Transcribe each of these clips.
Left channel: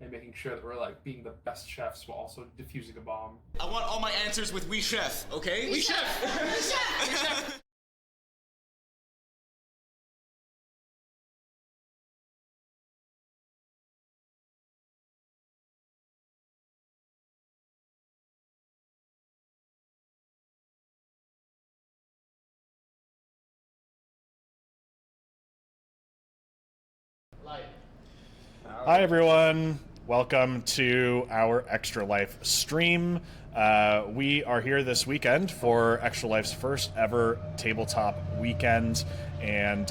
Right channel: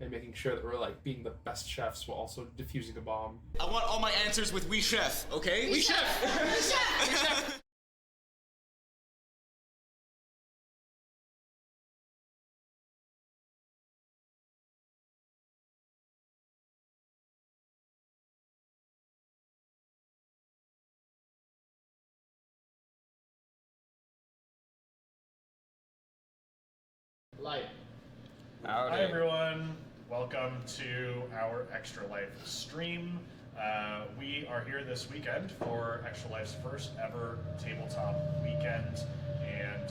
and making sure that we're like being the best chefs while also defusing a bomb. I want all my answers with "we chef," okay? We chef! We chef! We chef! Hi everyone, welcome to our Extra Life stream. We are here this weekend for Extra Life's first ever tabletop weekend, and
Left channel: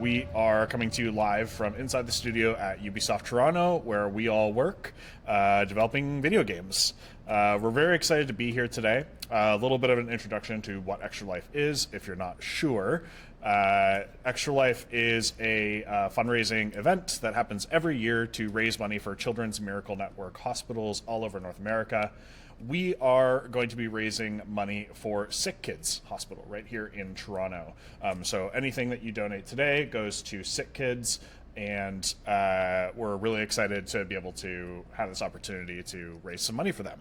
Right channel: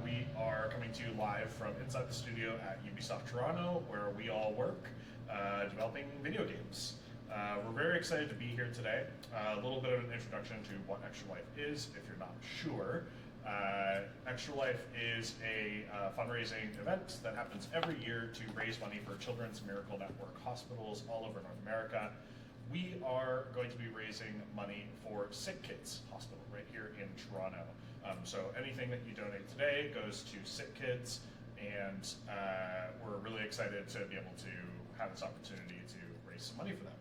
we are coming to you live from inside the studio at Ubisoft Toronto, where we all work developing video games. We're very excited to be here today. A little bit of an introduction to what Extra Life is, if you're not sure. Extra Life is a fundraising event that happens every year to raise money for Children's Miracle Network hospitals all over North America. We are going to be raising money for Sick Kids Hospital right here in Toronto. So anything that you donate today goes to Sick Kids, and we're really excited to be able to have this opportunity to raise some money for them.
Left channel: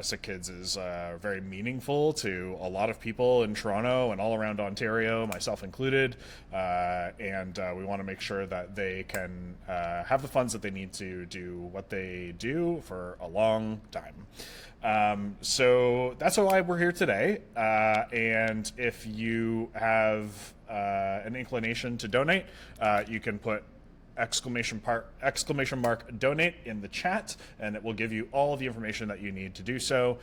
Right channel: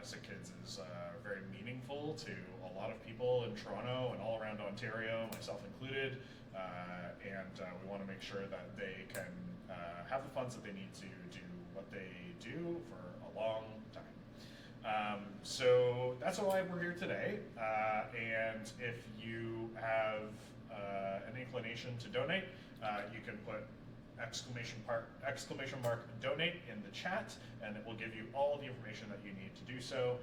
Sick Kids is very meaningful to a lot of people in Toronto and all around Ontario, myself included, and we want to make sure that they can have the funds that they need to do what they do for a long time. So that's why we're here today, and if you have an inclination to donate, you can put exclamation mark donate in the chat, and it will give you all of the information that you need to do so,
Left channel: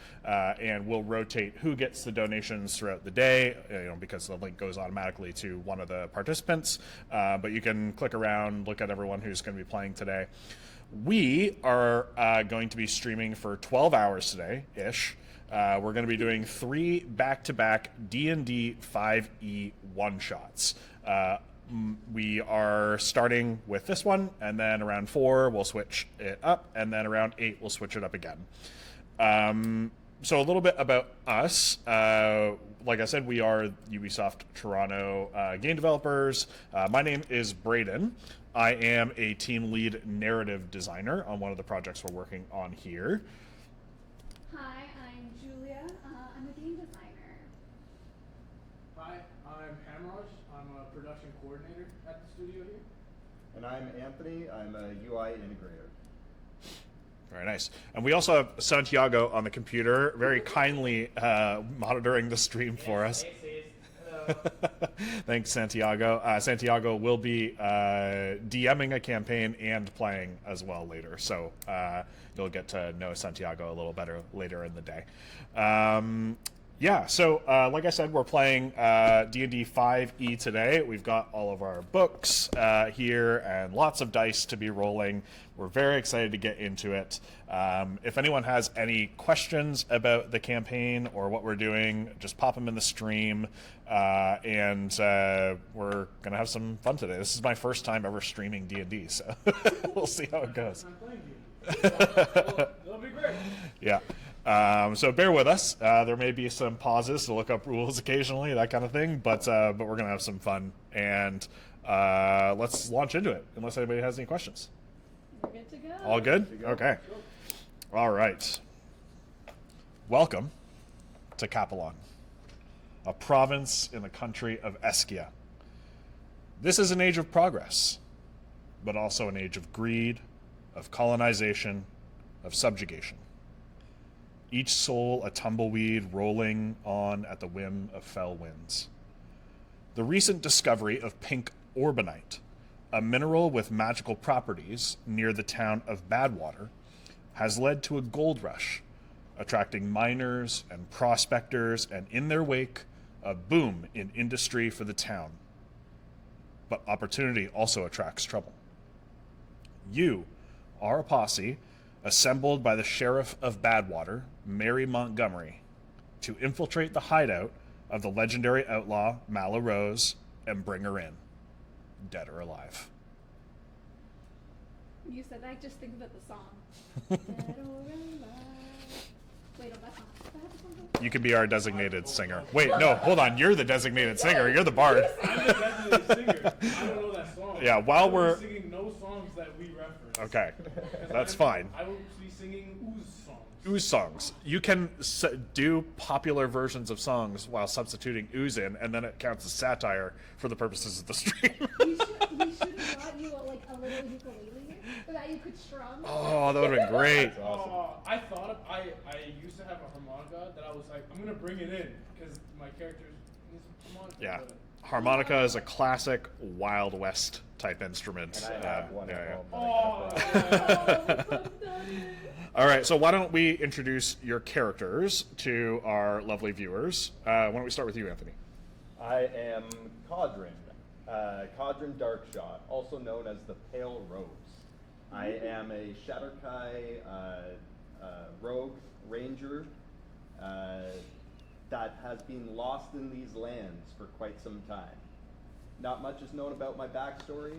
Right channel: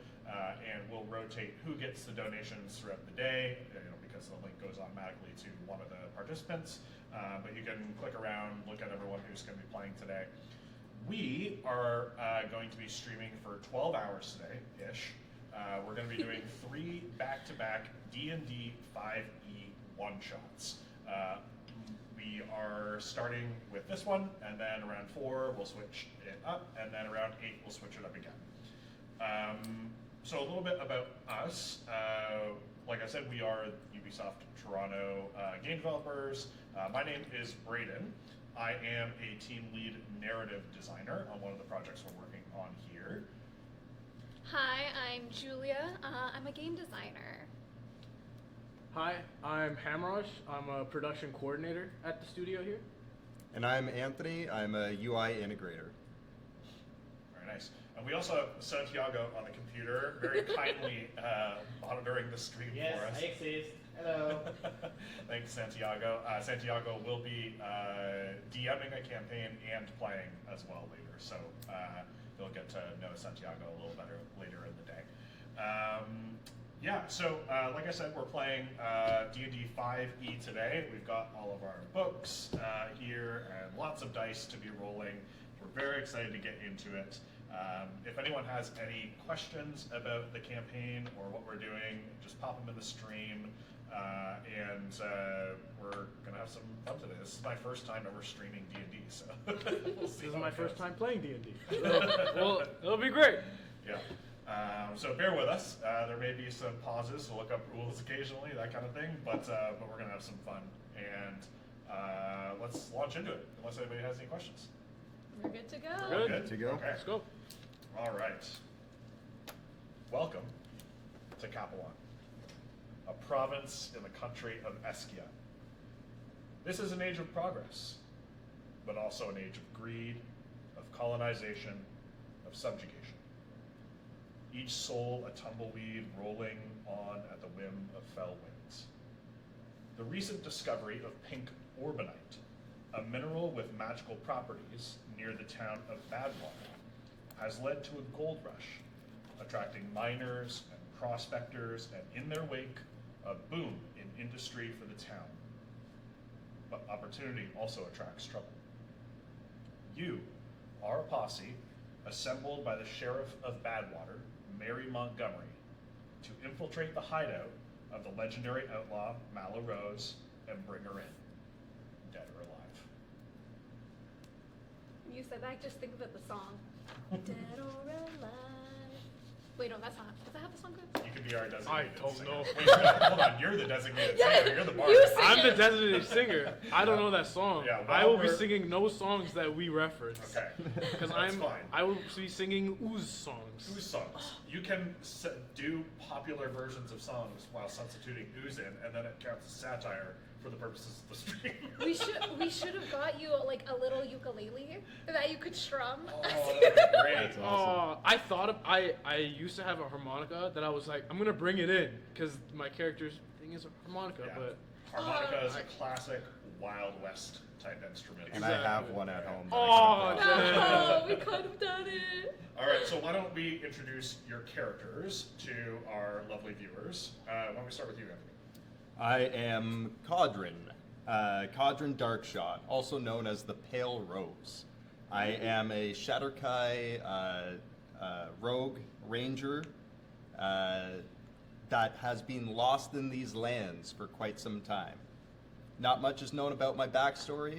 and we'll rotate who gets the donations throughout the day, because the link goes automatically to one of the participants, but you can click around, look at everyone who's going to be playing today. We are going to be streaming for 12 hours today-ish. We're going to be doing 3 back-to-back D&D 5e one-shots. We are starting with this one, and then around 4 we'll switch it up, and then around 8 we'll switch it up again. So a little bit about us. Like I said, we are Ubisoft Toronto game developers. My name is Braden. I am a team lead narrative designer on one of the projects we're working on here. Hi, I'm Julia. I'm a game designer. Hi, I'm Hamrosh. I'm a production coordinator at the studio here. And I'm Anthony. I'm a UI integrator. Very nice. And we also have Santiago on the computer, very kindly monitoring the stream for us. Thanks, Ace. Hello. Thanks, Santiago. Santiago will be DMing a campaign and playing as well later, so you'll get to know Santiago a little better later in the day. Yeah, so like I said, we're playing D&D 5e today. We've got all of our books here and lots of dice to be rolling. We're very excited to get into it. If anyone has any questions about the campaign or what we're doing, just pop them in the stream, and we're going to have some fun today. This is my first time ever streaming D&D, so we'll see how it goes. This is my first time playing D&D. Well, it'll be great. Yeah. So bear with us. There may be some pauses to look up rules occasionally, that kind of thing, but we're going to have some fun. And let's launch into it, unless anybody has any questions. We're good to go. All good? To go. Okay. Let's go. All right. Welcome to Capelon, a province in the country of Eskia. This is an age of progress, but also an age of greed, of colonization, of subjugation. Each soul a tumbleweed rolling on at the whim of fell winds. The recent discovery of pink orbanite, a mineral with magical properties near the town of Badwater, has led to a gold rush, attracting miners and prospectors, and in their wake, a boom in industry for the town. But opportunity also attracts trouble. You are a posse assembled by the Sheriff of Badwater, Mary Montgomery, to infiltrate the hideout of the legendary outlaw Mala Rose and bring her in, dead or alive. You said I just think about the song. Dead or alive. Wait, no, that's not. Does that have a song good? You can be our designated hope singer. not. Wait, no, hold on. You're the designated singer. You're the bard. I'm the designated singer. I don't know that song. Yeah, I while will we're- be singing no songs that we reference. Okay, 'Cause that's fine. I will be singing Ooze songs. Ooze songs. You can do popular versions of songs while substituting ooze in, and then it counts as satire for the purposes of the stream. We should have brought you like a little ukulele that you could strum. Oh, that would have been great. I thought of I used to have a harmonica that I was like, I'm gonna bring it in because my character's thing is a harmonica. Yeah. But Harmonica is a classic Wild West type instrument. And I have one at home. oh, Oh, we could have done it. All right, so why don't we introduce your characters to our lovely viewers? Why don't we start with you, Anthony? I am Cadren. Cadren Darkshot, also known as the Pale Rose. I am a Shadar-kai rogue ranger that has been lost in these lands for quite some time. Not much is known about my backstory,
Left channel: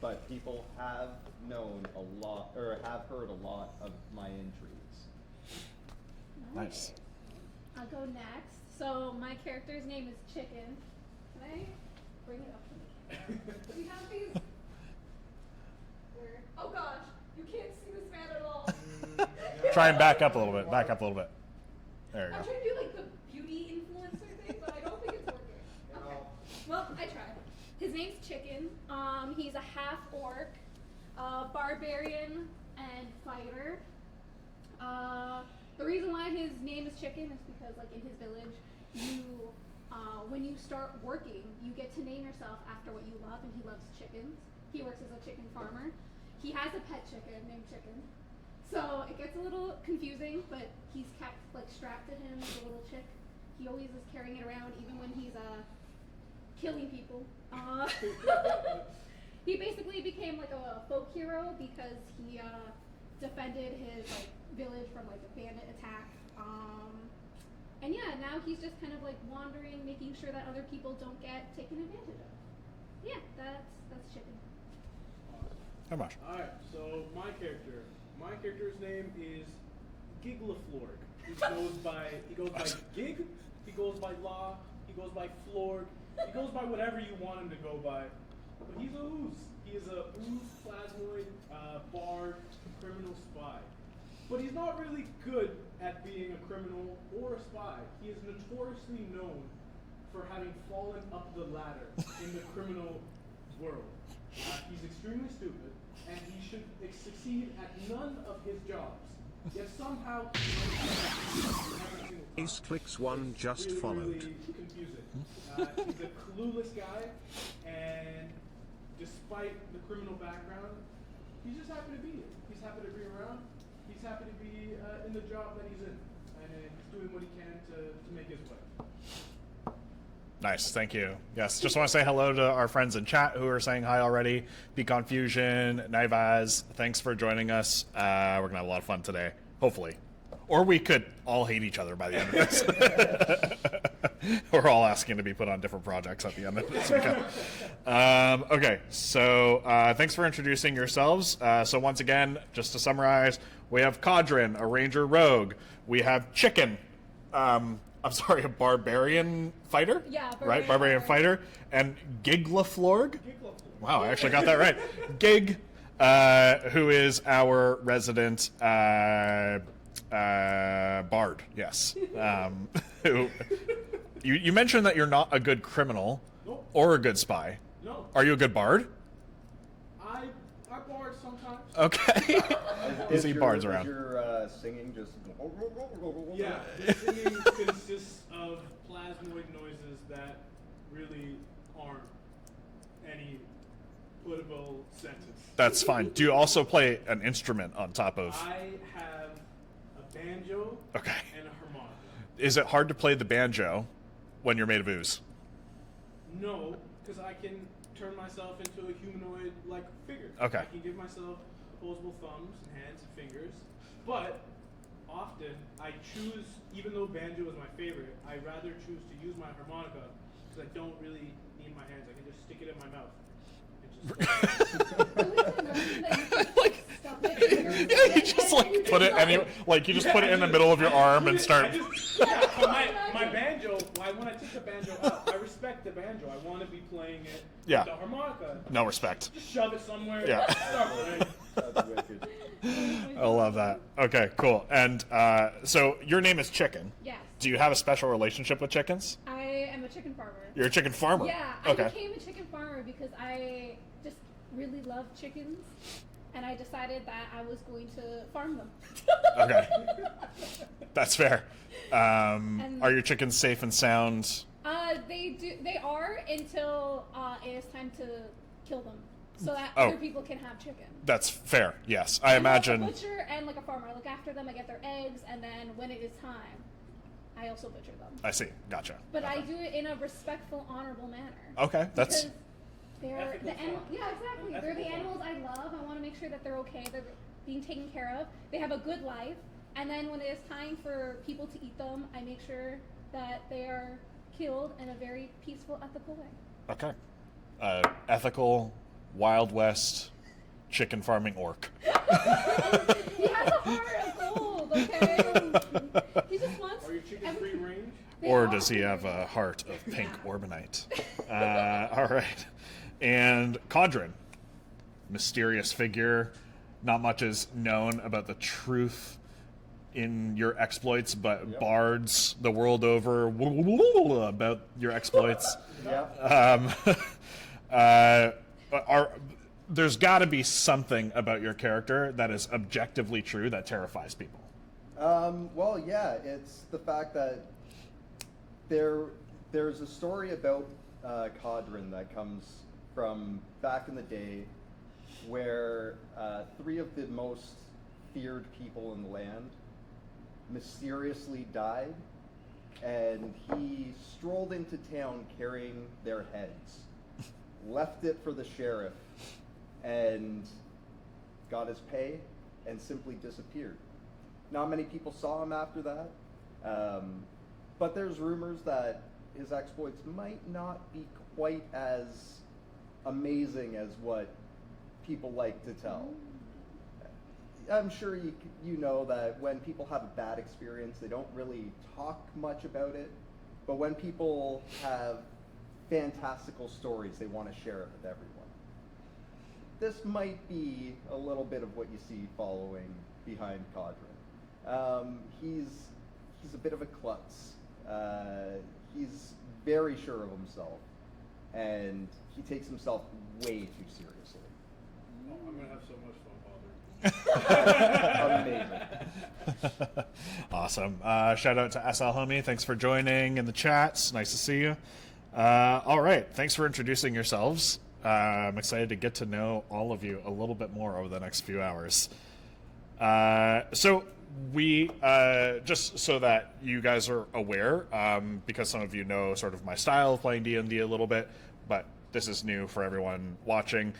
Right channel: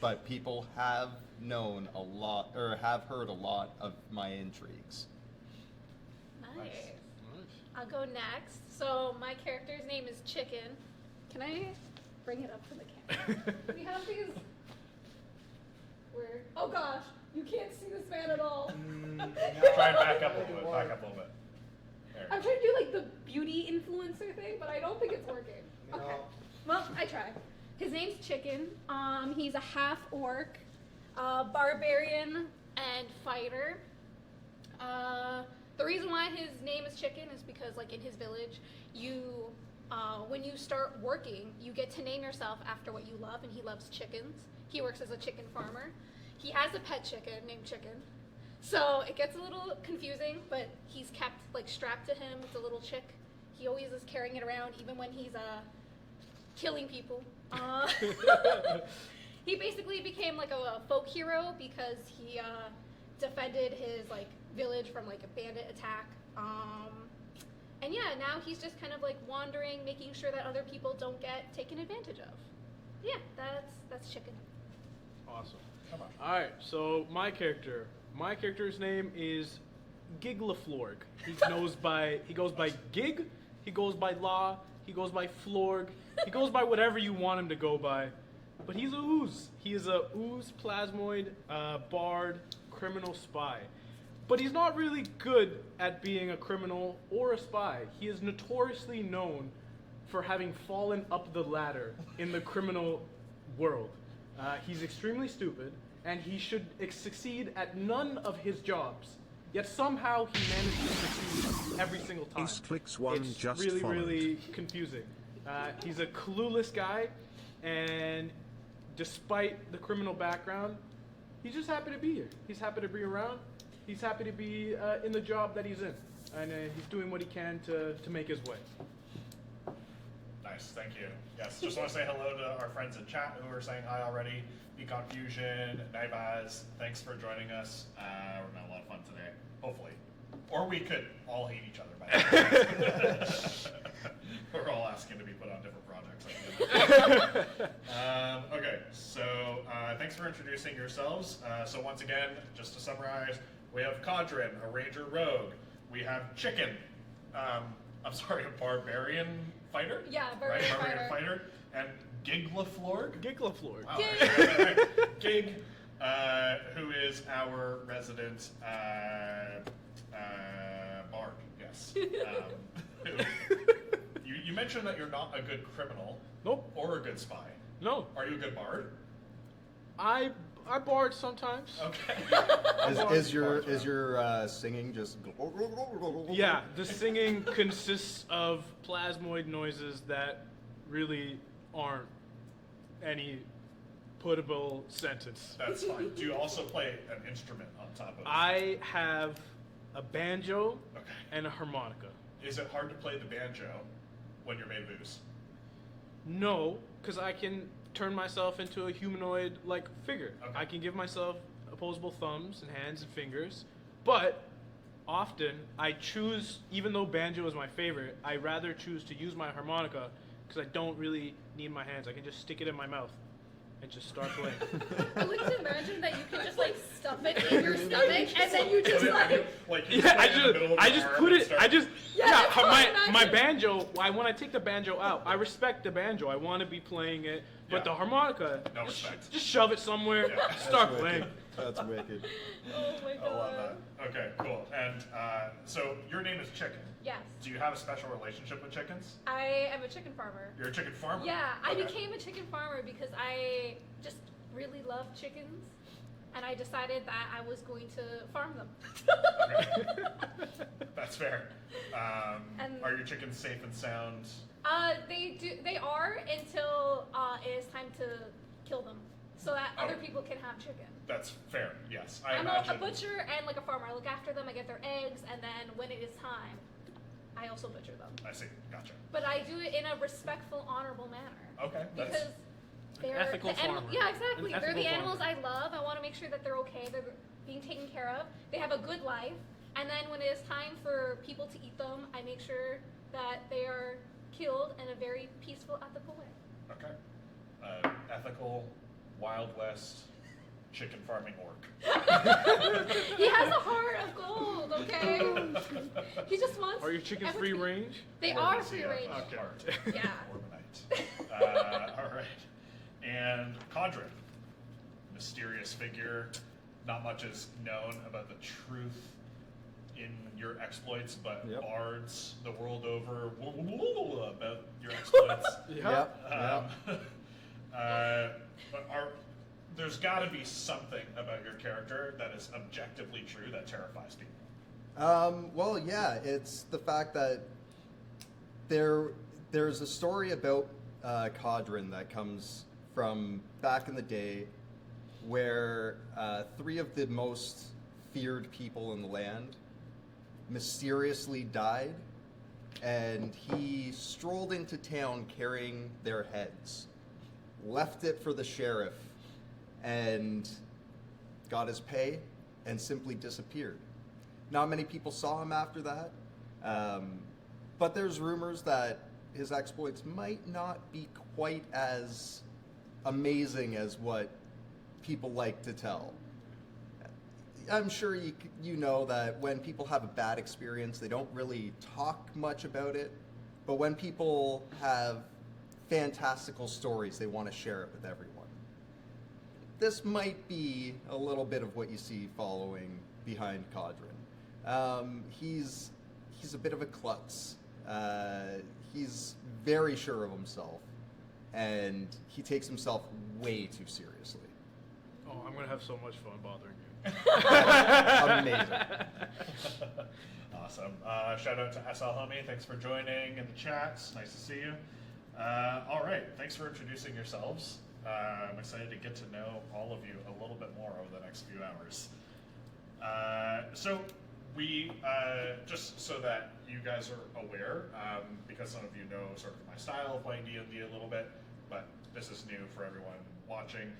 but people have known a lot, or have heard a lot of my intrigues. Nice. I'll go next. So my character's name is Chicken. Can I bring it up to the camera? We have these. Where? Oh gosh, you can't see this man at all. Try and back up a little bit. Back up a little bit. There you I'm go. trying to do like the beauty influencer thing, but I don't think it's working. Okay. Well, I tried. His name's Chicken. He's a half orc, barbarian, and fighter. The reason why his name is Chicken is because, like, in his village, when you start working, you get to name yourself after what you love, and he loves chickens. He works as a chicken farmer. He has a pet chicken named Chicken. So it gets a little confusing, but he's kept like strapped to him, the little chick. He always is carrying it around, even when he's killing people. He basically became like a folk hero because he defended his like village from like a bandit attack. And yeah, now he's just kind of like wandering, making sure that other people don't get taken advantage of. Yeah, that's Chicken. awesome. Come on. All right, so my character's name is Giglaflorg. He goes by Gig, he goes by Law, he goes by Florg, he goes by whatever you want him to go by. But he's a ooze. He is a ooze plasmoid, bard, criminal spy. But he's not really good at being a criminal or a spy. He is notoriously known for having fallen up the ladder in the criminal world. He's extremely stupid, and he should succeed at none of his jobs. Yet somehow he manages every single time. Ace clicks one It's just really, followed. really confusing. He's a clueless guy, and despite the criminal background, he's just happy to be here. He's happy to be around. He's happy to be in the job that he's in, and he's doing what he can to make his way. Nice, thank you. Yes, just want to say hello to our friends in chat who are saying hi already. Be Confusion, Naivaz, thanks for joining us. We're gonna have a lot of fun today, hopefully. Or we could all hate each other by the end of this. We're all asking to be put on different projects at the end of this. Okay, so thanks for introducing yourselves. So once again, just to summarize, we have Cadren, a ranger rogue. We have Chicken, I'm sorry, a barbarian fighter? Yeah, Right, barbarian fighter. And Giglaflorg? Giglaflorg. Wow, I actually got that right. Gig, who is our resident bard, yes. Who, you mentioned that you're not a good criminal. Nope. Or a good spy. No, Are you a good bard? I bard sometimes. Okay. Is See your, bards is around. your singing just... Yeah, the singing consists of plasmoid noises that really aren't any putable sentence. That's fine. Do you also play an instrument on top of... I have a banjo Okay. and a harmonica. Is it hard to play the banjo when you're made of ooze? No, because I can turn myself into a humanoid-like figure. Okay. I can give myself opposable thumbs and hands and fingers, but often I choose, even though banjo is my favorite, I rather choose to use my harmonica because I don't really need my hands. I can just stick it in my mouth and just start playing. I like to imagine that you can just like stuff it in your stomach. Just and then you like put it like, you just put it in the middle of your arm and start. My banjo. When I take the banjo out, I respect the banjo. I want to be playing it. Yeah. But the harmonica. No respect. Just shove it somewhere. Yeah. Start playing. That's wicked. I love that. Okay, cool. And so your name is Chicken. Yes. Do you have a special relationship with chickens? I am a chicken farmer. You're a chicken farmer. Yeah, Okay. I became a chicken farmer because I just really love chickens, and I decided that I was going to farm them. Okay. That's fair. Are your chickens safe and sound? They are until it is time to kill them, so that Oh. other people can have chicken. That's fair. Yes, I I'm imagine. both a butcher and like a farmer. I look after them. I get their eggs, and then when it is time, I also butcher them. I see. Gotcha. But I do it in a respectful, honorable manner. Okay, that's. Because they're Ethical farmer. yeah, exactly. An They're the ethical animals I love. I want to make sure that they're okay. They're being taken care of. They have a good life. And then when it is time for people to eat them, I make sure that they are killed in a very peaceful, ethical way. Okay. Ethical, Wild West, chicken farming orc. He has a heart of gold, okay? He just wants. Are your chickens free everything. range? They Or are does he free have a range. heart of pink Yeah. orbanite? All right. And Cadren, mysterious figure. Not much is known about the truth in your exploits, but Yep. bards the world over about your exploits. Yep. There's got to be something about your character that is objectively true that terrifies people. Well, yeah, it's the fact that there's a story about Cadren that comes from back in the day where 3 of the most feared people in the land mysteriously died, and he strolled into town carrying their heads, left it for the sheriff, and got his pay and simply disappeared. Not many people saw him after that, but there's rumors that his exploits might not be quite as amazing as what people like to tell. I'm sure you know that when people have a bad experience, they don't really talk much about it, but when people have fantastical stories, they want to share it with everyone. This might be a little bit of what you see following behind Cadren. He's a bit of a klutz. He's very sure of himself, and he takes himself way too seriously. Oh, I'm gonna have so much fun bothering you. Amazing. Awesome. Shout out to SL Homie. Thanks for joining in the chats. Nice to see you. All right. Thanks for introducing yourselves. I'm excited to get to know all of you a little bit more over the next few hours. So we, just so that you guys are aware, because some of you know sort of my style of playing D&D a little bit, but this is new for everyone watching.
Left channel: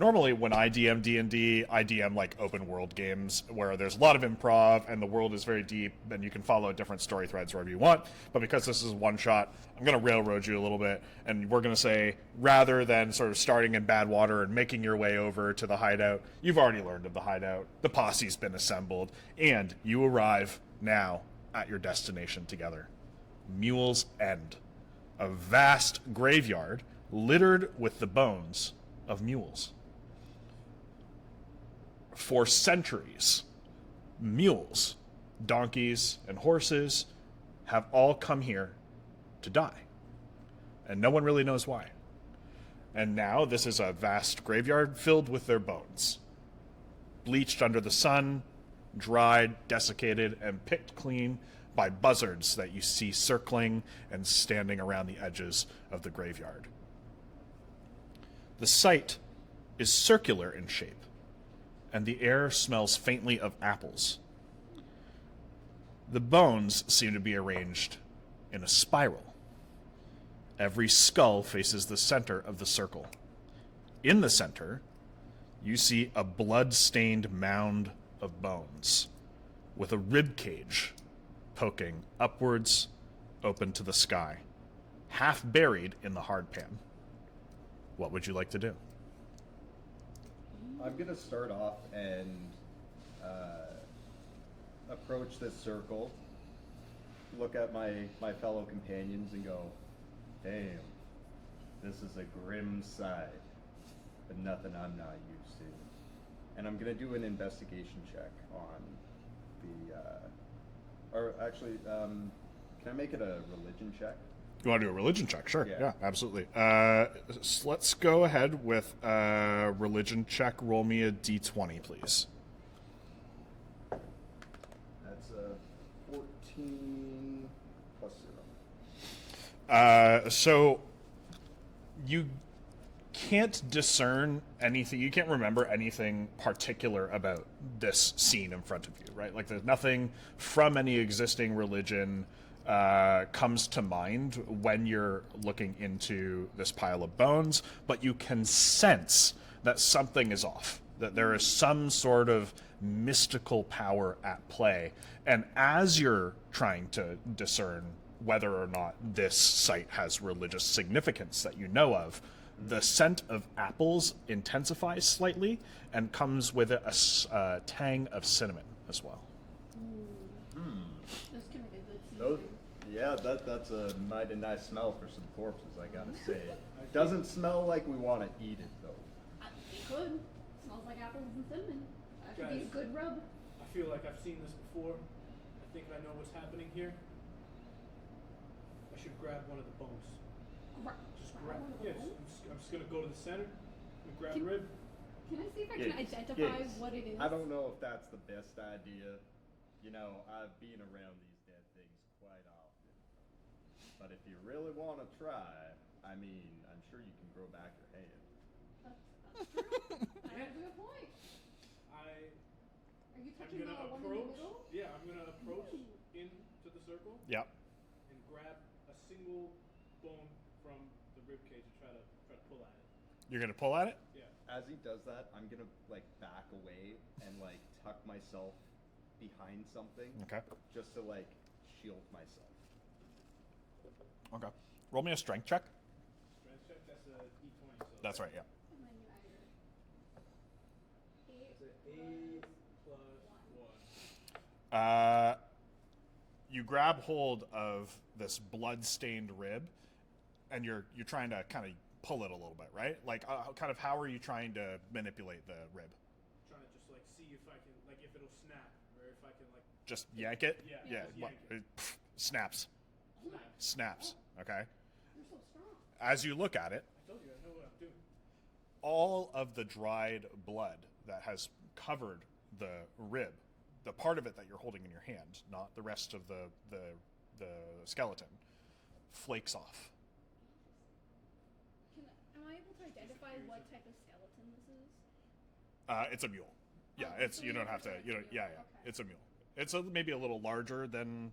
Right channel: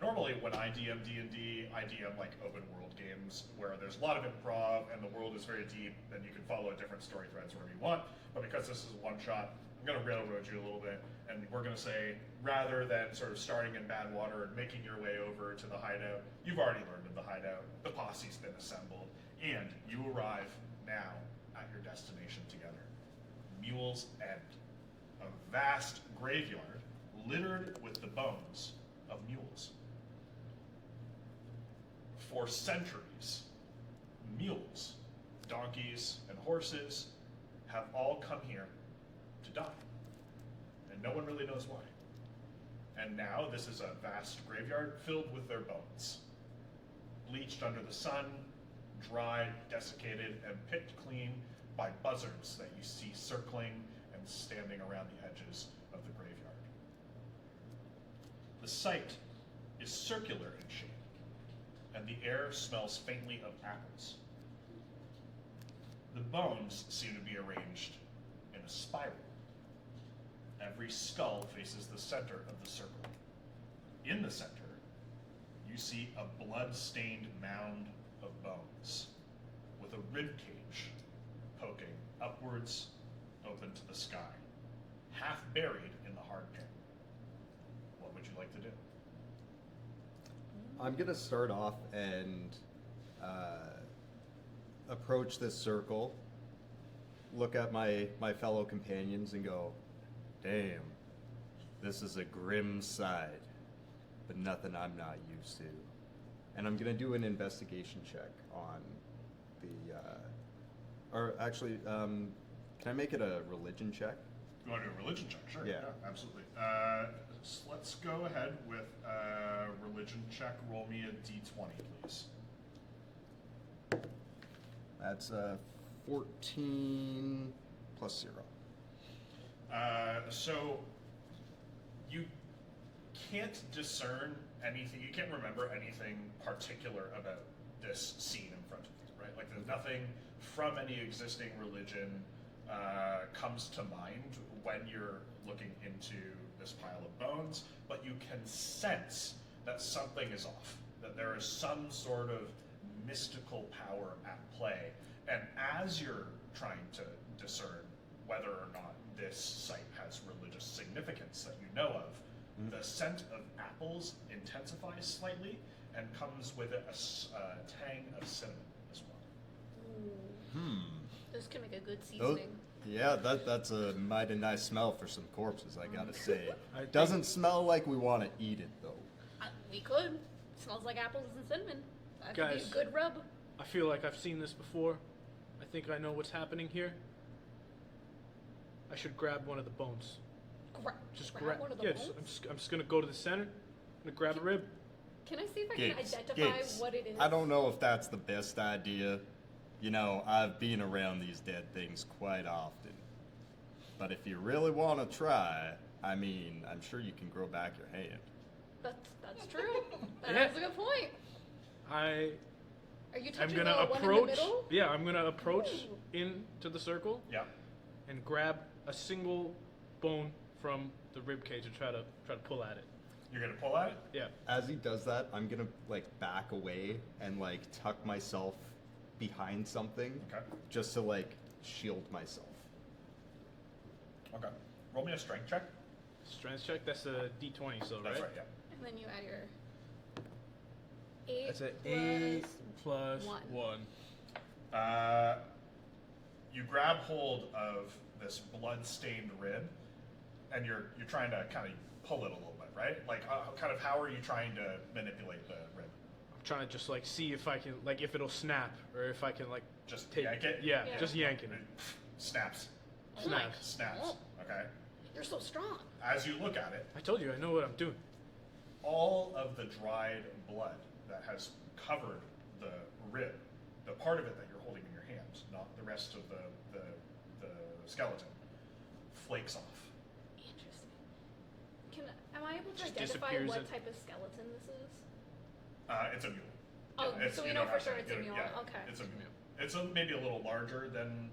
Normally when I DM D&D, I DM like open world games where there's a lot of improv and the world is very deep and you can follow different story threads wherever you want. But because this is one shot, I'm going to railroad you a little bit, and we're going to say, rather than sort of starting in bad water and making your way over to the hideout, you've already learned of the hideout, the posse's been assembled, and you arrive now at your destination together. Mule's End, a vast graveyard littered with the bones of mules. For centuries, mules, donkeys, and horses have all come here to die. And no one really knows why. And now this is a vast graveyard filled with their bones. Bleached under the sun, dried, desiccated, and picked clean by buzzards that you see circling and standing around the edges of the graveyard. The site is circular in shape, and the air smells faintly of apples. The bones seem to be arranged in a spiral. Every skull faces the center of the circle. In the center, you see a blood-stained mound of bones with a rib cage poking upwards, open to the sky, half buried in the hard pan. What would you like to do? I'm gonna start off and approach this circle, look at my fellow companions and go, damn, this is a grim sight, but nothing I'm not used to. And I'm gonna do an investigation check on the, or actually, can I make it a religion check? You want to do a religion check? Sure. Yeah. Yeah, absolutely. Let's go ahead with a religion check. Roll me a d20, please. That's 14 plus 0. So you can't discern anything. You can't remember anything particular about this scene in front of you, right? Like there's nothing from any existing religion comes to mind when you're looking into this pile of bones, but you can sense that something is off, that there is some sort of mystical power at play. And as you're trying to discern whether or not this site has religious significance that you know of, the scent of apples intensifies slightly and comes with it a tang of cinnamon as well. This can make a good Those, seasoning. yeah, that's a mighty nice smell for some corpses, I gotta say. I think- Doesn't smell like we want to eat it, though. We could. Smells like apples and cinnamon. That could be Guys. a good rub. I feel like I've seen this before. I think I know what's happening here. I should grab one of the bones. Just grab. one of the Yeah, bones? I'm just gonna go to the center. I'm gonna grab a rib. Can I see if I can Gigs, identify gigs. what it is? I don't know if that's the best idea. You know, I've been around these dead things quite often. But if you really want to try, I mean, I'm sure you can grow back your hand. That's true. That's Yeah. a good point. I Are you am touching gonna the one in the approach. middle? Yeah, I'm gonna approach Ooh. into the circle Yeah. and grab a single bone from the rib cage and try to pull at it. You're going to pull at it? Yeah. As he does that, I'm gonna like back away and like tuck myself behind something, Okay. just to like shield myself. Okay. Roll me a strength check. Strength check. That's a D20. So That's right, yeah. And then you add your 8 That's an plus 8 plus 1. 1. You grab hold of this blood-stained rib, and you're trying to kind of pull it a little bit, right? Like, kind of how are you trying to manipulate the rib? I'm trying to just like see if I can like if it'll snap or if I can like Just take yank it? Yeah, Yeah. just yank it. Snaps. Oh my- Snaps. Snaps. Okay. You're so strong. As you look at it, I told you I know what I'm doing. all of the dried blood that has covered the rib, the part of it that you're holding in your hand, not the rest of the skeleton, flakes off. Interesting. Am I able to Just identify disappears what in- type of skeleton this is? It's a mule. Oh, it's, so we you know don't for have sure to. it's You a don't- mule. yeah, Okay. it's a mule. It's maybe a little larger than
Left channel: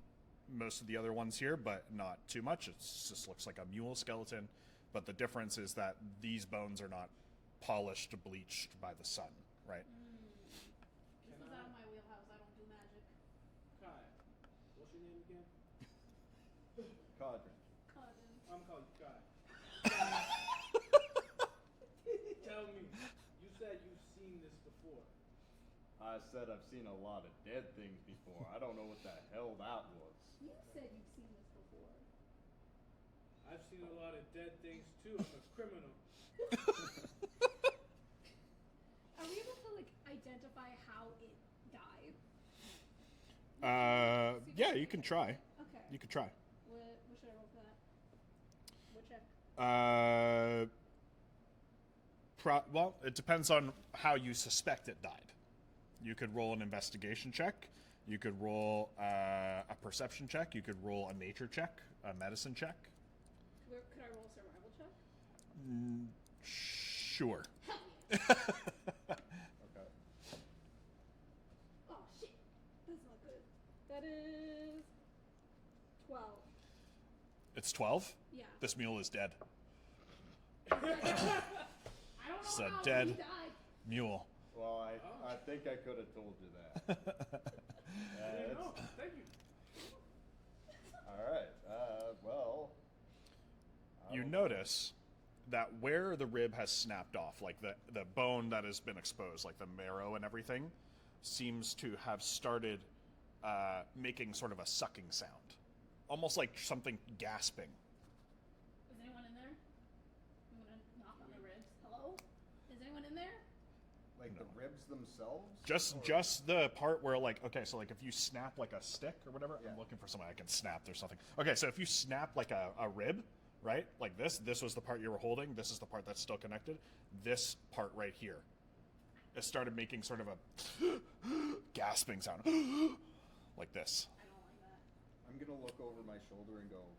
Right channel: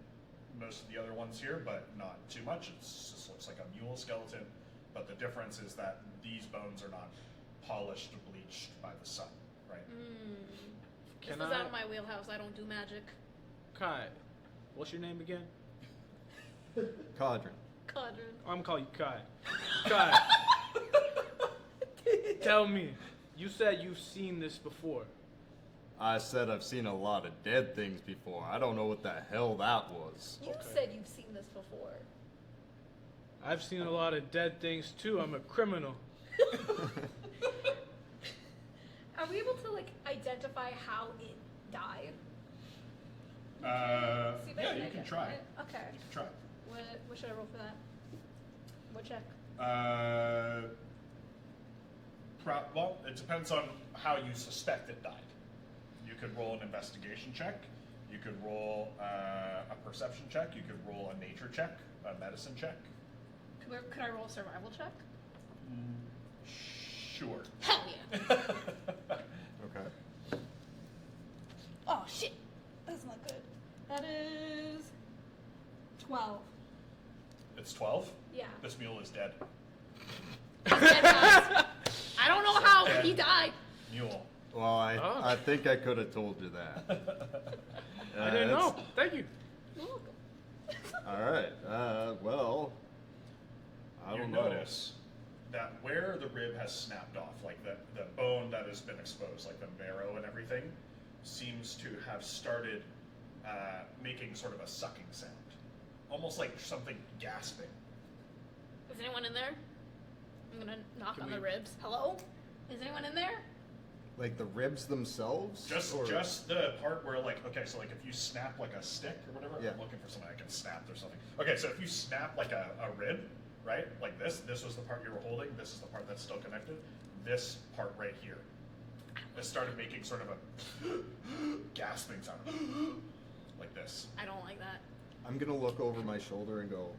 most of the other ones here, but not too much. It just looks like a mule skeleton. But the difference is that these bones are not polished, bleached by the sun, right? This Can is I- out of my wheelhouse. I don't do magic. Kai, what's your name again? Cadren. Cadren. I'm gonna call you Kai. Kai, tell me. You said you've seen this before. I said I've seen a lot of dead things before. I don't know what the hell that was. You Okay. said you've seen this before. I've seen a lot of dead things too. I'm a criminal. Are we able to like identify how it died? See if I Yeah, you can identify try. it? Okay. You can try. What should I roll for that? What check? Well, it depends on how you suspect it died. You could roll an investigation check. You could roll a perception check. You could roll a nature check, a medicine check. Could I roll a survival check? Sure. Hell yeah. Okay. Oh shit. That's not good. That is 12. It's 12. Yeah. This mule is dead. Dead guys. I don't know So how, dead. but he died. Mule. Well, Oh. I think I could have told you that. I didn't it's- know. Thank you. You're welcome. All right. Well, I You don't know. notice that where the rib has snapped off, like the bone that has been exposed, like the marrow and everything, seems to have started making sort of a sucking sound, almost like something gasping. Is anyone in there? I'm gonna knock Can on the we- ribs. Hello? Is anyone in there? Like the ribs themselves? Just the part where, like, okay, so like if you snap like a stick or whatever, Yeah. I'm looking for something that gets snapped or something. Okay, so if you snap like a rib, right, like this was the part you were holding, this is the part that's still connected, this part right here, it started making sort of a gasping sound, like this. I don't like that. I'm gonna look over my shoulder and go,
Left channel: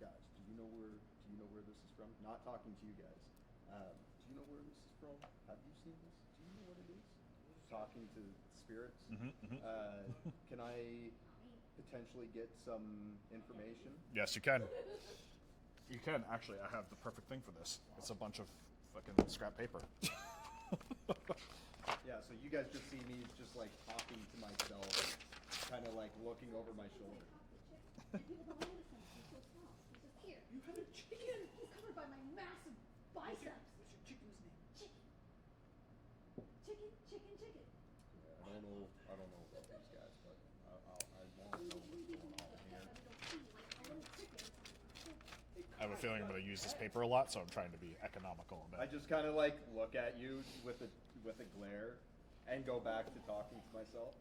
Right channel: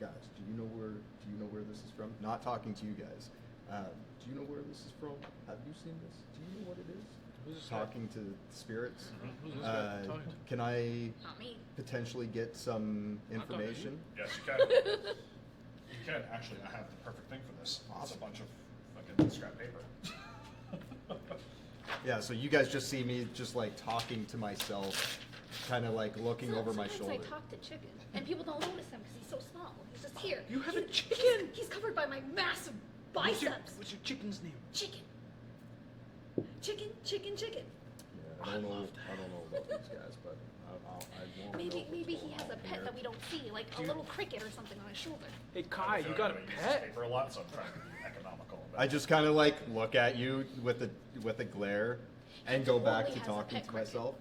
guys, do you know where this is from? Not talking to you guys. Do you know where this is from? Have you seen this? Do you know what it is? Who's this guy? Talking to spirits. Who's this guy talking to? Can I Not me. potentially get some Not talking to information? Yes, you can. You can. Actually, I have the perfect thing for this. It's a bunch of fucking scrap paper. Yeah, so you guys just see me just like talking to myself, kind of like looking over my Sometimes shoulder. I talk to chicken, and people don't notice him because he's so small. He's just here. You have a He's- chicken? He's covered by my massive What's biceps. your chicken's name? Chicken. Chicken, chicken, chicken. Yeah, I don't know about these guys, but I won't. Maybe he has a pet that we don't see, like a little cricket or something on his shoulder. Hey I Kai, have a you feeling got a I'm gonna use this pet? paper a lot, so I'm trying to be economical. I just kind of like look at you with a glare, and go back to Only has a talking pet to cricket. myself.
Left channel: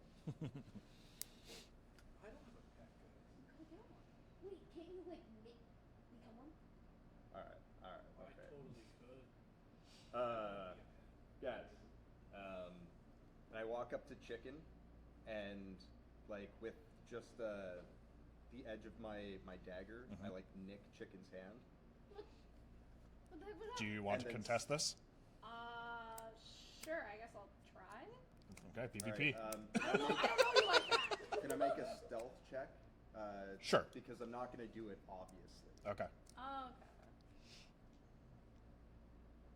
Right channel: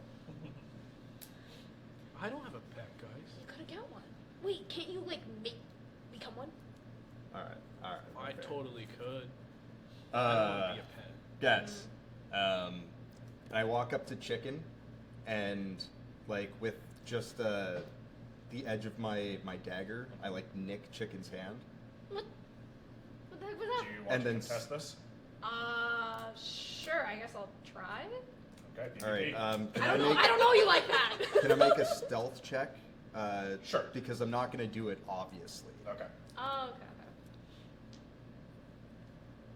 I don't have a pet, guys. You could get one. Wait, can't you like become one? All right. I okay. totally could. I don't want to be a pet. Guys, I walk up to Chicken, and like with just the edge of my dagger, I like nick Chicken's hand. What? What the heck was that? Do you want And to then contest this? Sure. I guess I'll try. Okay, PvP. All right. Can I don't know you like that. Can I make a stealth check? Sure. Because I'm not going to do it, obviously. Okay. Oh, okay.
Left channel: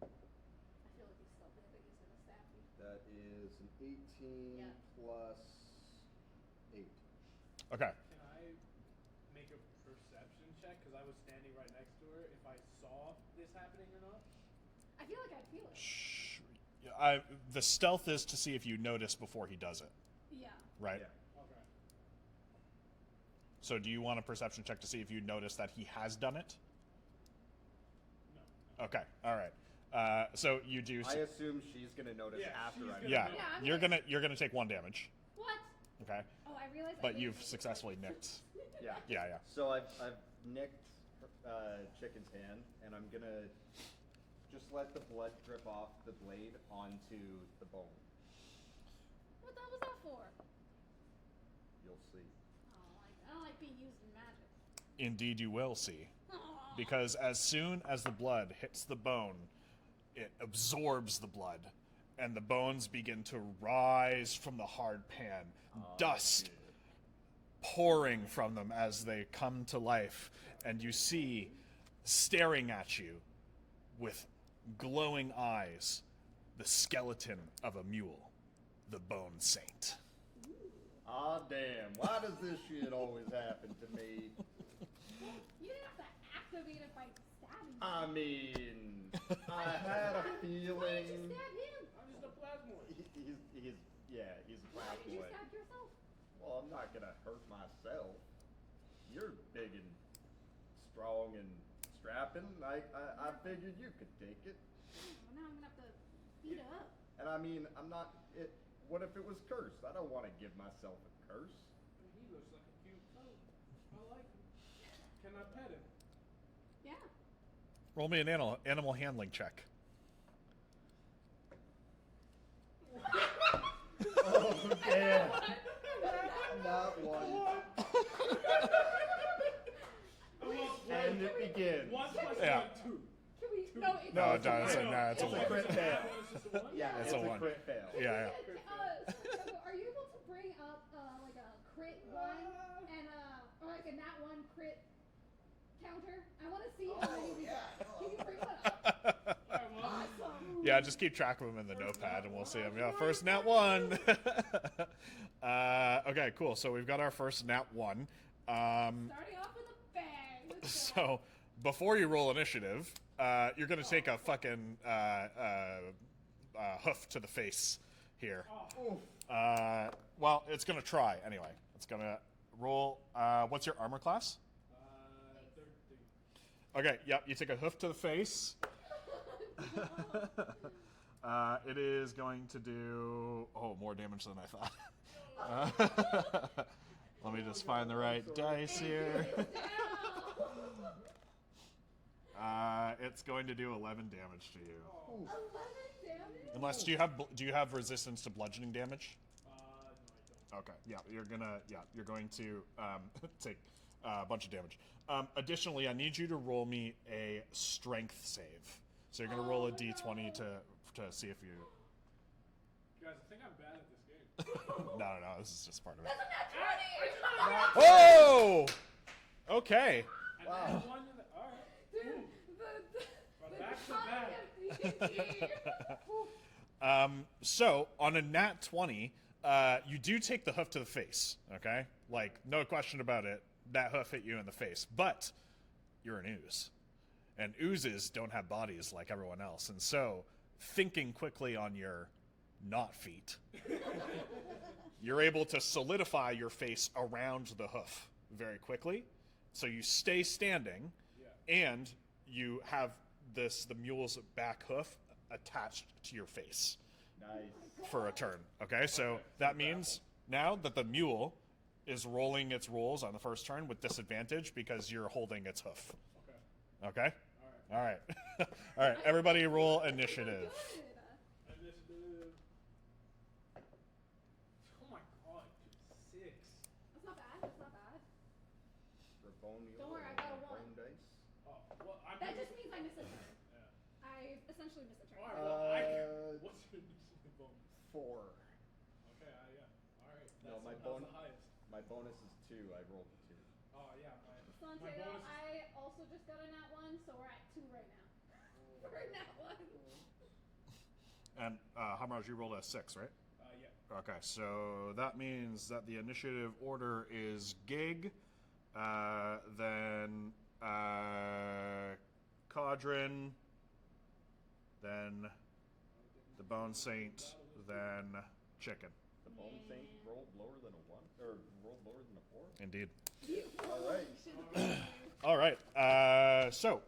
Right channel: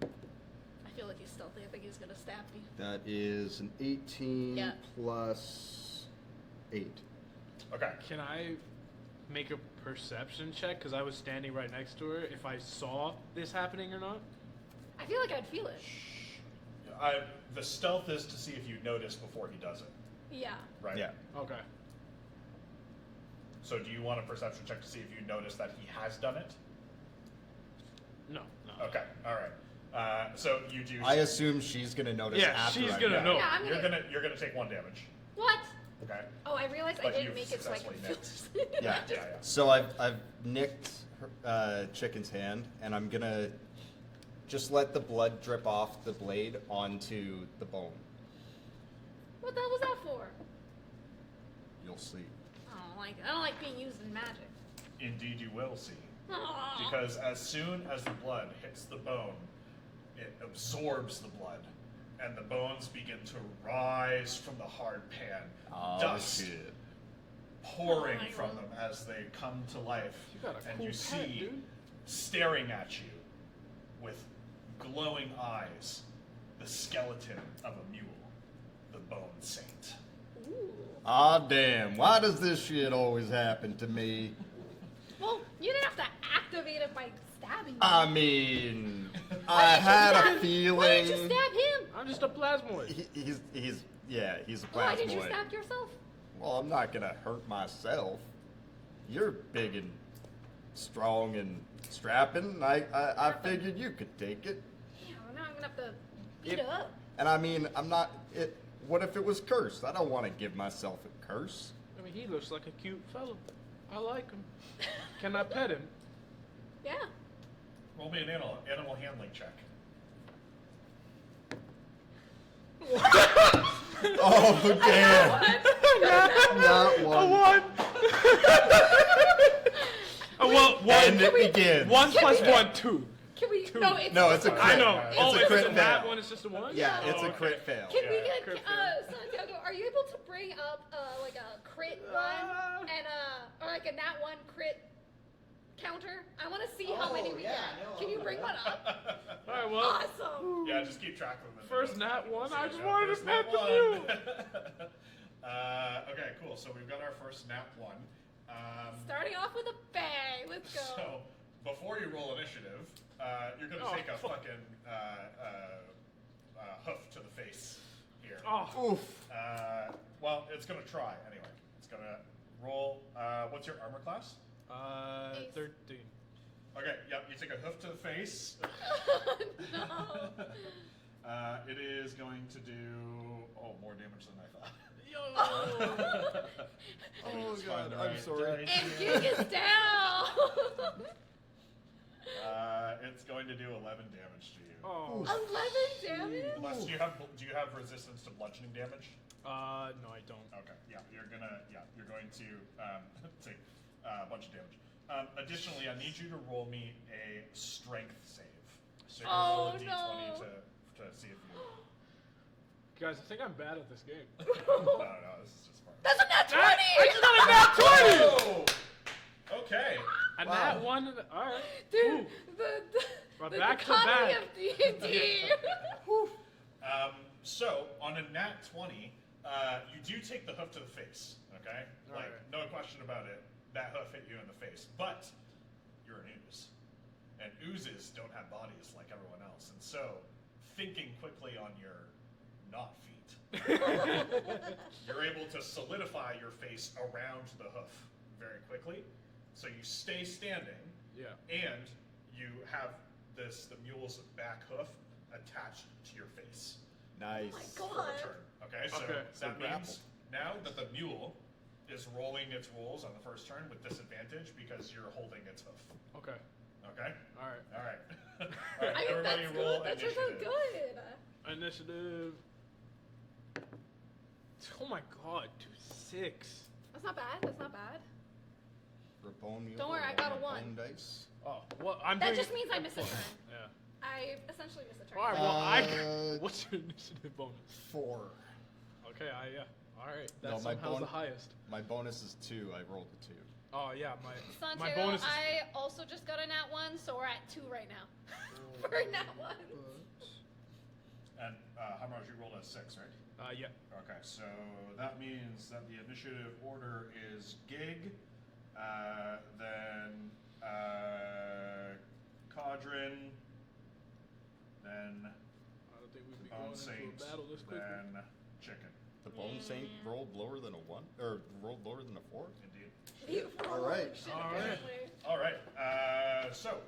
I feel like he's stealthy. I think he's gonna stab me. That is an 18 Yeah. plus 8. Okay. Can I make a perception check? Because I was standing right next to her. If I saw this happening or not? I feel like I'd feel it. The stealth is to see if you notice before he does it, Yeah. right? Yeah. Okay. So do you want a perception check to see if you notice that he has done it? No. Okay. All right. So you do. I assume she's going to notice Yeah, after she's I gonna do it. know. Yeah, I'm You're gonna take 1 damage. What? Okay. Oh, I realized I But didn't you've make it so I successfully could feel nicked. this. Yeah. Yeah. So I've nicked Chicken's hand, and I'm going to just let the blood drip off the blade onto the bone. What the hell was that for? You'll see. I don't like being used in magic. Indeed, you will see. Aw. Because as soon as the blood hits the bone, it absorbs the blood, and the bones begin to rise from the hard pan. Dust shit. pouring Oh my from God. them as they come to life, You got a and cool you pet, see dude. staring at you with glowing eyes the skeleton of a mule, the Bone Saint. Ooh. Ah, damn. Why does this shit always happen to me? Well, you didn't have to activate it by stabbing me. I mean, I Why didn't you had stab- a Why didn't feeling. you stab him? I'm just a plasmoid. He's a Why did you plasmoid. stab yourself? Well, I'm not gonna hurt myself. You're big and strong and strapping. I figured you could take it. Yeah, well, now I'm gonna have to beat If- it up. And I mean, I'm not. What if it was cursed? I don't want to give myself a curse. I mean, he looks like a cute fellow. I like him. Can I pet him? Yeah. Roll me an animal handling check. Oh damn! Not one. One. One. And it begins. One plus Yeah. 1, 2. Can we? Two. No, it's No, it's a I crit. I know. It's Oh, a if crit it's a bad fail. one, it's just a 1? Yeah, it's a Oh, crit okay. fail. Can Yeah, we yeah. get? Crit Santiago, are you able to bring up like a crit one and or like a nat 1 crit counter? I want to see how many we get. Can you bring one up? All right, well. Awesome. Yeah, just keep track of them in the First notepad nat and we'll one, see I them. just Yeah, wanted first to nat pet one. Okay, cool. So we've got our first nat 1. Starting off with a bang. Let's go. So before you roll initiative, you're gonna take a fucking hoof to the face here. Oh. Oof. Well, it's gonna try anyway. It's gonna roll. What's your armor class? 13. Okay, yep, you take a hoof to the face. No. It is going to do more damage than I thought. Let me just find the right dice here. Kick it down. It's going to do 11 damage to you. Oh. 11 damage. Unless do you have resistance to bludgeoning damage? No, I don't. Okay, you're going to take a bunch of damage. Additionally, I need you to roll me a strength save. So you're gonna roll a d20 to see if you. Guys, I think I'm bad at this game. No, this is just part of it. That's a nat 20. Oh! Okay. And that one, all right. Dude, Ooh. the back to economy back. of D&D. So on a nat 20, you do take the hoof to the face. Okay, like Alright. no question about it. That hoof hit you in the face, but you're an ooze, and oozes don't have bodies like everyone else, and so thinking quickly on your not feet, you're able to solidify your face around the hoof very quickly. So you stay standing, Yeah. and you have the mule's back hoof attached to your face Nice. for a turn. Okay, so Okay. that So means now that the mule is rolling its rolls on the first turn with disadvantage because you're holding its hoof. Okay. Okay? All right. All right. All right, everybody roll initiative. Good. Initiative. Oh my god, dude, 6. That's not bad. That's not bad. For bone mule. Don't worry, I got a 1. Bone dice. Oh, well, I'm That doing. just means I miss a turn. Yeah. I essentially miss a turn. All right. Well, what's your initiative bonus? 4. Okay. Yeah. All right. No, That's my somehow bon- the highest. My bonus is 2. I rolled a 2. Oh yeah, my Santiago, bonus is. I also just got a nat 1, so we're at 2 right now. For a nat 1. And Hamraj, you rolled a 6, right? Yeah. Okay, so that means that the initiative order is Gig, then Cadren, then I don't think we'd the be Bone going into a Saint, battle this quickly. then Chicken. The bone saint rolled lower than a 1, or rolled lower than a 4. Indeed. All right. All right. All right. So,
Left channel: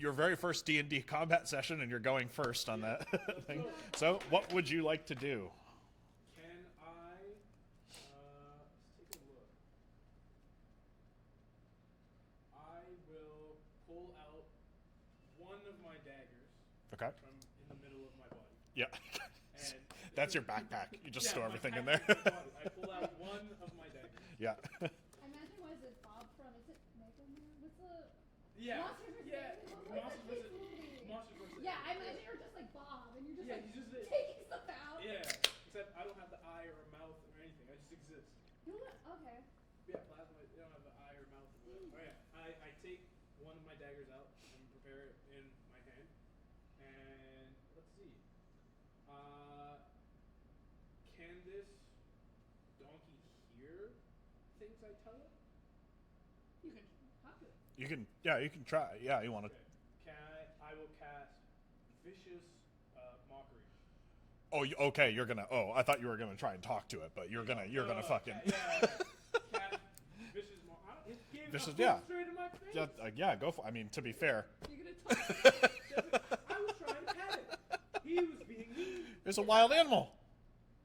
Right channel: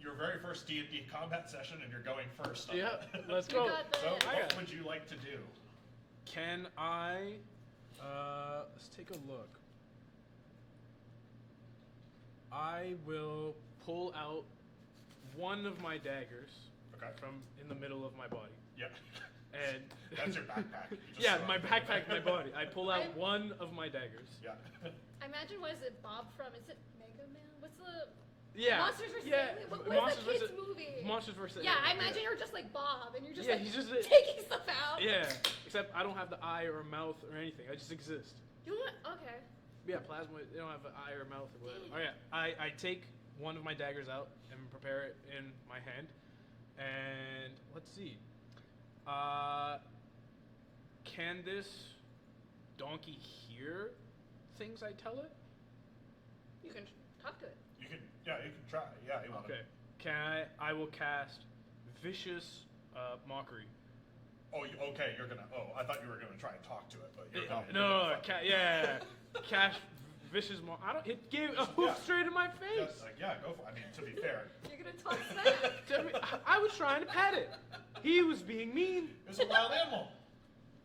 your very first D&D combat session, and you're going first on Yeah. that. Let's go. So, Okay. what would you like to do? Can I? Let's take a look. I will pull out one of my daggers Okay. from in the middle of my body. Yeah. And That's your backpack. You just yeah, throw my everything in backpack, there. my body. I pull out one of my daggers. Yeah. I imagine, what is it, Bob from, is it Mega Man? What's the... Yeah. Monsters vs. Yeah. Aliens? What was the kids' movie? Monsters vs. Yeah, I Aliens. imagine you're just like Bob, and you're just Yeah, like he's just taking stuff out. Yeah. Except I don't have the eye or a mouth or anything. I just exist. You know what? Okay. Yeah, plasma. They don't have an eye or mouth or whatever. Oh yeah. I take one of my daggers out and prepare it in my hand, and let's see. Can this donkey hear things I tell it? You can talk to it. You can try. Yeah, you want Okay. Can I will cast vicious mockery. Oh, okay. You're gonna. Oh, I thought you were gonna try and talk to it, but you're gonna. You're No, gonna fucking. yeah. Cast vicious mockery. I don't. It gave a Vicious- hook yeah. straight in my face. Yeah, go for. I mean, to be fair, You're gonna talk to that? I was trying to pet it. He was being mean. it's a wild animal.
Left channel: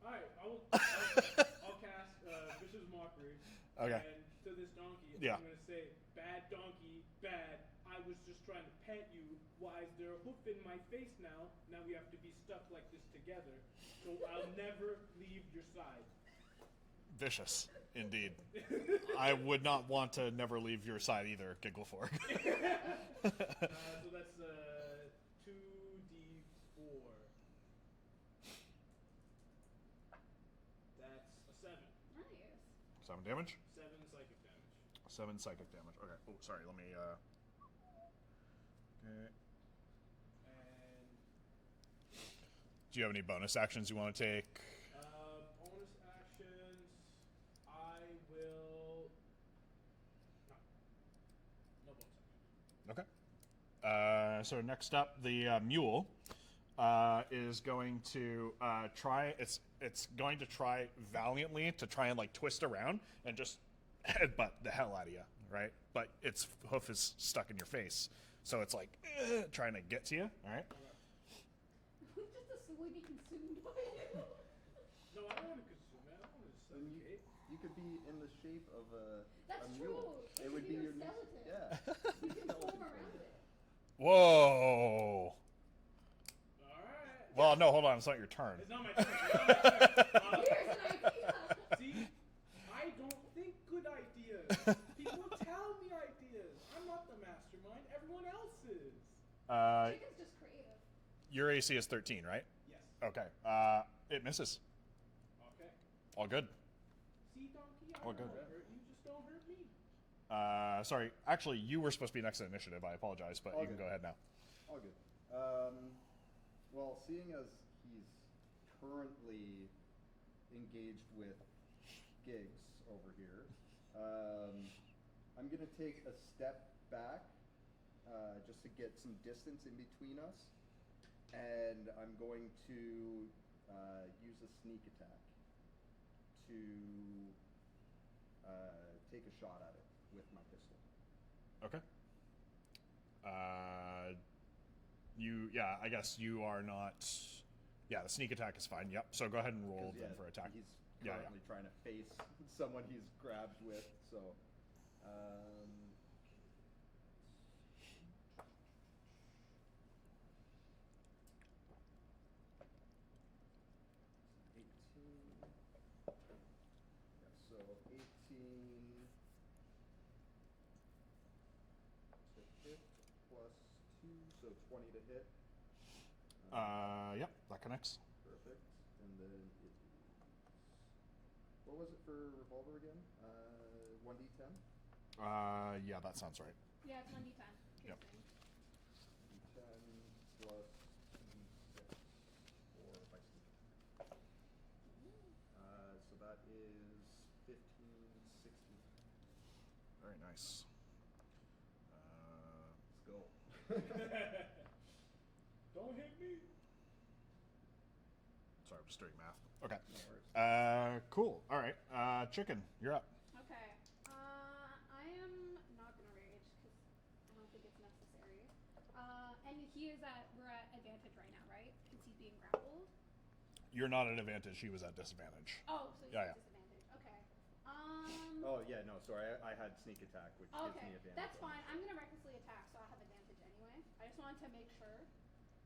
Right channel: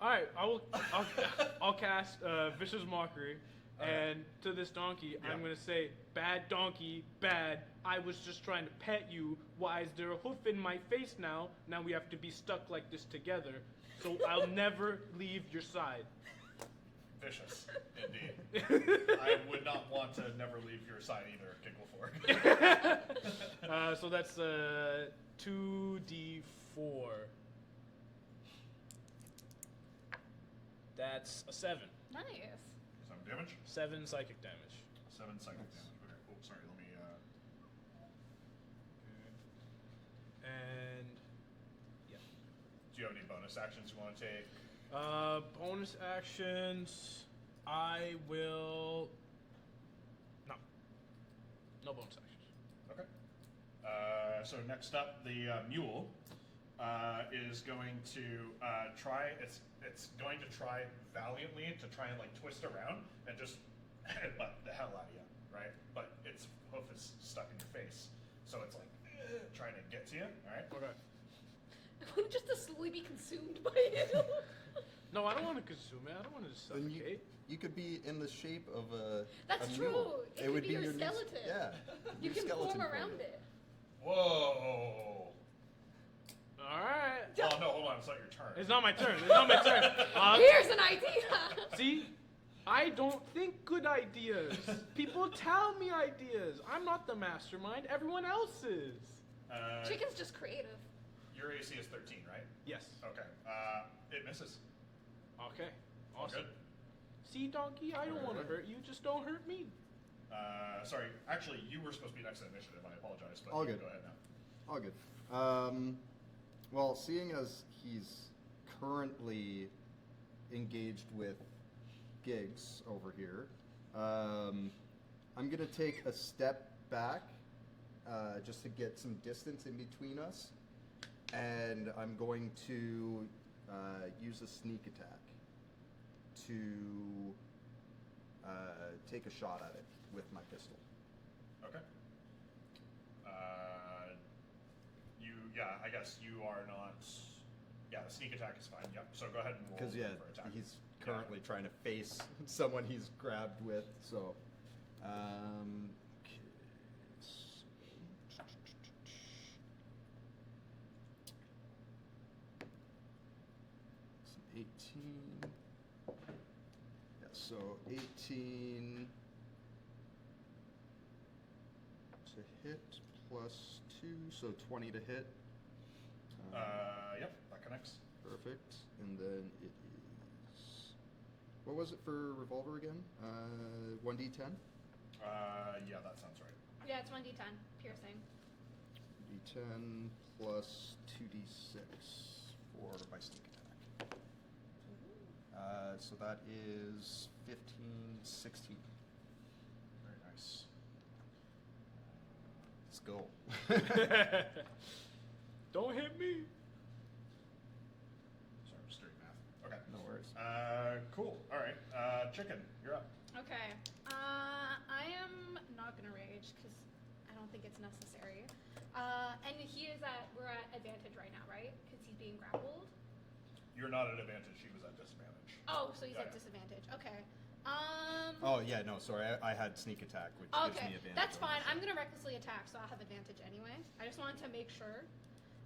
All right, I'll cast vicious mockery, Okay. and to this donkey, Yeah. I'm gonna say, "Bad donkey, bad. I was just trying to pet you. Why is there a hoof in my face now? Now we have to be stuck like this together. So I'll never leave your side." Vicious, indeed. I would not want to never leave your side either, Gigglefork. So that's 2d4. That's a 7. Nice. 7 damage. 7 psychic damage. 7 psychic damage. Okay. Oh, sorry. Let me. Okay. And yeah. Do you have any bonus actions you want to take? Bonus actions. I will. No. No bonus action. So next up, the mule is going to try. It's going to try valiantly to try and like twist around and just headbutt the hell out of you, right? But its hoof is stuck in your face, so it's like trying to get to you. All right. Okay. I want just to slowly be consumed by it. No, I don't want to consume it. I don't want to just Then suffocate. you could be in the shape of a That's a true. mule. It would be your new- skeleton. Yeah. You new can skeleton form form. around it. Whoa. All right. Well, no, hold on. It's not your turn. It's not my turn. It's not my turn. Here's an idea. See, I don't think good ideas. People tell me ideas. I'm not the mastermind. Everyone else is. Chicken's just creative. Your AC is 13, right? Yes. Okay. It misses. Okay. All good. See, donkey, I don't want to hurt you. Just don't hurt me. Sorry. Actually, you were supposed to be next to initiative. I apologize, but All you can good. go ahead now. All good. Well, seeing as he's currently engaged with gigs over here, I'm gonna take a step back just to get some distance in between us, and I'm going to use a sneak attack to take a shot at it with my pistol. Okay. I guess you are not. Yeah, the sneak attack is fine. Yep. So go ahead and roll Because for attack. he's Yeah, currently trying to face someone he's grabbed with. So, okay, so 18. Yeah, so 18 to hit plus 2, so 20 to hit. Yep, that connects. Perfect. And then it is. What was it for revolver again? 1d10? Yeah, that sounds right. Yeah, it's 1d10 piercing. D10 plus 2d6 for my sneak attack. So that is 15, 16. Very nice. Let's go. Don't hit me. Sorry, I'm just doing math. Okay. No worries. Cool. All right. Chicken, you're up. Okay. I am not gonna rage because I don't think it's necessary. And we're at advantage right now, right? Because he's being grappled. You're not at advantage. He was at disadvantage. Oh, so he's Yeah, at yeah. disadvantage. Okay. Oh, yeah, no, sorry. I had sneak attack, which gives Okay, me advantage. that's on fine. this. I'm gonna recklessly attack, so I'll have advantage anyway. I just wanted to make sure.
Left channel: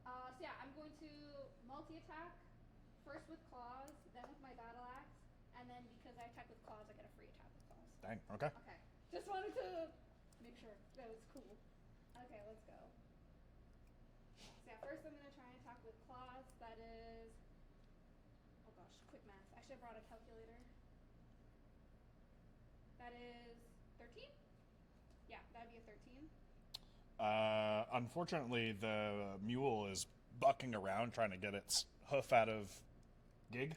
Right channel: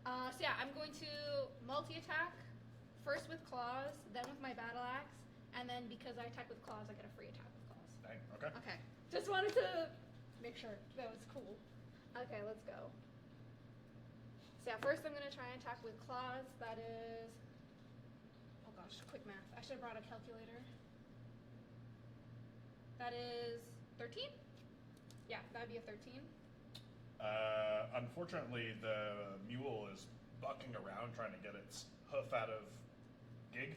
So yeah, I'm going to multi-attack, first with claws, then with my battle axe, and then because I attack with claws, I get a free attack with claws. Dang. Okay. Okay, just wanted to make sure that was cool. Okay, let's go. So yeah, first I'm gonna try and attack with claws. That is, oh gosh, quick math. I should have brought a calculator. That is 13? Yeah, that would be a 13. Unfortunately, the mule is bucking around trying to get its hoof out of gig.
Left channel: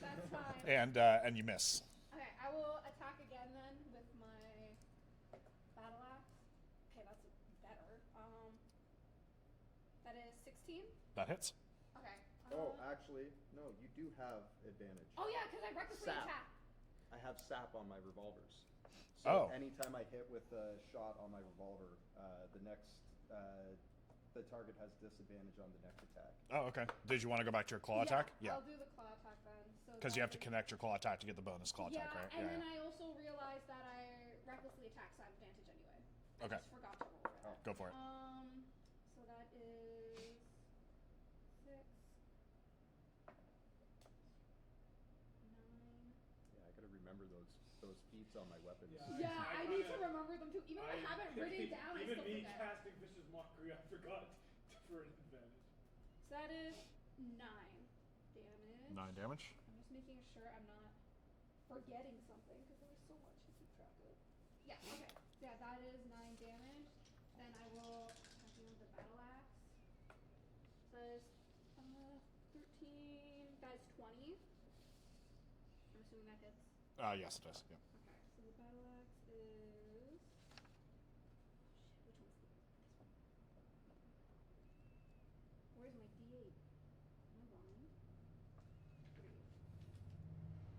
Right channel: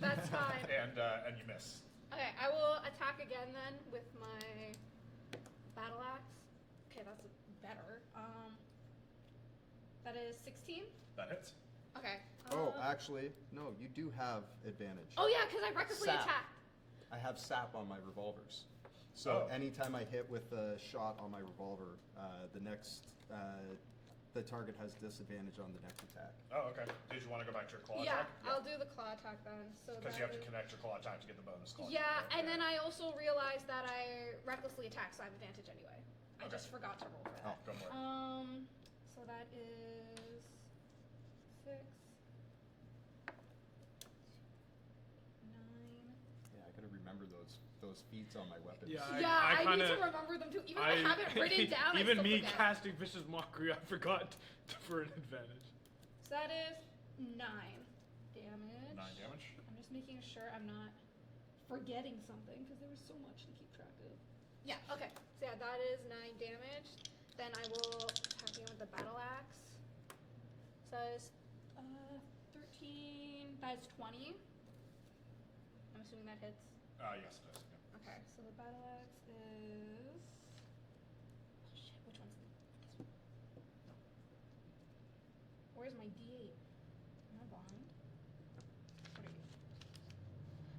That's fine. and you miss. Okay, I will attack again then with my battle axe. Okay, that's better. That is 16. That hits. Okay. Oh, actually, no, you do have advantage. Oh yeah, because I recklessly Sap. attacked. I have sap on my revolvers. So Oh. anytime I hit with a shot on my revolver, the target has disadvantage on the next attack. Oh, okay. Did you want to go back to your claw Yeah, attack? I'll do the claw attack then. So Because that you have to is- connect your claw attack to get the bonus claw Yeah, attack. Right? and then I also realized that I recklessly attacked, so I have advantage anyway. I Okay. just forgot to roll for that. Oh, go for it. So that is 6, 9. Yeah, I gotta remember those feats on my weapons. Yeah, Yeah, I I, kinda- need to remember them too. Even if I have it written down, Even I still me forget. casting vicious mockery, I forgot for an advantage. So that is 9 damage. 9 damage. I'm just making sure I'm not forgetting something because there was so much to keep track of. Yeah, okay. So yeah, that is 9 damage. Then I will attack you with the battle axe. So it's 13. That's 20. I'm assuming that hits. Yes, it does. Yeah. Okay, so the battle axe is. Oh shit, which one's this one? Where's my D8? Am I blind? What are you?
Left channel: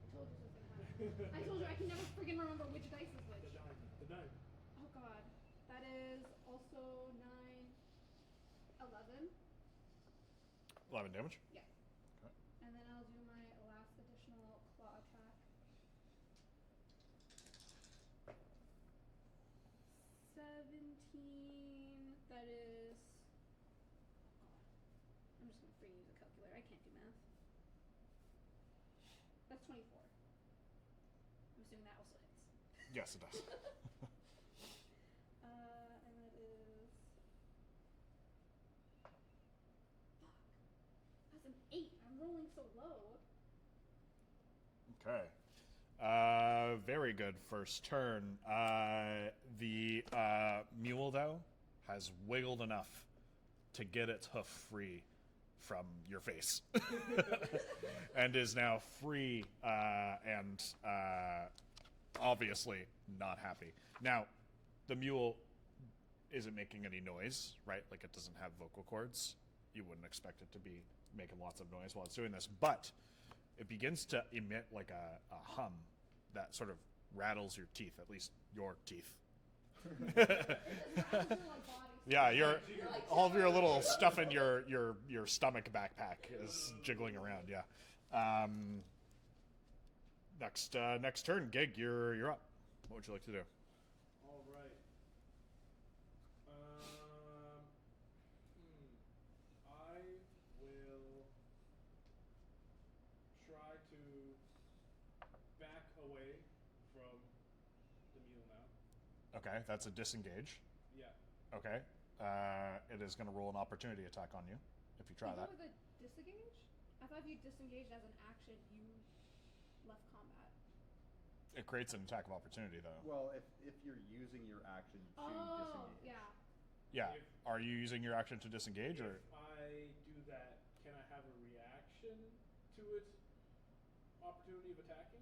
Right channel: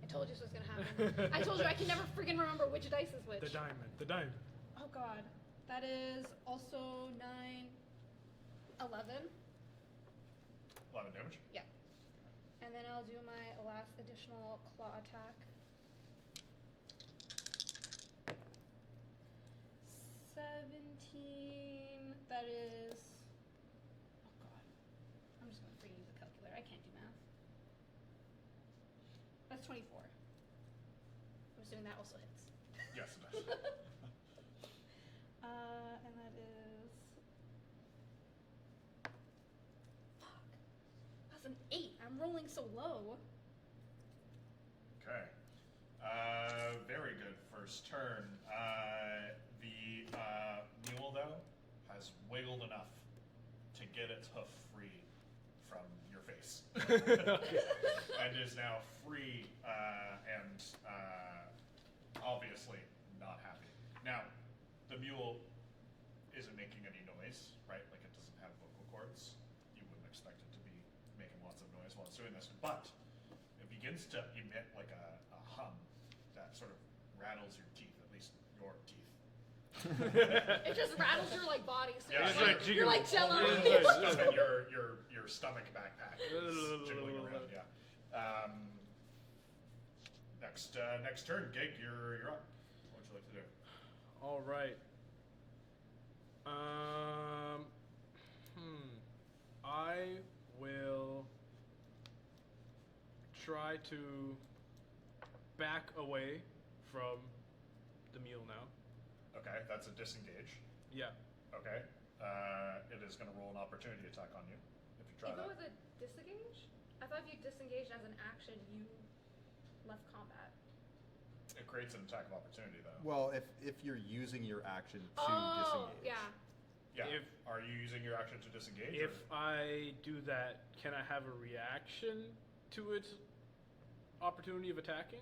I told you this was gonna happen. I told you I can never freaking remember which dice is which. The diamond. The diamond. Oh god. That is also 9, 11. 11 damage. Yeah. And then I'll do my last additional claw attack. 17. That is. Oh god. I'm just gonna freaking use a calculator. I can't do math. That's 24. I'm assuming that also hits. Yes, it does. And that is. Fuck. That's an 8. I'm rolling so low. Okay. Very good first turn. The mule, though, has wiggled enough to get its hoof free from your face. And is now free and obviously not happy. Now, the mule isn't making any noise, right? Like, it doesn't have vocal cords. You wouldn't expect it to be making lots of noise while it's doing this. But it begins to emit like a hum that sort of rattles your teeth, at least your teeth. It just rattles your like body. So Yeah, you're like all of your Jello. little stuff in your stomach backpack is jiggling around. Yeah. Next turn, Gig, you're up. What would you like to do? All right. I will try to back away from the mule now. Okay, that's a disengage. Yeah. Okay. It is going to roll an opportunity attack on you if you try If that. it was a disengage? I thought if you disengaged as an action, you left combat. It creates an attack of opportunity, though. Well, if you're using your action to disengage. Yeah. Yeah. If- Are you using your action to disengage? If I do that, can I have a reaction to its opportunity of attacking?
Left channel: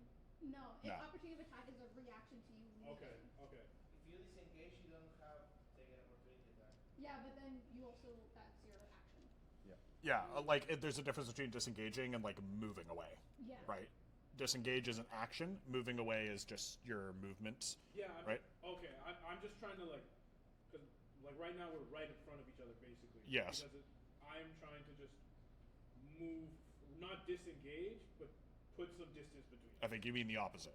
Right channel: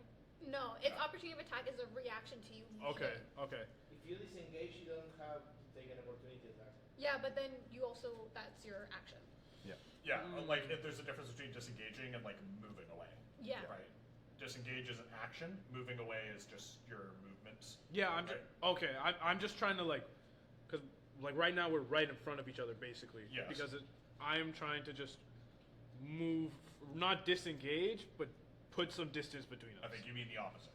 No, its No. opportunity of attack is a reaction to you. Okay, leaving. okay. If you disengage, you don't have take an opportunity attack. Yeah, but then you also that's your action. Yeah. Yeah, like if there's a difference between disengaging and like moving away. Yeah. Right. Disengage is an action. Moving away is just your movement. Yeah, I'm right? okay. I'm just trying to like, because like right now we're right in front of each other basically. Yes. Because I'm trying to just move, not disengage, but put some distance between us. I think you mean the opposite.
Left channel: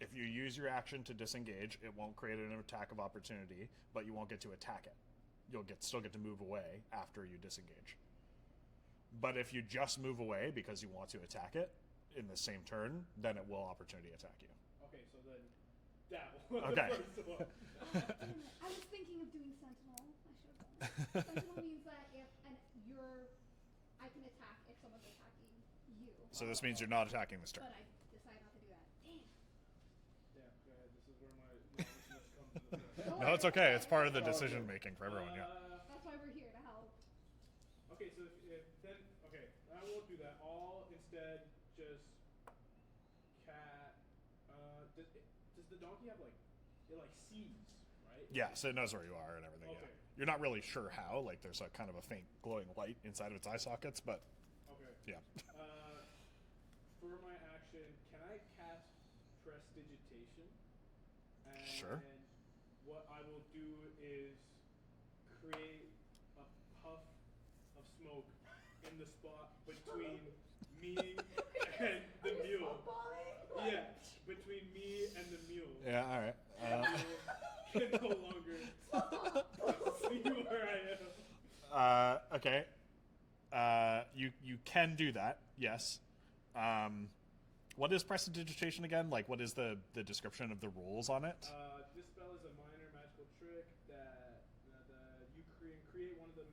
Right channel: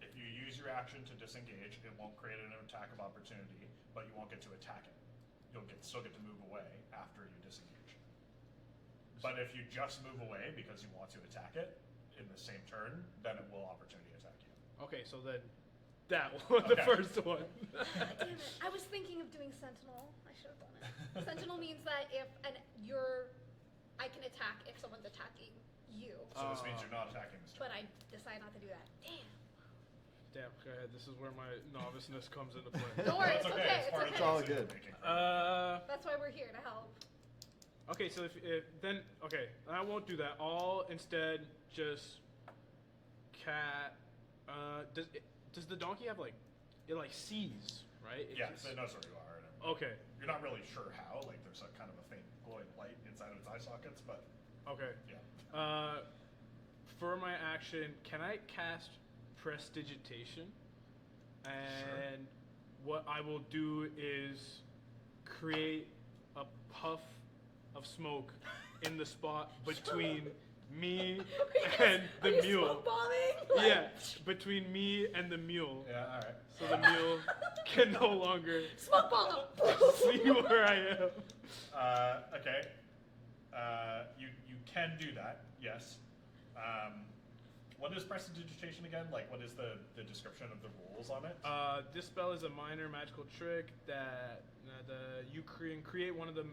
If you use your action to disengage, it won't create an attack of opportunity, but you won't get to attack it. You'll still get to move away after you disengage. But if you just move away because you want to attack it in the same turn, then it will opportunity attack you. Okay, so then that one, the Okay. first one. Damn it. I was thinking of doing Sentinel. I should have done it. Sentinel means that if I can attack if someone's attacking you. So this means you're not attacking this turn. But I decide not to do that. Damn. Damn, okay, this is where my noviceness comes into play. Don't worry. That's okay. It's part of the all decision good. making for everyone. That's why we're here to help. Okay, so if then okay, I won't do that. I'll instead just does the donkey have like it like sees, right? It Yeah, just- so it knows where you are and everything. Okay. You're not really sure how. Like there's a kind of a faint glowing light inside of its eye sockets, but Okay. yeah. For my action, can I cast Prestidigitation? And Sure. what I will do is create a puff of smoke in the spot between me and the Are you mule. smoke bombing? Yeah, between me and the mule. Yeah. All right. So the mule can no longer Smoke bomb. see where I am. Okay. You can do that. Yes. What is prestidigitation again? Like, what is the description of the rules on it? This spell is a minor magical trick that you can create one of the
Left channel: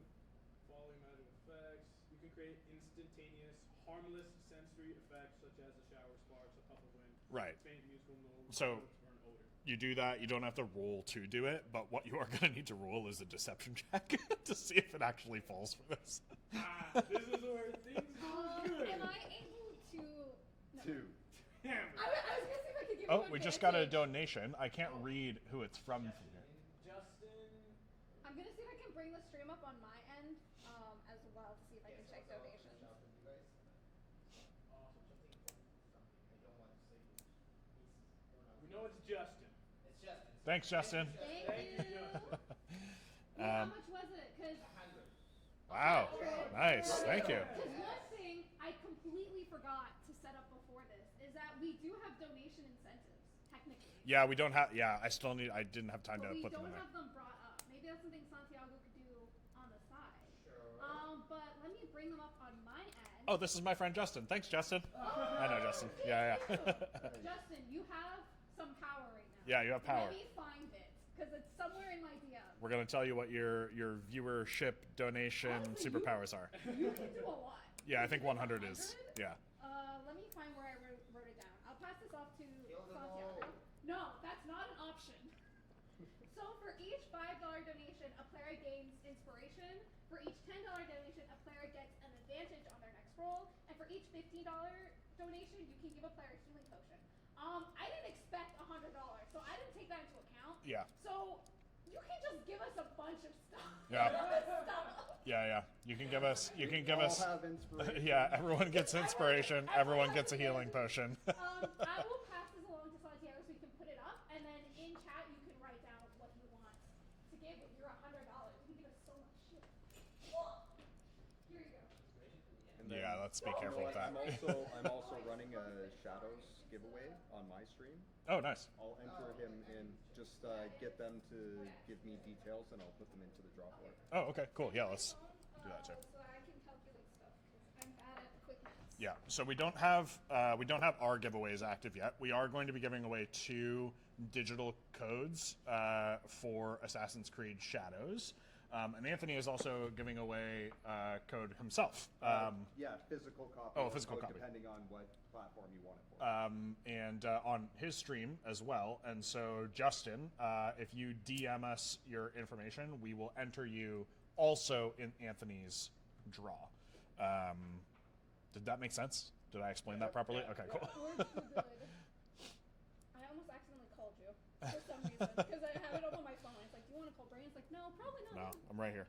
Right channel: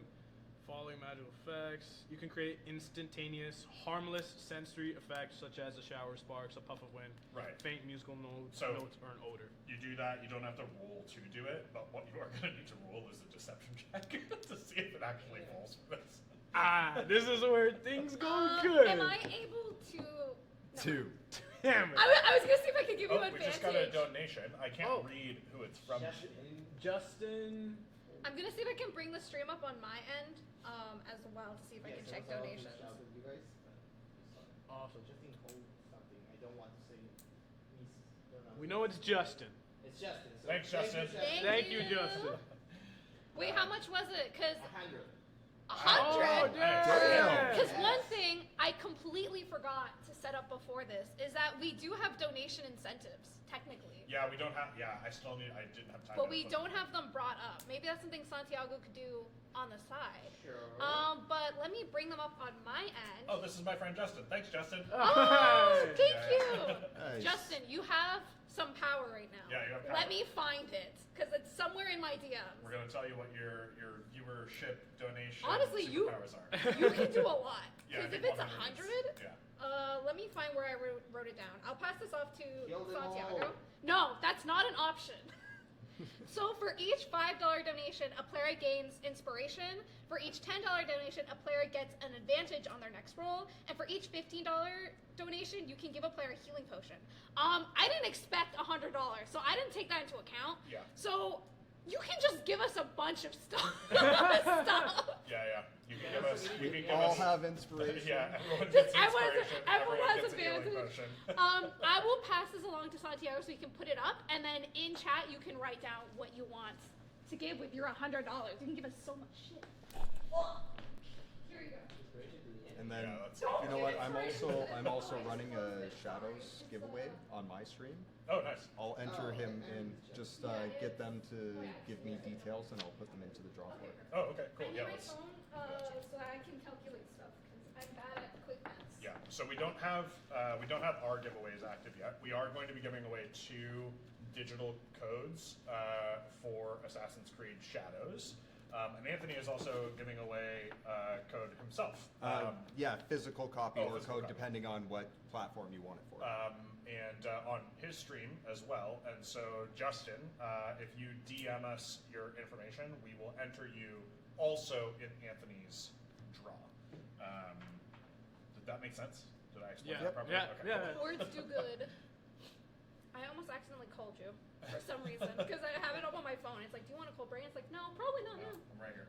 following magical effects. You can create instantaneous, harmless sensory effects such as a shower of sparks, a puff of wind, Right. faint musical notes, So- notes or an odor. You do that. You don't have to roll to do it, but what you are going to need to roll is a deception check to see if it actually falls for this. This is where things go good. Am I able to? No. 2. Damn it. I was gonna see if I could give you Oh, advantage. we just got a donation. I can't Oh. read who it's from. Justin. I'm gonna see if I can bring the stream up on my end while to see if I can Yes, check also, I'll donations. reach out with you guys. Awesome. Just in hold something. I don't want to say We know it's Justin. It's Justin. So Thanks, Justin. Thank you, Justin. Wait, how much was it? Because 100. Oh, 100. nice. Because one thing I completely forgot to set up before this is that we do have donation incentives, technically. Yeah, we don't have. Yeah, I didn't have time. But to we put them don't in. have them brought up. Maybe that's something Santiago could do on the side. Sure. But let me bring them up on my end. Oh, this is my friend Justin. Thanks, Justin. Oh, thank Yeah, you. yeah. Nice. Justin, you have some power right now. Yeah, you have power. Let me find it, because it's somewhere in my DMs. We're gonna tell you what your viewership donation Honestly, superpowers are. You can do a lot. Yeah, I 'Cause think if it's 100 is. 100, Yeah. Let me find where I wrote it down. I'll pass this off to Kill them Santiago. all. No, that's not an option. So for each $5 donation, a player gains inspiration. For each $10 donation, a player gets an advantage on their next roll. And for each $15 donation, you can give a player a healing potion. I didn't expect $100, so I didn't take that into account. Yeah. So you can just give us a bunch of stuff. Yeah. You can give us. You can We give all us. have inspiration. Yeah, everyone gets inspiration. Everyone Everyone has gets a healing advantage. potion. I will pass this along to Santiago so you can put it up, and then in chat you can write down what you want to give with your $100. You can give us so much shit. Oh, here you go. And then, Yeah, let's be you know careful. what? I'm also running a Shadows giveaway on my stream. Oh, nice. I'll enter him and just get them to give me details, and I'll put them into the draw for it. Oh, okay, cool. Yeah, My let's. phone, that too. so I can calculate stuff because I'm bad at quick maths. Yeah. So we don't have our giveaways active yet. We are going to be giving away 2 digital codes for Assassin's Creed Shadows. And Anthony is also giving away a code himself. Yeah, physical copy or physical code, copy. depending on what platform you want it for. And on his stream as well. And so, Justin, if you DM us your information, we will enter you also in Anthony's draw. Did that make sense? Did I explain Yeah. that properly? Yeah, Okay, yeah. cool. Words do good. I almost accidentally called you for some reason because I have it up on my phone. It's like, do you want to call Brain? It's like, no, probably not. No, now. I'm right here.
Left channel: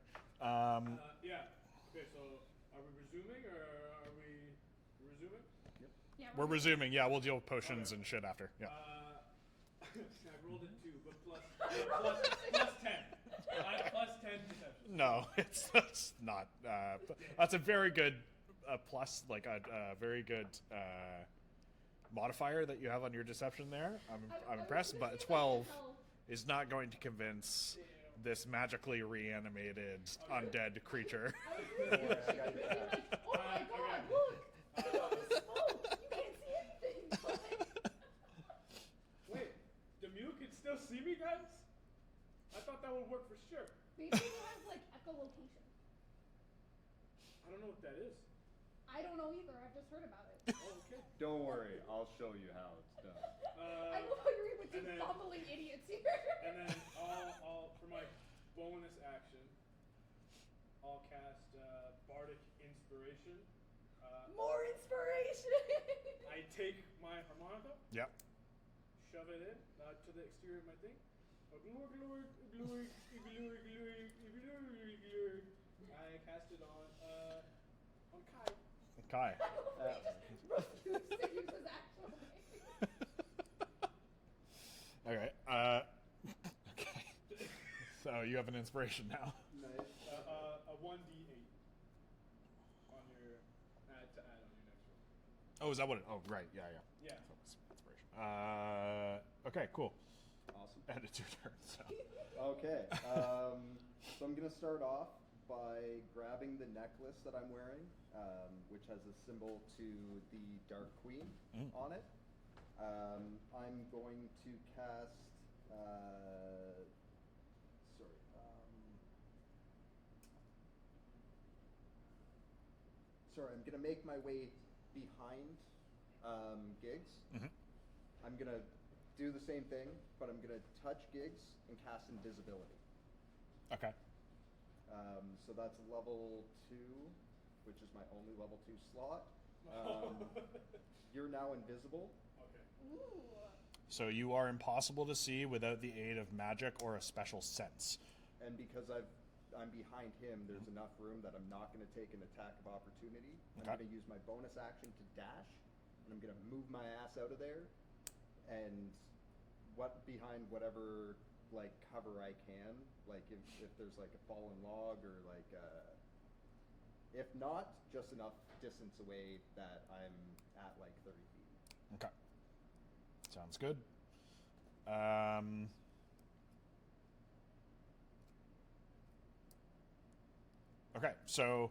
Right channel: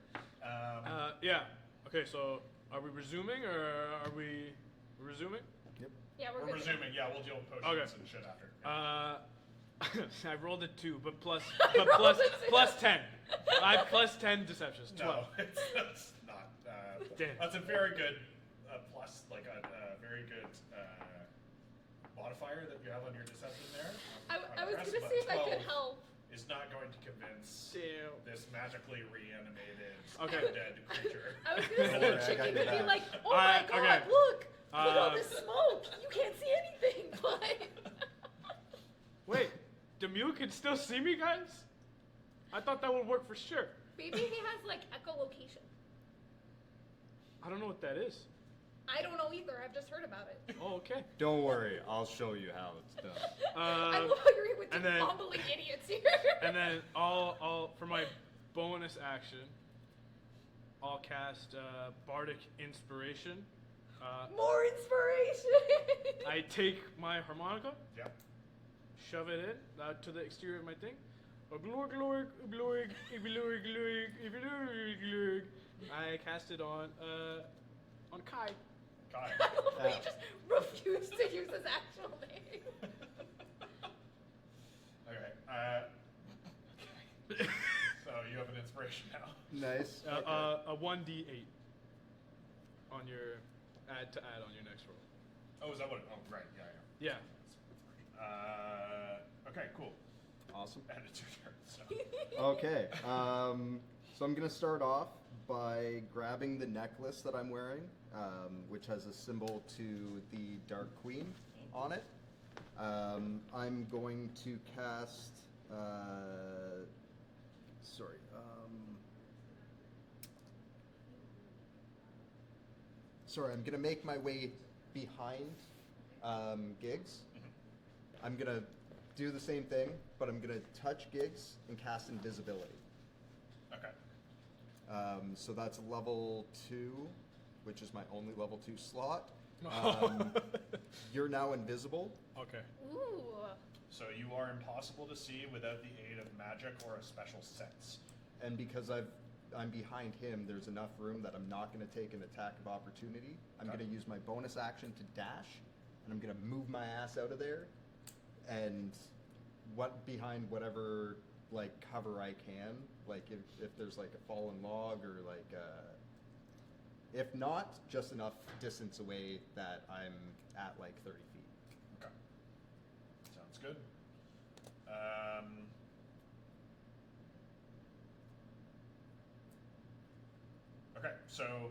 Yeah. Okay, so are we resuming or are we resuming? Yep. Yeah, We're good. resuming. Yeah, we'll deal with potions Okay. and shit after. Yeah. I rolled a 2, but plus rolled a 2. plus 10. I have plus 10 deceptions. No, 12. that's not. Damn. That's a very good plus, like a very good modifier that you have on your deception there. I'm I was impressed, gonna but see if I 12 could help. is not going to convince Damn. this magically reanimated Okay. undead creature. I was gonna Don't worry, I say got chicken your and be back. like, oh my god, okay. look! Look at all this smoke! You can't see anything! Like, Wait, Demure can still see me, guys? I thought that would work for sure. maybe he has like echolocation. I don't know what that is. I don't know either. I've just heard about it. Oh, okay. Don't worry, I'll show you how it's done. I love how you're here with two and then- bumbling idiots here. And then I'll for my bonus action, I'll cast Bardic Inspiration. More inspiration. I take my harmonica, Yep. shove it in to the exterior of my thing. Glorg, glorg, glorg, glorg, glorg, glorg, glorg. I cast it on Kai. Kai. I love how you just refuse to use his actual name. Okay. Okay. So you have an inspiration now. Nice. A 1d8 on your add on your next roll. Oh, is that what? Oh, right. Yeah. Yeah. Inspiration. Okay. Cool. Awesome. And it's your turn. So. Okay, so I'm gonna start off by grabbing the necklace that I'm wearing, which has a symbol to the Dark Queen on it. I'm going to cast. Sorry, I'm gonna make my way behind Giggs. I'm gonna do the same thing, but I'm gonna touch Giggs and cast invisibility. Okay. So that's level 2, which is my only level 2 slot. You're now invisible. Okay. Ooh. So you are impossible to see without the aid of magic or a special sense. And because I've I'm behind him, there's enough room that I'm not going to take an attack of opportunity. I'm Okay. going to use my bonus action to dash, and I'm going to move my ass out of there, and behind whatever like cover I can. Like if there's like a fallen log or like if not, just enough distance away that I'm at like 30 feet. Okay. Sounds good. Okay, so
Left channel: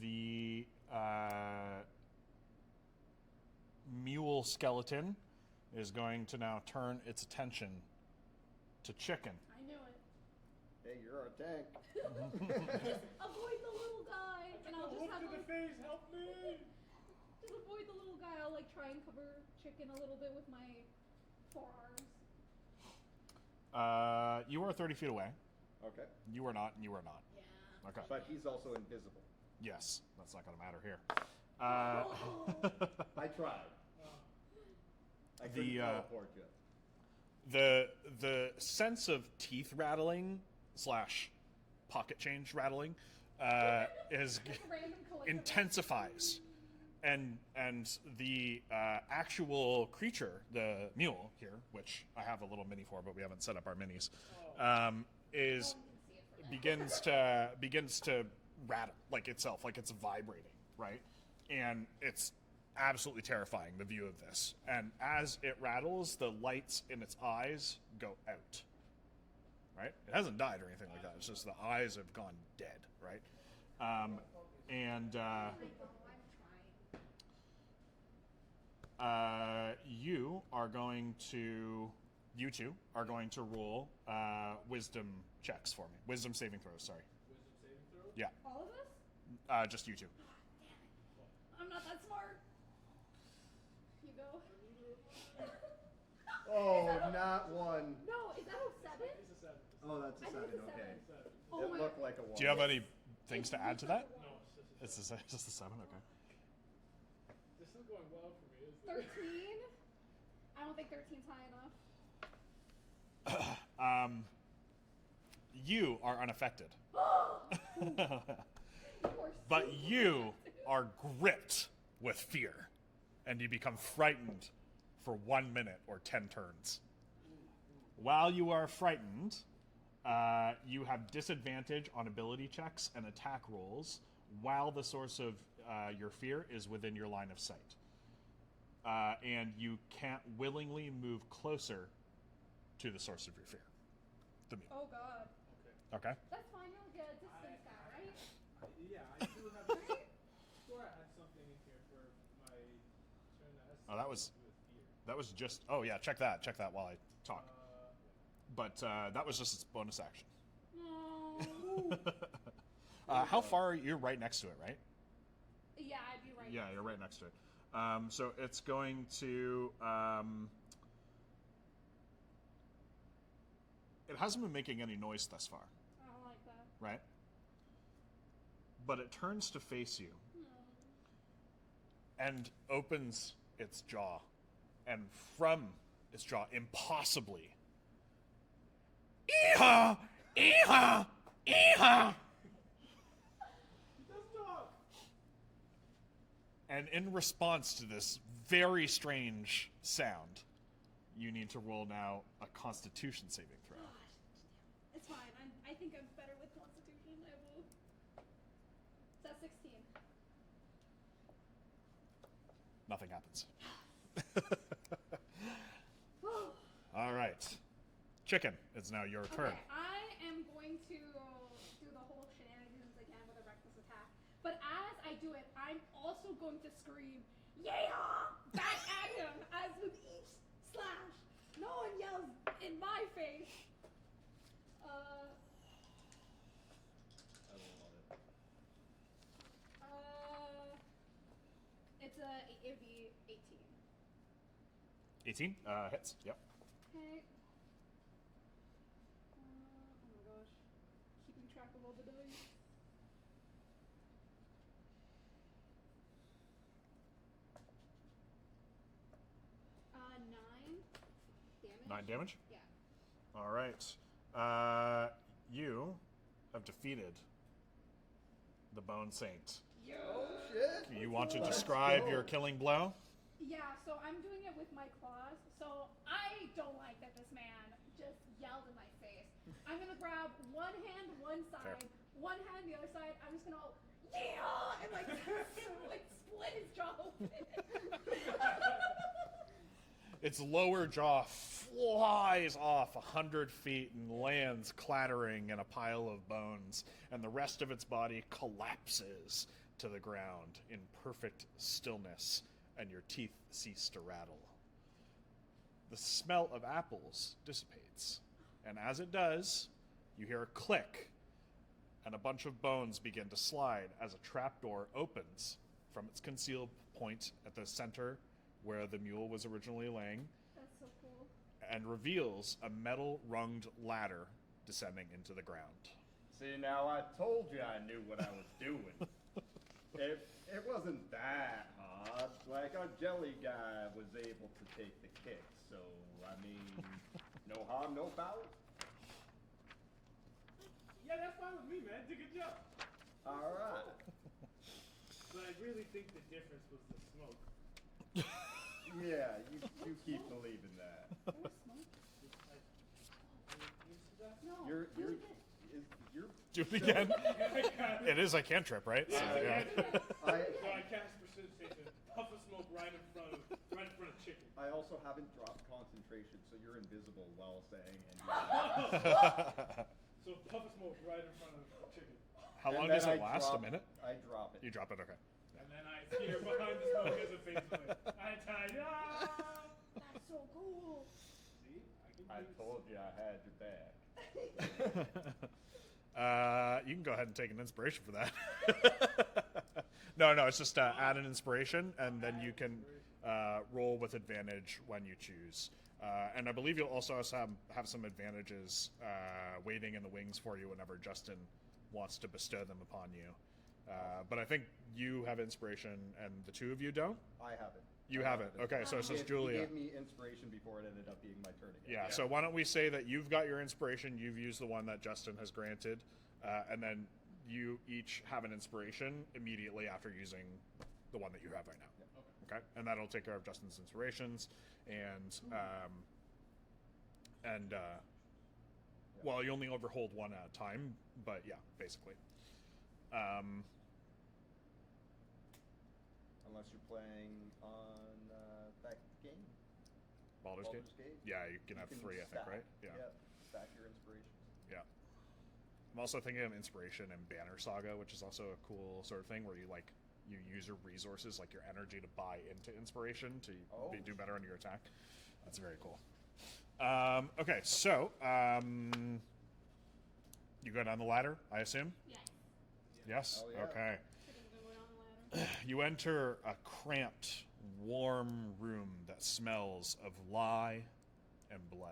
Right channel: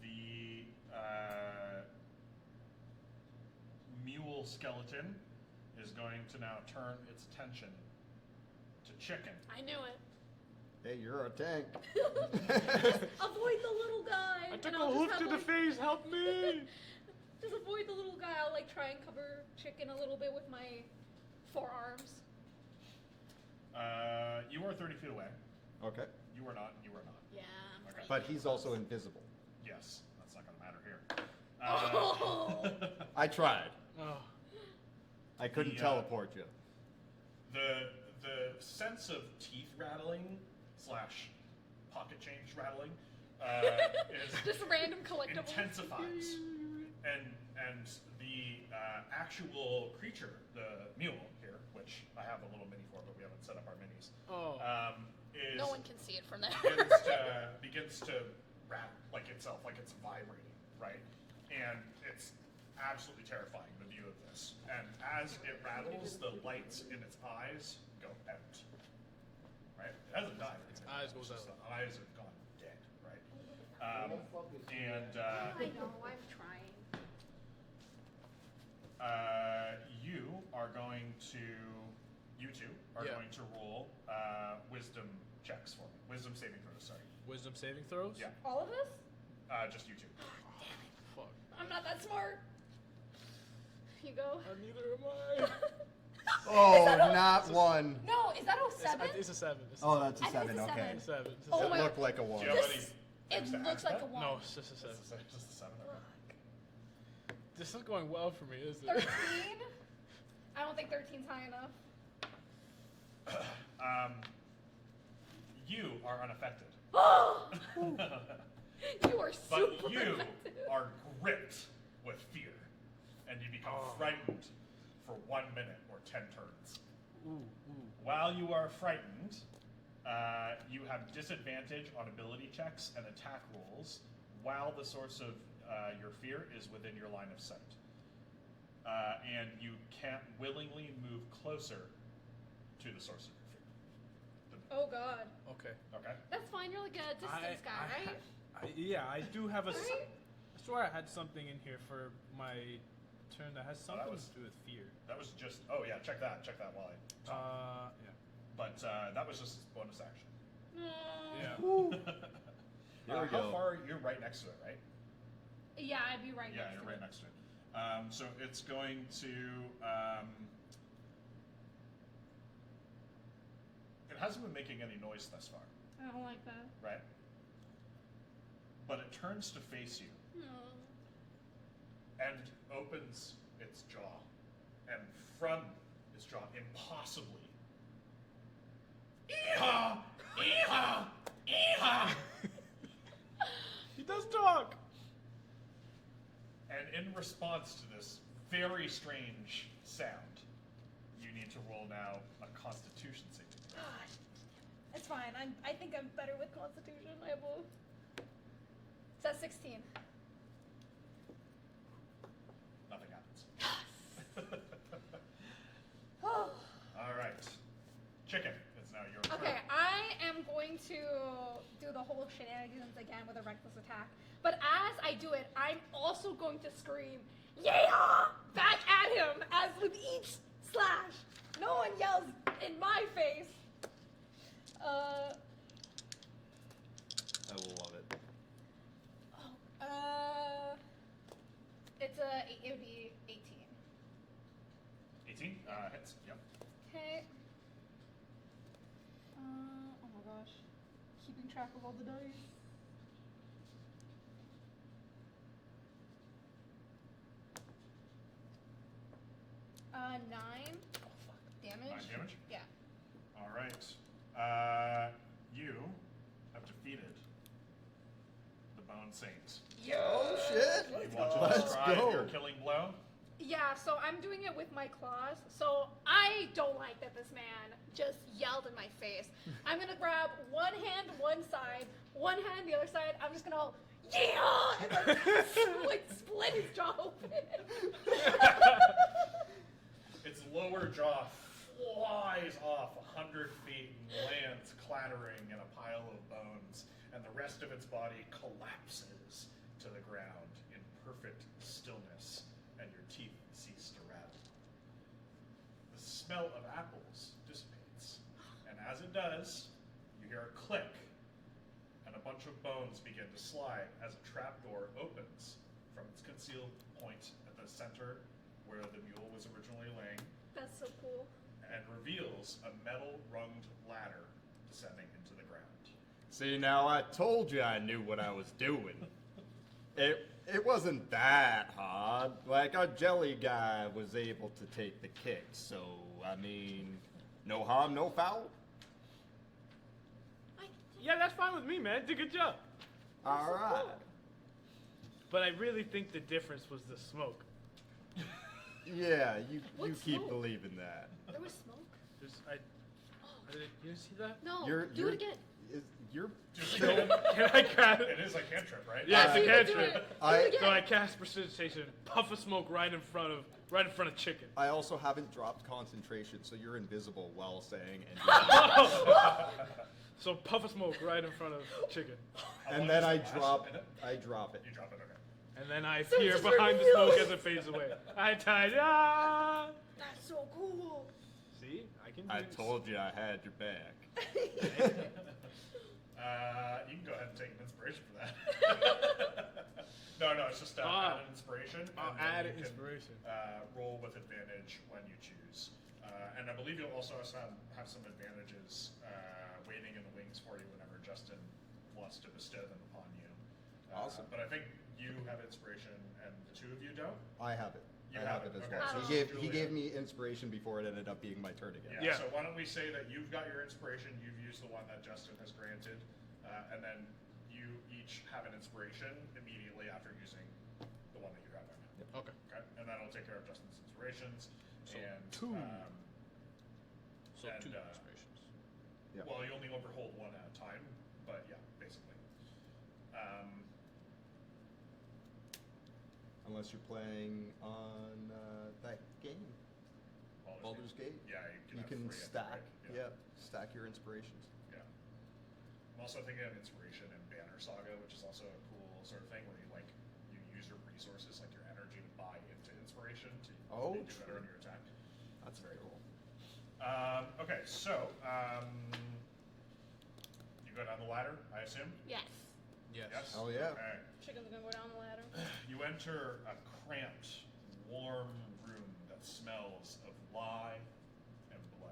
the mule skeleton is going to now turn its attention to Chicken. I knew it. Hey, you're a tank. Avoid the little guy. I took and a I'll hook just to have, the face. Help me! Just avoid the little guy. I'll like try and cover Chicken a little bit with my forearms. You are 30 feet away. Okay. You are not, and you are not. Yeah. Okay. But he's also invisible. Yes, that's not going to matter here. I tried. Oh. I couldn't The, teleport you. The sense of teeth rattling / pocket change rattling is Just random collectibles. intensifies, and the actual creature, the mule here, which I have a little mini for, but we haven't set up our minis, is No one can see it from there. begins to rattle like itself, like it's vibrating, right? And it's absolutely terrifying, the view of this. And as it rattles, the lights in its eyes go out. Right? It hasn't died or anything like Eyes that. It's goes just out. the eyes have gone dead, right? I know, I'm trying. You two are Yeah. going to roll wisdom checks for me. Wisdom saving throws, sorry. Wisdom saving throws? Yeah. All of us? Just you two. Fuck. I'm not that smart. You go. Neither am I. Oh, that a- not one. No, is that 07? It's a 7. It's a Oh, that's a I think 7. it's a Okay. 7. It's a 7. It's a Oh It 7. my- looked like a 1. Do you have any This- things to it add looks to like that? a 1. No, it's just a 7. Just a 7, okay. This is going well for me, isn't 13? it? I don't think 13's high enough. You are unaffected. You are super But you effective. are gripped with fear, and you become frightened for 1 minute or 10 turns. While you are frightened, you have disadvantage on ability checks and attack rolls while the source of your fear is within your line of sight. And you can't willingly move closer to the source of your fear. Oh god. Okay. Okay? That's fine, you're like a distance guy, right? Yeah, I do have a. Right? I swear I had something in here for my turn that has something was- to do with fear. That was just. Oh, yeah, check that. Check that while I talk. Yeah. But that was just its bonus action. Mm. Yeah. How far? You're right next to it, right? Yeah, I'd be right Yeah, next you're to right it. next to it. So it's going to. It hasn't been making any noise thus far, I don't like that. right? But it turns to face you and opens its jaw, and from its jaw, impossibly. Eehaw! Eehaw! Eehaw! He does talk. And in response to this very strange sound, you need to roll now a Constitution saving throw. It's fine. I think I'm better with Constitution. I have a... It's at 16. Nothing happens. Oh. All right. Chicken, it's now your turn. Okay, I am going to do the whole shenanigans again with a reckless attack. But as I do it, I'm also going to scream, "Yeah!" back at him, as with each slash. No one yells in my face. I love it. It would be 18. 18 hits. Yep. Okay. Oh my gosh. Keeping track of all the dice. Nine damage. 9 damage. Yeah. All right. You have defeated the Bone Saint. Oh shit! You want to Let's describe go. your killing blow? Yeah, so I'm doing it with my claws. So I don't like that this man just yelled in my face. I'm gonna grab one hand one side, one hand the other side. I'm just gonna go, yeah! And like split his jaw open. Its lower jaw flies off 100 feet and lands clattering in a pile of bones, and the rest of its body collapses to the ground in perfect stillness, and your teeth cease to rattle. The smell of apples dissipates, and as it does, you hear a click, and a bunch of bones begin to slide as a trapdoor opens from its concealed point at the center where the mule was originally laying, That's so cool. and reveals a metal-runged ladder descending into the ground. See, now I told you I knew what I was doing. It wasn't that hard. Like, our jelly guy was able to take the kick, so, I mean, no harm, no foul. Yeah, that's fine with me, man. Did a good job. All right. But I really think the difference was the smoke. Yeah, you What's keep smoke? believing that. There was smoke? You see that? No, You're do it again. You're Do you again? Can I cast? It is a cantrip, right? Yeah, it's a Do it, do cantrip. it. Do I- it So I again. cast precipitation, puff of smoke right in front of chicken. I also haven't dropped concentration, so you're invisible while saying and So puff of smoke right in front of chicken, How long and then does I it last? drop A minute? I drop it. You drop it, okay. and then I So appear it's behind the revealed. smoke as it fades away. I tied. Ah! That's so cool. See, I can. Do I this. told you I had your back. You can go ahead and take an inspiration for that. No, it's just add an inspiration, and then add you an can inspiration. roll with advantage when you choose. And I believe you'll also have some advantages waiting in the wings for you whenever Justin wants to bestow them upon you. Awesome. But I think you have inspiration, and the two of you don't. I have it. You I have it. as Okay, well. so he this gave, is Julia. he gave me inspiration before it ended up being my turn again. Yeah, Yeah. so why don't we say that you've got your inspiration, you've used the one that Justin has granted, and then you each have an inspiration immediately after using the one that you have right now. Okay. Okay? And that'll take care of Justin's inspirations. So and two. and, two uh, inspirations. Yep. well, you only overhold one at a time, but yeah, basically. Unless you're playing on that game. Baldur's Gate. Yeah, you can have can free, I think, stack. right? Yeah, stack your inspirations. Yeah. I'm also thinking of inspiration and Banner Saga, which is also a cool sort of thing where you use your resources, like your energy, to buy into inspiration to Oh, do better on your attack. That's very cool. Okay, so you go down the ladder, I assume. Yes. Yes. Oh, yeah. Okay. Chicken's gonna go down the ladder. You enter a cramped, warm room that smells of lye and blood.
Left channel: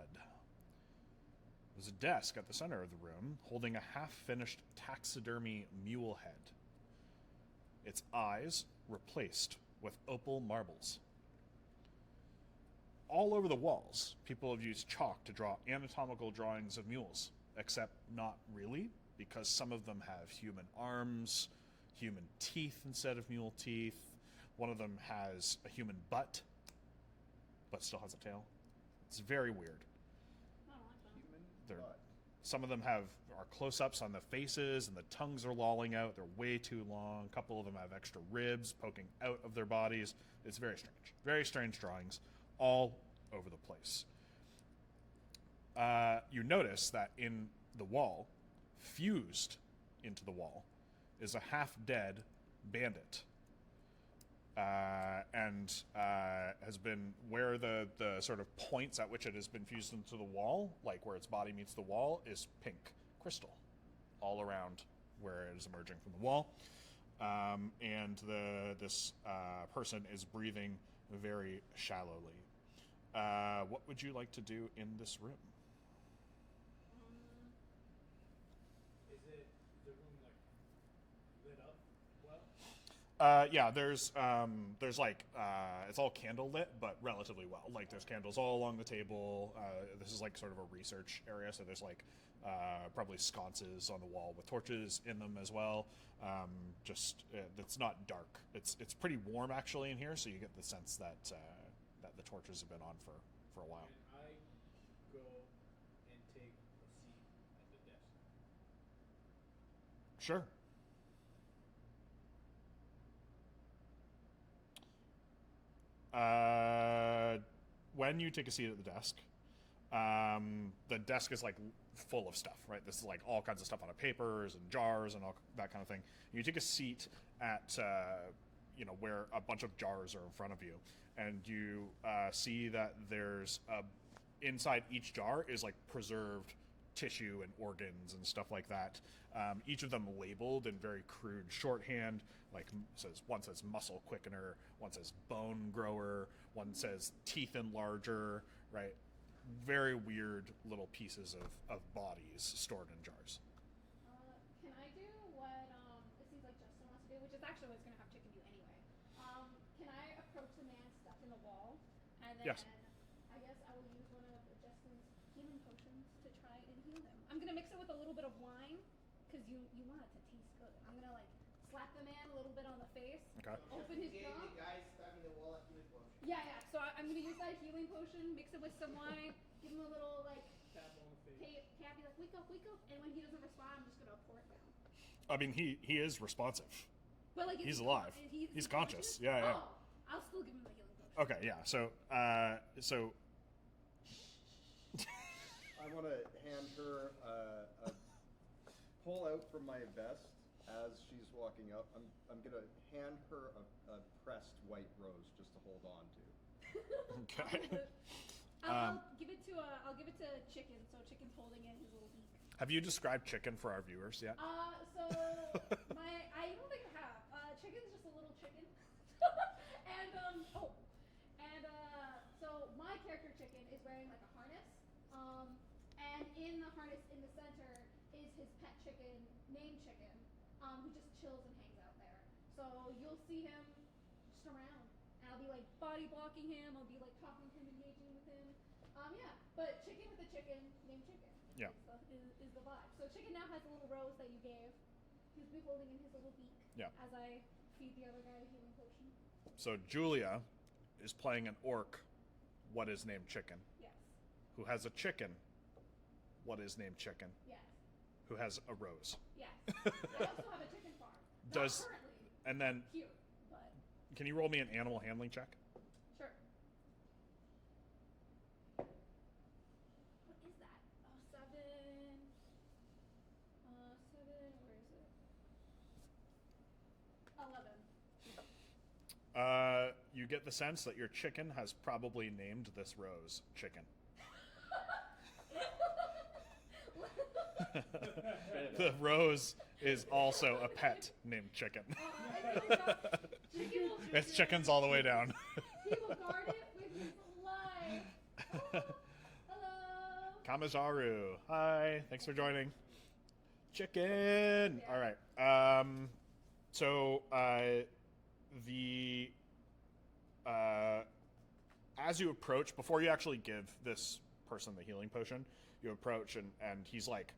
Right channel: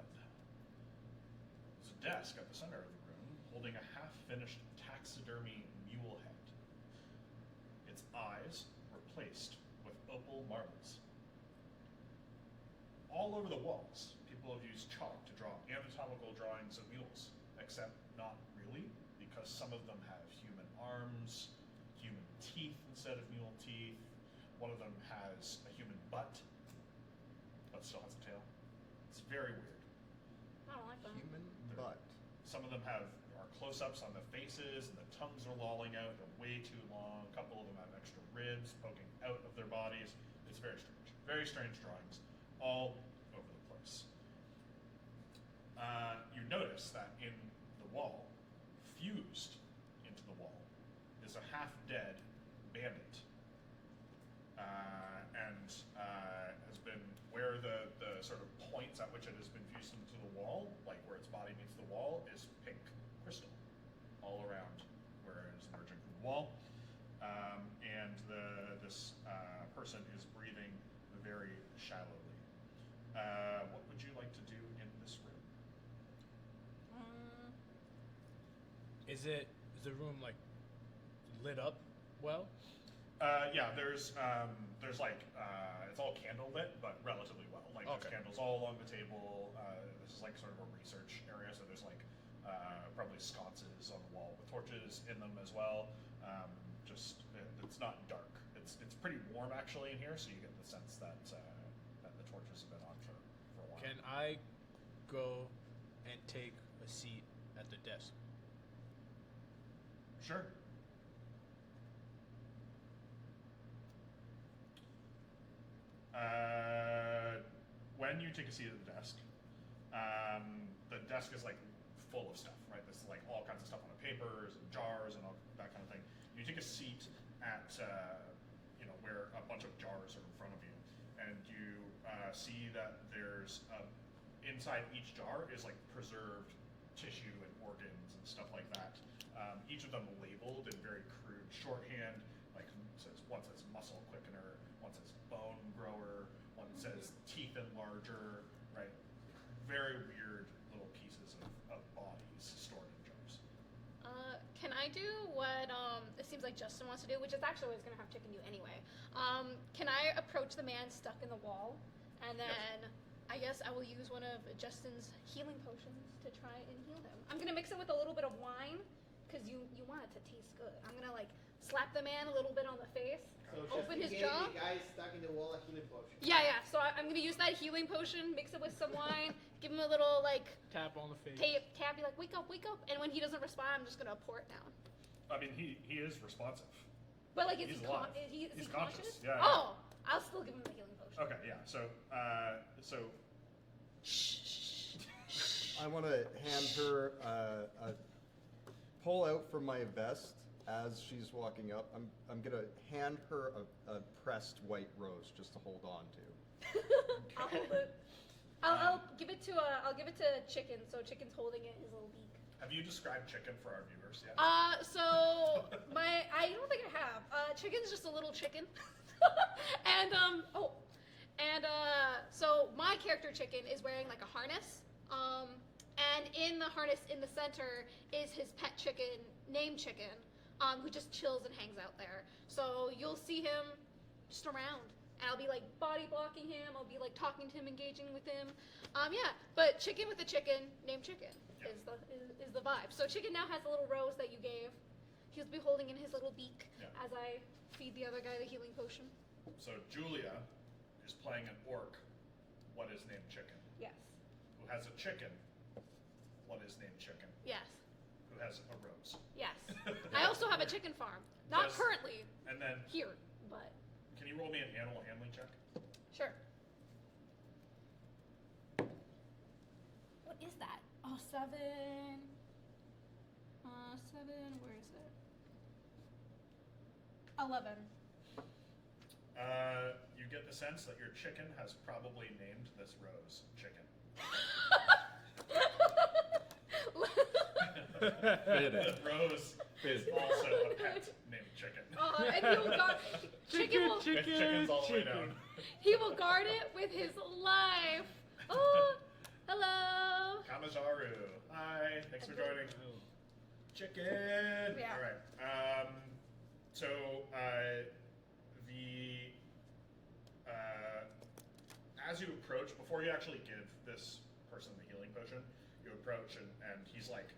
There's a desk at the center of the room holding a half-finished taxidermy mule head. Its eyes replaced with opal marbles. All over the walls, people have used chalk to draw anatomical drawings of mules, except not really, because some of them have human arms, human teeth instead of mule teeth. One of them has a human butt, but still has a tail. It's very weird. I don't like that. Human They're- butt. Some of them are close-ups on the faces, and the tongues are lolling out. They're way too long. A couple of them have extra ribs poking out of their bodies. It's very strange. Very strange drawings, all over the place. You notice that in the wall, fused into the wall, is a half-dead bandit. And has been, where the sort of points at which it has been fused into the wall, like where its body meets the wall, is pink crystal all around where it is emerging from the wall. And this person is breathing very shallowly. What would you like to do in this room? Is the room like lit up well? Yeah, there's like it's all candle lit, but relatively well. Like there's Okay. candles all along the table. This is like sort of a research area, so there's like probably sconces on the wall with torches in them as well. It's not dark. It's pretty warm actually in here, so you get the sense that that the torches have been on for a while. Can I go and take a seat at the desk? Sure. When you take a seat at the desk is like full of stuff, right? This is like all kinds of stuff on papers and jars and all that kind of thing. You take a seat at where a bunch of jars are in front of you, and you see that there's inside each jar is like preserved tissue and organs and stuff like that. Each of them labeled in very crude shorthand. One says muscle quickener, one says bone grower, one says teeth enlarger, right? Very weird little pieces of bodies stored in jars. Can I do what it seems like Justin wants to do, which is actually what I was going to have Chicken do anyway. Can I approach the man stuck in the wall, and then Yes. I guess I will use one of Justin's healing potions to try and heal him. I'm going to mix it with a little bit of wine, because you want it to taste good. I'm going to slap the man a little bit on the face, Okay. So open just his gave jaw. the guy stuck in the wall a healing potion. Yeah. So I'm going to use that healing potion, mix it with some wine, give him a little Tap on the face. tap, be like, wake up. And when he doesn't respond, I'm just going to pour it down. I mean, he is responsive. But He's alive. Is He's he conscious. conscious? Yeah. Oh, I'll still give him the healing potion. Okay. Yeah. So I want to hand her pull out from my vest as she's walking up. I'm gonna hand her a pressed white rose just to hold on to. okay. I'll give it to Chicken. So Chicken's holding it in his little beak. Have you described chicken for our viewers yet? So I don't think I have. Chicken's just a little chicken, so my character Chicken is wearing like a harness. And in the harness in the center is his pet chicken named Chicken, who just chills and hangs out there. So you'll see him just around. And I'll be like body blocking him. I'll be like talking to him, engaging with him. But Chicken with a chicken named Chicken is the vibe. So Chicken now has a little rose that you gave. He'll be holding in his little beak as I feed the other guy the healing potion. So Julia is playing an orc. What is named Chicken? Yes. Who has a chicken? What is named Chicken? Yes. Who has a rose? Yes. I also have a chicken farm. Not currently And then, here, but can you roll me an animal handling check? sure. What is that? Oh, 7. 7. Where is it? 11. You get the sense that your chicken has probably named this rose Chicken. The rose is also a pet named Chicken. And he will guard, Chicken will, It's chickens all the way down. he will guard it with his life. Oh, hello. Kamazaru. Hi. Thanks for joining. Chicken. Yeah. All right. As you approach, before you actually give this person the healing potion, you approach and he's like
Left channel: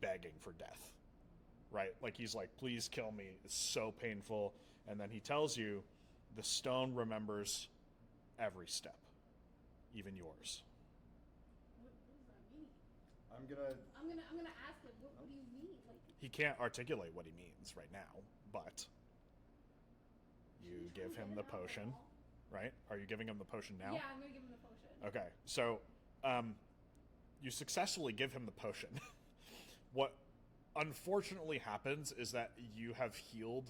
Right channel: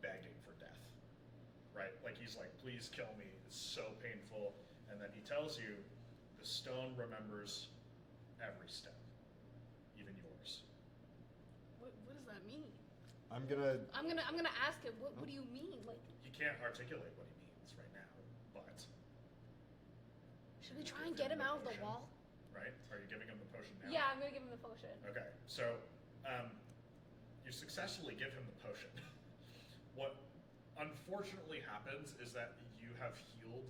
begging for death, right? Like he's like, please kill me. It's so painful. And then he tells you the stone remembers every step, even yours. What does that mean? I'm gonna I'm gonna ask him. What do you mean? Like, He can't articulate what he means right now, but should we you try give and get him the out of the potion, wall? right? Are you giving him the potion now? Yeah, I'm gonna give him the potion. Okay, so you successfully give him the potion. What unfortunately happens is that you have healed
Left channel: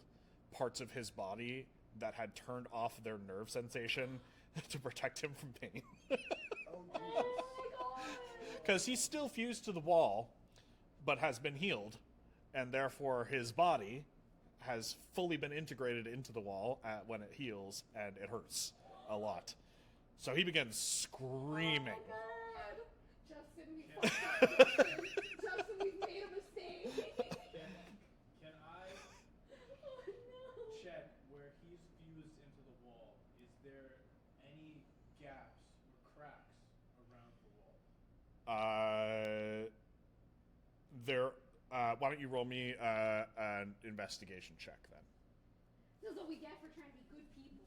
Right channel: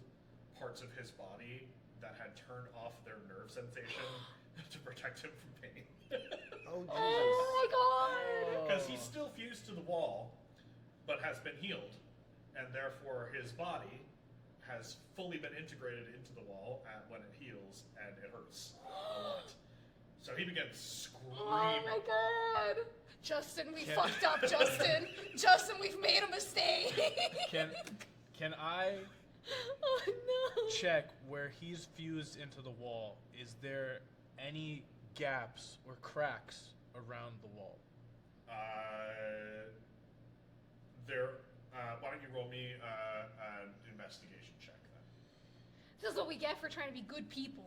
parts of his body that had turned off their nerve sensation to protect him from pain. Oh, Jesus. Oh my god! Because he's still fused to the wall, but has been healed, and therefore his body has fully been integrated into the wall when it heals, and it hurts a lot. So he begins screaming. Oh my god! Justin, we fucked up, Justin. Justin, we've made a mistake. Can I Oh no. check where he's fused into the wall? Is there any gaps or cracks around the wall? There. Why don't you roll me an investigation check then? This is what we get for trying to be good people.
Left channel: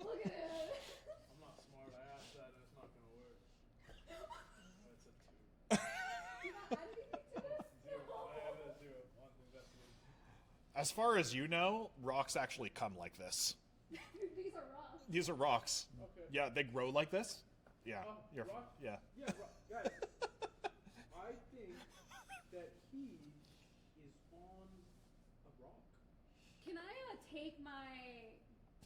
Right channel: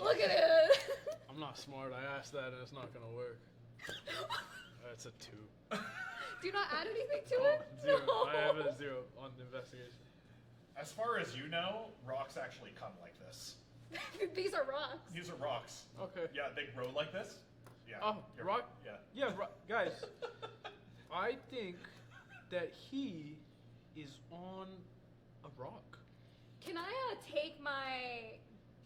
Look at it. I'm not smart. I asked that and it's not gonna work. That's a 2. Do you not add anything to it? 0. No. I have a 0 on the investigation. As far as you know, rocks actually come like this. These are rocks. These are rocks. Okay. Yeah, they grow like this. Yeah. Oh, you're- rock? Yeah. Yeah, guys. I think that he is on a rock. Can I take my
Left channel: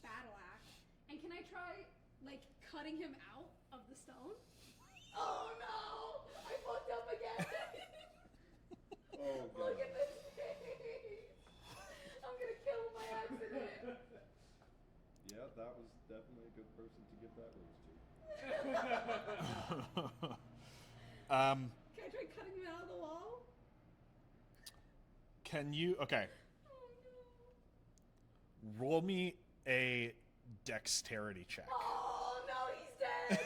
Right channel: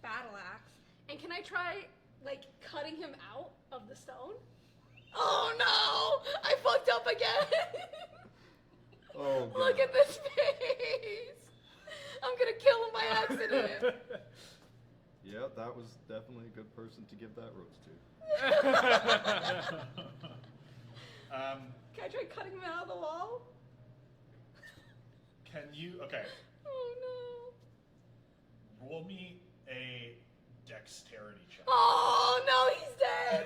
battle axe and can I try like cutting him out of the stone? Oh no! I fucked up again. Oh, God. Look at this face. I'm gonna kill him by accident. Yep, that was definitely a good person to give that rose to. Can I try cutting him out of the wall? Can you? Okay. Oh Roll me a dexterity check. no. Oh no, he's dead.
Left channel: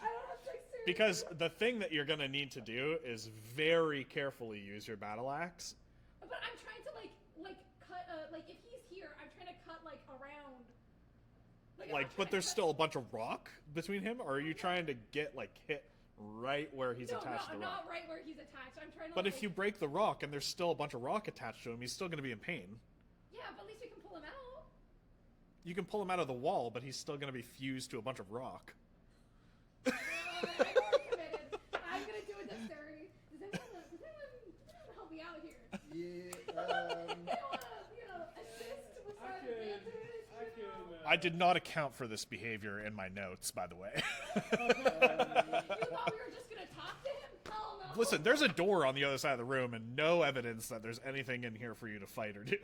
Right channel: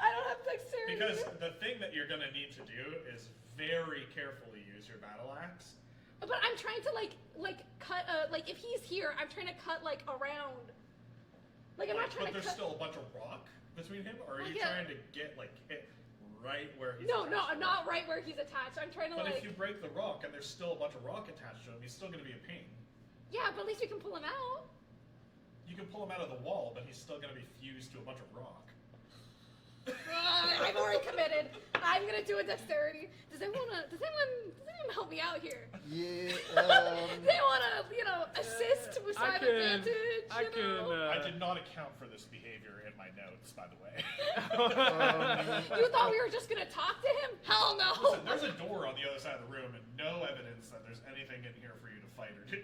I don't have dexterity. Because the thing that you're gonna need to do is very carefully use your battle axe. But I'm trying to like cut like if he's here, I'm trying to cut like around. Like I'm not trying But to there's cut... still a bunch of rock between him, or are you Yeah. trying to get hit right where he's No, attached no, to the not rock? right where he's attached. I'm trying to But like... if you break the rock and there's still a bunch of rock attached to him, he's still gonna be in pain. Yeah, but at least we can pull him out. You can pull him out of the wall, but he's still gonna be fused to a bunch of rock. I've already committed. I'm gonna do a dexterity. Does anyone help me out here? Yeah. They wanna, assist with side advantage. I did not account for this behavior in my notes, by the way. You thought we were just gonna talk to him? Hell no. Listen, there's a door on the other side of the room and no evidence that there's anything in here for you to fight or do.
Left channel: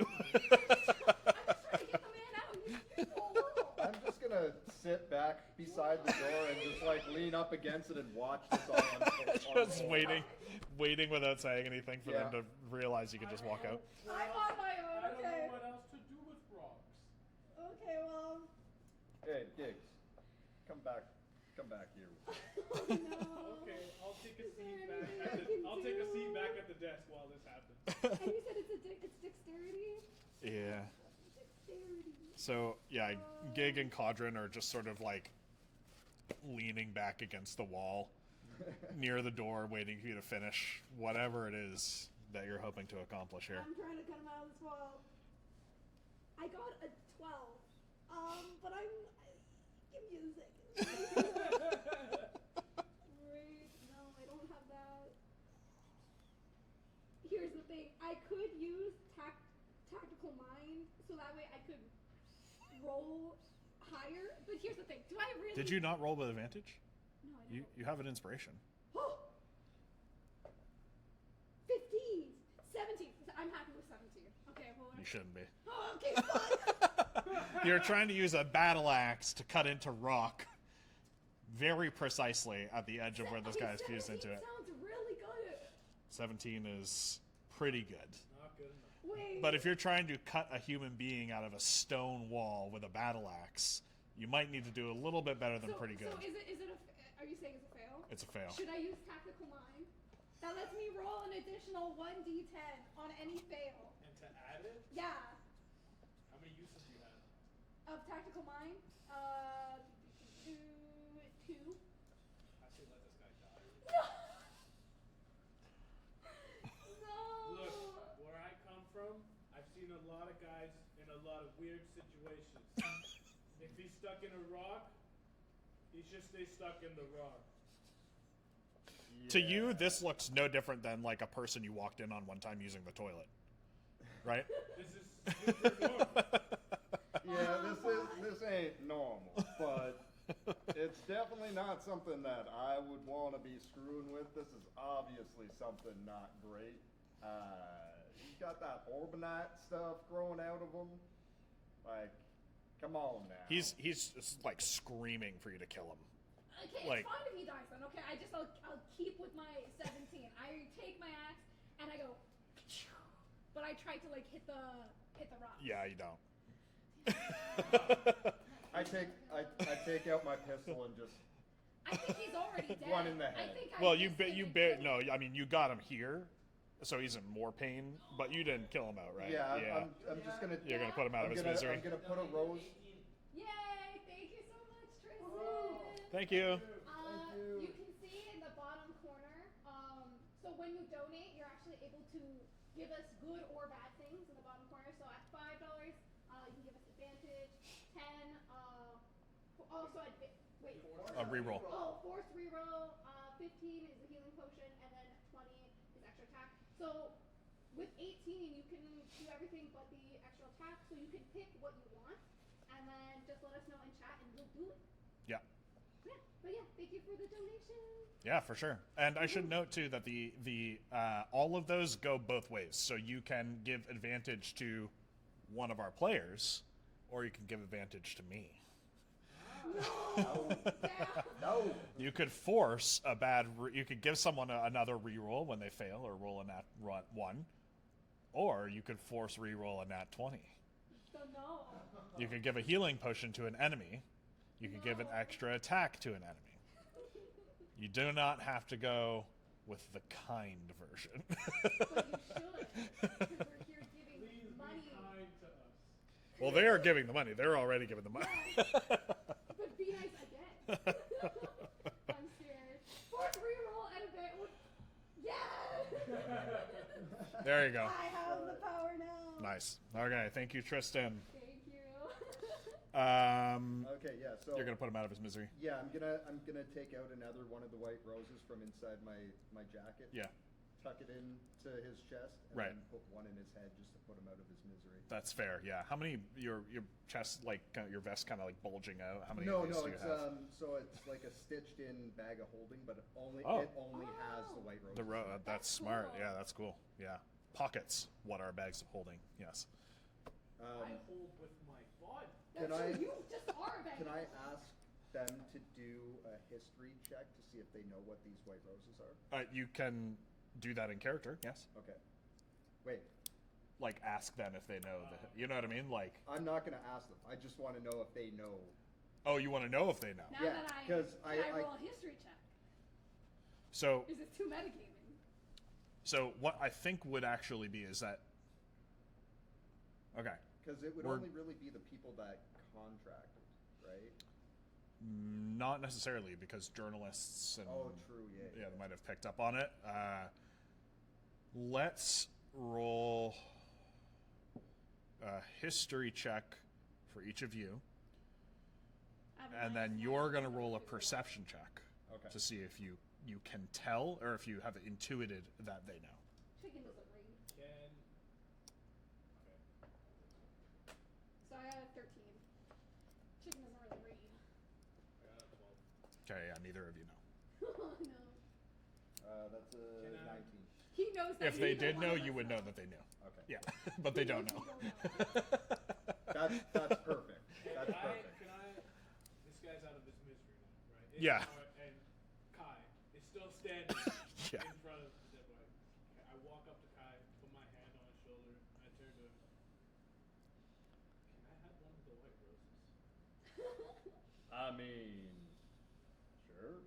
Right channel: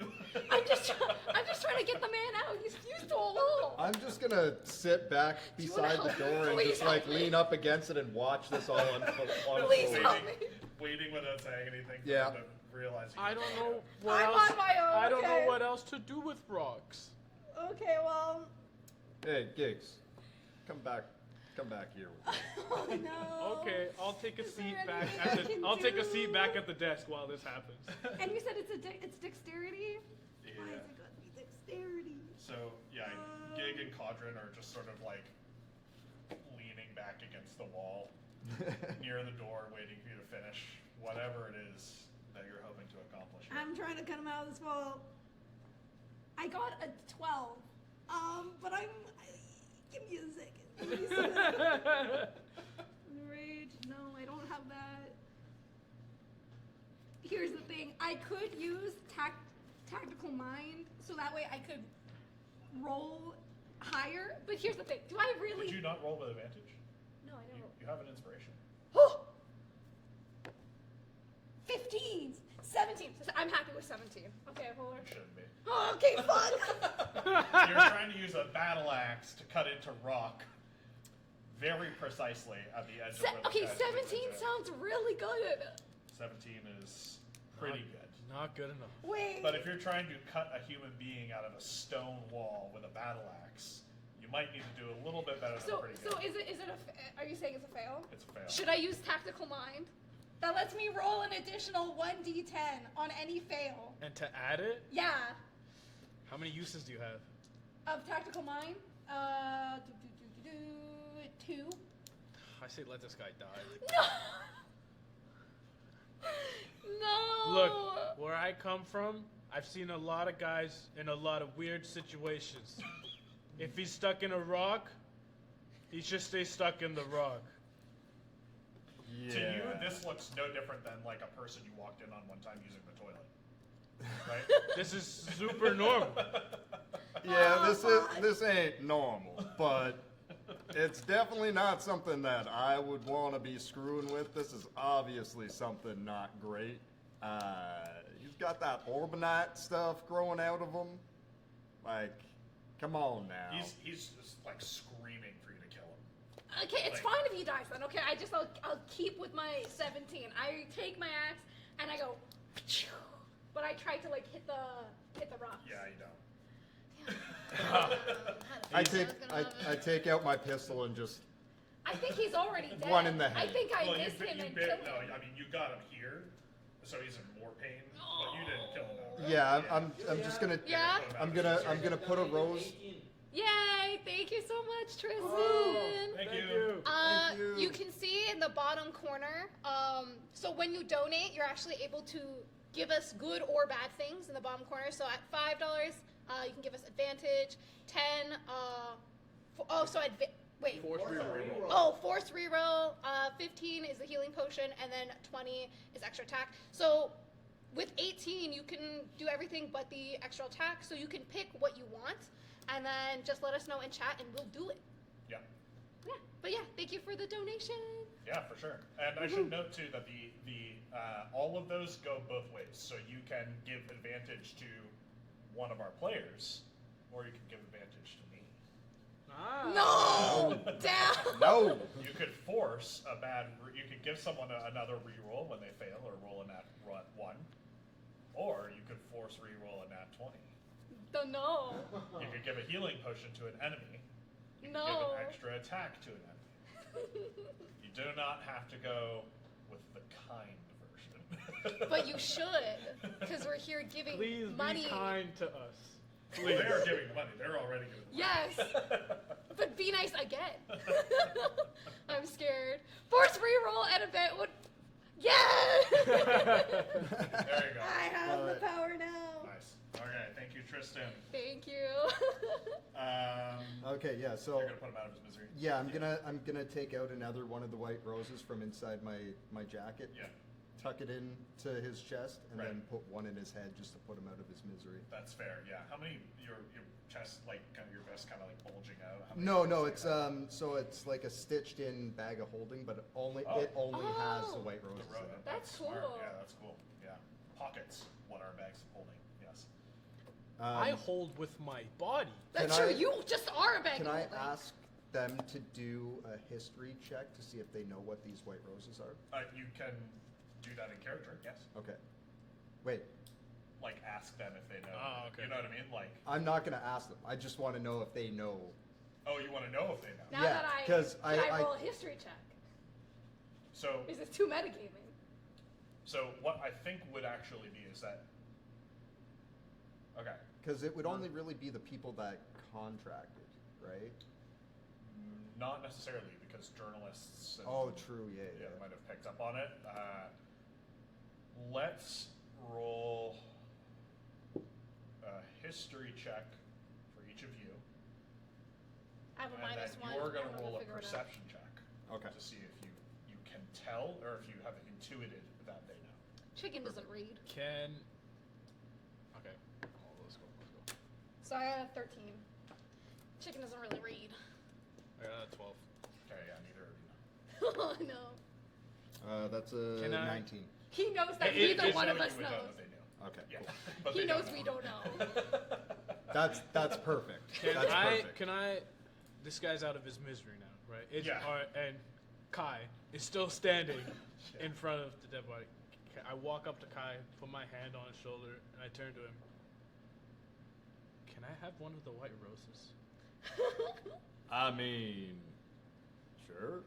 I'm just trying to get the man out. He's fused to a wall. I'm just gonna sit back beside the door and Please just help me. lean up against it and watch this all unfold. Please unfold. help me. waiting without saying anything for Yeah. them to realize you can I just don't walk know out. what I'm else. on my own, I don't know okay? what else to do with rocks. Okay, well. Hey, Gigs, come back here. Oh no. Okay, I'll take a Is there seat anything back I at can the. I'll take a do? seat back at the desk while this happens. And you said it's dexterity? Yeah. Dexterity. So, yeah, Gig and Cadren are just sort of like leaning back against the wall near the door, waiting for you to finish whatever it is that you're hoping to accomplish here. I'm trying to cut him out of this wall. I got a 12. But give me a second. Rage. No, I don't have that. Here's the thing. I could use tactical mind, so that way I could roll higher. But here's the thing. Do I really? Did you not roll with advantage? No, I don't. You have an inspiration. 15, 17. I'm happy with 17. Okay, hold on. You shouldn't be. Oh, okay, fuck. You're trying to use a battle axe to cut into rock very precisely at the edge of where the Okay, guy's fused 17 into it. sounds really good. 17 is pretty good. Not good enough. Wait. But if you're trying to cut a human being out of a stone wall with a battle axe, you might need to do a little bit better than pretty good. So is it are you saying it's a fail? It's a fail. Should I use tactical mind? That lets me roll an additional 1d10 on any fail. And to add it, Yeah. how many uses do you have? Of tactical mind? 2. I say let this guy die. No. No. Look, where I come from, I've seen a lot of guys in a lot of weird situations. If he's stuck in a rock, he should stay stuck in the rock. To you, this looks no different than like a person you walked in on one time using the toilet. Right? This is super normal. Yeah, this ain't normal, but it's definitely not something that I would want to be screwing with. This is obviously something not great. He's got that Orbonite stuff growing out of him. Like, come on now. He's just like screaming for you to kill him. Okay, it's Like- fine if he dies then. Okay, I'll keep with my 17. I take my axe and I go, but I try to like hit the rock. Yeah, you don't. I take out my pistol and just I I think he's already dead. One in the head. I think I Well, missed him and no. killed him. I mean, you got him here, so he's in more pain. But you didn't kill him outright. Yeah, I'm just gonna. Yeah. Put him out I'm of his gonna misery. I'm gonna put a rose. Yay! Thank you so much, Tristan. Thank you. Thank you. You can see in the bottom corner. So when you donate, you're actually able to give us good or bad things in the bottom corner. So at $5, you can give us advantage. 10. Wait. Force A reroll. reroll. Oh, force reroll. 15 is the healing potion, and then 20 is extra attack. So with 18, you can do everything but the extra attack. So you can pick what you want, and then just let us know in chat, and we'll do it. Yeah. Yeah. But yeah, thank you for the donation. Yeah, for sure. And I should note too that the all of those go both ways. So you can give advantage to one of our players, or you can give advantage to me. No! Down! No. You could force a bad. You could give someone another reroll when they fail, or roll a nat 1, or you could force reroll a nat 20. No. You could give a healing potion to an enemy. You could give No. an extra attack to an enemy. You do not have to go with the kind version. But you should, because we're here giving Please money. be kind to us. Well, they are giving the money. They're already giving the money. Yes. But be nice again. I'm scared. Force reroll and event would. Yeah! There you go. I have the power now. Nice. Okay, thank you, Tristan. Thank you. Okay, yeah. So You're gonna put him out of his misery. yeah, I'm gonna take out another one of the white roses from inside my jacket. Yeah, Tuck it into his chest and Right. then put one in his head just to put him out of his misery. that's fair. Yeah. How many? Your chest, like kind of your vest, kind of like bulging out. How many No, rolls no, do you it's have? so it's like a stitched in bag of holding, but it only Oh. has the Oh. white roses. The road. in it. That's That's smart. cool. Yeah, that's cool. Yeah. Pockets. What are bags of holding? Yes. I hold with my body. That's Can true. I- You just are a bag Can of I holding. ask them to do a history check to see if they know what these white roses are? You can do that in character. Yes. Okay. Wait, Like ask them if they know. Oh, okay. You know what I mean? Like, I'm not gonna ask them. I just want to know if they know. oh, you want to know if they know. Now Yeah, that I 'cause can I I- roll a history check? So, Is it too metagaming? so what I think would actually be is that. Okay. Because it would Or- only really be the people that contracted, right? Not necessarily, because journalists and, Oh, true. Yeah. yeah, might have picked up on it. Let's roll a history check for each of you, I have a and then -1, you're going I'm to gonna roll a figure it out. perception check. Okay. To see if you can tell or if you have intuited that they know. Chicken doesn't read. Can. Okay. Oh, let's go. So I got a 13. Chicken doesn't really read. I got a 12. Okay, yeah, neither of you know. Oh no. That's a Can I- 19. He knows that If neither they one know, of us you would knows. know that they knew. Okay. Yeah, cool. but He they knows don't we know. don't know. That's perfect. Can That's I? perfect. Can I? This guy's out of his misery now, right? Yeah. And Kai is still standing Yeah. in front of the dead body. I walk up to Kai, put my hand on his shoulder, and I turn to him. Can I have one of the white roses? I mean, sure.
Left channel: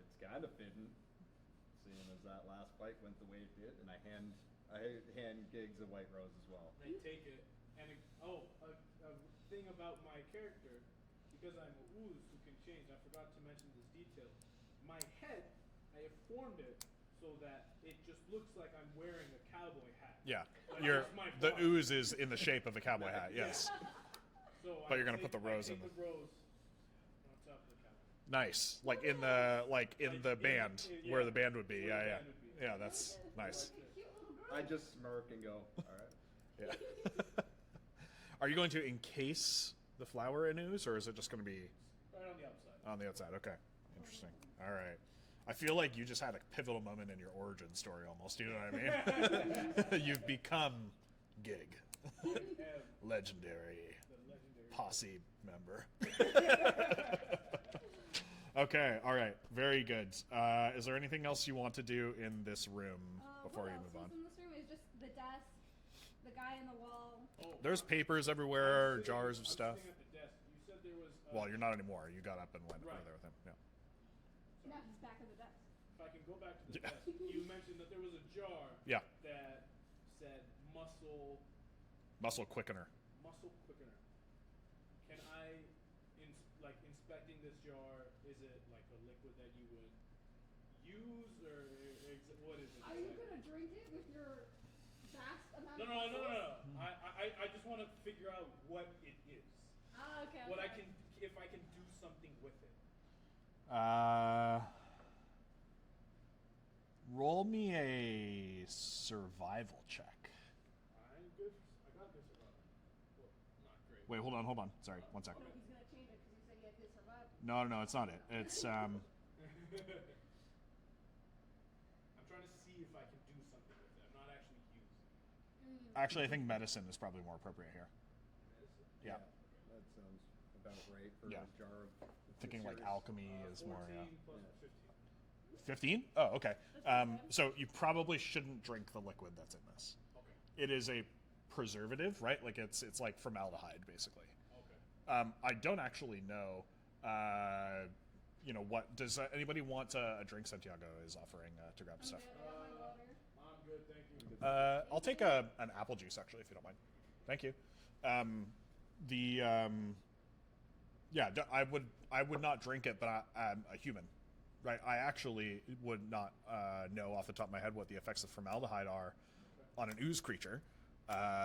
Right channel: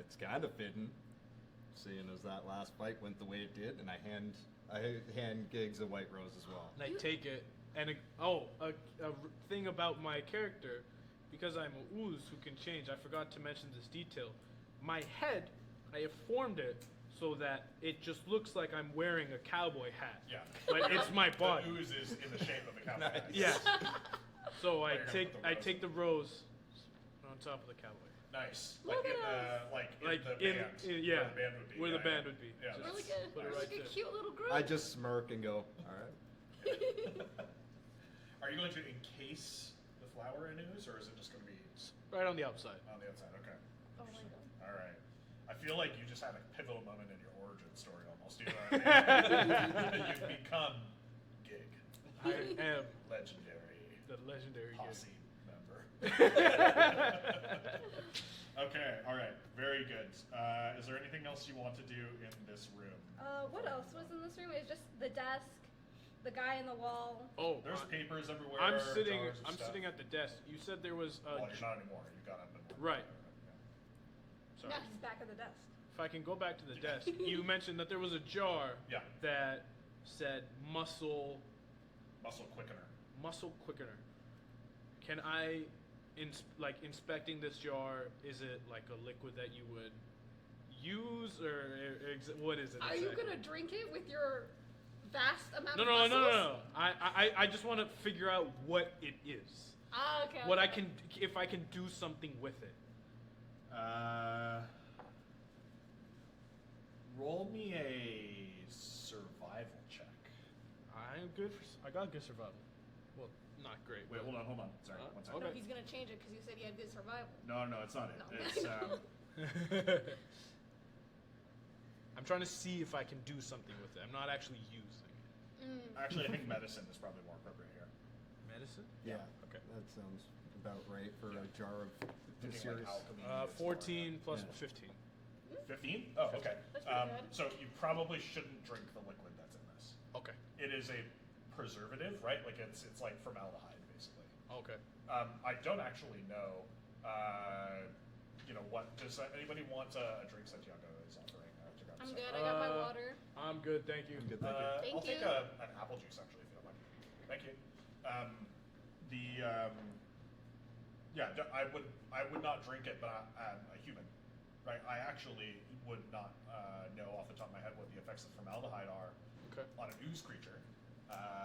It's kind of fitting, seeing as that last fight went the way it did, and I hand Giggs a white rose as well. And I take it, and a thing about my character, because I'm a ooze who can change. I forgot to mention this detail. My head, I have formed it so that it just looks like I'm wearing a cowboy hat. Yeah. Like Your- it's my body. The ooze is in the shape of a cowboy hat. Yes. So But I you're gonna take put the I rose take in. the rose on top of the cowboy. Nice. Like in the Like the in- band yeah, where the band would be. where yeah, the yeah. band would be. Yeah, Really that's good. nice. Like a cute little group. I just smirk and go, all right. Yeah. Are you going to encase the flower in ooze, or is it just going to be Right on the outside. on the outside? Okay. Oh my god. All right. I feel like you just had a pivotal moment in your origin story almost. You know what I mean? You've become Gig, I am legendary the legendary. posse member. Okay, all right, very good. Is there anything else you want to do in this room? before What we else move was on? in this room? It's just the desk, the guy in the wall. Oh, There's papers I'm everywhere, sitting, jars of I'm stuff. sitting at the desk. You said there was. Well, you're not anymore. You got up and went. Right. and everything, yeah. sorry. No, he's back at the desk. If I can go back to the desk, you mentioned that there was a jar Yeah. that said muscle quickener. quickener. Can I, inspecting this jar, is it like a liquid that you would use, or what is it? Are you gonna drink it with your vast amount No, of no, no, muscles? no, no, no. I just want to figure out what it is. Ah, okay. What I okay. can, if I can do something with it. Roll me a survival check. I'm good. I got good survival. Well, not great. Wait, hold on. Sorry, one second. No, Okay. he's gonna change it because you said he had good survival. No, it's not it. No. It's I'm trying to see if I can do something with it. I'm not actually using it. actually I think medicine is probably more appropriate here. Medicine? Yeah. Okay. That sounds about right for Yeah. a jar of Thinking serious. like alchemy. is 14 plus Yeah. 15. 15? Oh, okay. That's pretty good. So you probably shouldn't drink the liquid that's in this. Okay. It is a preservative, right? Like it's like formaldehyde, basically. Okay. I don't actually know. What does anybody want a drink? Santiago is offering to grab I'm stuff. good. I got my water. I'm good, thank you. I'm good. I'll Thank take you. an apple juice actually, if you don't mind. Thank you. I would not drink it, but I'm a human, right? I actually would not know off the top of my head what the effects of formaldehyde are Okay. on an ooze creature.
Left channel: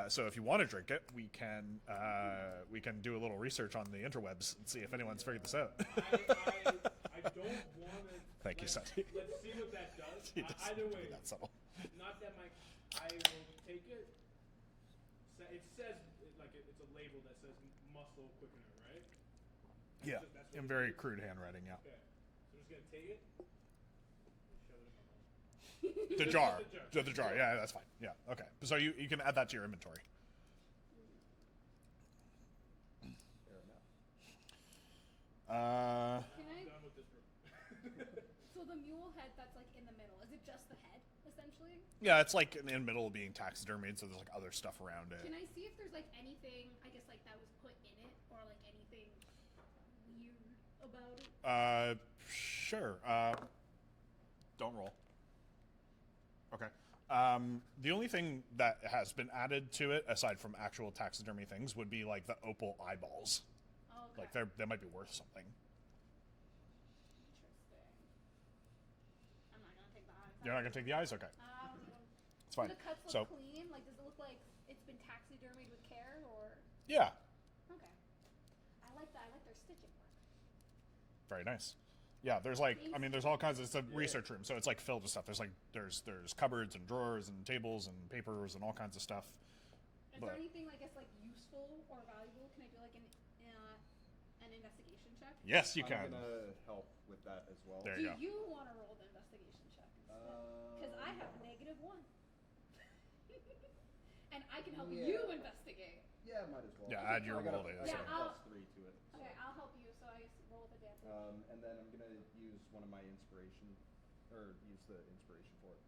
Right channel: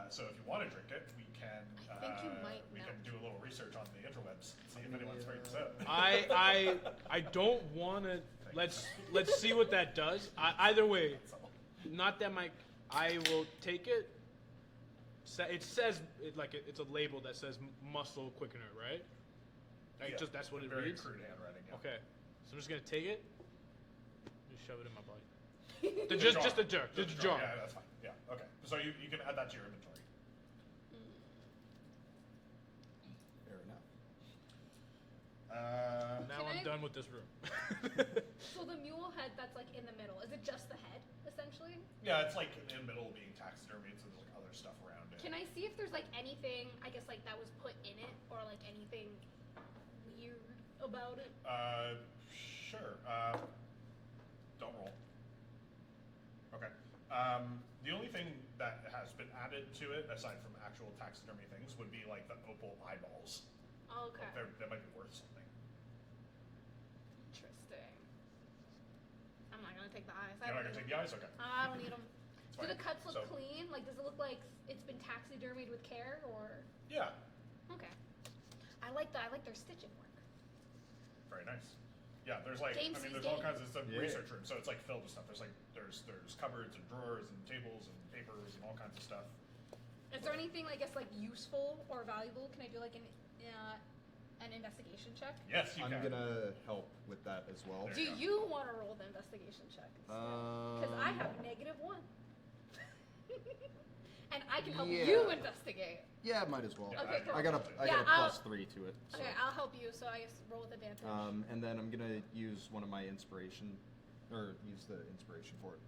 So if you want to drink it, we can might know. do a little research on the interwebs and see if anyone's figured this out. I don't want to. Thank you, sir. Let's see what that does. Either way, That's all. not that I will take it. It says it's a label that says muscle quickener, right? That's what in it very reads? crude handwriting. Yeah. Okay, so I'm just gonna take it, just shove it in my body. The just jar. a jar. The Just a jar. jar. Yeah, that's fine. Yeah. Okay. So you can add that to your inventory. Fair enough. Now Can I'm I- done with this room. So the mule head that's like in the middle, is it just the head, essentially? Yeah, it's like in the middle of being taxidermied, so there's like other stuff around it. Can I see if there's like anything, I guess like that was put in it, or like anything weird about it? Sure. Don't roll. Okay. The only thing that has been added to it, aside from actual taxidermy things, would be like the opal eyeballs. Oh, okay. Like they might be worth something. Interesting. I'm not gonna take the eyes. You're not gonna take the eyes? Okay. I don't need them. It's fine. Do the cuts So look clean? Like, does it look like it's been taxidermied with care, or? yeah, Okay. I like that. I like their stitching work. very nice. Yeah, there's like James there's is all in. kinds of it's a Yeah. research room, so it's like filled with stuff. There's cupboards and drawers and tables and papers and all kinds of stuff. Is there Right. anything, I guess, like useful or valuable? Can I do like an investigation check? Yes, you I'm can. gonna help with that as well. There Do you go. you want to roll the investigation check? Because I have -1. And I can help Yeah. you investigate. Yeah, might as well. Yeah, Okay, add your I got a ability. I Yeah, got a I'll- +3 to it. So. Okay, I'll help you, so I guess roll with advantage. And then I'm gonna use one of my inspiration, or use the inspiration for it.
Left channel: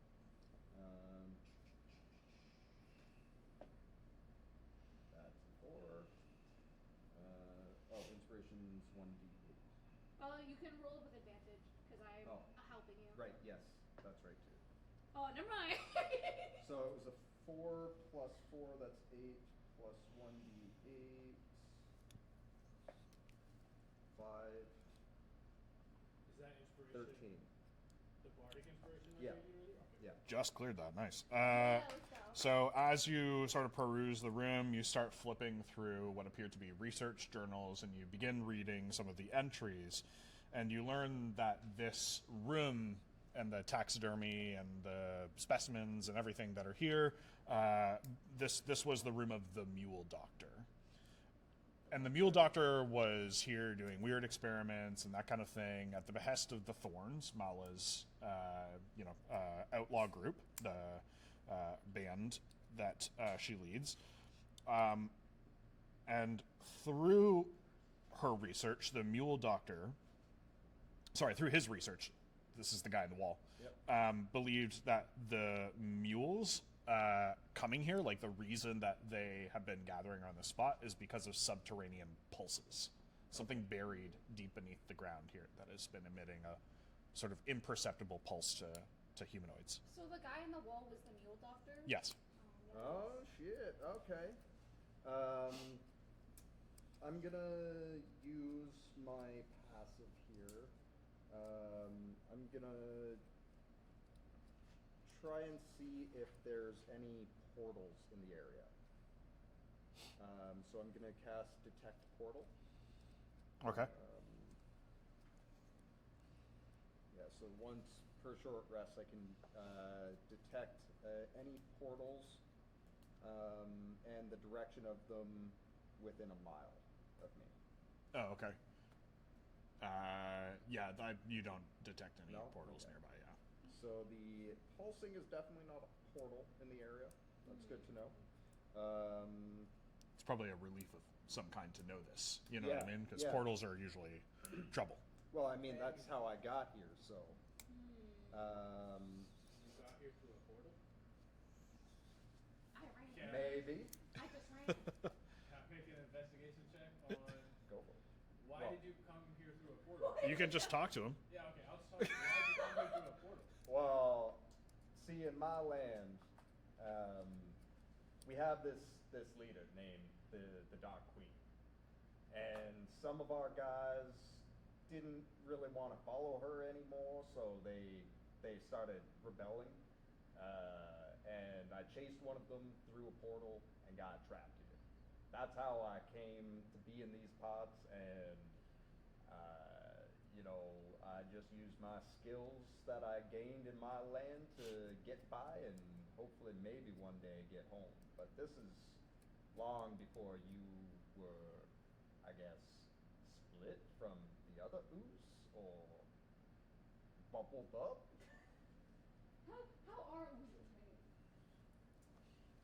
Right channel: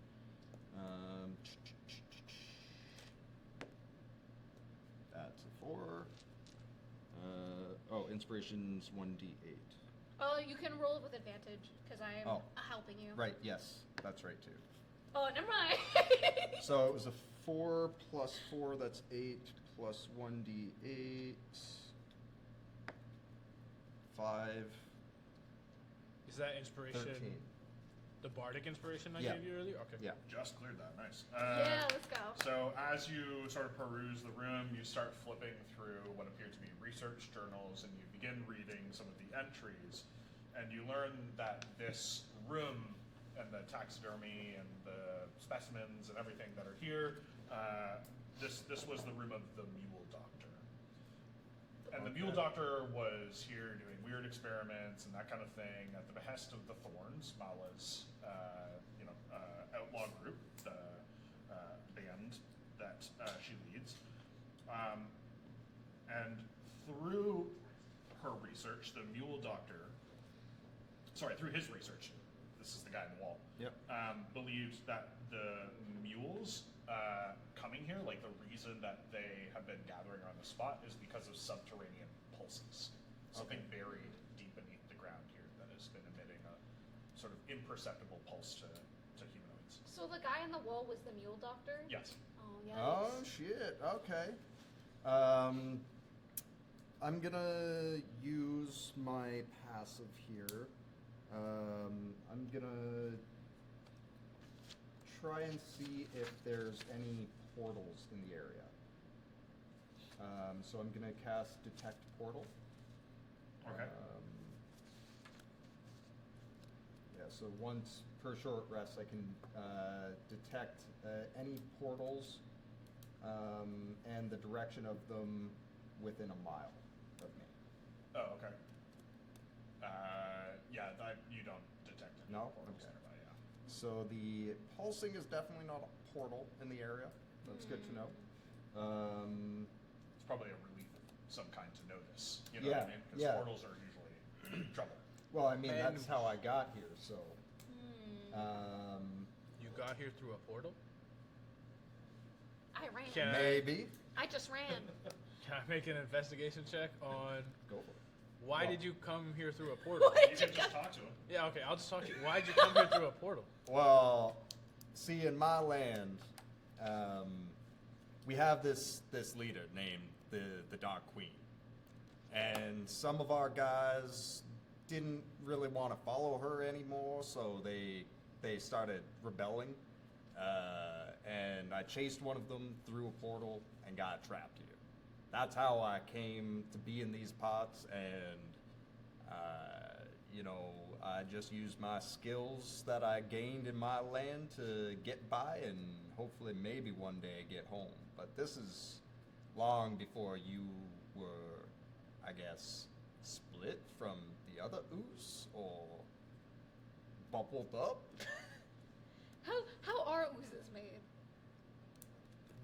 That's a 4. Inspiration's 1d8. Oh, you can roll it with advantage, because I'm Oh. helping you. Right. Yes, that's right too. Oh, never mind. So it was a 4 plus 4. That's 8 plus 1d8. 5. Is that inspiration 13. the bardic inspiration I Yeah. gave you earlier? Okay. Yeah. Just cleared that. Nice. Yeah, let's go. So as you sort of peruse the room, you start flipping through what appear to be research journals, and you begin reading some of the entries, and you learn that this room and the taxidermy and the specimens and everything that are here, this was the room of the Mule Doctor. And the Mule Doctor was here doing weird experiments and that kind of thing at the behest of the Thorns, Mala's, outlaw group, the band that she leads. And through her research, the Mule Doctor, through his research, this is the guy on the wall, believes that the mules coming here, like the reason that they have been gathering on the spot is because of subterranean pulses. Something buried deep beneath the ground here that has been emitting a sort of imperceptible pulse to humanoids. So the guy on the wall was the mule doctor? Yes. Oh, yes. Oh shit. Okay. I'm gonna use my passive here. I'm gonna try and see if there's any portals in the area. So I'm gonna cast Detect Portal. Okay. Yeah, so once per short rest, I can detect any portals and the direction of them within a mile of me. Oh, okay. You don't detect any No? portals Okay. nearby, yeah. So the pulsing is definitely not a portal in the area. That's good to know. It's probably a relief of some kind to know this. You know Yeah, what I mean? Because yeah. portals are usually trouble. Well, I mean, And- that's how I got here, so. You got here through a portal? I ran. Can Maybe. I just ran. Can I make an investigation check on Go for it. why Well- did you come here through a portal? You can just talk to him. Yeah, okay, I'll just talk to you. Why did you come here through a portal? Well, see, in my land, we have this leader named the Dark Queen, and some of our guys didn't really want to follow her anymore, so they started rebelling, and I chased one of them through a portal and got trapped here. That's how I came to be in these parts, and I just used my skills that I gained in my land to get by and hopefully maybe one day get home. But this is long before you were, I guess, split from the other ooze or bubbled up. How are oozes made?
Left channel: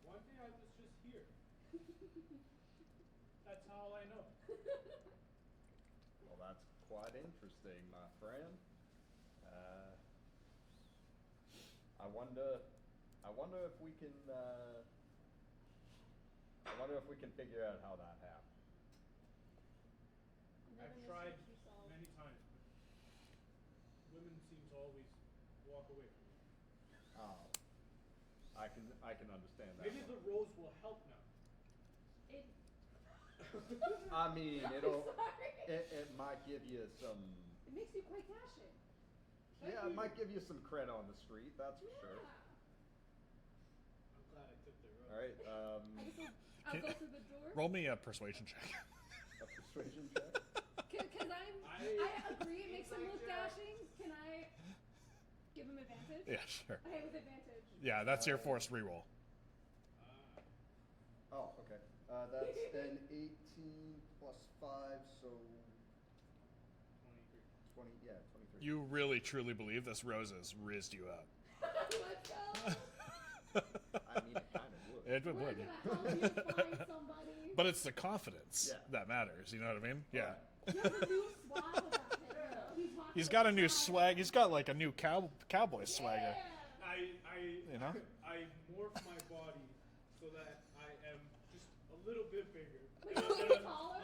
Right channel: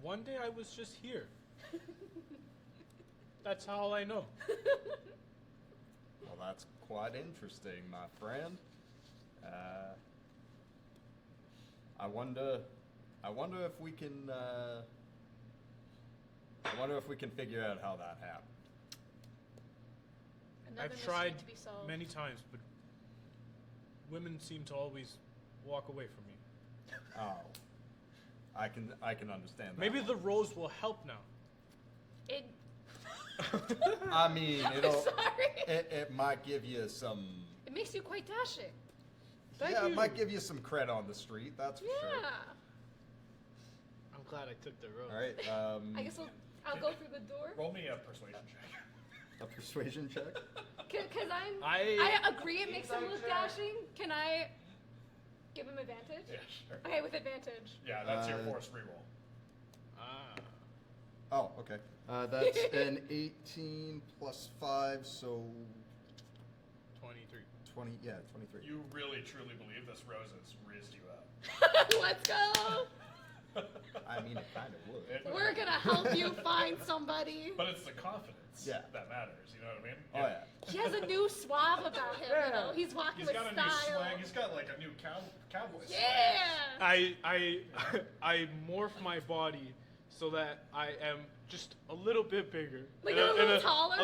One day I was just here. That's all I know. Well, that's quite interesting, my friend. I wonder if we can. I wonder if we can figure out how that happened. Another I've mystery tried to be solved. many times, but women seem to always walk away from me. Oh, I can understand that. Maybe one. the rose will help now. It. I mean, I'm it'll. sorry. It might give you some. It makes you quite dashing. Thank Yeah, you. it might give you some cred on the street. That's for Yeah. sure. I'm glad I took the rose. All right. I guess I'll go through the door. Roll me a persuasion check. A persuasion check. Because I- I agree it makes him look dashing. Can I give him advantage? Yeah, sure. Okay, with advantage. Yeah, that's your force reroll. Ah. Oh, okay. That's an 18 plus 5, so 23. 20. Yeah, 23. You really truly believe this rose has rizzed you up. Let's go. I mean, it kind of would. It- We're gonna help you find somebody. But it's the confidence Yeah. that matters. You know what I mean? Oh yeah. He has a new swab about him. You know, he's walking. He's with got a new style. swag. He's got like a new cowboy swag. Yeah. I morph my body so that I am just a little bit bigger. Like And a little taller? A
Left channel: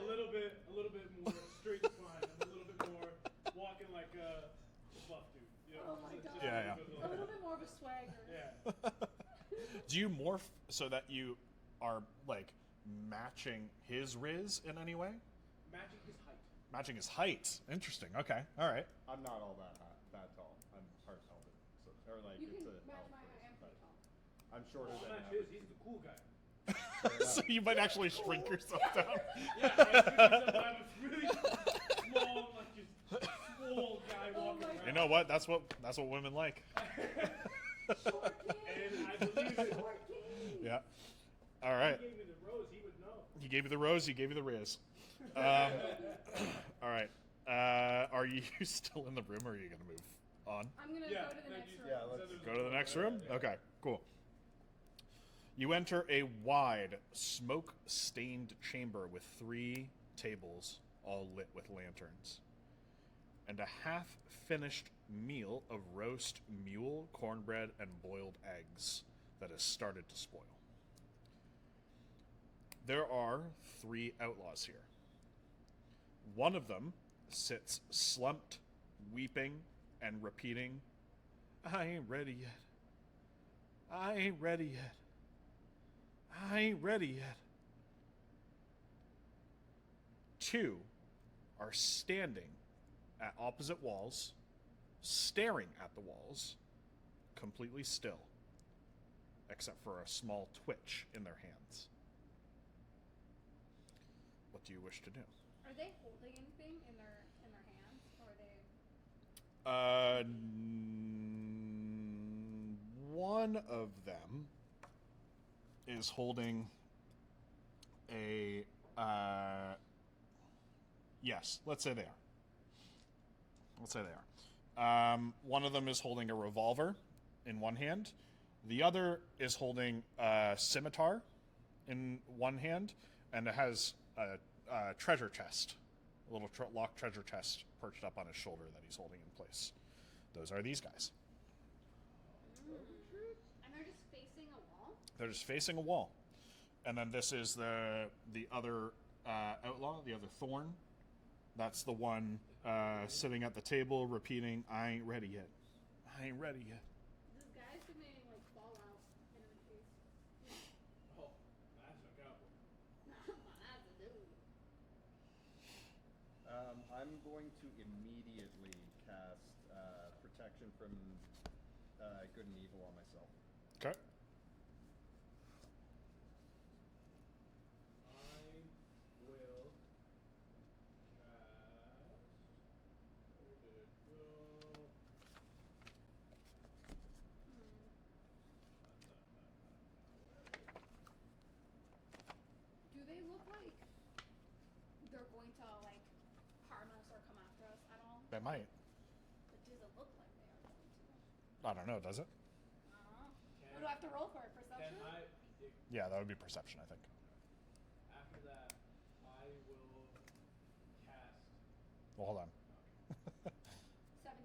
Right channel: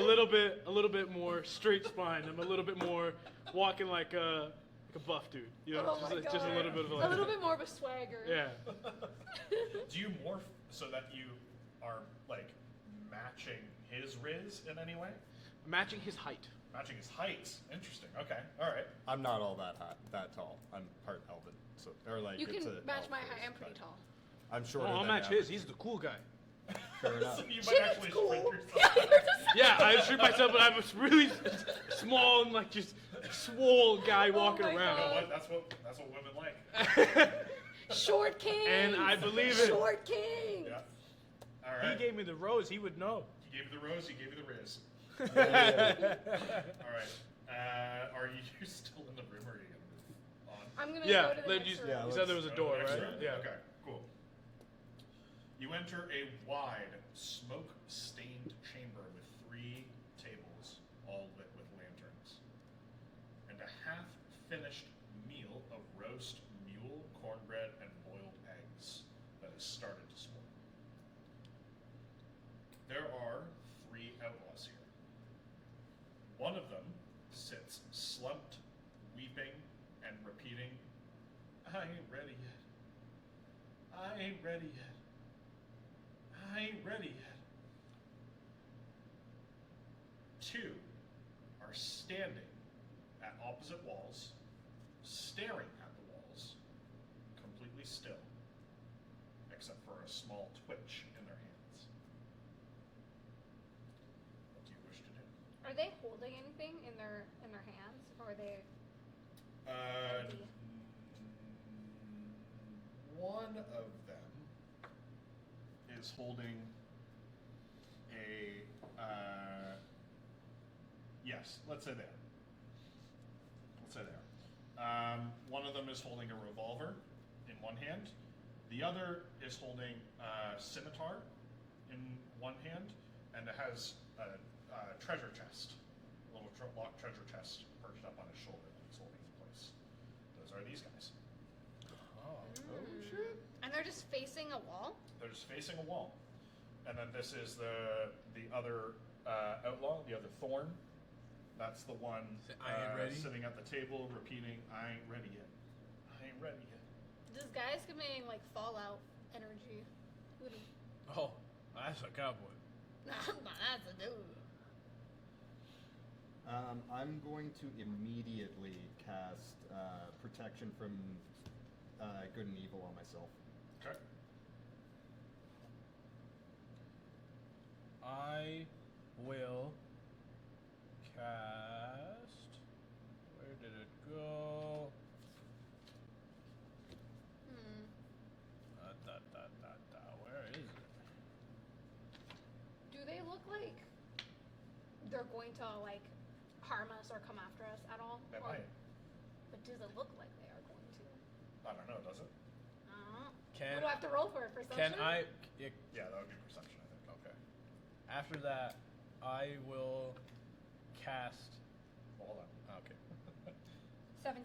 little bit more straight spine. I'm a little bit more walking like a buff dude. You know, Oh my just a God. little bit of A little bit more of a swagger. Yeah. Do you morph so that you are like matching his riz in any way? Matching his height. Matching his height. Interesting. Okay. All right. I'm not all that tall. I'm part elven, so or like You it's can a match elf my race, height. I'm pretty but tall. I'm shorter I'll than match average. his. He's the cool guy. Fair enough. So you might Shit's actually cool. shrink yourself. Yeah, I shrink myself, but I'm a really small and like just swole guy walking my around. You know what? That's what women like. Short king. And I believe it. Short king. Yeah. All He right. gave me the rose. He would know. He gave you the rose. He gave you the riz. All right. Are you still in the room, or are you gonna move on? I'm gonna Yeah, go to the then next you, room. Yeah, you said there was Go a to the door, next right? room? Yeah. Okay, cool. You enter a wide, smoke-stained chamber with 3 tables, all lit with lanterns, and a half-finished meal of roast mule, cornbread, and boiled eggs that has started to spoil. There are 3 outlaws here. One of them sits slumped, weeping, and repeating, I ain't ready yet. I ain't ready yet. I ain't ready yet. 2 are standing at opposite walls, staring at the walls, completely still, except for a small twitch in their hands. What do you wish to do? Are they holding anything in their hands, or are they? One of them is holding a. Yes, let's say they are. Let's say they are. One of them is holding a revolver in one hand. The other is holding a scimitar in one hand, and it has a treasure chest, a little locked treasure chest perched up on his shoulder that he's holding in place. Those are these guys. And they're just facing a wall? They're just facing a wall. And then this is the other outlaw, the other thorn. That's the one sitting at the table repeating, I ain't ready yet. I ain't ready yet. This guy's giving like Fallout energy. Oh, that's a cowboy. That's a dude. I'm going to immediately cast protection from good and evil on myself. Okay. I will cast. Where did it go? Where is it? Do they look like they're going to like harm us or come after us at all? They might. But does it look like they are going to? I don't know, does it? Can What do I have to roll for? Perception? Can I? Yeah, that would be perception, I think. Okay. After that, I will cast. Well, hold on. Okay. 17.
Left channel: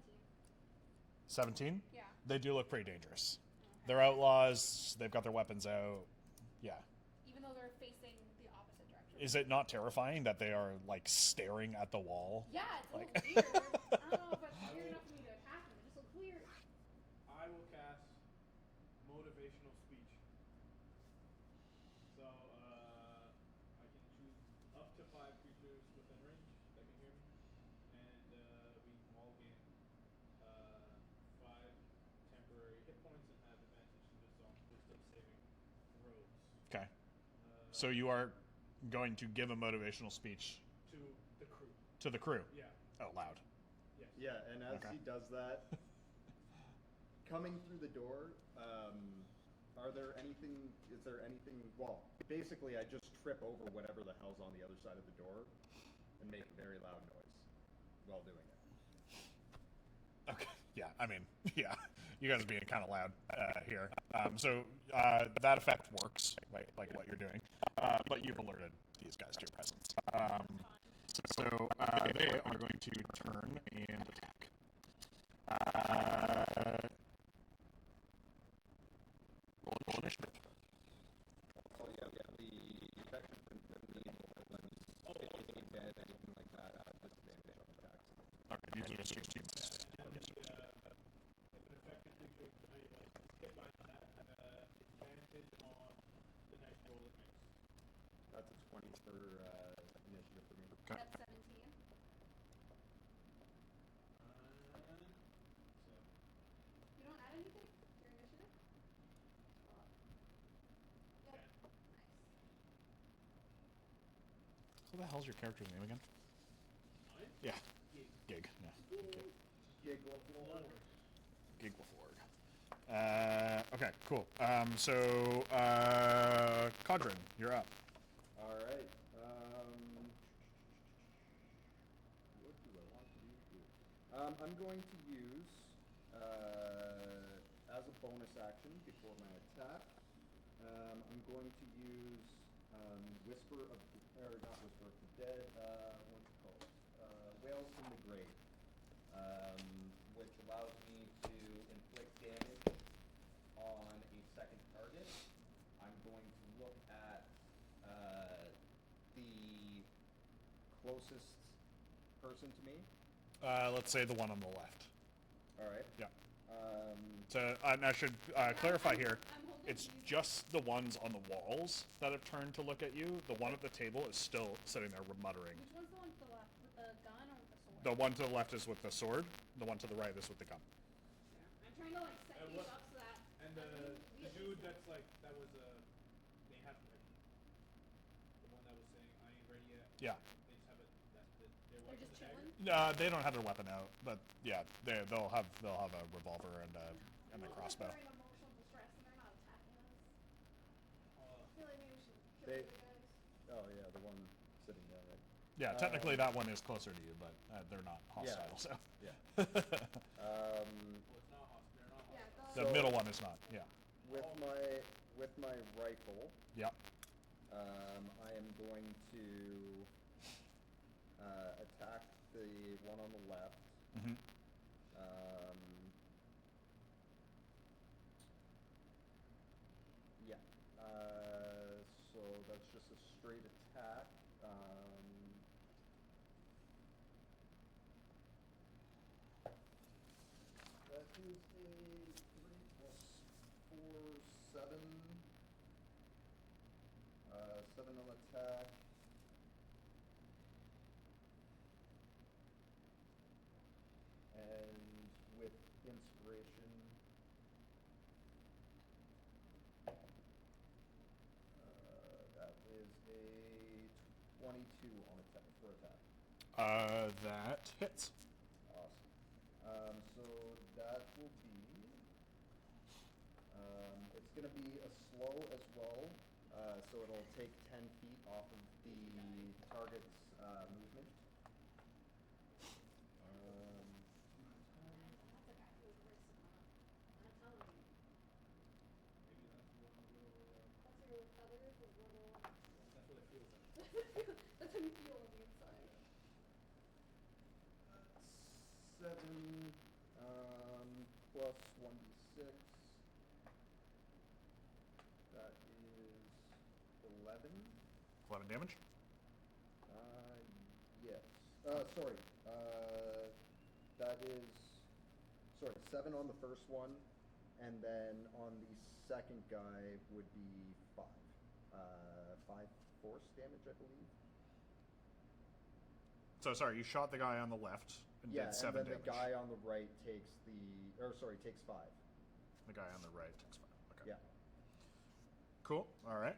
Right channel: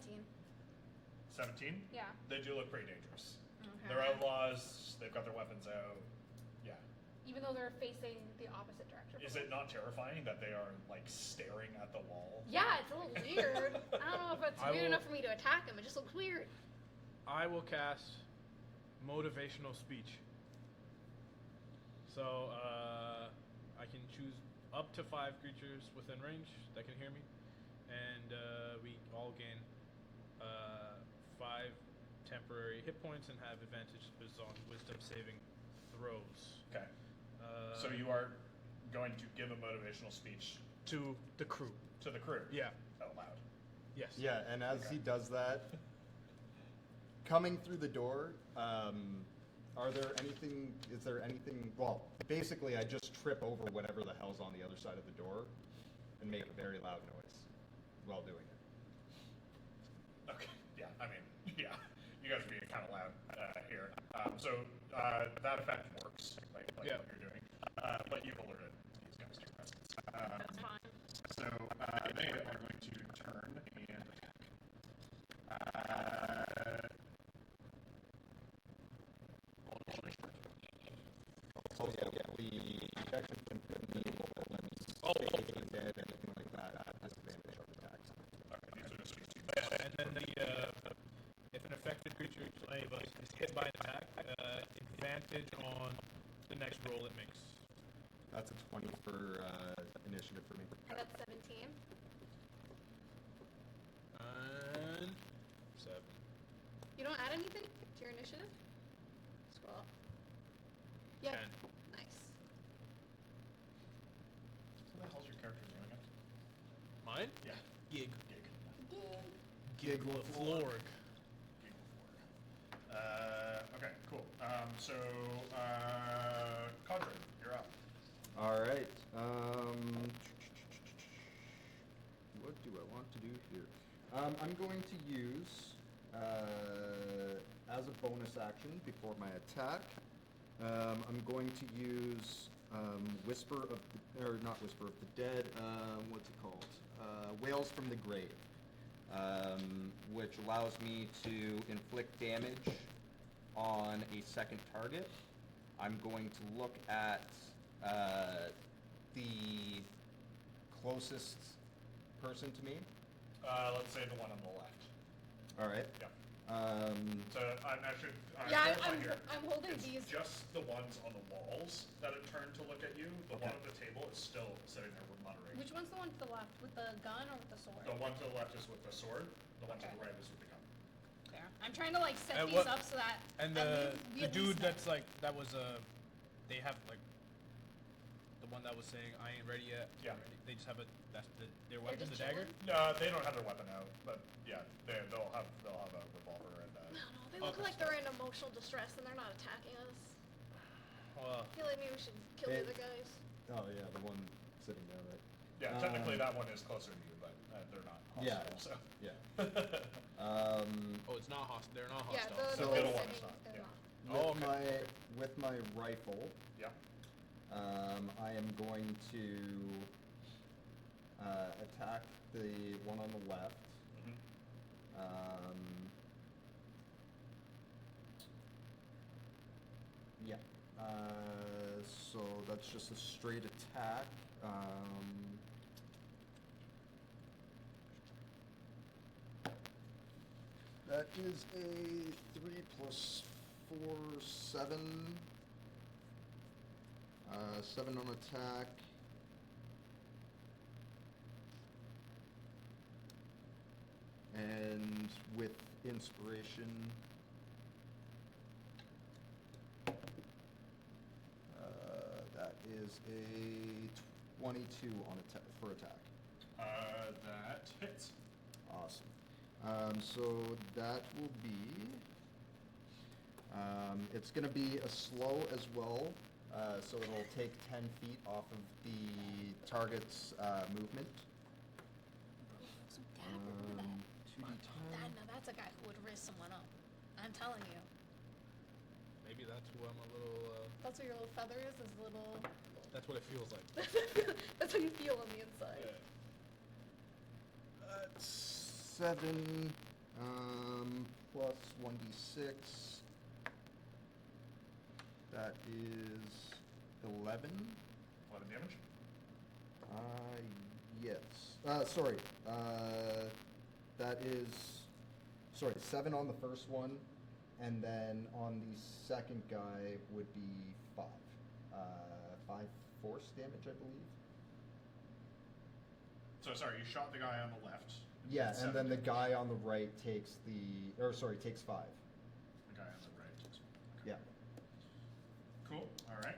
17? Yeah. They do look pretty dangerous. Okay. They're outlaws. They've got their weapons out. Yeah. Even though they're facing the opposite direction. Is it not terrifying that they are, like, staring at the wall? Yeah, it's a little weird. I don't know if it's weird enough for me to attack them. It just looks weird. I will cast motivational speech. So I can choose up to 5 creatures within range that can hear me, and we all gain 5 temporary hit points and have advantage on wisdom saving throws. Okay. So you are going to give a motivational speech To the crew. to the crew? Yeah. Out loud. Yes. Yeah, and as Okay. he does that, coming through the door, is there anything, well, basically I just trip over whatever the hell's on the other side of the door and make a very loud noise while doing it. Okay. Yeah, I mean, yeah. You guys are being kind of loud here. So that effect works, like Yeah. what you're doing. But you've alerted these guys to your presence. That's fine. So they are going to turn and attack. Roll initiative. So yeah, we actually can put me in dead, anything like that, disadvantage on attacks. Okay, these are 60. And then if an affected creature is hit by an attack, advantage on the next roll it makes. That's a 20 for initiative for me. I got 17. And 7. You don't add anything to your initiative? Scroll up. Yeah. 10. Nice. So what the hell's your character's name again? Mine? Yeah. Gig. Gig. Giglaflorg. Giglaflorg. Okay, cool. So, Cadren, you're up. All right. What do I want to do here? I'm going to use, as a bonus action before my attack, I'm going to use Whisper of the, or not Whisper of the Dead, what's it called? Wails from the Grave, which allows me to inflict damage on a second target. I'm going to look at the closest person to me. Let's say the one on the left. All right. Yeah. Um, I should Yeah, clarify I'm- here. I'm holding it's these. just the ones on the walls that have turned to look at you. The one at the table is still sitting there muttering. Which one's the one to the left? With the gun or with the sword? The one to the left is with the sword. The one to the right is with the gun. Fair. I'm trying to like set And these what- up so that. And at the least we the at dude least know. that's like that was they have like the one that was saying I ain't ready yet. Yeah. They just have their weapon, just the dagger. They don't have their weapon out, but yeah, they'll have a revolver and a. No, they look like they're in emotional distress and they're not attacking us. Well, I feel like maybe we should kill Hey. the other guys. oh yeah, the one sitting down right. Yeah, technically Um, that one is closer to you, but they're not Yeah. hostile. Yeah. oh, it's not hostile. They're not Yeah, hostile. The So- middle one is not. they're Yeah. not. Oh, With okay. my rifle, Yeah. I am going to attack the one on the left. Mm-hmm. Yeah. So that's just a straight attack. That is a 3 plus 4, 7. 7 on attack. And with inspiration, that is a 22 on for attack. That hits. Awesome. So that will be. It's going to be a slow as well, so it'll take 10 feet off of the target's movement. So Dad would do that. 2d10. Dad, now that's a guy who would risk someone up. I'm telling you. Maybe that's who I'm a little. That's what your little feather is a little. That's what it feels like. That's how you feel on the inside. That's 7 plus 1d6. That is 11. 11 damage. Yes. Sorry. That is. Sorry, 7 on the first one, and then on the second guy would be 5. 5 force damage, I believe. So sorry, you shot the guy on the left. Yeah, did and 7 then the damage. guy on the right takes takes 5. The guy on the right takes 5. Okay. Yeah. Cool. All right.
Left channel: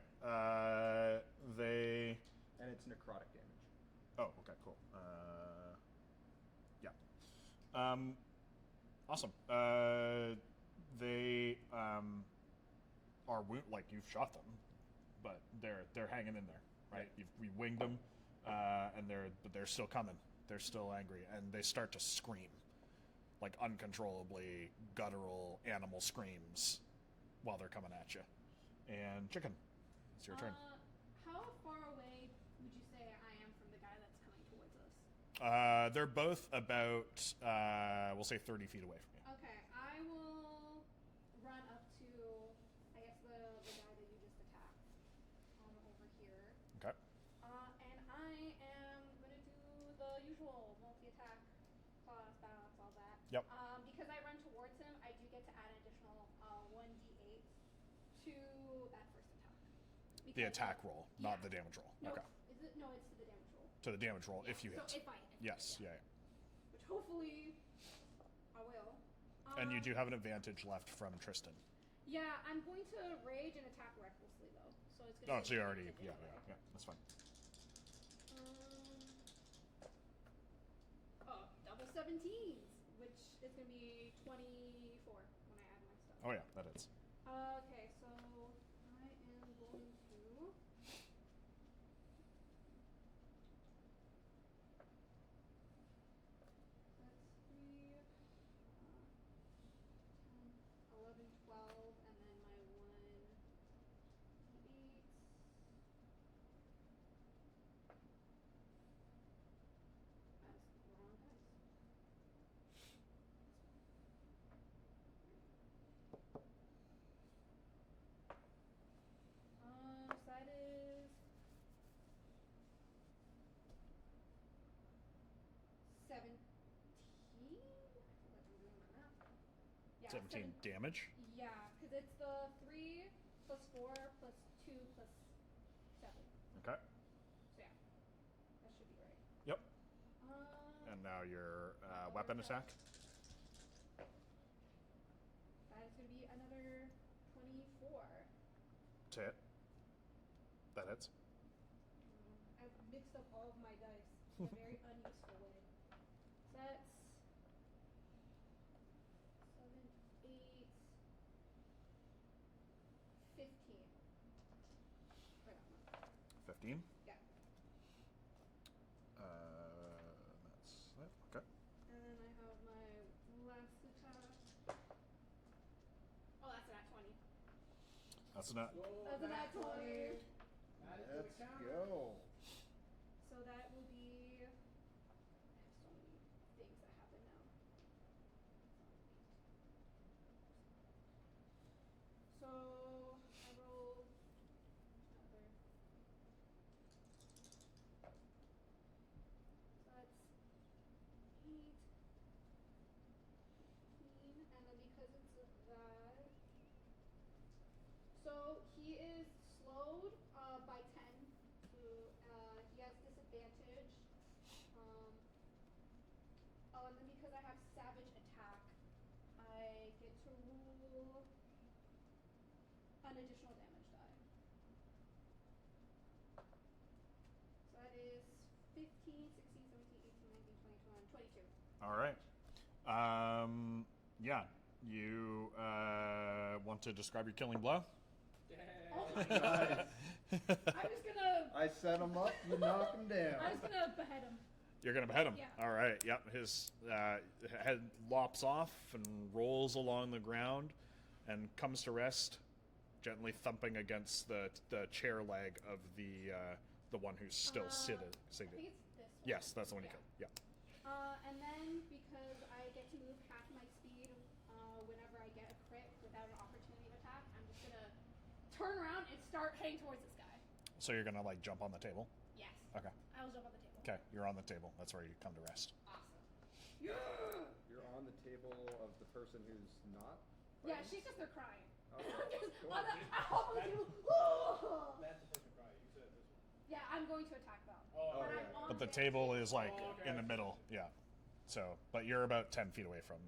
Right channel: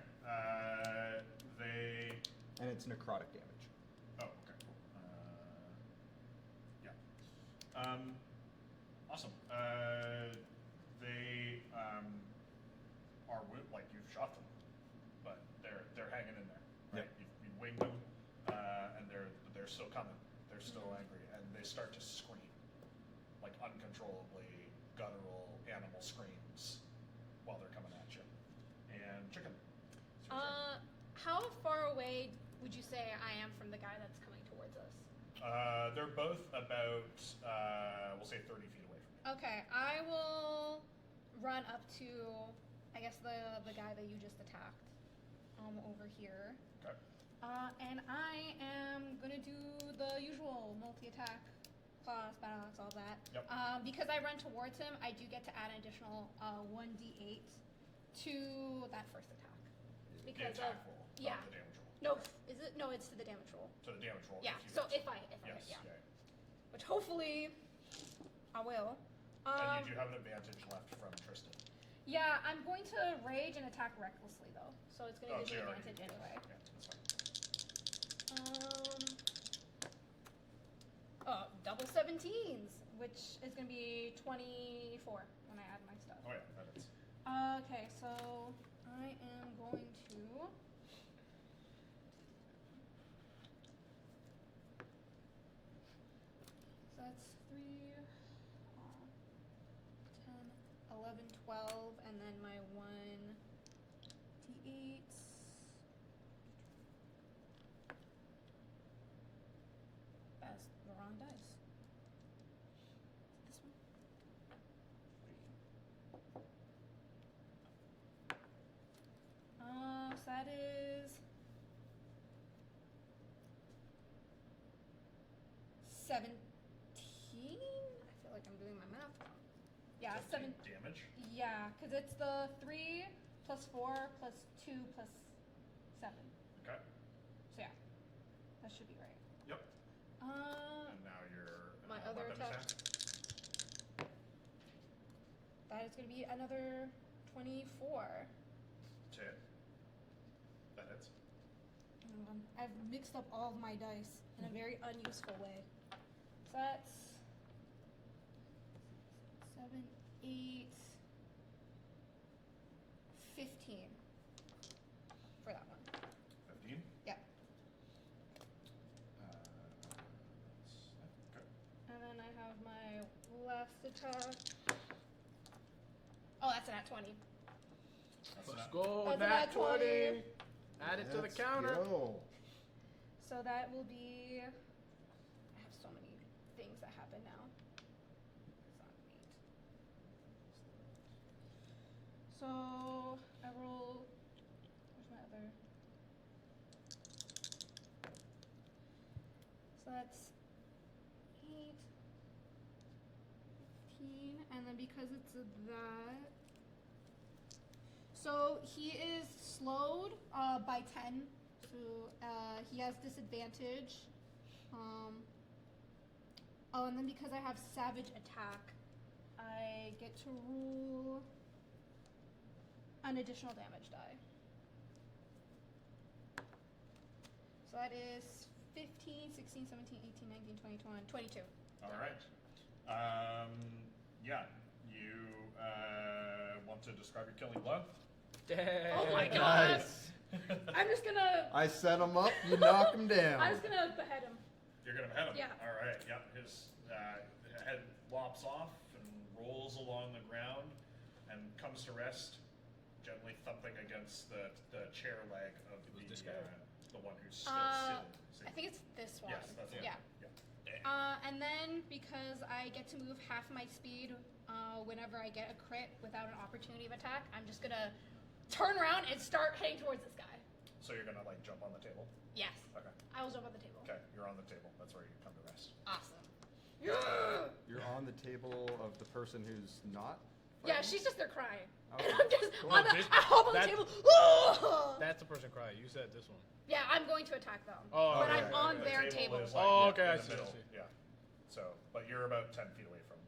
They. And it's necrotic damage. Oh, okay, cool. Yeah. Awesome. They are like you've shot them, but they're hanging in there, right? We winged them, and they're still coming. They're still angry, and they start to scream, like uncontrollably guttural animal screams, while they're coming at you. And Chicken, it's your turn. How far away would you say I am from the guy that's coming towards us? They're both about, we'll say 30 feet away from you. Okay, I will run up to, I guess the guy that you just attacked, over here. Okay. And I am gonna do the usual multi-attack, claws, battle axe, all that. Yep. Because I run towards him, I do get to add an additional 1d8 to that first attack. The Because attack of- roll, yeah. not the damage roll. No, Okay. is it? No, it's to the damage roll. To the damage roll Yeah. if you So hit. if I Yes, yeah. yeah. Which hopefully I will. And you do have an advantage left from Tristan. Yeah, I'm going to rage and attack recklessly though, so it's going to Oh, be so you an already, advantage yeah, anyway. yeah, that's fine. Double 17s, which is going to be 24 when I add my stuff. Oh yeah, that is. Okay, so I am going to. So that's 3, 10, 11, 12, and then my 1d8. That's the wrong dice. This one. Yeah, 17 damage. Yeah, because it's the 3 plus 4 plus 2 plus 7. Okay. So yeah, that should be right. Yep. And now your my other weapon attack. That is going to be another 24. To hit. That hits. I've mixed up all of my dice in a very unuseful way. So that's 7, 8, 15 for that one. 15. Yeah. That's okay. And then I have my last attack. Oh, that's a nat 20. That's Let's not. go, That's nat a nat 20. 20. Add it to the Let's counter. go. So that will be. I have so many things that happen now. It's on 8. So I roll. Where's my other? So that's 8, 15, and then because it's that. So he is slowed by 10. So he has disadvantage. Oh, and then because I have savage attack, I get to roll an additional damage die. So that is 15, 16, 17, 18, 19, 20, 21, 22. All right. Yeah. You want to describe your killing blow? Oh my god! I'm just gonna. I set him up, you knock him down. I'm just gonna behead him. You're gonna behead him. Yeah. All right. Yep. His head lops off and rolls along the ground, and comes to rest, gently thumping against the chair leg of the one who's still sitting. I think it's this one. Yes, that's the one. Yeah. Yeah. And then because I get to move half my speed whenever I get a crit without an opportunity of attack, I'm just gonna turn around and start heading towards this guy. So you're gonna like jump on the table. Yes. Okay. I will jump on the table. Okay. You're on the table. That's where you come to rest. Awesome. You're on the table of the person who's not. Yeah, fighting? she's just there crying. Okay. And I'm just Cool. on the, This- I hop on the that- table. That's the person crying. You said this one. Yeah, I'm going to attack them. Oh, but okay. I'm on The their table is like Oh, yeah, okay, I in the see, I middle. see. Yeah. So, but you're about 10 feet away from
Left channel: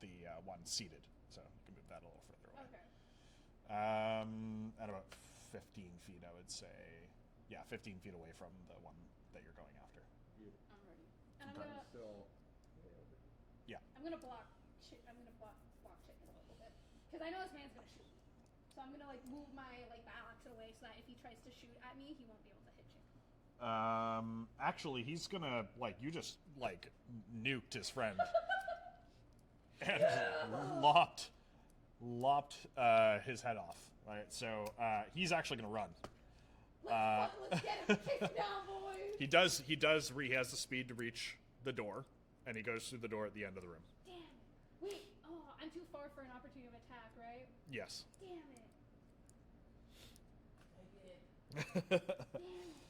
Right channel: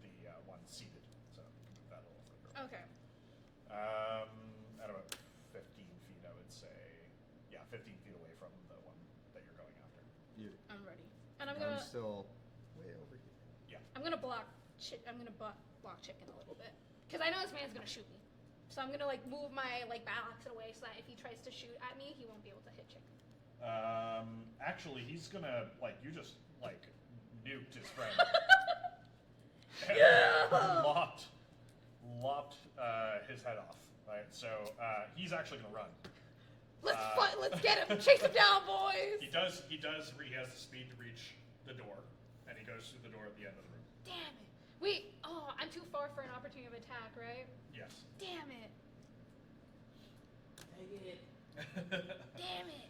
the one seated. So you can move that a little further away. Okay. At about 15 feet, I would say. Yeah, 15 feet away from the one that you're going after. I'm ready. And I'm gonna. still way over here. Yeah. I'm gonna block. Block chicken a little bit, because I know this man's gonna shoot me. So I'm gonna like move my like balance away so that if he tries to shoot at me, he won't be able to hit chicken. Actually, he's gonna like you just like nuked his friend. And lopped his head off. Right, so he's actually gonna run. Let's get him. Chase him down, boys. He does. He has the speed to reach the door, and he goes through the door at the end of the room. Damn it. Wait. Oh, I'm too far for an opportunity of attack, right? Yes. Damn it. Damn it.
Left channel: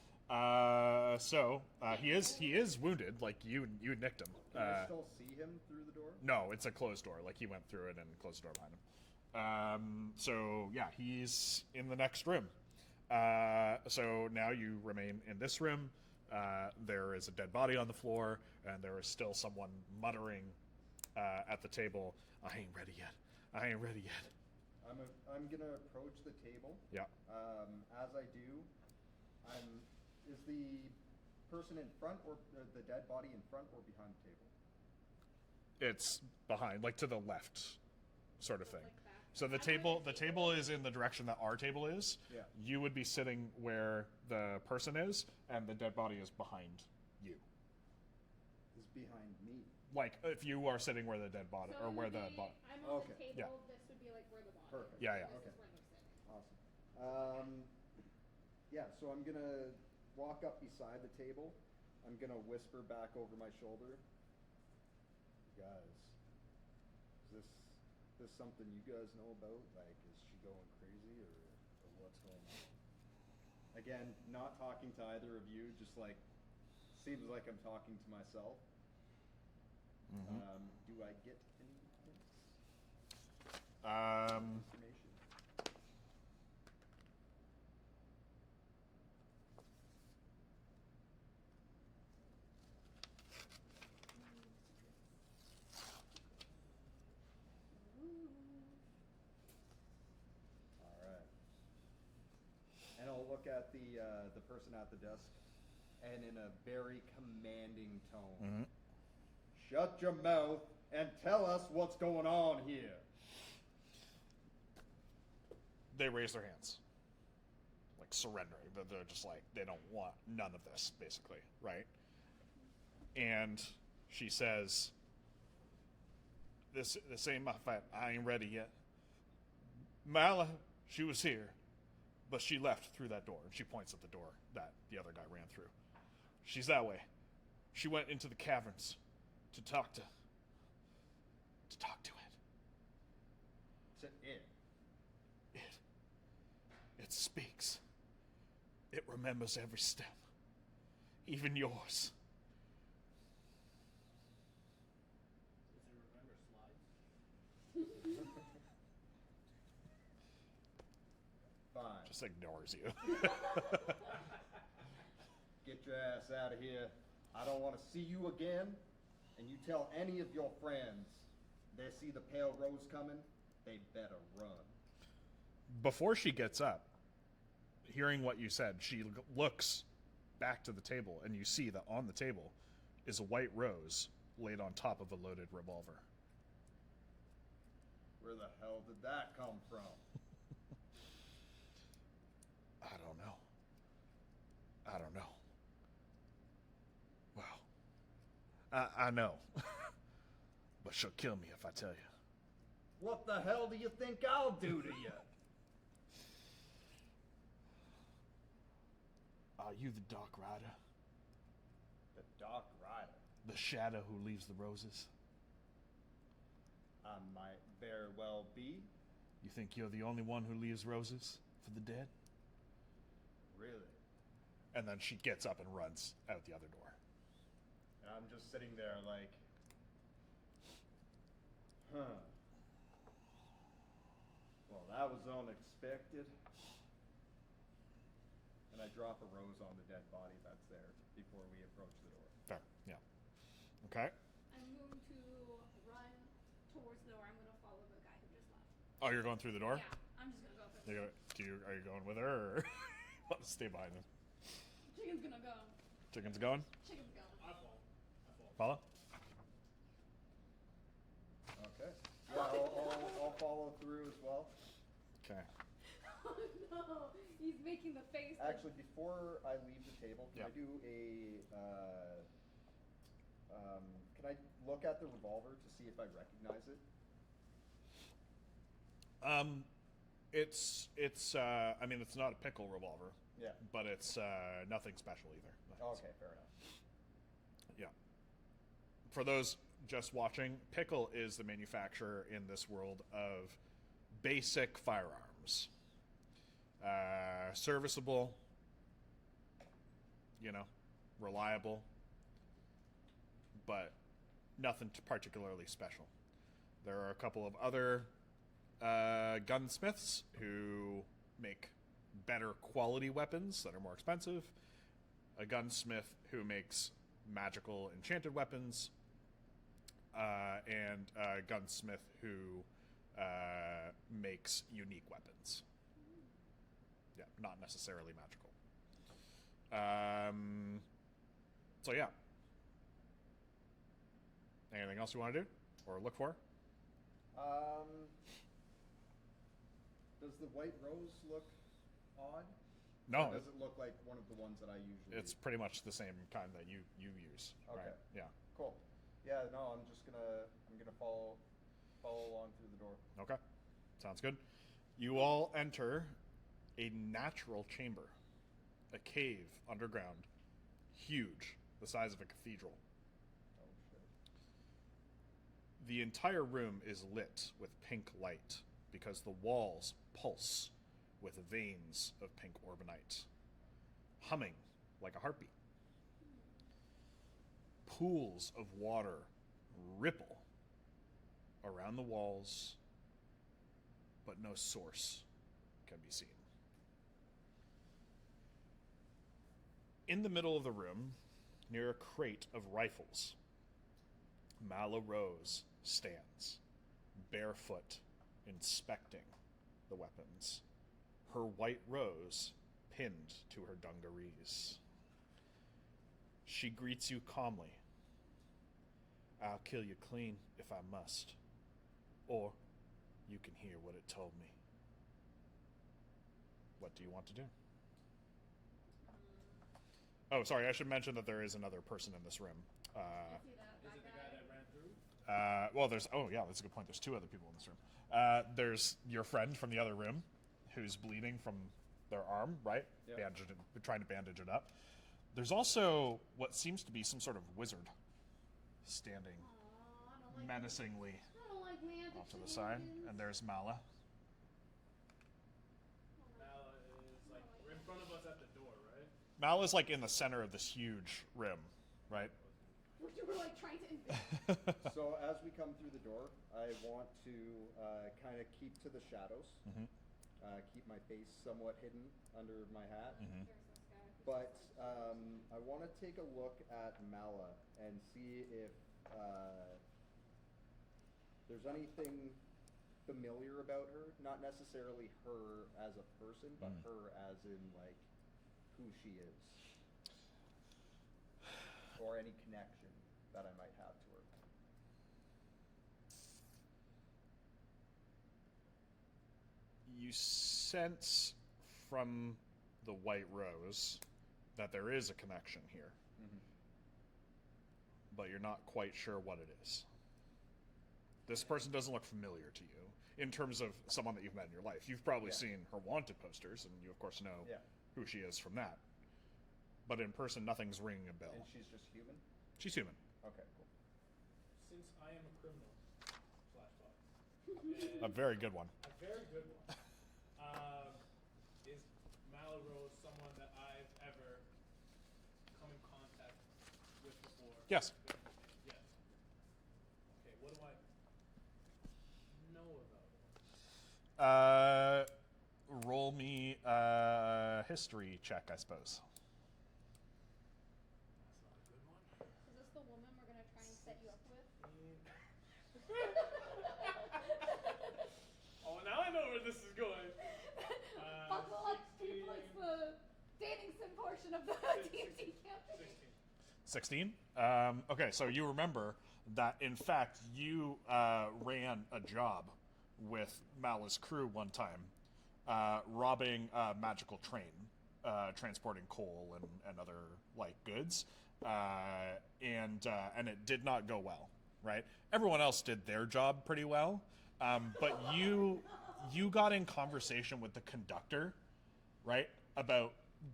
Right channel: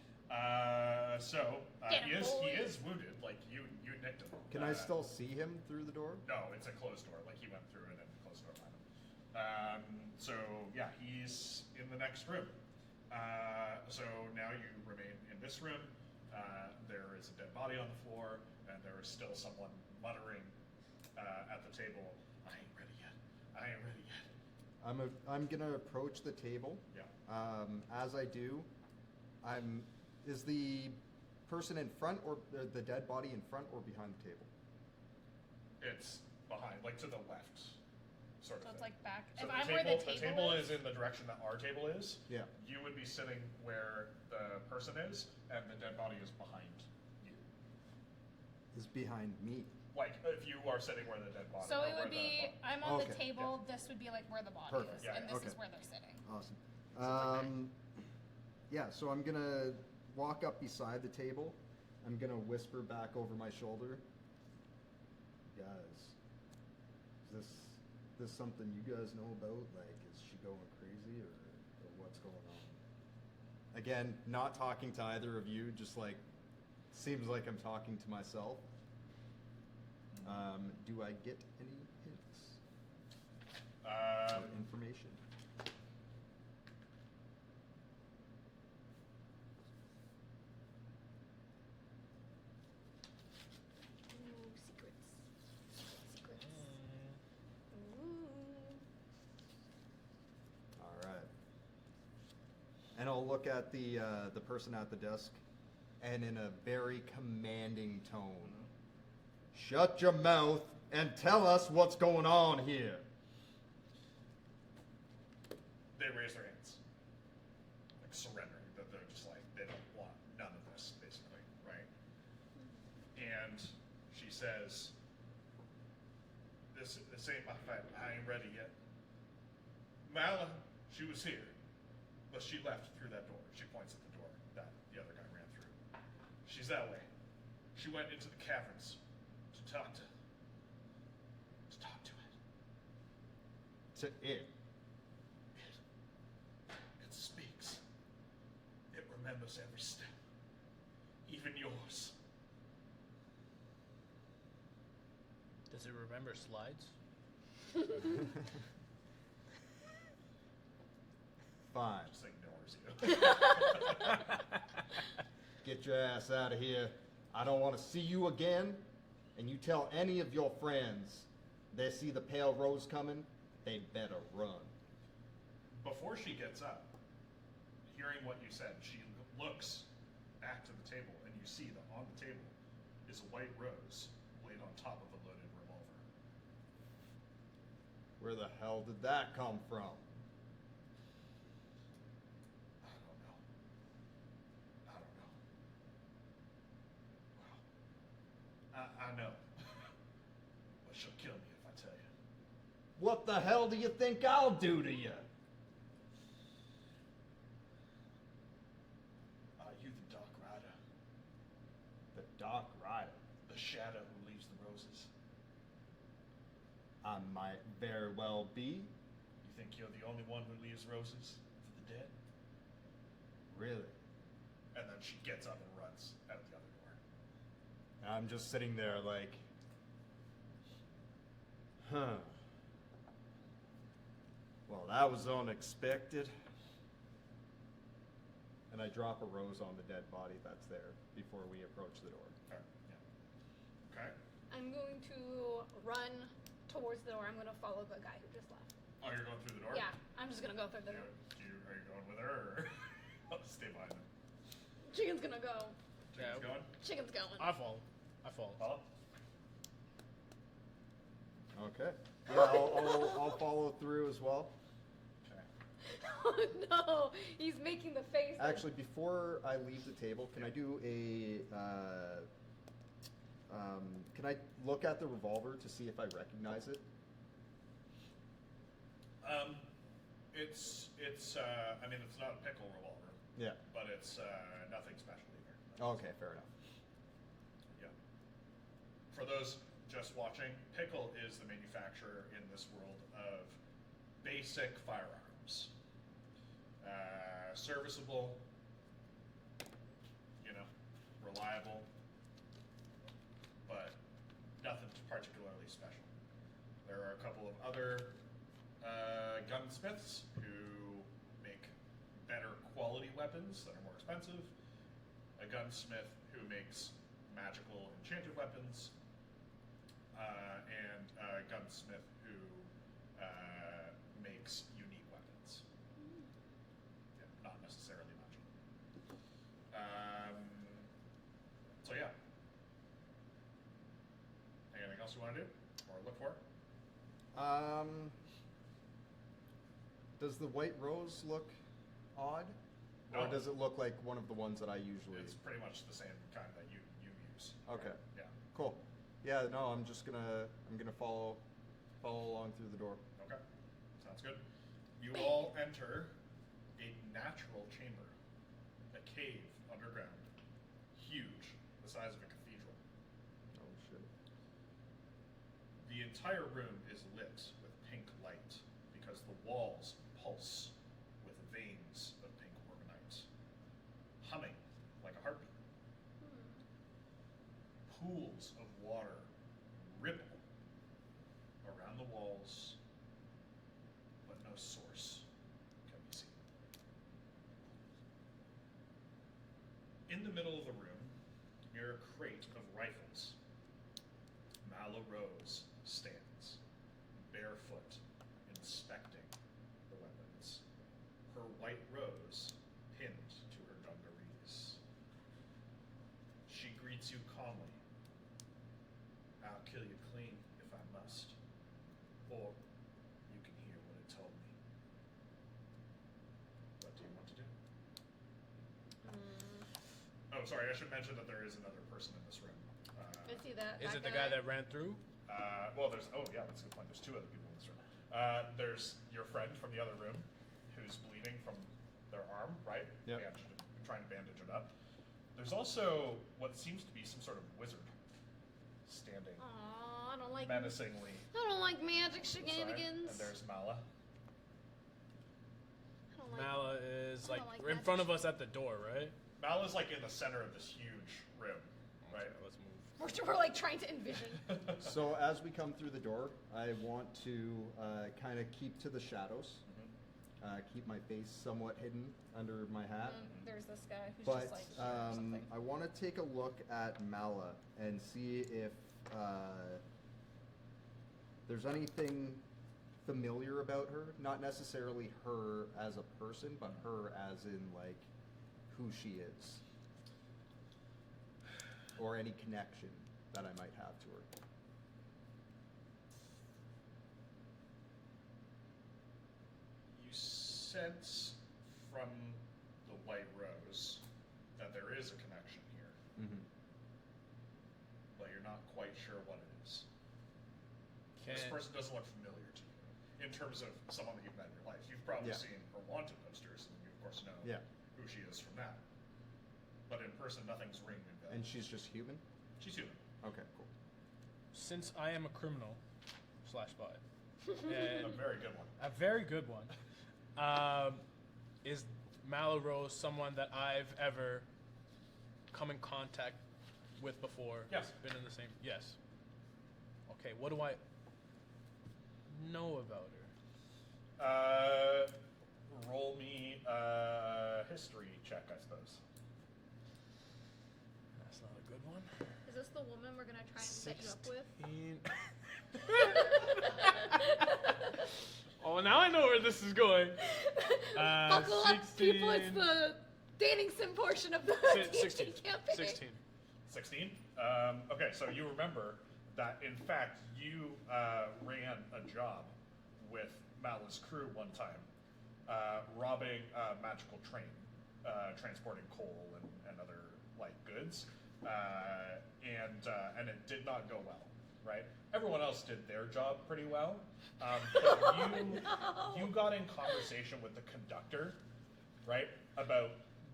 He is wounded. Like you nicked him. Can I still see him through the door? No, it's a closed door. Like he went through it and closed the door behind him. So yeah, he's in the next room. So now you remain in this room. There is a dead body on the floor, and there is still someone muttering at the table. I ain't ready yet. I ain't ready yet. I'm gonna approach the table. Yeah. As I do, is the person in front or the dead body in front or behind the table? It's behind, like to the left, sort of So thing. it's like back. So If the I'm where table, the table is in the direction that our table is. Yeah. You would be sitting where the person is, and the dead body is behind you. Is behind me. Like if you are sitting where the dead body, So or it where would be. the I'm on Okay, the table. This would be like where the body Perfect. is, Yeah, and yeah, this okay. is where they're sitting. Awesome. Yeah, so I'm gonna walk up beside the table. I'm gonna whisper back over my shoulder. Guys, is this something you guys know about? Like, is she going crazy or what's going on? Again, not talking to either of you, just like, seems like I'm talking to myself. Mm-hmm. Do I get any hints? Information. Ooh, secrets. Secrets. Ooh. All right. And I'll look at the person at the desk, and in a very commanding tone, shut your mouth and tell us what's going on here. They raise their hands, like surrendering. They're just like, they don't want none of this, basically, right? And she says, this ain't my fight. I ain't ready yet. Mala, she was here, but she left through that door. She points at the door that the other guy ran through. She's that way. She went into the caverns to talk to it. To it. It speaks. It remembers every step, even yours. Does it remember slides? Fine. Just ignores you. Get your ass out of here. I don't want to see you again. And you tell any of your friends they see the pale rose coming, they'd better run. Before she gets up, hearing what you said, she looks back to the table, and you see that on the table is a white rose laid on top of a loaded revolver. Where the hell did that come from? I don't know. Well, I know. But she'll kill me if I tell you. What the hell do you think I'll do to you? Are you the Dark Rider? The Dark Rider? The shadow who leaves the roses? I might very well be. You think you're the only one who leaves roses for the dead? Really? And then she gets up and runs out the other door. I'm just sitting there like, huh. Well, that was unexpected. And I drop a rose on the dead body that's there before we approach the door. Fair, yeah. Okay. I'm going to run towards the door. I'm going to follow the guy who just left. Oh, you're going through the door? Yeah, I'm just going to go through the door. Are you going with her, or stay behind him? Chicken's going to go. Chicken's Yeah. going? Chicken's going. I follow. Follow? Okay. Yeah, I'll follow through as well. Okay. Oh no, he's making the face. Actually, before I leave the table, can I do a? Can I look at the revolver to see if I recognize it? It's I mean, it's not a pickle revolver. Yeah. But it's nothing special either. Okay, fair enough. Yeah. For those just watching, Pickle is the manufacturer in this world of basic firearms. Serviceable, reliable, but nothing particularly special. There are a couple of other gunsmiths who make better quality weapons that are more expensive. A gunsmith who makes magical enchanted weapons, and a gunsmith who makes unique weapons. Yeah, not necessarily magical. So yeah. Anything else you want to do or look for? Does the white rose look odd? No. Or does it look like one of the ones that I usually? It's pretty much the same kind that you use. Okay. Right? Yeah. Cool. Yeah. No, I'm gonna follow along through the door. Okay. Sounds good. You all enter a natural chamber, a cave underground, huge, the size of a cathedral. Oh shit. The entire room is lit with pink light because the walls pulse with veins of pink orbonite, humming like a heartbeat. Pools of water ripple around the walls no source can be seen. In the middle of the room, near a crate of rifles, Mala Rose stands, barefoot, inspecting the weapons, her white rose pinned to her dungarees. She greets you calmly. I'll kill you clean if I must, or you can hear what it told me. What do you want to do? Oh, sorry, I should mention that there is another person in this room. I see that. Is it the guy that ran through? Well, there's, oh yeah, that's a good point. There's two other people in this room. There's your friend from the other room who's bleeding from their arm, right? Yeah. Trying to bandage it up. There's also what seems to be some sort of wizard standing Aw, I don't like menacingly. I don't like magic on the side. shenanigans. And there's Mala. I don't like Mala is I like don't like in magic front of us at the door, right? Mala's like in the center of this huge room, right? Okay, let's move. we're like trying to envision. So as we come through the door, I want to kind of keep to the shadows. Keep my face somewhat hidden under my hat. There's this guy who's But just like here or something. I want to take a look at Mala and see if there's anything familiar about her. Not necessarily her as a person, but her as in like who she is. Or any connection that I might have to her. You sense from the White Rose that there is a connection here, but you're not quite sure what it is. This person doesn't look familiar to you in terms of someone that you've met in your life. You've probably seen her wanted posters, and you of course know who she is from that. But in person, nothing's ringing a bell. And she's just human? She's human. Okay, cool. Since I am a criminal / spy, A very good one. a very good one, is Mala Rose someone that I've ever come in contact with before? Yes. Been in the same. Yes. Okay. What do I know about her? Roll me a history check, I suppose. That's not a good one. Is this the woman we're gonna try and set you up with? 16. Oh, now I know where this is going. Buckle up, 16. people! It's the dating sim portion of the 16. campaign. 16. 16? Okay, so you remember that, in fact, you ran a job with Mala's crew one time, robbing a magical train, transporting coal and other, like, goods, and it did not go well, right? Everyone else did their job pretty well, but you got in conversation with the conductor, right, about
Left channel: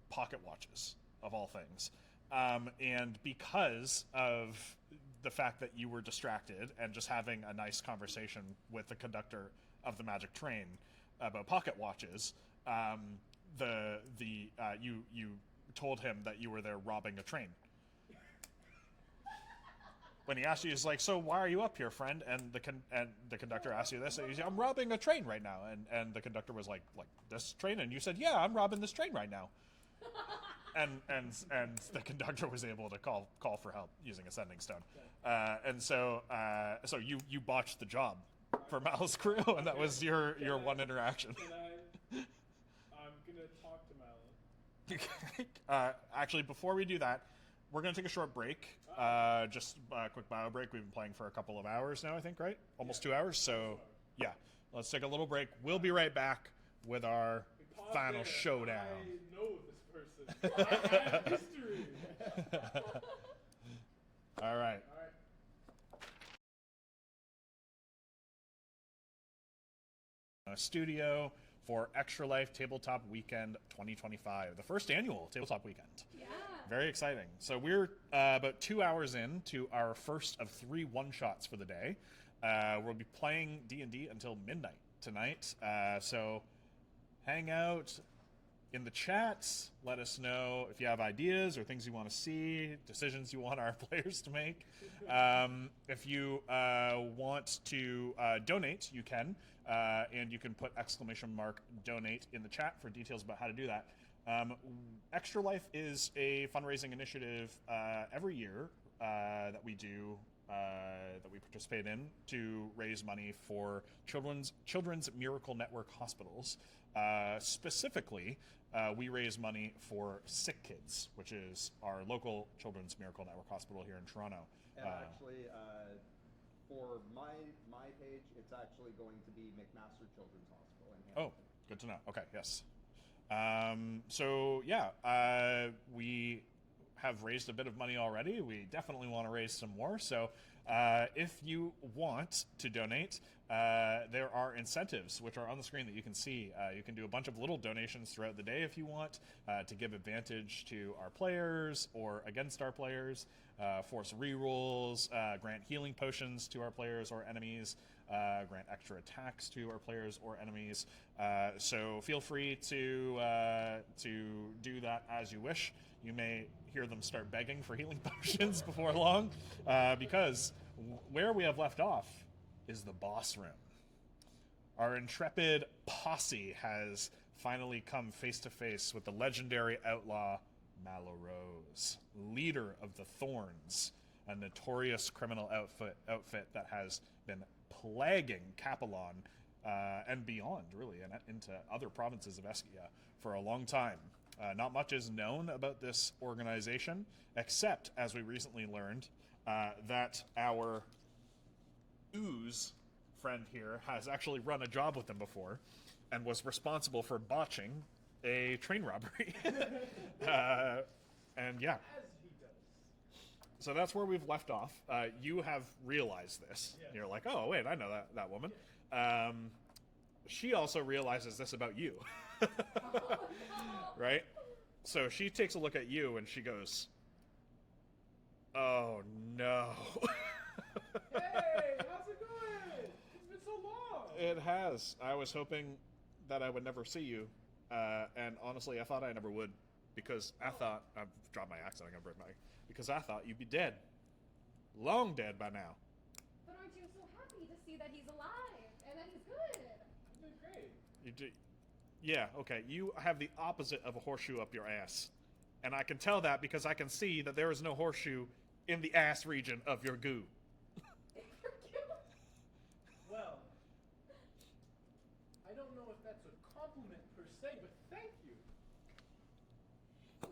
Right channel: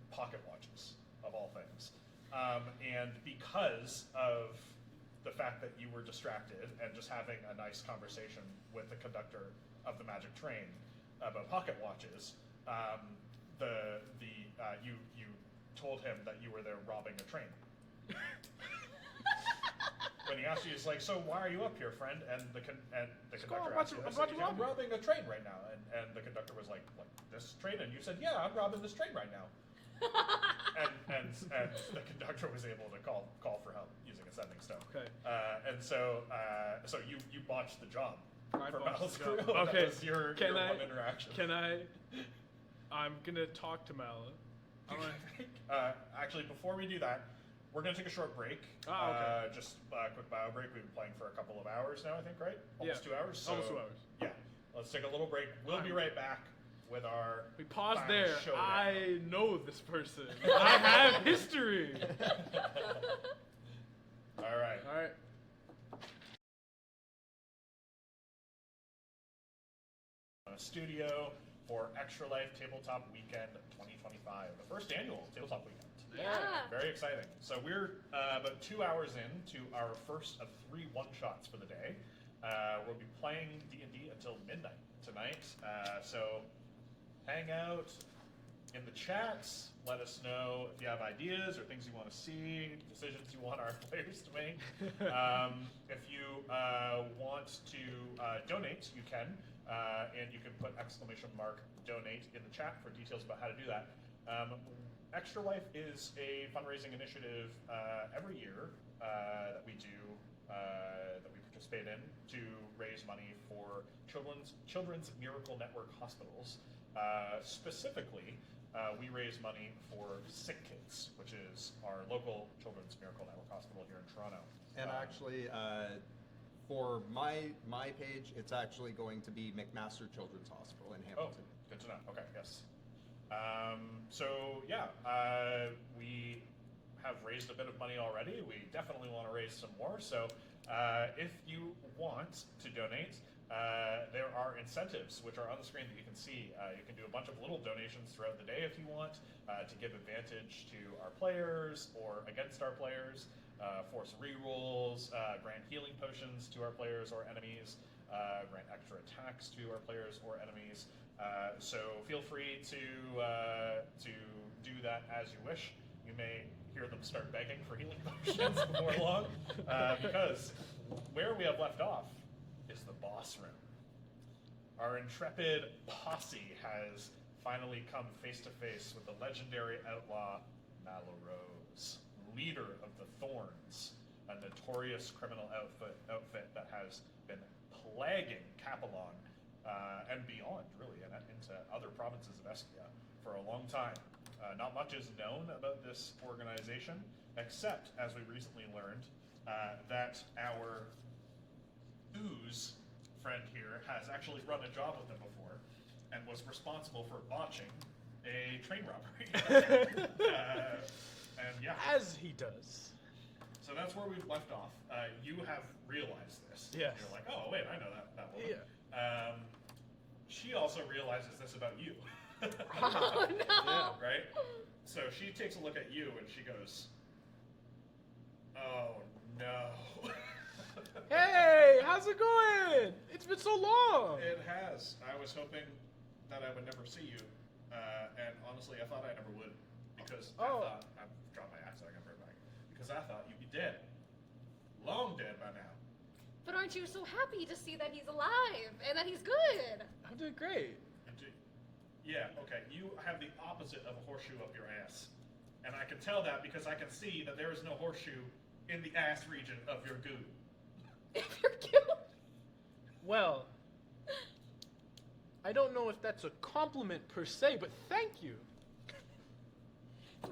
pocket watches, of all things. And because of the fact that you were distracted and just having a nice conversation with the conductor of the magic train about pocket watches, you told him that you were there robbing a train. When he asked you, he's like, "So why are you up here, friend?" And the conductor asked you this. And he's like, "I'm robbing a train right now." And the conductor was like this train? And you said, "Yeah, I'm robbing this train right now." and the conductor was able to call for help using a sending stone. Okay. And so you botched the job for botched Mal's the crew. job. And that Okay. was your Can I- one interaction. Can I'm gonna talk to Mala. Actually, before we do that, we're going to take a short break. Oh, okay. Just a quick bio break. We've been playing for a couple of hours now, I think, right? Almost Yeah. 2 hours. So, Almost 2 hours. yeah, let's take a little break. We'll be right back with our We pause final there. showdown. I know this person. I have history. All right. All right. Studio for Extra Life Tabletop Weekend 2025, the first annual Tabletop Weekend. Yeah. Very exciting. So we're about 2 hours into our first of 3 one-shots for the day. We'll be playing D&D until midnight tonight. So hang out in the chats. Let us know if you have ideas or things you want to see, decisions you want our players to make. If you want want to donate, you can, and you can put !donate in the chat for details about how to do that. Extra Life is a fundraising initiative every year that we do, that we participate in to raise money for Children's Miracle Network hospitals. Specifically, we raise money for Sick Kids, which is our local Children's Miracle Network hospital here in Toronto. And actually, for my page, it's actually going to be McMaster Children's Hospital in Hamilton. Oh, good to know. Okay, yes. So yeah, we have raised a bit of money already. We definitely want to raise some more. So if you want to donate, there are incentives which are on the screen that you can see. You can do a bunch of little donations throughout the day if you want to give advantage to our players or against our players, force rerolls, grant healing potions to our players or enemies, grant extra attacks to our players or enemies. So feel free to do that as you wish. You may hear them start begging for healing potions before long, because where we have left off is the boss room. Our intrepid posse has finally come face to face with the legendary outlaw Malorose, leader of the Thorns, a notorious criminal outfit that has been plaguing Capelon and beyond, really, and into other provinces of Eskia for a long time. Not much is known about this organization, except, as we recently learned, that our Ooze friend here has actually run a job with them before and was responsible for botching a train robbery. And yeah. As he does. So that's where we've left off. You have realized this. Yes. And you're like, oh, wait, I know that woman. Yeah. She also realizes this about you. Oh no! Right? So she takes a look at you and she goes, oh no. Hey, how's it going? It's been so long. It has. I was hoping that I would never see you. And honestly, I thought I never would. Because I thought, I've dropped my accent, I got break my, because I thought you'd be dead. Long dead by now. But aren't you so happy to see that he's alive and that he's good? I'm doing great. You do. Yeah, okay. You have the opposite of a horseshoe up your ass. And I can tell that because I can see that there is no horseshoe in the ass region of your goo. If you're cute. Well, I don't know if that's a compliment per se, but thank you.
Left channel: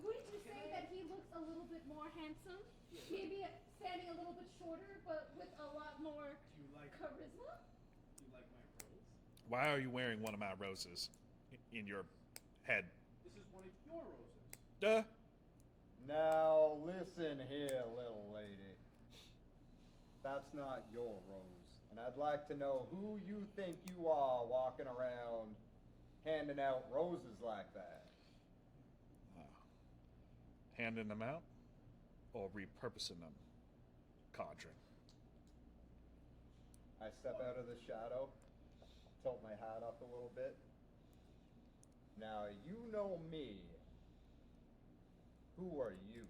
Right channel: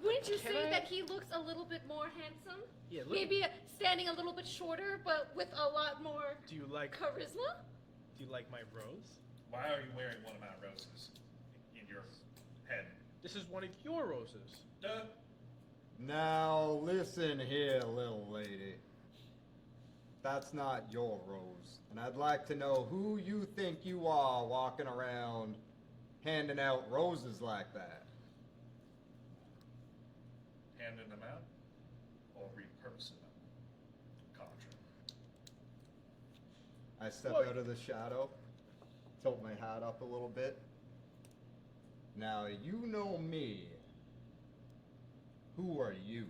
Wouldn't you Can say I- that he looks a little bit more handsome? Yeah, look- Maybe standing a little bit shorter, but with a lot more Do you like my rose? Why are you wearing one of my roses in your head? This is one of your roses. Duh. Now listen here, little lady. That's not your rose. And I'd like to know who you think you are walking around handing out roses like that. Handing them out or repurposing them? Cadren. I step Look. out of the shadow, tilt my hat up a little bit. Now you know me. Who are you?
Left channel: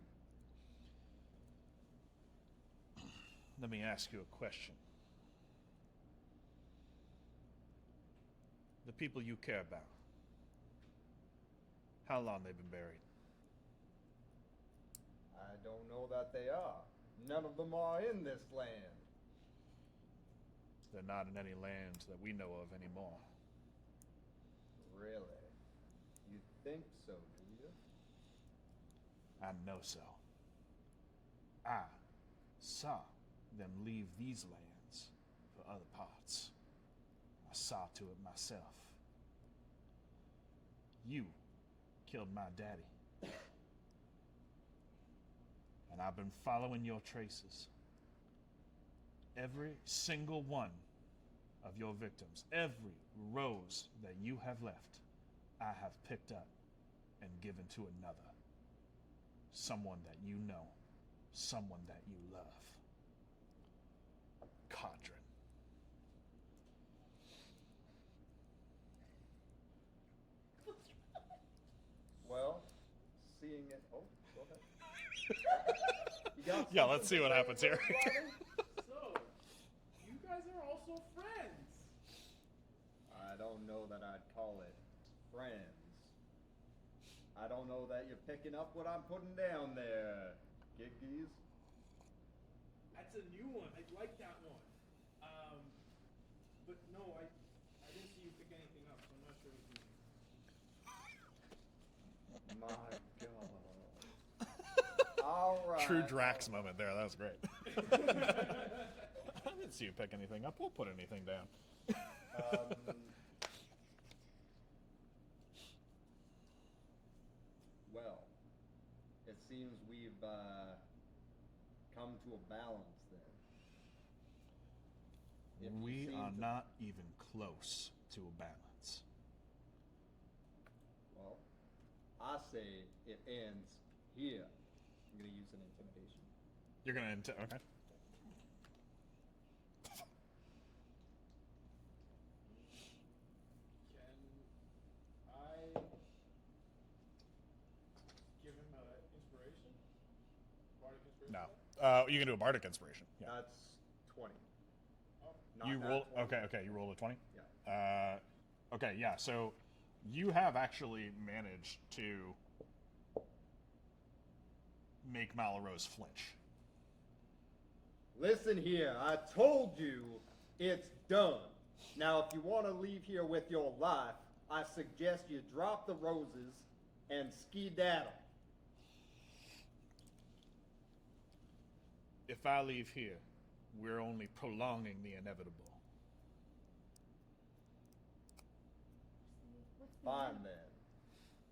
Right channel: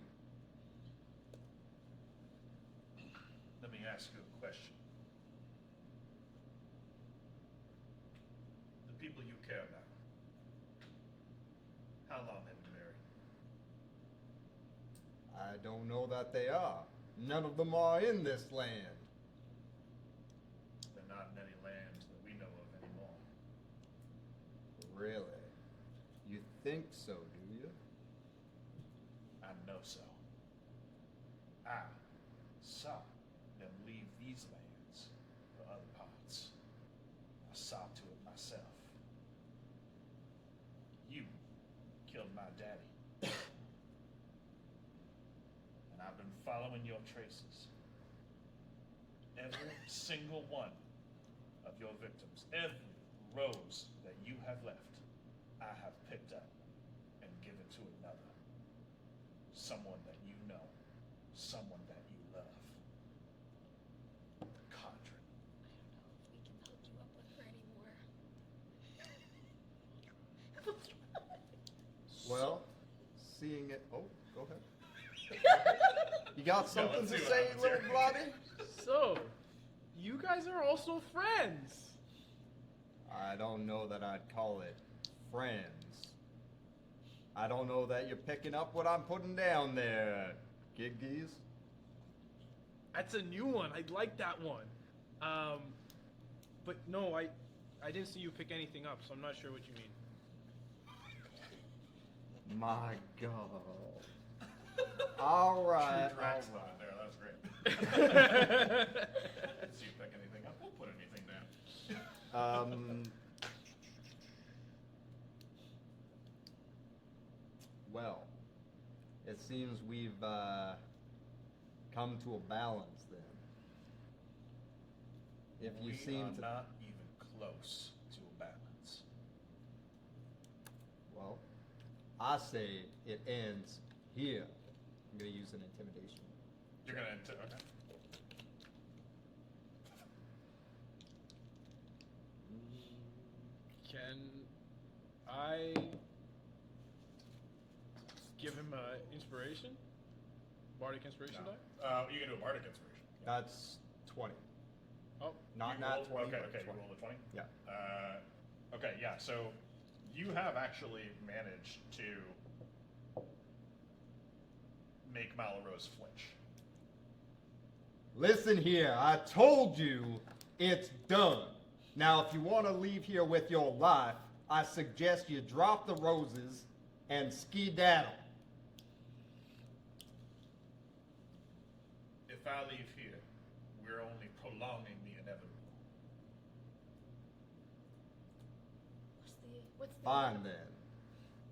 Let me ask you a question. The people you care about, how long they've been buried? I don't know that they are. None of them are in this land. They're not in any land that we know of anymore. Really? You think so, do you? I know so. I saw them leave these lands for other parts. I saw to it myself. You killed my daddy. And I've been following your traces. Every single one of your victims, every rose that you have left, I have picked up and given to another. Someone that you know, someone that you love. Cadren. We can hook you up with her anymore. Well, seeing it. Oh, go ahead. You got something let's see to what say, happens here. little buddy? So, you guys are also friends. I don't know that I'd call it friends. I don't know that you're picking up what I'm putting down there, Giggies. That's a new one. I like that one. But no, I didn't see you pick anything up, so I'm not sure what you mean. My God. All right. True Drax all right. moment there. That was great. Let's see you pick anything up. We'll put anything down. Well, it seems we've come to a balance then. If you We seem are to, not even close to a balance. well, I say it ends here. I'm gonna use an intimidation. You're gonna okay. Can I give him inspiration? Bardic inspiration No. die? You can do a bardic inspiration. Yeah. That's 20. Oh, Not you nat roll. 20, Okay. but Okay. You 20. roll a 20. Yeah. Okay. Yeah. So you have actually managed to make Malrose flinch. Listen here, I told you it's done. Now, if you want to leave here with your life, I suggest you drop the roses and skedaddle. If I leave here, we're only prolonging the inevitable. What's the Fine then.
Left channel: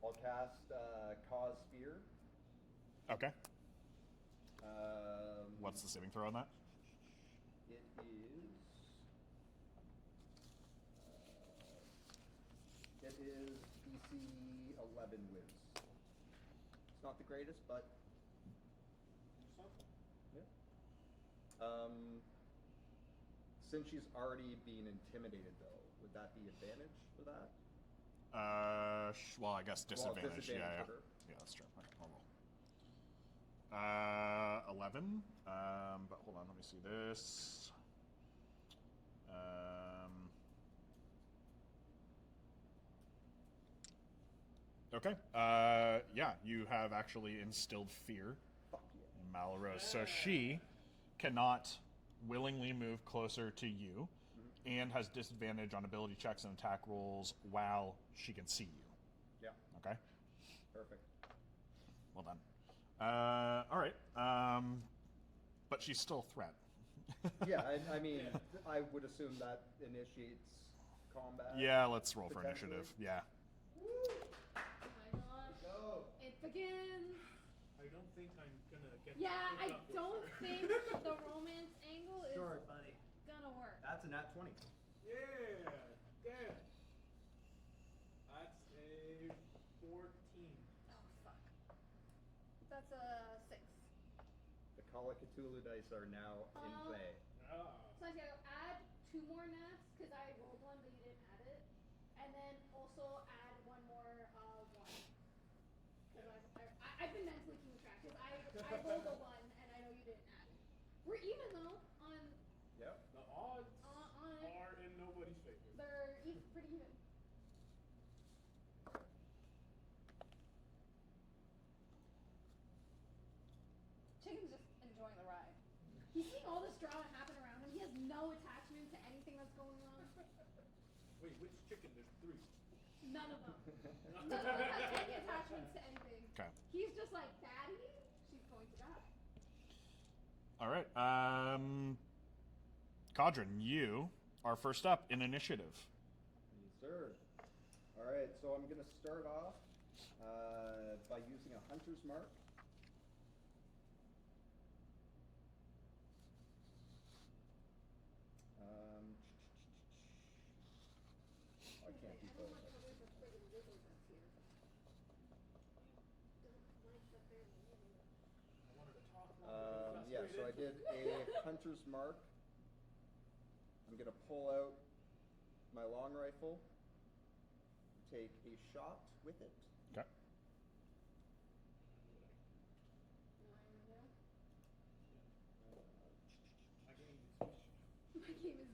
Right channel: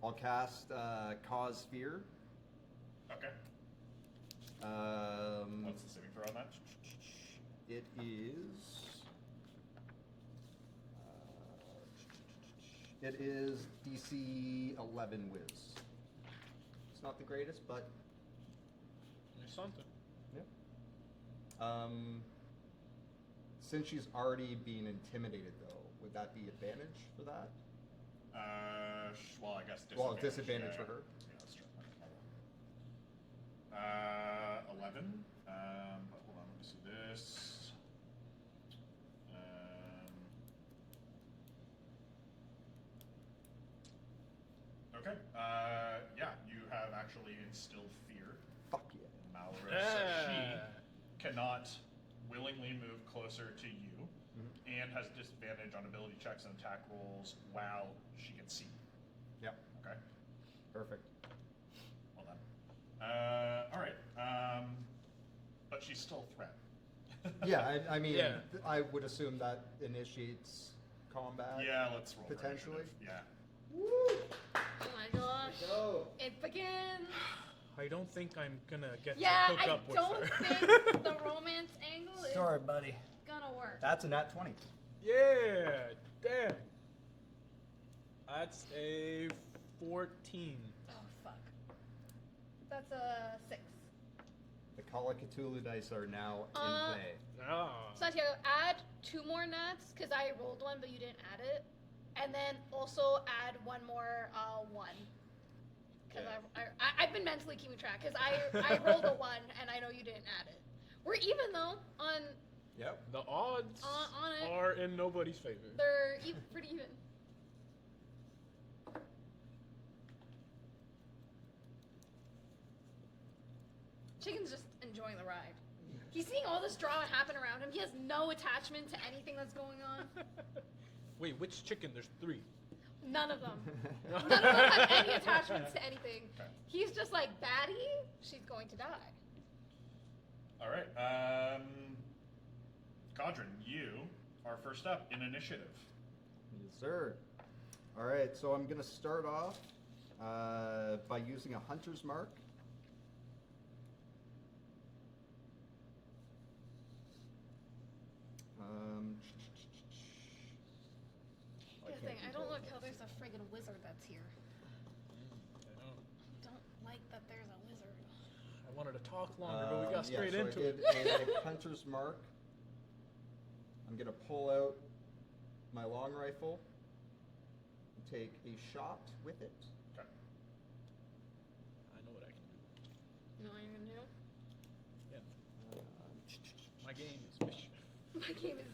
I'll cast Cause Fear. Okay. What's the saving throw on that? It is DC 11 Wiz. It's not the greatest, but there's something. yeah. Since she's already being intimidated, though, would that be advantage for that? Well, I guess Well, disadvantage. disadvantage yeah, for her. Yeah, that's true. Okay, hold on. 11. But hold on, let me see this. Okay. Yeah, you have actually instilled fear Fuck yeah. in Malrose, so she cannot willingly move closer to you, and has disadvantage on ability checks and attack rolls while she can see you. Yeah. Okay. Perfect. Well done. All right. But she's still a threat. Yeah, I mean, Yeah. I would assume that initiates combat. Yeah, let's roll for Potentially. initiative. Yeah. Oh my gosh. Go. It begins. I don't think I'm gonna get Yeah, to hook I up with don't her. think the romance angle is Sorry, buddy. gonna work. That's a nat 20. Yeah, damn. That's a 14. Oh fuck. That's a 6. The Call of Cthulhu dice are now in play. Ah. Santiago, add 2 more nats because I rolled one but you didn't add it, and then also add 1 more 1. Because I've been mentally keeping track because I rolled a 1 and I know you didn't add it. We're even though on Yep. The odds On it. are in nobody's favor. they're pretty even. Chicken's just enjoying the ride. He's seeing all this drama happen around him. He has no attachment to anything that's going on. Wait, which chicken? There's 3. None of them. None of them have any attachments to anything. Okay. He's just like, baddie, she's going to die. All right. Cadren, you are first up in initiative. Yes, sir. All right, so I'm going to start off by using a hunter's mark. I Here's the can't thing, I control don't like it. how there's a friggin' wizard that's here. Don't like that there's a wizard. I wanted to talk longer, but we got straight so into I it. did a hunter's mark. I'm going to pull out my long rifle and take a shot with it. Okay. I know what I can do. You know what I'm gonna do? Yeah. My game is mischief. My game is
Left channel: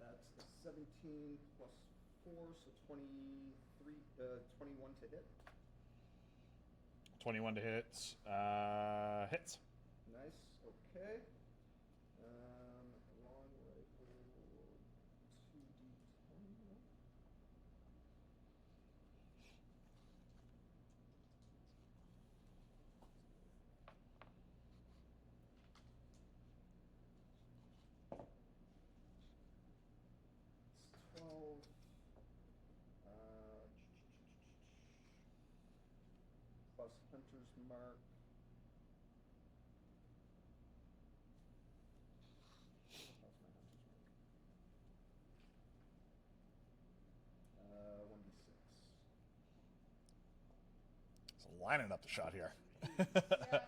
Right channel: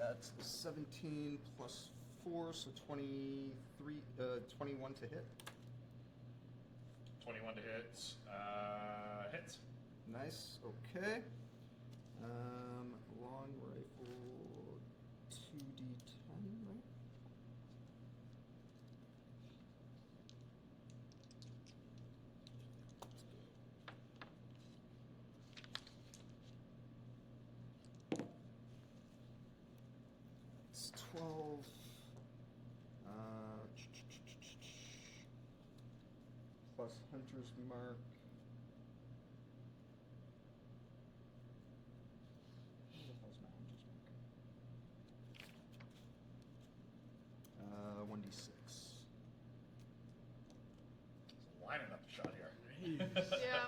That's a 17 plus 4, so 23, 21 to hit. 21 to hit. Hits. Nice. Okay. Long rifle, 2d10, right? It's 12. Plus Hunter's Mark. Where the hell's my Hunter's Mark? 1d6. It's lining up the shot here. Yeah.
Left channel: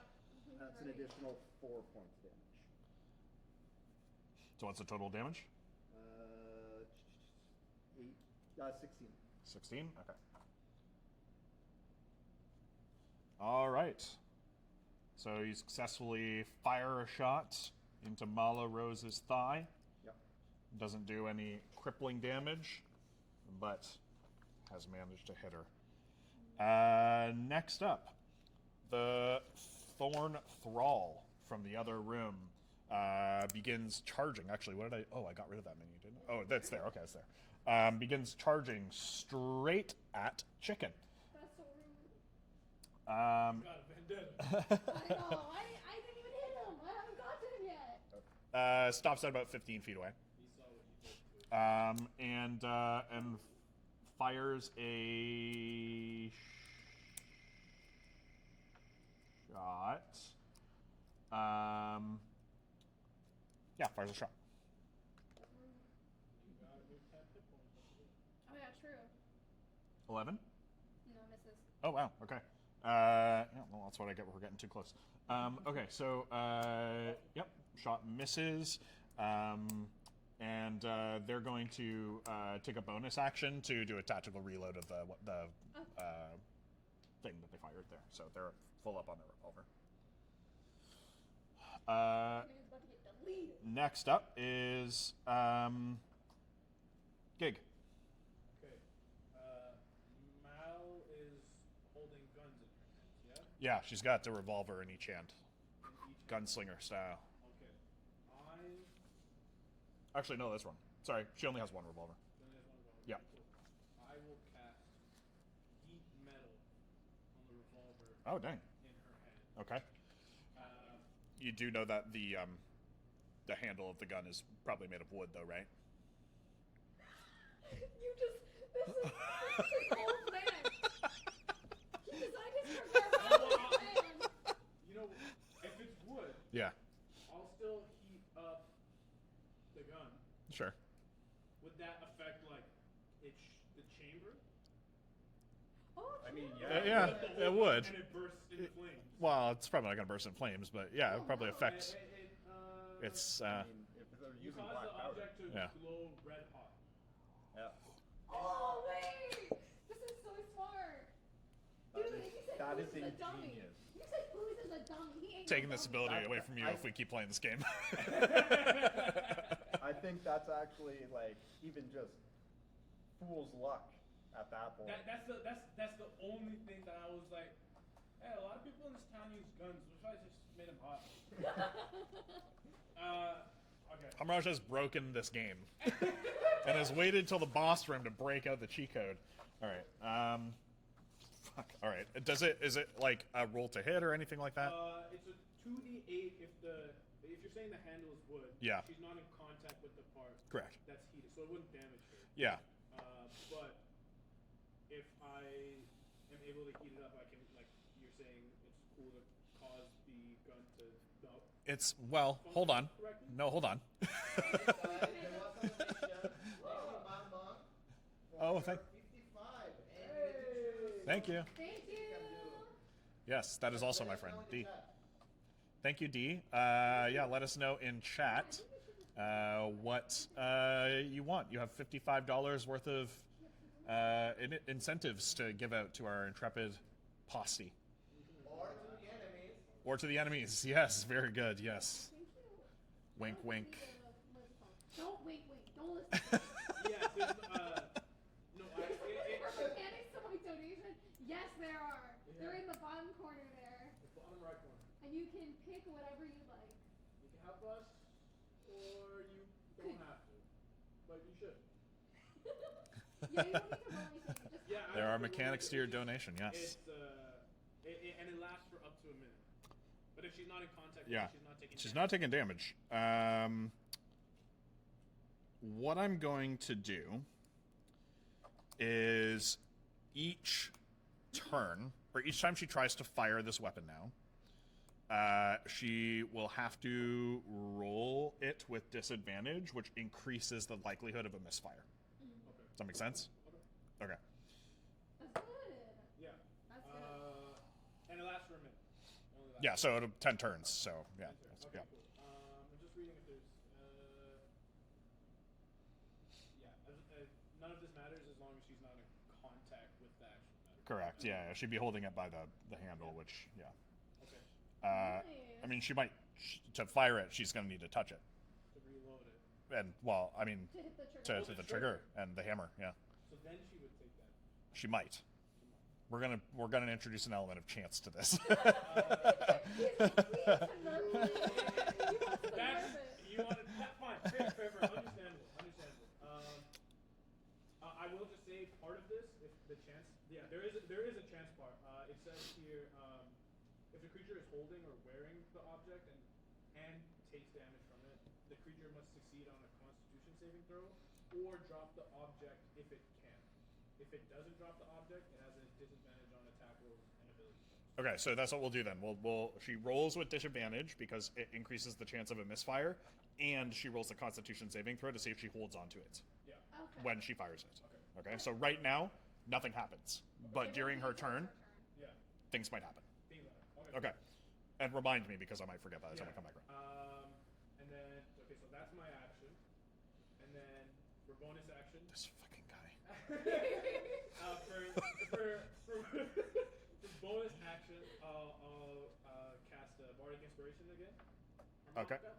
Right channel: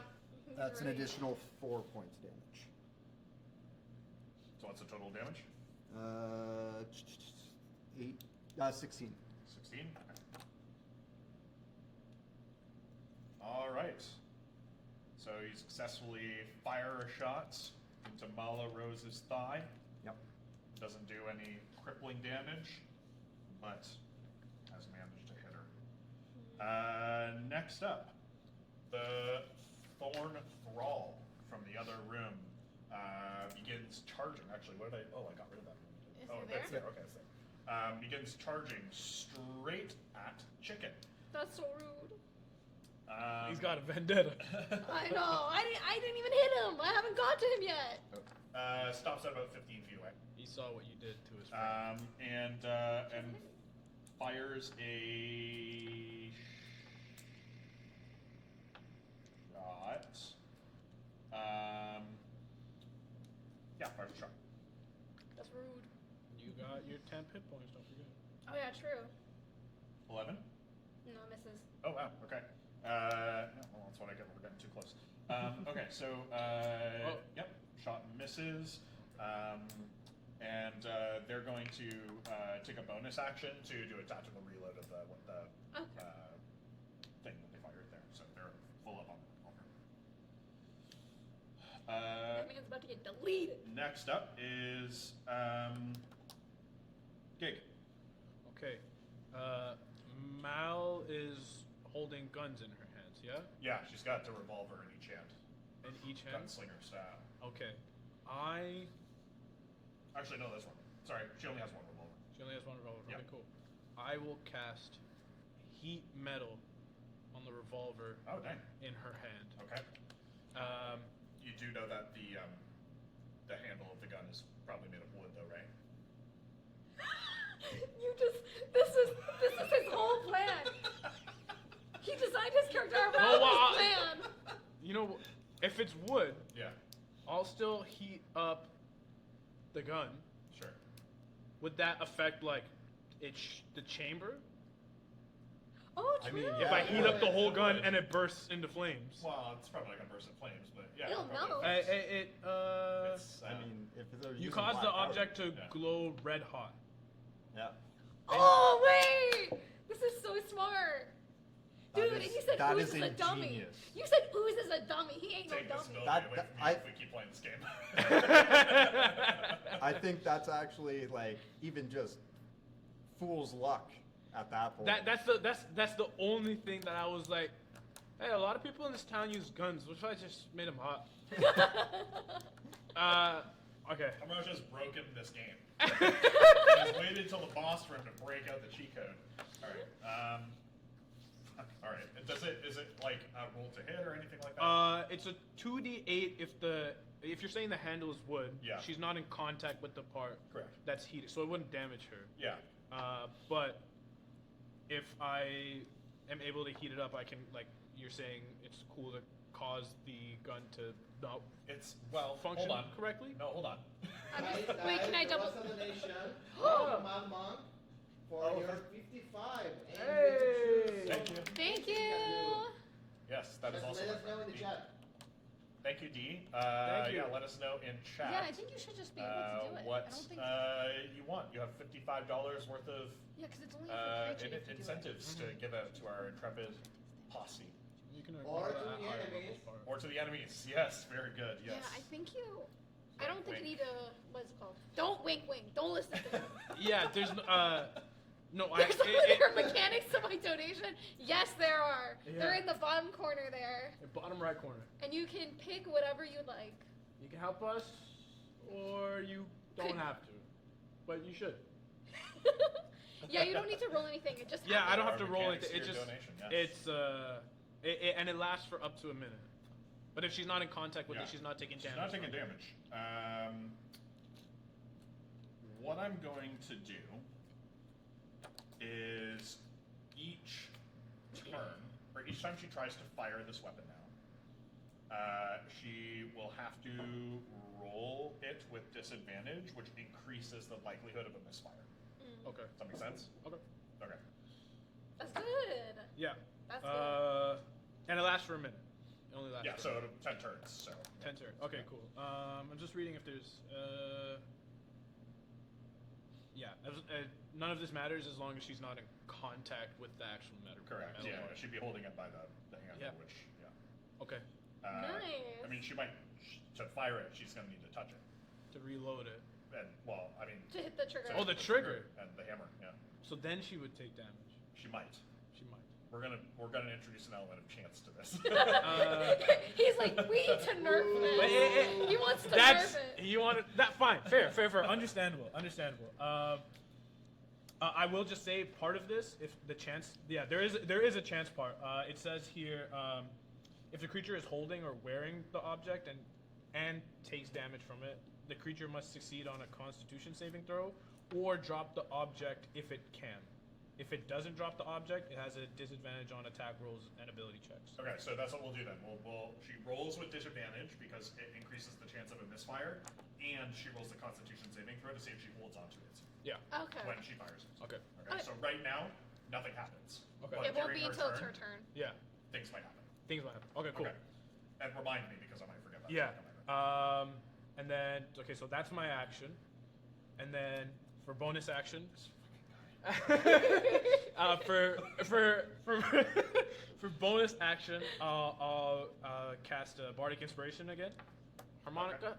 That's an Great. additional 4 points damage. So what's the total damage? 16. 16. Okay. All right. So you successfully fire a shot into Mala Rose's thigh. Yep. Doesn't do any crippling damage, but has managed to hit her. Next up, the Thorn Thrall from the other room begins charging. Actually, what did I... Oh, I got rid of that menu. Did Is Oh, it that's there? there. Okay, it's there. Begins charging straight at Chicken. That's so rude. He's got a vendetta. I know. I didn't even hit him. I haven't got to him yet. Stops at about 15 feet away. He saw what you did to his friend. And fires a shot. Yeah, fires a shot. That's rude. You got your 10 hit points, don't forget. Oh yeah, true. 11. No, misses. Oh wow. Okay. Yeah, well, that's what I get for getting too close. Okay, so yep, shot misses, and they're going to take a bonus action to do a tactical reload of the thing that they fired there. So they're full up on the revolver. Man's about to get deleted. Next up is Gig. Okay. Mal is holding guns in her hands, yeah? Yeah, she's got the revolver in each hand, In each hand? gunslinger style. Okay. Actually, no, that's wrong. Sorry, she only has one revolver. She only has one revolver. Yeah. Okay, cool. I will cast heat metal on the revolver Oh, dang. in her hand. Okay. You do know that the handle of the gun is probably made of wood, though, right? This is his whole plan. He designed his character around No, his plan. You know, if it's wood, Yeah. I'll still heat up the gun. Sure. Would that affect, like, the chamber? Oh, true. I mean, If I heat Yeah, up the whole it gun would. and it bursts into flames? Well, it's probably not going to burst in flames, but yeah, You'll it probably know. affects. It's It's I mean, if they're you using cause black the powder. object to Yeah. glow red hot. Yeah. Oh wait, this is so smart. That Dude, is- and you said that Ooze is is a dummy. ingenious. You said Ooze is a dummy. He ain't taking no this dummy. ability That- away from you I- if we keep playing this game. I think that's actually like even just fool's luck at that point. That's the only thing that I was like, hey, a lot of people in this town use guns. What if I just made them hot? Okay. Hamraj has broken this game. He has waited till the boss room to break out the cheat code. All right. Fuck. All right. Is it like a roll to hit or anything like that? It's a 2d8 if you're saying the handle is wood. Yeah. She's not in contact with the part. Correct. That's heated, so it wouldn't damage her. Yeah. But if I am able to heat it up, I can, like you're saying, it's cool to cause the gun to not It's well. function Hold on. correctly. No, hold on. Wait, can I double? What's the donation? Mad Monk for Oh, your thank- 55. And Hey! Thank you. Thank you. Yes, that is also my Let us know friend in the D. chat. Thank you, D. Thank Yeah, you. let us know in Yeah, chat. I think you should just be able to do it. What I don't think you want. You have $55 worth of yeah, because it's only for Cadren if you do it. incentives to give out to our intrepid posse. You can Or ignore to that the higher enemies. level part. Or to the enemies. Yes, very good. Yeah, I Yes. think you. I Wink, don't wink. think you need a. What's it called? Don't wink, wink. Don't listen to yeah, there's no. There's mechanics to my donation. Yes, there are. Yeah. They're in the bottom corner there, The bottom right corner. and you can pick whatever you like. You can help us, or you don't have to, but you should. Yeah, you don't need to roll anything. It just Yeah, I don't There have are to roll mechanics it. to your It's just, donation, yes. It's and it lasts for up to a minute. But if she's not in contact with Yeah. it, she's not taking She's damage. not taking damage. What I'm going to do is each turn, or each time she tries to fire this weapon now, she will have to roll it with disadvantage, which increases the likelihood of a misfire. Okay. Does that make sense? Okay. Okay. That's good. Yeah. That's good. And it lasts for a minute. It only lasts Yeah, for so 10 turns, so... Yeah. 10 turns. Okay, Yeah. cool. I'm just reading if there's. None of this matters as long as she's not in contact with the actual metal. Correct, yeah. She'd be holding it by the handle, Yep. which, yeah. Okay. I mean, she might... To fire it, she's going to need to touch it. To reload it. And, well, I mean... To hit the trigger. to Oh, the hit trigger. And the hammer, yeah. So then she would take damage. She might. She might. We're gonna introduce an element of chance to this. He's like, we need to nerf this. He wants to That's nerf it. you want it. That fine, fair. Understandable. I will just say part of this, if the chance, yeah, there is a chance part. It says here, if the creature is holding or wearing the object and takes damage from it, the creature must succeed on a Constitution saving throw or drop the object if it can. If it doesn't drop the object, it has a disadvantage on attack rolls and ability checks. Okay, so that's what we'll do then. She rolls with disadvantage because it increases the chance of a misfire, and she rolls the Constitution saving throw to see if she holds onto it Yeah. Okay. when she fires it. Okay. Okay. So right now, nothing happens, Okay. but It won't during be her until turn, it's her turn. Yeah. things might happen. Things might happen. Okay. Cool. Okay. And remind me because I might forget that. Yeah. It's gonna come back. And then okay, so that's my action, and then for bonus action, This fucking guy. for bonus action, I'll cast a bardic inspiration again, harmonica,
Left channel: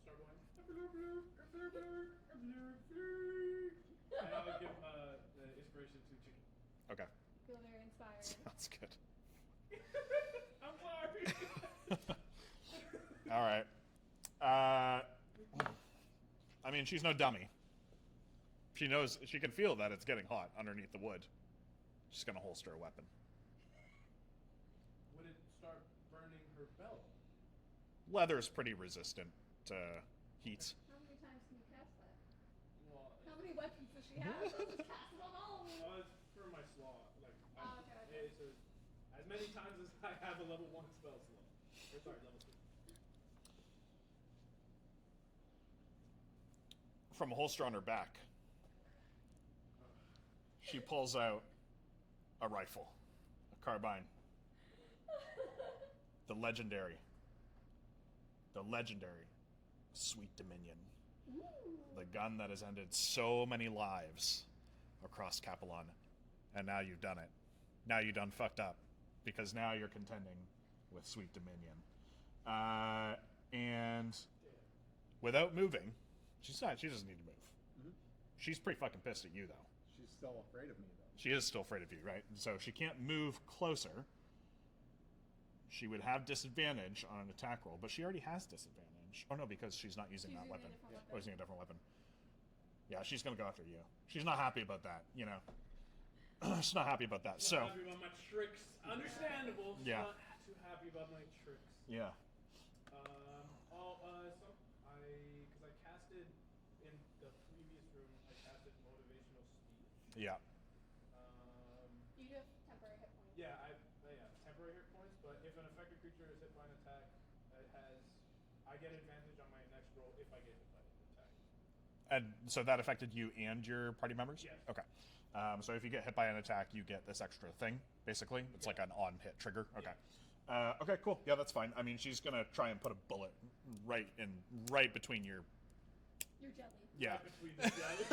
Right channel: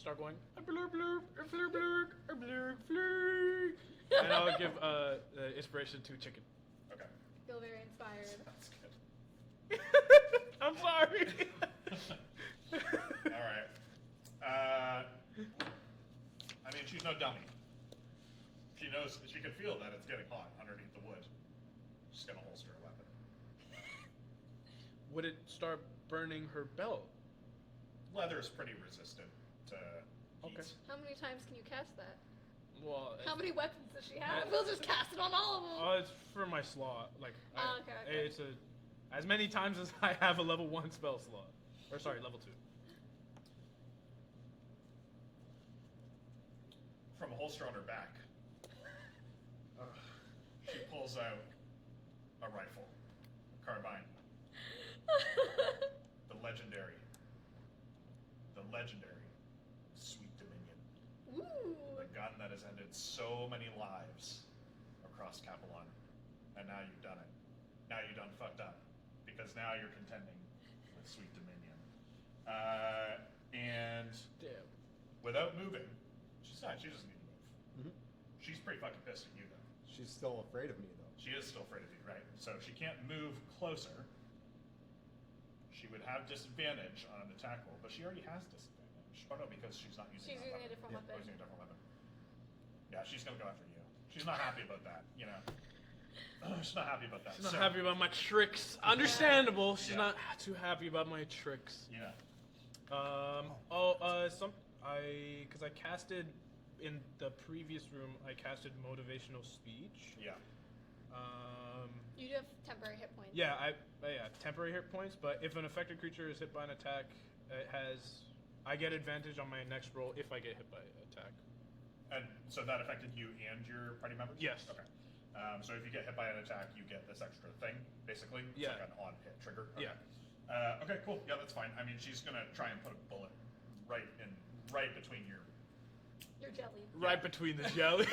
start going, blur, blur, blur, blur, blur, blur, and I'll give the inspiration to chicken. Okay. Feel very inspired. That's good. I'm sorry. All right. I mean, she's no dummy. She knows, she can feel that it's getting hot underneath the wood. She's gonna holster a weapon. Would it start burning her belt? Leather's pretty resistant to heat. Okay. How many times can you cast that? Well, How many weapons does she have? Yeah. We'll just cast it on all of them. It's for my slot. Like, Oh, okay. it's as many times as I have a level 1 spell slot. Or sorry, level 2. From a holster on her back, she pulls out a rifle, a carbine, the legendary Sweet Dominion, Ooh. the gun that has ended so many lives across Capelon, and now you've done it. Now you done fucked up, because now you're contending with Sweet Dominion, and Damn. without moving, she doesn't need to move. Mhm. She's pretty fucking pissed at you, though. She's still afraid of me, though. She is still afraid of you, right? So she can't move closer. She would have disadvantage on an attack roll, but she already has disadvantage. Oh no, because she's not using She's that using weapon. a different Yeah, weapon. using a different weapon. Yeah, she's gonna go after you. She's not happy about that, you know. She's not happy about that. She's not happy about my tricks. Understandable. She's Yeah. not too happy about my tricks. Yeah. Because I casted in the previous room. I casted motivational speech. Yeah. You do have temporary hit points. Yeah, temporary hit points. But if an affected creature is hit by an attack, I get advantage on my next roll if I get hit by an attack. And so that affected you and your party members? Yes. Okay. So if you get hit by an attack, you get this extra thing, basically. It's Yeah. like an on-hit trigger. Okay. Yeah. Okay, cool. Yeah, that's fine. I mean, she's gonna try and put a bullet right between your Your jelly. Yeah. Right between the jelly.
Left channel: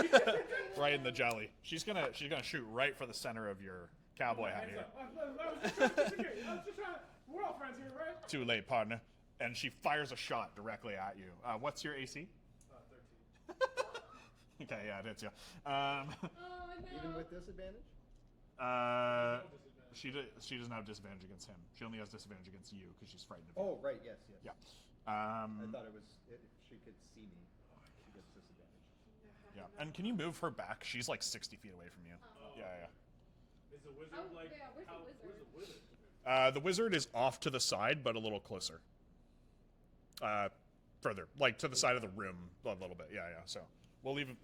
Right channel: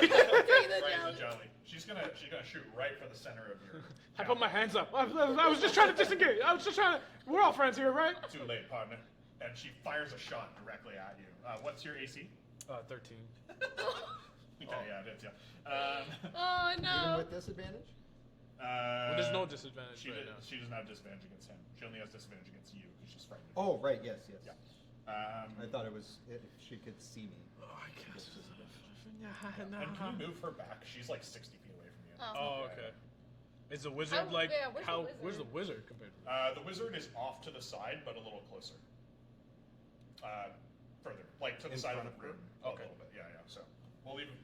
right in the jelly. She's gonna shoot right for the center of your. I put my cowboy. hands up. I was just trying to disengage. I was just trying to. We're all friends here, right? Too late, partner. And she fires a shot directly at you. What's your AC? 13. Okay, yeah, hits you. Oh Even no. with disadvantage? There's no disadvantage. She, right did, now. she doesn't have disadvantage against him. She only has disadvantage against you because she's frightened. Oh, right, yes. Yeah. I thought it was if she could see me. Oh, I she guess. gets disadvantage. Yeah, And can you move her back? She's like 60 feet away from you. Oh, Yeah, okay. yeah. Is the wizard like yeah, where's the how? wizard? Where's the wizard compared to? The wizard is off to the side, but a little closer. Further, like to the side of the room a little bit. Yeah, yeah. So we'll leave him.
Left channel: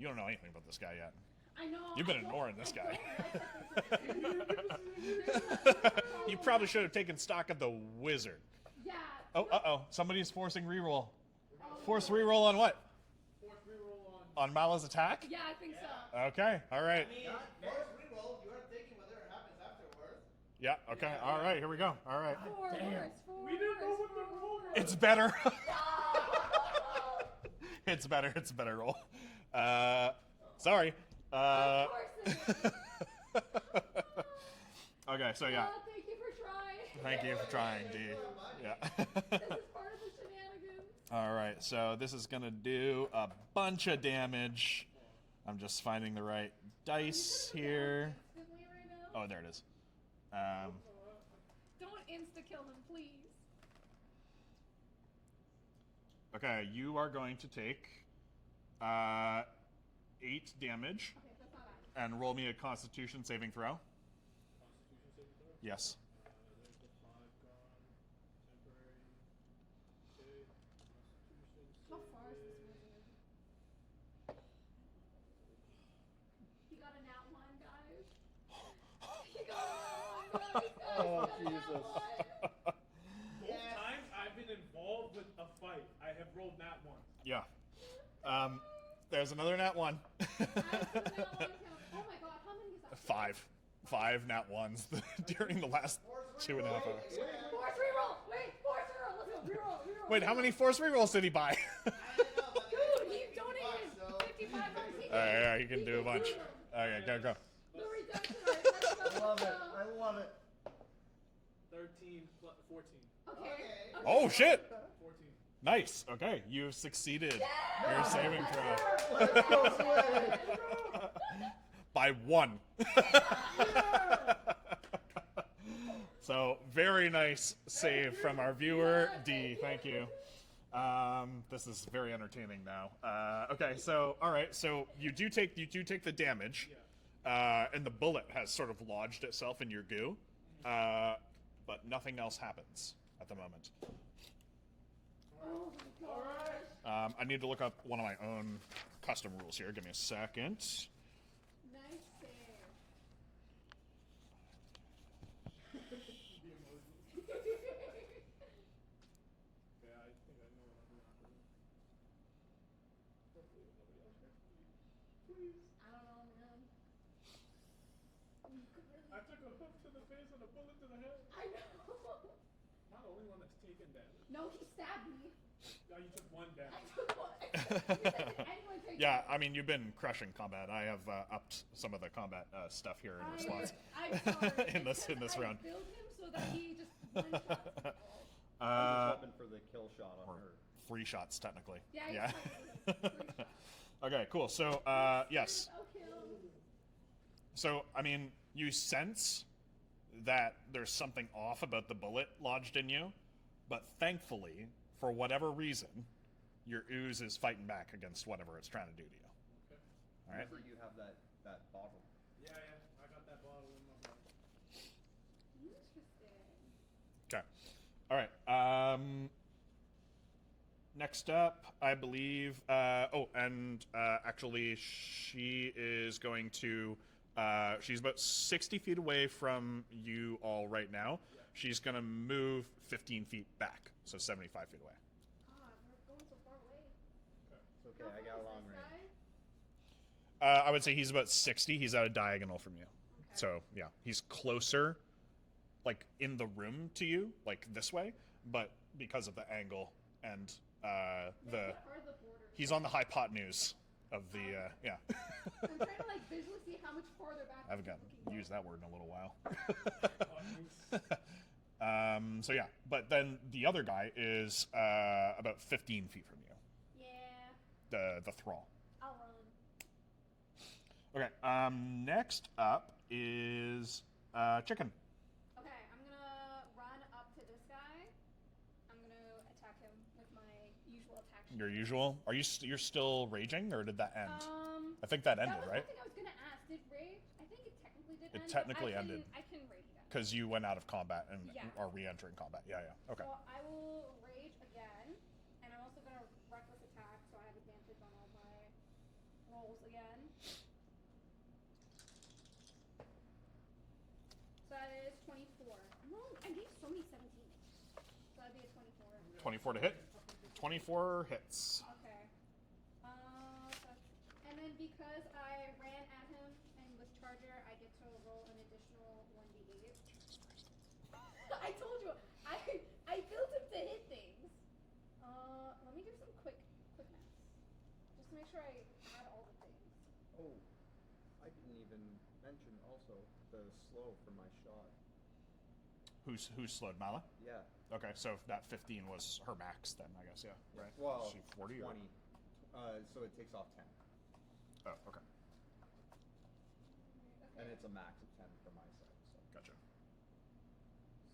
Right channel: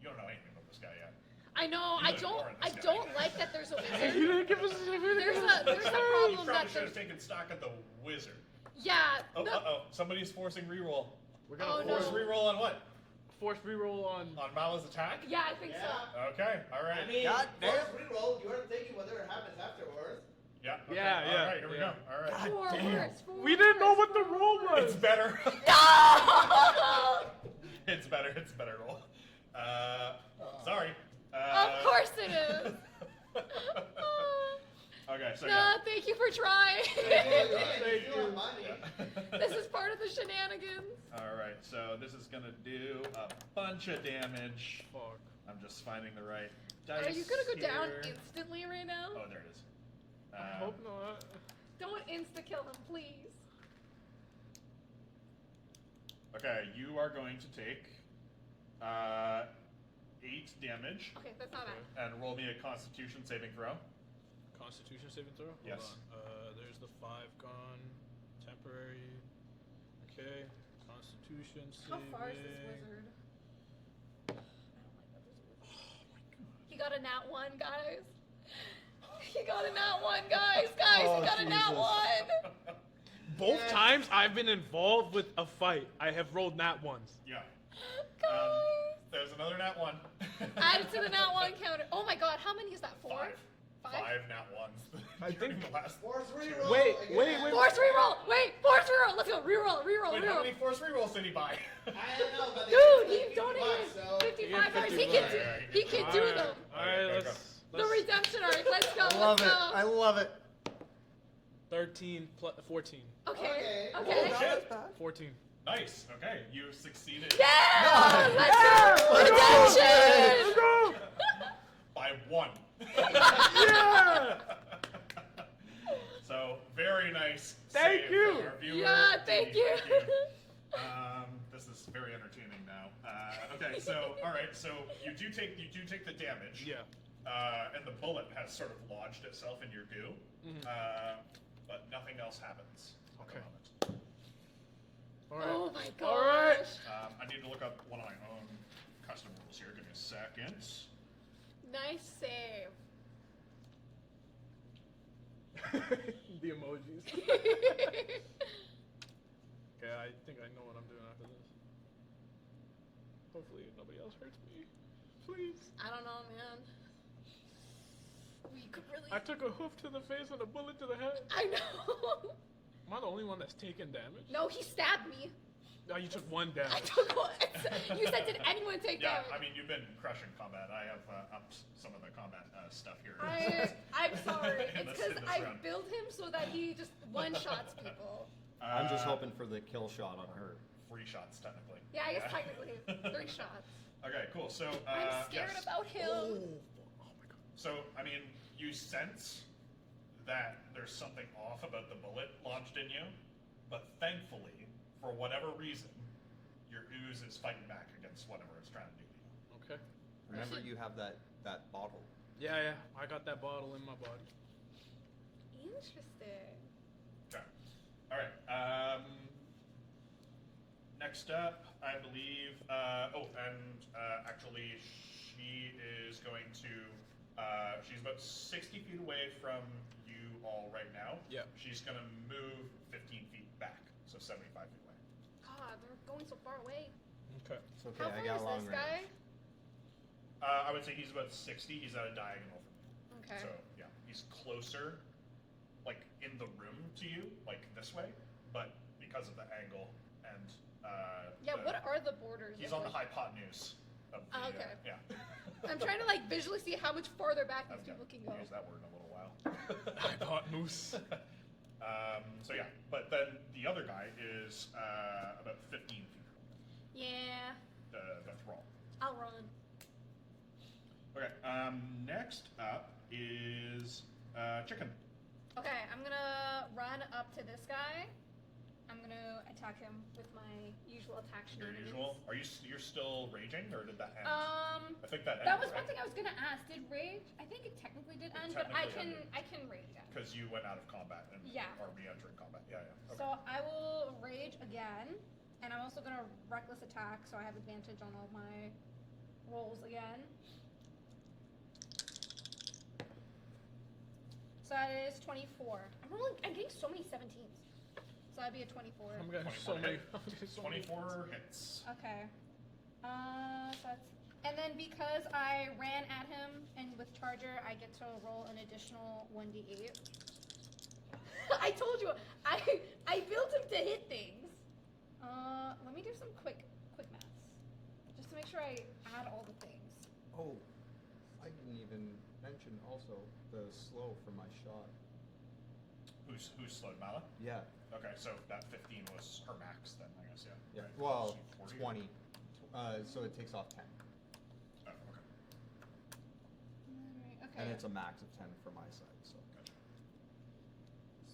You don't know anything about this guy yet. I know. You've I been don't. ignoring I this guy. don't like that there's a wizard. You didn't give us There's a problem. You probably that should have there's- taken stock of the wizard. Yeah. Oh, no- somebody's forcing reroll. We're Oh, gonna Force no. reroll on what? force reroll on. On Mala's attack? Yeah, I think so. Okay, all right. I mean, God damn. force reroll, you are taking whatever happens afterwards. Yeah, okay. Yeah, all yeah, right, here we yeah. go. All right. We didn't know what the roll was. It's better. No! It's better. It's a better roll. Sorry. Of course it is. Okay, so No, yeah. thank you for trying. Thank you for trying. Thank you. Money. Yeah. This is part of the shenanigans. All right, so this is gonna do a bunch of damage. Fuck. I'm just finding the right Are you dice gonna go here. down instantly right now? Oh, there it is. Hope not. Don't insta kill him, please. Okay, you are going to take 8 damage Okay, that's not bad. and roll me a Constitution saving throw. Constitution saving throw. Yes. Hold on. There's the 5 gone. Temporary. Okay. Constitution How saving. far is this wizard? He got a nat 1, guys. He got a nat 1, guys. Guys, Oh, he got a nat Jesus. 1. Both times I've been involved with a fight, I have rolled nat ones. Yeah. Guys. There's another nat 1. Add it to the nat 1 counter. Oh my god, how many is that? 4? 5. 5 nat 1s during the last Force 2. reroll. Wait. Force reroll! Wait, force reroll! Let's go, reroll. Wait, how reroll. many force rerolls did he buy? I don't know, but Dude, they he give me donated $50, so- $55. He $55. can, Yeah, he can do Alright. them. Okay, go, go. The redemption arc. Let's go. I love let's it. go. I love it. 13 plus 14. Okay. Okay. Oh shit! 14. Nice. Okay, you succeeded. Yeah! Let's go! Redemption! By 1. So very nice Thank save you. from our viewer. Yeah, D. thank you. Thank you. This is very entertaining now. Okay, so all right, so you do take the damage. Yeah. And the bullet has sort of lodged itself in your goo. But nothing else happens at the moment. Alright. Oh my gosh. Alright. I need to look up one of my own custom rules here. Give me a second. Nice save. The emojis. Okay, I think I know what I'm doing after this. Hopefully nobody else hurts me. Please. I don't know, man. We could really. I took a hoof to the face and a bullet to the head. I know. Am I the only one that's taken damage? No, he stabbed me. Oh, you took 1 I damage. took one. You said, did anyone take Yeah, damage? I mean, you've been crushing combat. I have upped some of the combat stuff here. I'm sorry. In It's this- in 'cause this I round. build him so that he just one-shots people. I'm just hoping for the kill shot on her. 3 shots, technically. Yeah, he's technically 3 shots. Okay, cool. So, I'm scared yes. about him. So, I mean, you sense that there's something off about the bullet lodged in you, but thankfully, for whatever reason, your ooze is fighting back against whatever it's trying to do to you. Okay. Remember, you have that bottle. Yeah, I got that bottle in my body. Interesting. Okay. All right. Next up, I believe. Actually, she is going to. She's about 60 feet away from you all right now. Yeah. She's going to move 15 feet back, so 75 feet away. God, they're going so far away. Okay. It's okay. How I far got is a long this range. guy? I would say he's about 60. He's at a diagonal from you. Okay. So, yeah, he's closer, like, in the room to you, like, this way, but because of the angle and, Yeah, what are the borders? he's on the hypotenuse of the, Oh, okay. yeah. I'm trying to like visually see how much farther back I these haven't people can go. used that word in a little while. Hypotenuse. So yeah, but then the other guy is about 15 feet from you. Yeah, The thrall. I'll run. Okay. Next up is Chicken. Okay, I'm gonna run up to this guy. I'm gonna attack him with my usual attack. Your shenanigans. usual. Are you're still raging, or did that end? I think that ended, That was right? one thing I was gonna ask. Did rage? I think it technically did It end, technically but ended. I can rage again. Because you went out of combat and Yeah. are re-entering combat. Yeah, yeah. Okay. So I will rage again, and I'm also gonna reckless attack, so I have advantage on all my rolls again. So that is 24. I'm getting so many 17s. So that'd be a 24. I'm getting 24 so to many- hit. I'm getting so 24 hits. Okay. And then because I ran at him and with Charger, I get to roll an additional 1d8. I told you, I built him to hit things. Let me do some quick maths, just to make sure I add all the things. Oh, I didn't even mention also the slow for my shot. Who's slowed, Nyla? Yeah. Okay, so that 15 was her max then, I guess, yeah. Yeah. Right. Well, She 40 or- 20. So it takes off 10. Oh, okay. Alright, okay. And it's a max of 10 for my side, so. Gotcha.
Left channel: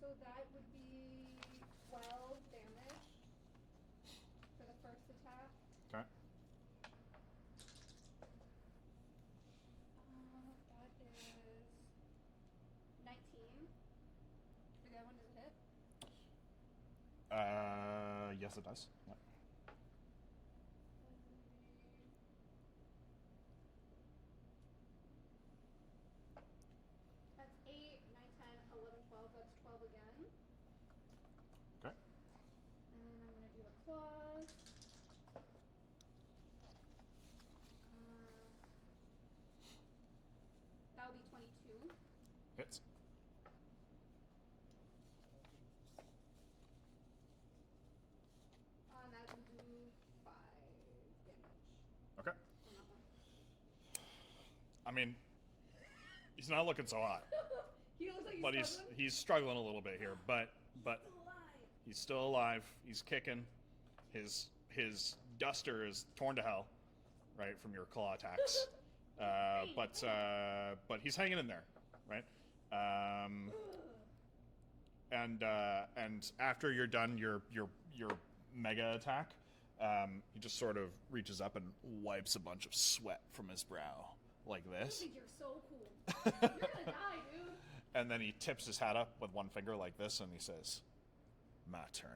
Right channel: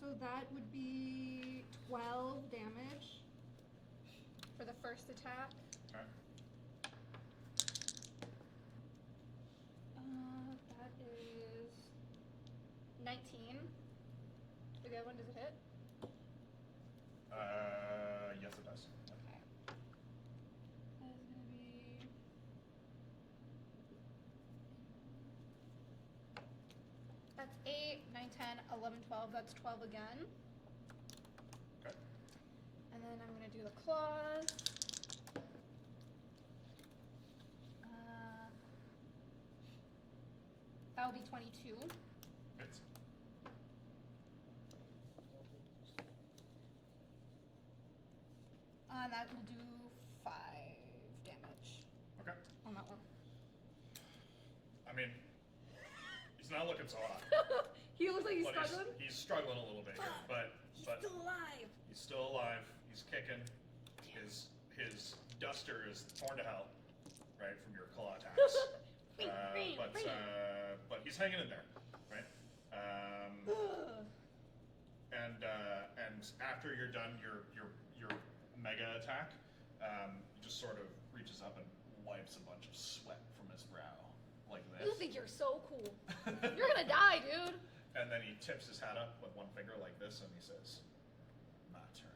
So that would be 12 damage for the first attack. Okay. That is 19. For the other one, does it hit? Yes, it does. Yeah. Okay. That is gonna be. That's 8, 9, 10, 11, 12. That's 12 again. Okay. And then I'm gonna do the claws. That will be 22. Hits. And that will do 5 damage Okay. on that one. I mean, he's not looking so hot, He looks like he's but struggling. he's struggling a little bit here. But Still alive. he's still alive. He's kicking. His duster is torn to hell, right, from your claw attacks. But he's hanging in there, right? And after you're done your mega attack, he just sort of reaches up and wipes a bunch of sweat from his brow like You this, think you're so cool. You're gonna die, dude. and then he tips his hat up with one finger like this, and he says, "My turn."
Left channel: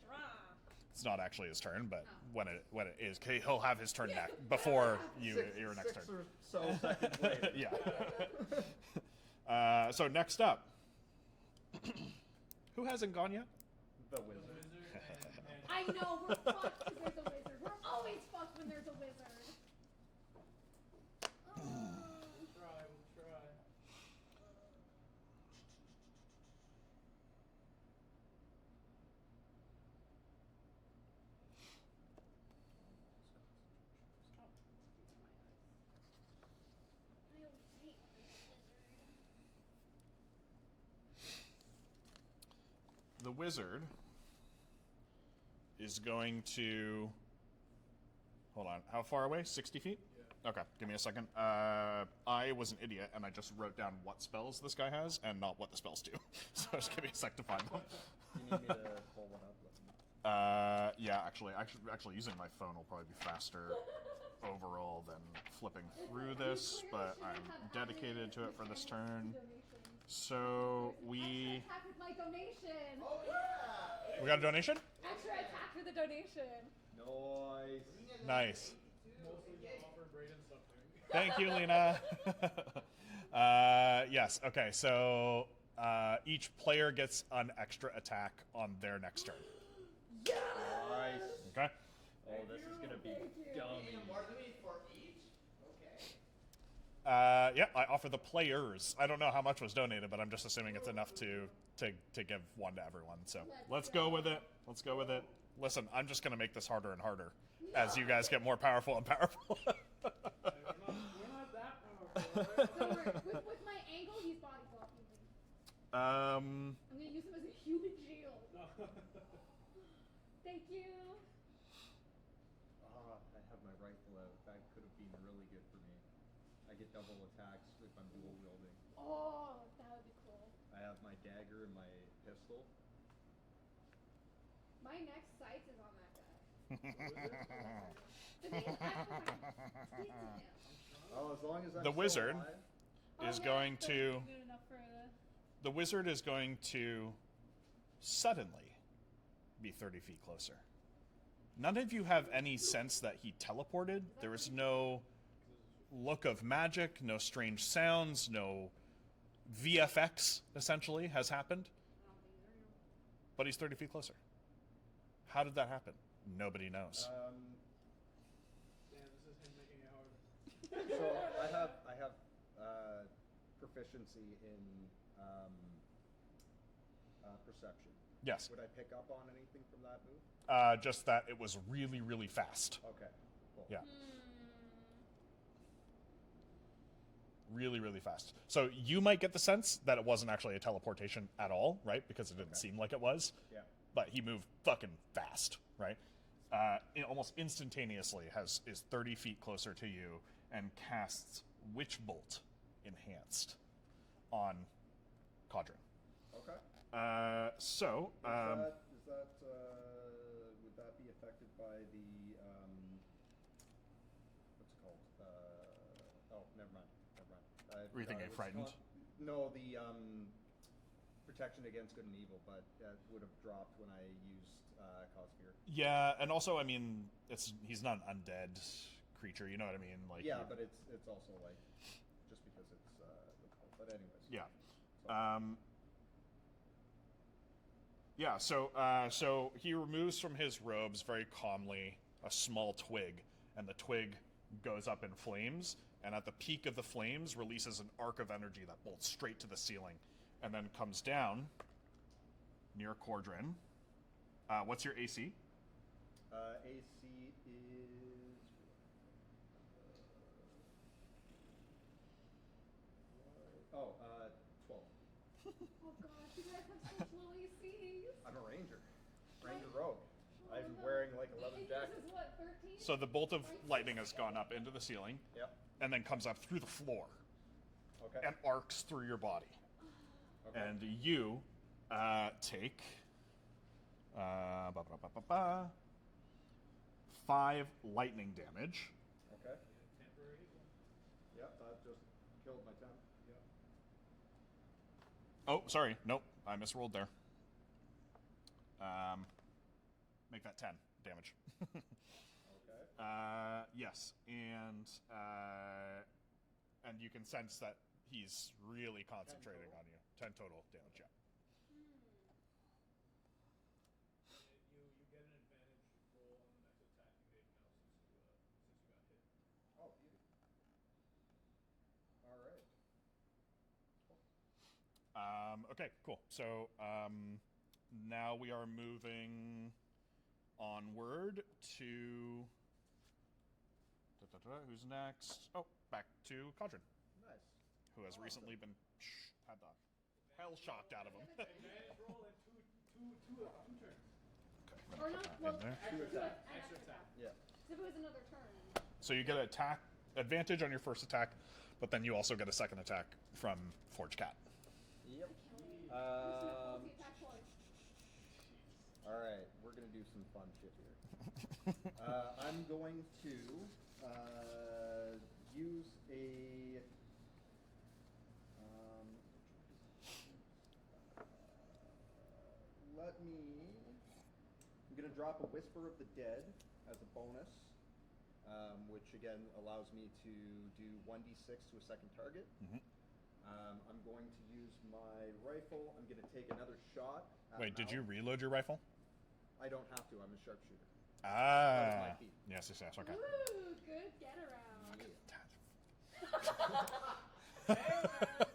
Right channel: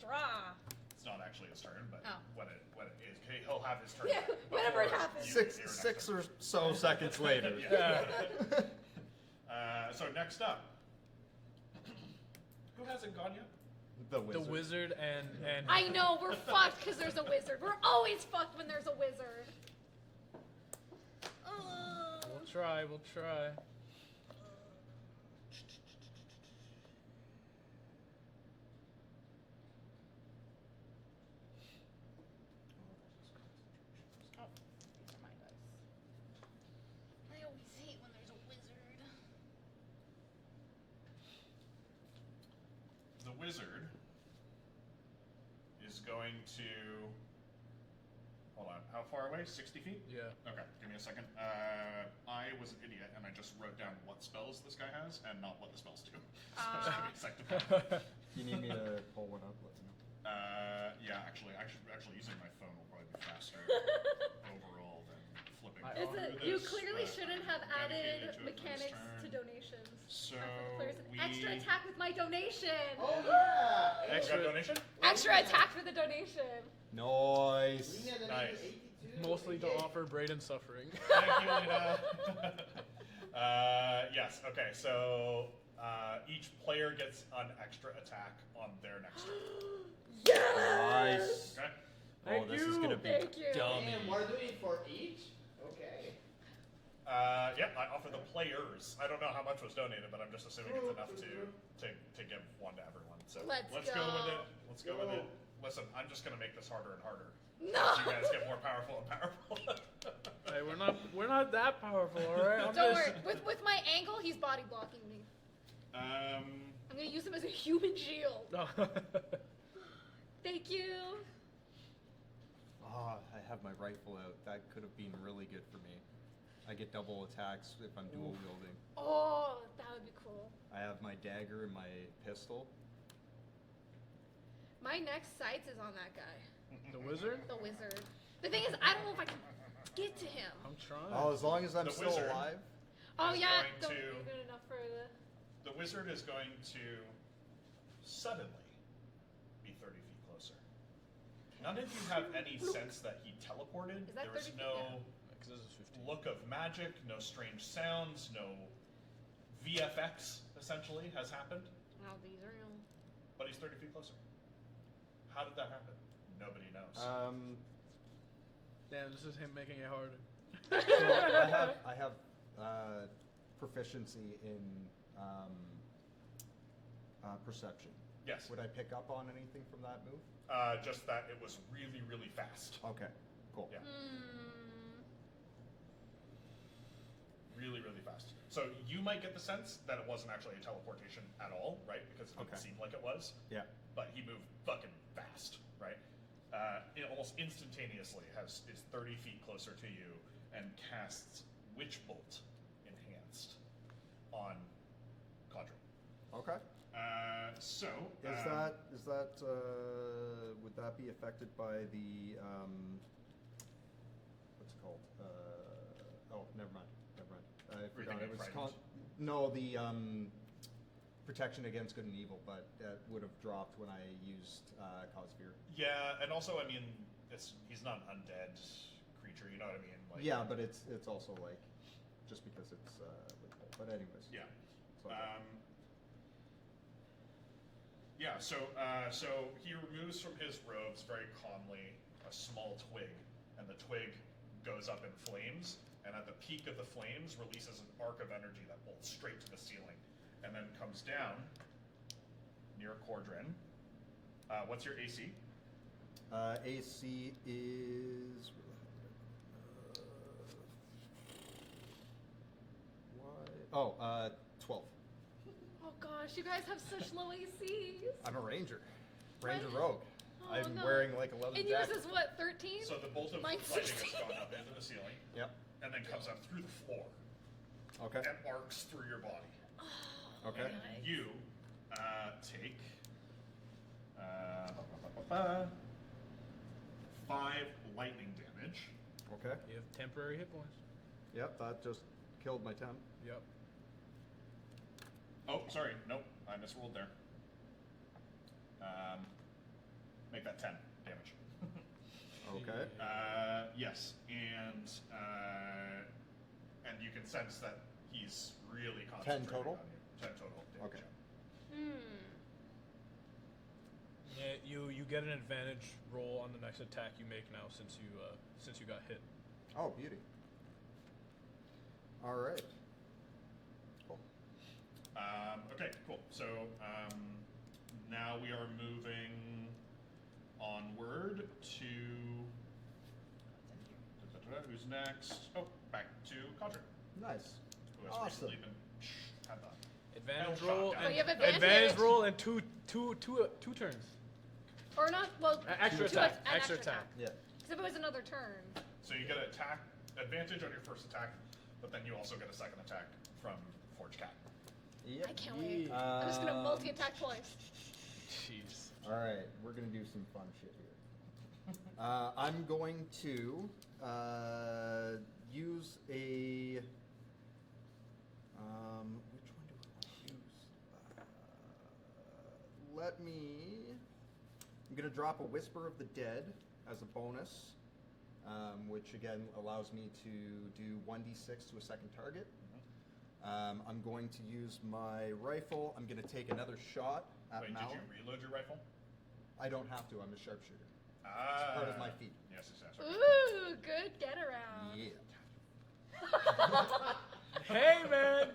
Draw. It's not actually his turn, but Oh. when it is, he'll have his turn Yeah, back whenever before it happens. your Six next turn. or so seconds later. Yeah. So next up, who hasn't gone yet? The The wizard. wizard and I know, we're fucked because there's a wizard. We're always fucked when there's a wizard. We'll try. Oh, these are my dice. I always hate when there's a wizard. The wizard is going to. Hold on. How far away? 60 feet? Yeah. Okay, give me a second. I was an idiot and I just wrote down what spells this guy has and not what the spells do. So just give me a sec to find them. You need me to pull one up? Let me know. Yeah, actually, using my phone will probably be faster overall than flipping through You this. clearly but shouldn't I'm have dedicated added to it for this mechanics turn. to donations. So There's an we extra attack with my donation. Oh yeah! we got a donation. Extra attack for the donation. Nice. Nice. Mostly to offer Braden suffering. Thank you, Lena. Yes. Okay. So each player gets an extra attack on their next turn. Nice. Okay. Oh, this is gonna be Thank you. dummy. And we're doing for each? Okay. Yeah, I offer the players. I don't know how much was donated, but I'm just assuming it's enough to give one to everyone. So Let's go with go. it. Let's go with it. Listen, I'm just gonna make this harder and harder as you guys get more powerful and powerful. Hey, we're not that powerful, all right? Don't worry. With my angle, he's body blocking me. Um. I'm gonna use him as a human shield. Thank you. Oh, I have my rifle out. That could have been really good for me. I get double attacks if I'm dual wielding. Oh, that would be cool. I have my dagger and my pistol. My next sights is on that guy. The wizard? The wizard. The thing is, I don't know if I can get to him. I'm trying. Oh, as long as I'm The still wizard. alive. Oh Is yeah, going don't to- be good enough for the. The wizard is going to suddenly be 30 feet closer. None of you have any sense that he teleported. Is that There was 30 feet? no 'Cause this is 15. look of magic, no strange sounds, no VFX, essentially, has happened. Wow, these are real. But he's 30 feet closer. How did that happen? Nobody knows. Damn, this is him making it harder. So I have proficiency in perception. Yes. Would I pick up on anything from that move? Just that it was really, really fast. Okay, cool. Yeah. Hmm. Really, really fast. So you might get the sense that it wasn't actually a teleportation at all, right? Because it didn't Okay. seem like it was. Yeah. But he moved fucking fast, right? Almost instantaneously is 30 feet closer to you and casts Witch Bolt Enhanced on Cadren. Okay. So Is that would that be affected by the what's it called? Oh, never mind. I Were you forgot thinking it was frightened? no, the protection against good and evil, but that would have dropped when I used cause fear. Yeah, and also I mean, he's not an undead creature. You know what I mean? Like, Yeah, but it's also like just because it's but anyways. Yeah. So, Yeah, so he removes from his robes very calmly a small twig, and the twig goes up in flames, and at the peak of the flames releases an arc of energy that bolts straight to the ceiling, and then comes down near Cadren. What's your AC? AC is why? 12. Oh gosh, you guys have such low ACs. I'm a ranger. Ranger Right. rogue. Oh, I'm no. wearing like a leather And jacket. yours is what, 13? So the bolt of Mine's lightning has 16. gone up into the ceiling, Yep. and then comes up through the floor, Okay. and arcs through your body. Okay. And you take 5 lightning damage. Okay. You have temporary hit points. Yep. That just killed my temp. Yep. Oh, sorry. Nope. I misrolled there. Make that 10 damage. Okay. Yes. And you can sense that he's really concentrating total? on you. 10 total damage. Okay. Yeah, you get an advantage roll on the next attack you make now since you got hit. Oh, beauty. All right. Cool. Okay, cool. So now we are moving onward to who's next? Oh, back to Cadren, Nice. who has Awesome. recently been had the Advantage Hell roll shot and Oh, you have advantage. advantage roll and two turns. Or not, well, Extra two attack. an Extra attack. Yeah. Because if it was another turn. So you get attack advantage on your first attack, but then you also get a second attack from Forge Cat. Yep. I can't wait. I'm just going to multi-attack twice. Jeez. All right, we're gonna do some fun shit here. I'm going to use a. Which one do I want to use? Let me. I'm gonna drop a Whisper of the Dead as a bonus, which again allows me to do 1d6 to a second target. I'm going to use my rifle. I'm going to take another shot at Wait, did Mal. you reload your rifle? I don't have to. I'm a sharpshooter. Ah, Part of my feet. Yes, yes, yes. Okay. Ooh, good get around. Yeah. Hey man.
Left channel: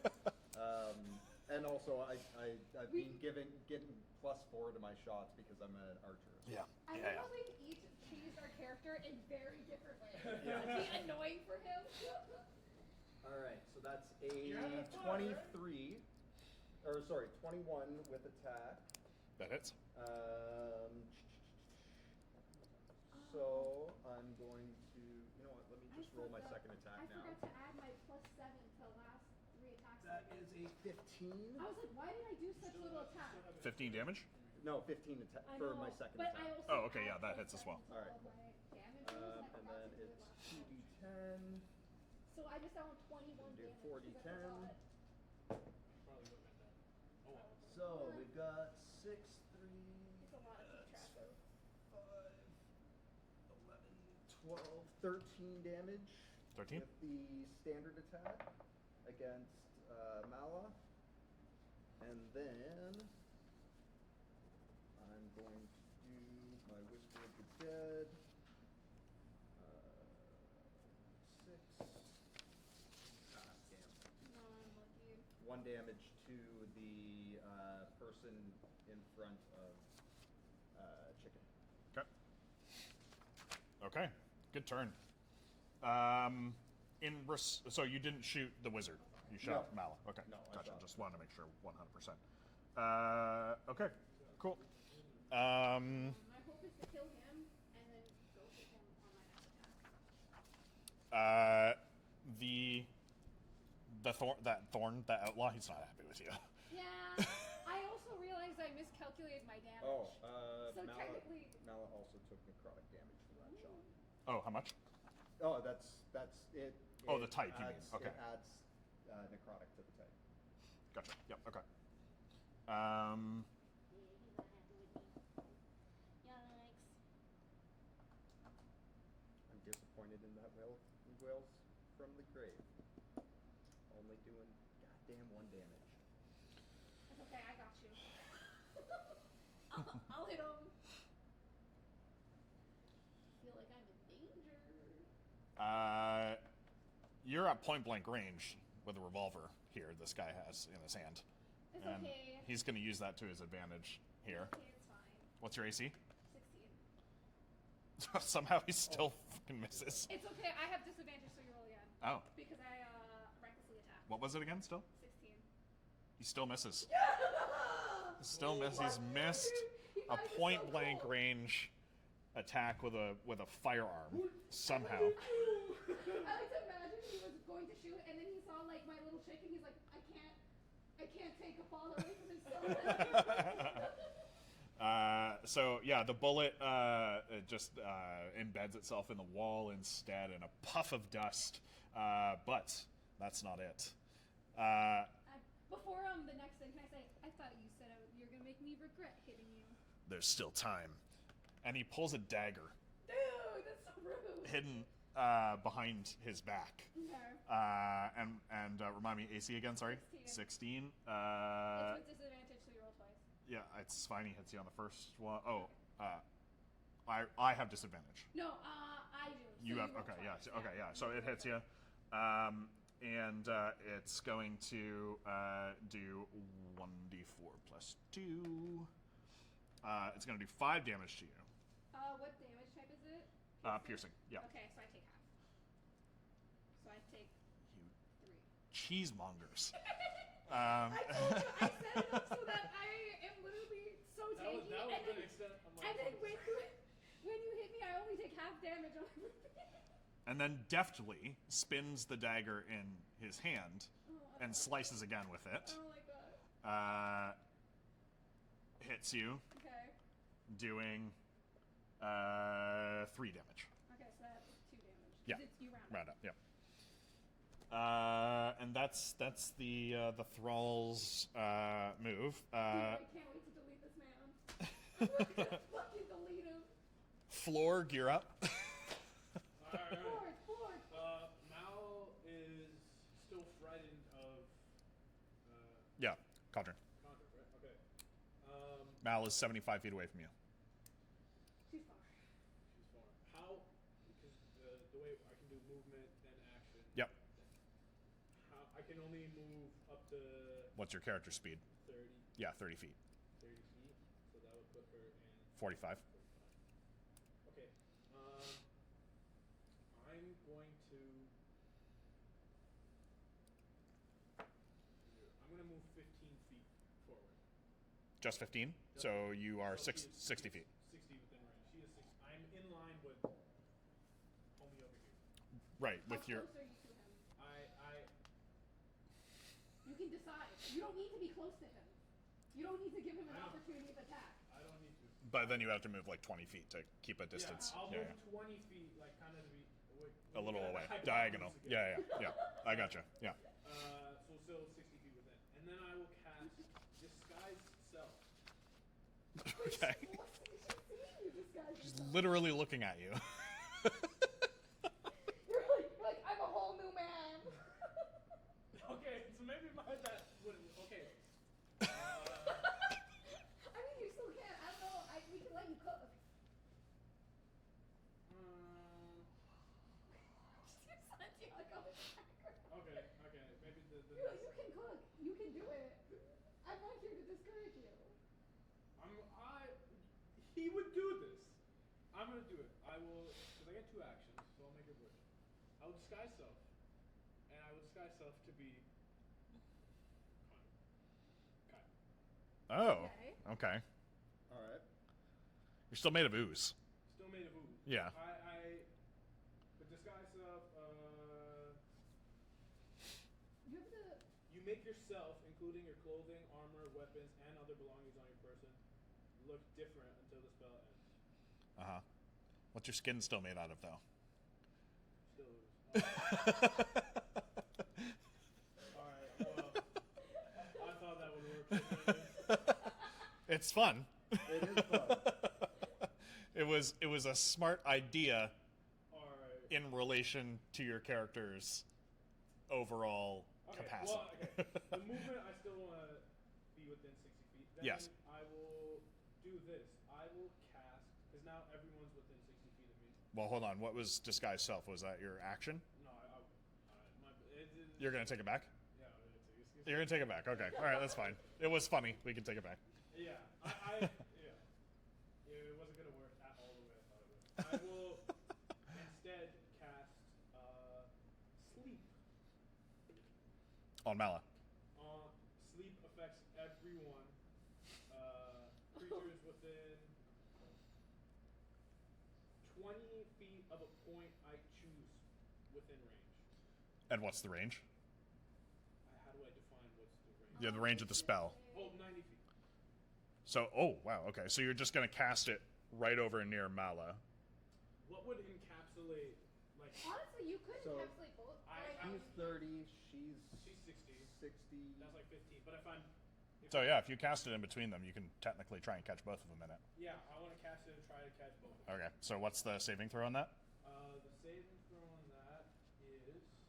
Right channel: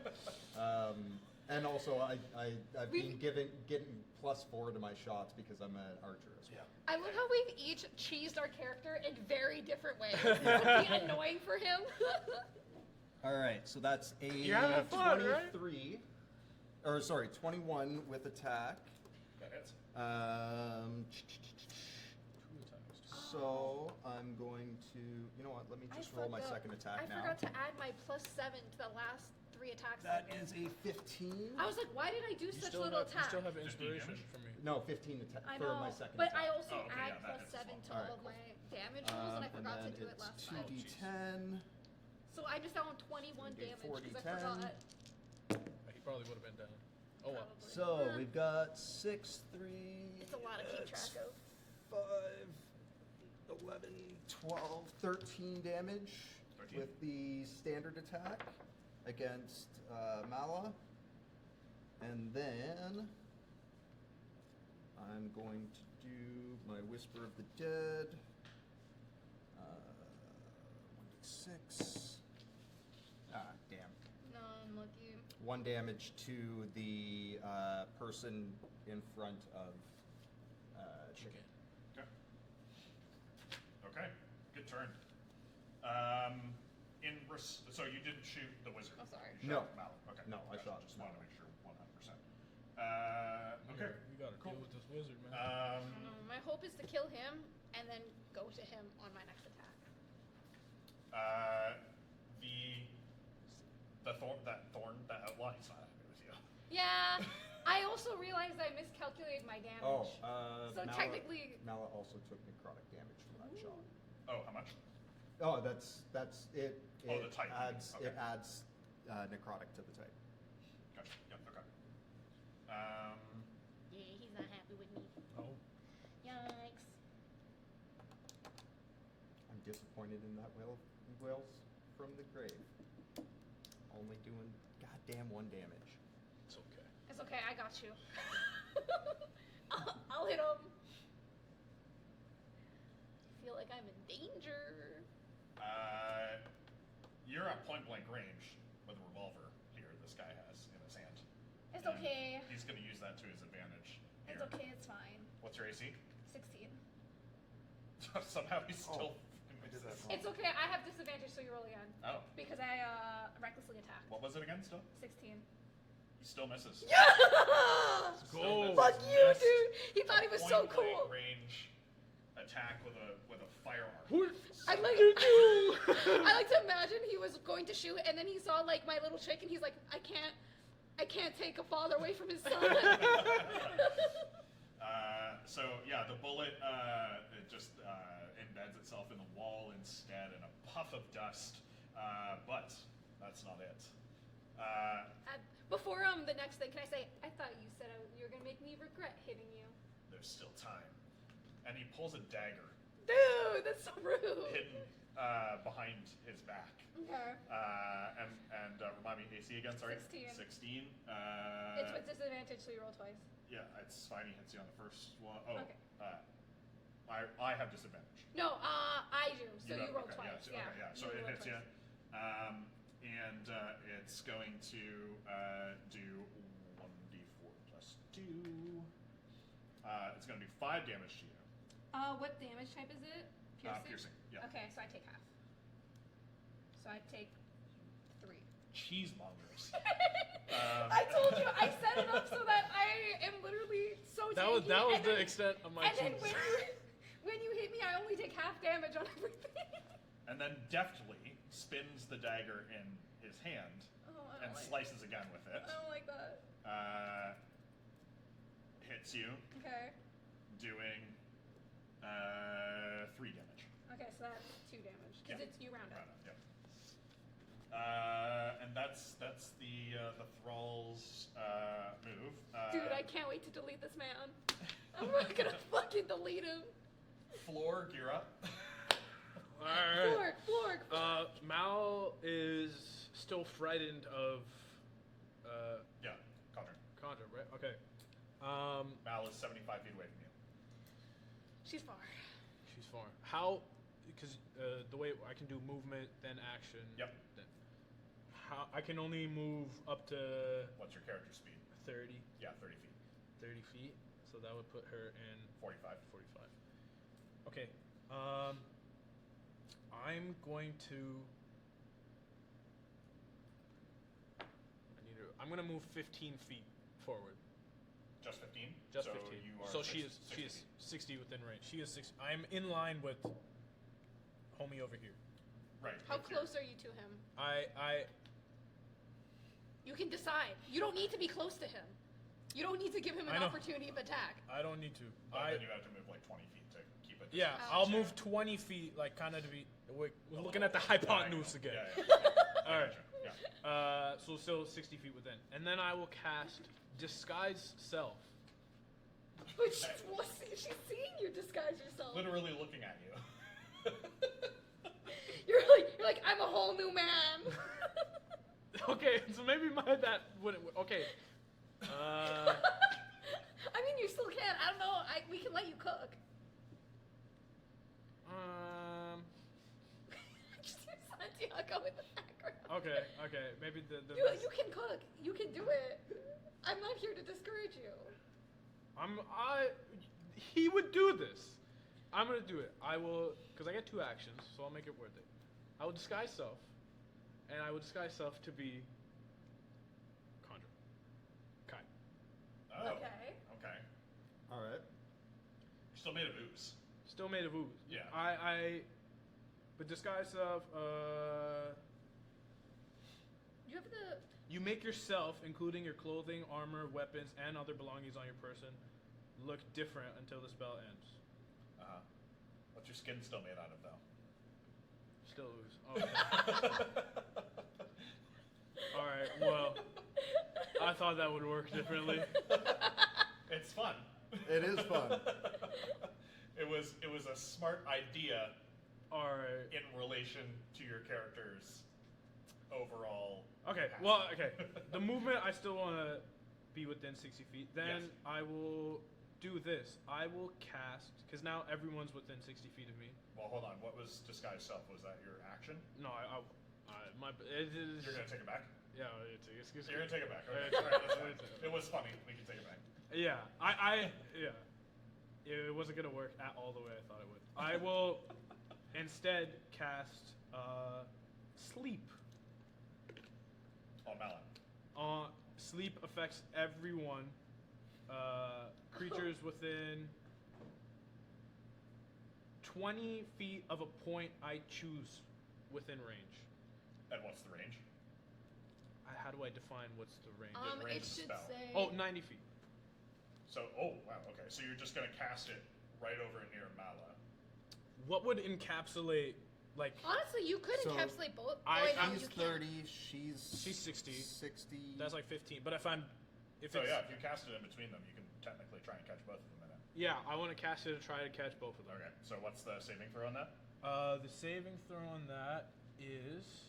And also, I've been getting +4 to my shots because I'm an archer as well. I love how we've each cheesed our character in very different ways. This would be annoying for him. All right, so that's a You're having fun, right? 23, or sorry, 21 with attack. That hits. So I'm going to. You know what? Let me just roll my second attack now. I forgot to add my +7 to the last 3 attacks. That is a 15. I was like, why did I do such little You attack? still have 15 inspiration damage? for me. No, 15 I for know, my second but attack. I also Oh, okay, add yeah, that hits as +7 well. to all of my damage rolls, and I and forgot to then do it it's last time. 2d10. So I just found 21 do damage 40, because I 10. forgot. He probably would have been down. Oh well. Probably. So Yeah. we've got 6, 3. It's a lot to keep track of. 5, 11, 12, 13 damage 13? with the standard attack against Mala. And then I'm going to do my Whisper of the Dead. 6. Ah, damn. No, I'm with you. 1 damage to the person in front of Chicken. Okay. Okay. Good turn. So you didn't shoot the wizard. Oh, sorry. You shot No. Malak. Okay. No, I Gotcha. shot Just Malak. wanted to make sure 100%. Okay. You gotta Cool. deal with this wizard, man. My hope is to kill him and then go to him on my next attack. That outlaw, he's not happy with you. Yeah, I also realized I miscalculated my damage. Oh, So Mala, technically- Mala also took necrotic damage from that shot. Oh, how much? Oh, that's it. Oh, it the type, you mean. Adds, Okay. It adds necrotic to the type. Gotcha. Yep. Okay. Yeah, he's not happy with me. Oh. Yikes. I'm disappointed in that Wales from the grave. Only doing goddamn 1 damage. It's okay. It's okay, I got you. I'll hit him. I feel like I'm in danger. You're at point blank range with a revolver here. This guy has in his hand. It's And okay. He's going to use that to his advantage here. It's okay, it's fine. What's your AC? 16. Somehow he still fucking misses. It's okay, I have disadvantage, so you roll again. Oh, Because I recklessly attacked. what was it again? Still? 16. He still misses. Yeah! Still Go. misses. Fuck you, Missed dude! He thought a he was point so blank cool. range attack with a firearm. I Somehow. like I like to imagine he was going to shoot and then he saw like my little chick and he's like, I can't take a father away from his son. So yeah, the bullet it just embeds itself in the wall instead in a puff of dust. But that's not it. Before the next thing, can I say, I thought you said you were gonna make me regret hitting you. There's still time. And he pulls a dagger Dude, that's so rude. hidden behind his back. Okay. And remind me, AC again, sorry? 16. 16. It's with disadvantage, so you roll twice. Yeah, it's fine. He hits you on the first one. Oh, Okay. I have disadvantage. No, I do. So you have roll okay, twice. yeah, okay, yeah. So it roll hits you, twice. and it's going to do 1d4 plus 2. It's going to do 5 damage to you. What damage type is it? Piercing. Yeah. Okay, so I take half. So I take 3. Cheesemongers. I told you, I set it up so that I am literally so That was tanky, and the then- extent of my And then cheese. when you hit me, I only take half damage on everything. And then deftly spins the dagger in his hand Oh, I don't and like slices again with it. I don't like that. Hits you, Okay. doing 3 damage. Okay, so that's 2 damage. 'Cause Yeah. It's you round Round up. up, yep. And that's the thrall's move. Dude, I can't wait to delete this man. I'm not gonna fucking delete him. Florg, you're up. Alright. Florg. Mal is still frightened of Yeah, Cadren. Conjure, right? Okay. Mal is 75 feet away from you. She's far. She's far. How? Because the way I can do movement, then action. Yep. Then how I can only move up to What's your character speed? 30, Yeah, 30 feet. 30 feet. So that would put her in 45. 45. Okay. I'm going to. I'm gonna move 15 feet forward. Just 15? Just so 15. you are So 60 she is feet. 60 within range. She is 60. I'm in line with homie over here. Right. How with your, close are you to him? I You can decide. You don't need to be close to him. You don't need to give him an I know. opportunity of attack. I don't need to. but then you have to move like 20 feet to keep a Yeah, distance. I'll move 20 feet, like kind of to be. We're A looking little at the hypotenuse diagonal. again. Yeah. I Alright. gotcha. Yeah. So still 60 feet within, and then I will cast disguise self. But she's seeing you disguise yourself. Literally looking at you. You're like, I'm a whole new man. Okay, so maybe that wouldn't. Okay. I mean, you still can. I don't know. We can let you cook. Just use Santiago in the background. Okay. Maybe the You can cook. You can do it. I'm not here to discourage you. He would do this. I'm gonna do it. I will, because I get 2 actions, so I'll make it worth it. I will disguise self, and I will disguise self to be Conjure. Kai. Oh. Okay. Okay. All right. You're still made of ooze. Still made of ooze. Yeah. But disguise self, You have the. you make yourself, including your clothing, armor, weapons, and other belongings on your person, look different until the spell ends. Uh-huh. What's your skin still made out of, though? Still ooze. Alright, well, I thought that would work differently. It's fun. It is fun. It was a smart idea Alright. in relation to your character's overall Okay, capacity. well, okay. The movement, I still want to be within 60 feet. Then Yes. I will do this. I will cast, because now everyone's within 60 feet of me. Well, hold on. What was disguise self? Was that your action? No, it is. You're gonna take it back? Yeah, it's You're gonna take it back. Okay. All right, that's fine. It was funny. We can take it back. Yeah, yeah. It wasn't gonna work at all the way I thought it would. I will instead cast sleep. On Mala. Sleep affects everyone. Creatures within 20 feet of a point I choose within range. And what's the range? How do I define what's the range? Yeah, the range it of the should spell. say- Oh, 90 feet. So, oh wow, okay. So you're just gonna cast it right over near Mala. What would encapsulate, like, Honestly, you could So, encapsulate both. I- no, He's you can't. 30. She's 60. 60. that's like 15. But if I'm, if So it's- yeah, if you cast it in between them, you can technically try and catch both of them in it. yeah, I want to cast it to try to catch both of them. Okay. So what's the saving throw on that? The saving throw on that is.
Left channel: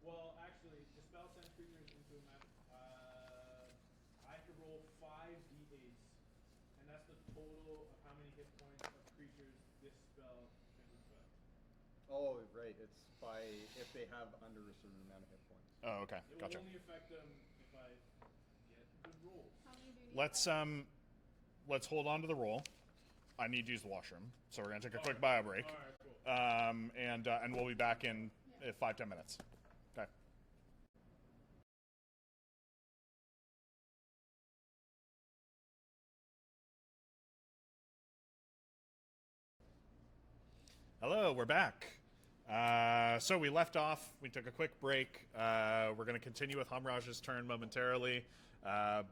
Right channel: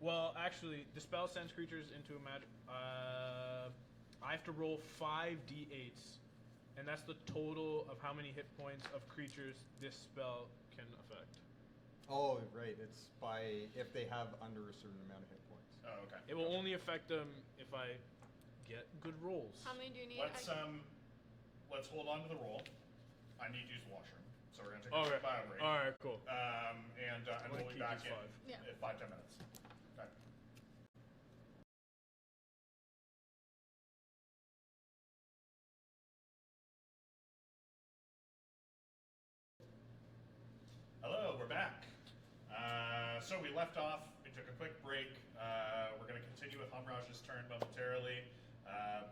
Well, actually, the spell sends creatures into a magic. I have to roll 5d8s, and that's the total of how many hit points of creatures this spell can affect. Oh, right. It's by if they have under a certain amount of hit points. Oh, okay. It will Gotcha. only affect them if I get good rolls. How many do you need? Let's hold on to the roll. I need to use the washroom, so we're gonna take a quick Alright. bio break. All right, cool. And we'll be keep back this in Yeah. 5-10 minutes. Okay. Hello, we're back. So we left off. We took a quick break. We're going to continue with Hamraj's turn momentarily.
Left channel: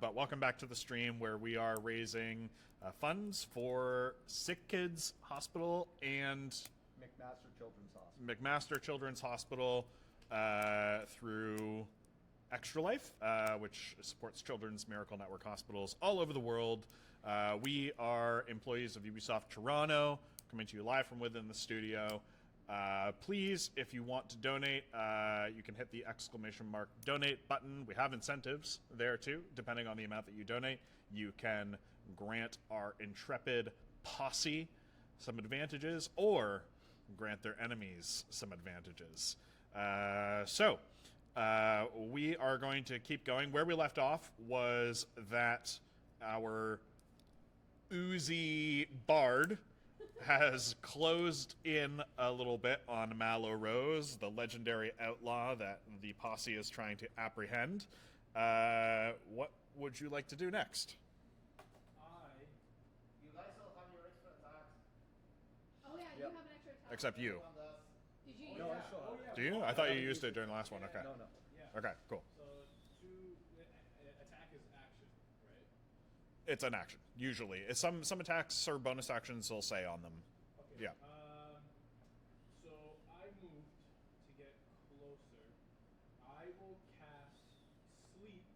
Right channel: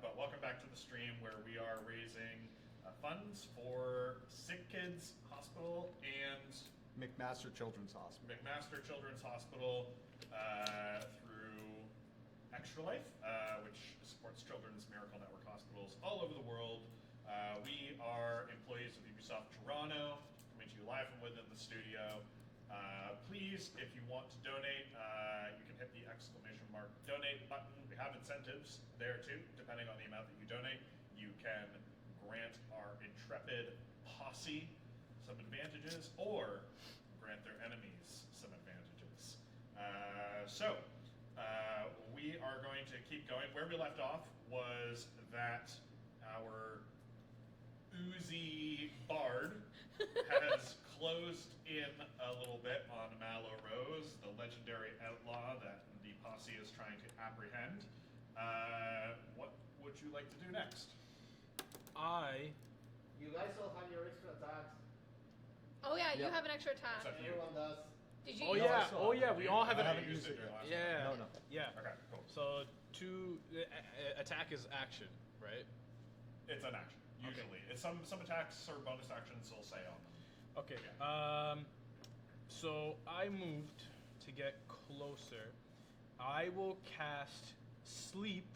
But welcome back to the stream where we are raising funds for Sick Kids Hospital and McMaster Children's Hospital. McMaster Children's Hospital through Extra Life, which supports Children's Miracle Network hospitals all over the world. We are employees of Ubisoft Toronto, coming to you live from within the studio. Please, if you want to donate, you can hit the !donate button. We have incentives there too, depending on the amount that you donate. You can grant our intrepid posse some advantages, or grant their enemies some advantages. We are going to keep going. Where we left off was that our oozy bard has closed in a little bit on Mallow Rose, the legendary outlaw that the posse is trying to apprehend. What would you like to do next? You guys all have your extra attacks. Oh yeah, Yeah. you have an extra attack. Except you. Everyone does. Did you? Oh use yeah, it? oh yeah. Do We you? all I have thought that. you used it during the last one. Yeah. No, no. Yeah. Okay, cool. So attack is action, right? It's an action, usually. It's some attacks or bonus actions will say on them. Okay. Yeah. So I moved to get closer. I will cast sleep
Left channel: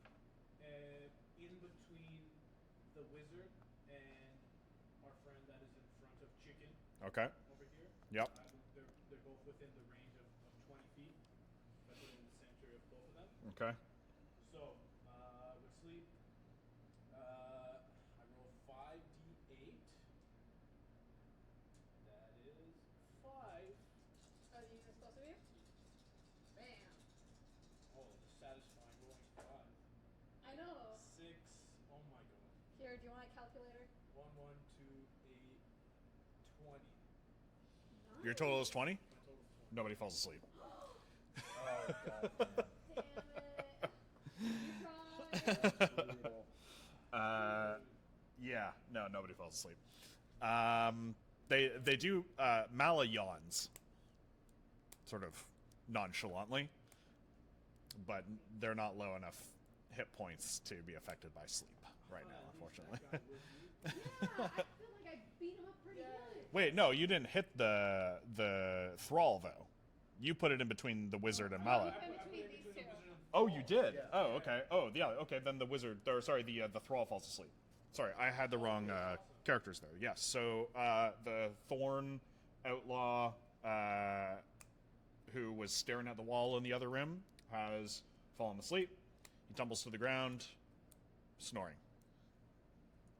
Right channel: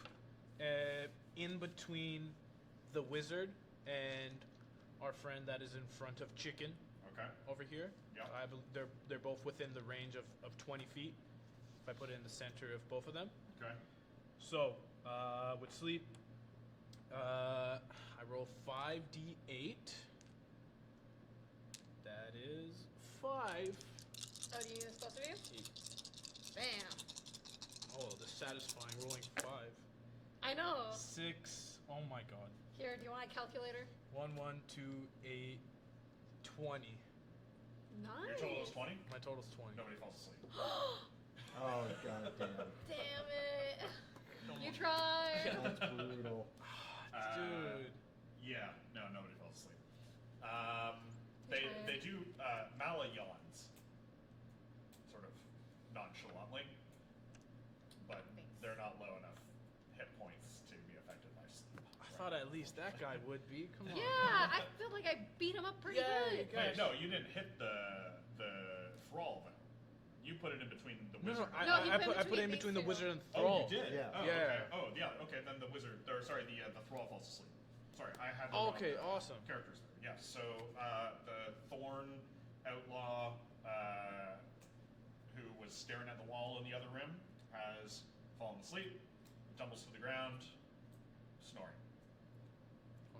in between the wizard and our friend that is in front of Chicken Okay. over here. Yep. They're both within the range of 20 feet. If I put it in the center of both of them. Okay. So with sleep, I roll 5d8. That is 5. Oh, do you use both of you? Bam. Oh, the satisfying rolling 5. I know. 6. Oh my god. Here, do you want a calculator? 1, 2, 8, 20. Nice. Your total is 20? My total's 20. Nobody falls asleep. Oh, god damn. Damn it. You tried. That's brutal. Dude. Yeah, no, nobody falls asleep. They do. Mala yawns, sort of nonchalantly, but they're not low enough hit points to be affected by sleep. I thought at least that guy would be. Come on. Yeah, I feel like I beat him up pretty Yeah, good. Wait, no, you didn't hit the thrall though. You put it in between the wizard and I- Mala. I put it between in these between the two. wizard and Oh, thrall. you did. Yeah. Oh, Yeah. okay. Oh, yeah. Okay, then the wizard, or sorry, the thrall falls asleep. Sorry, I had the wrong Okay, awesome. characters there. Yes. So the thorn outlaw, who was staring at the wall in the other room, has fallen asleep. He tumbles to the ground, snoring.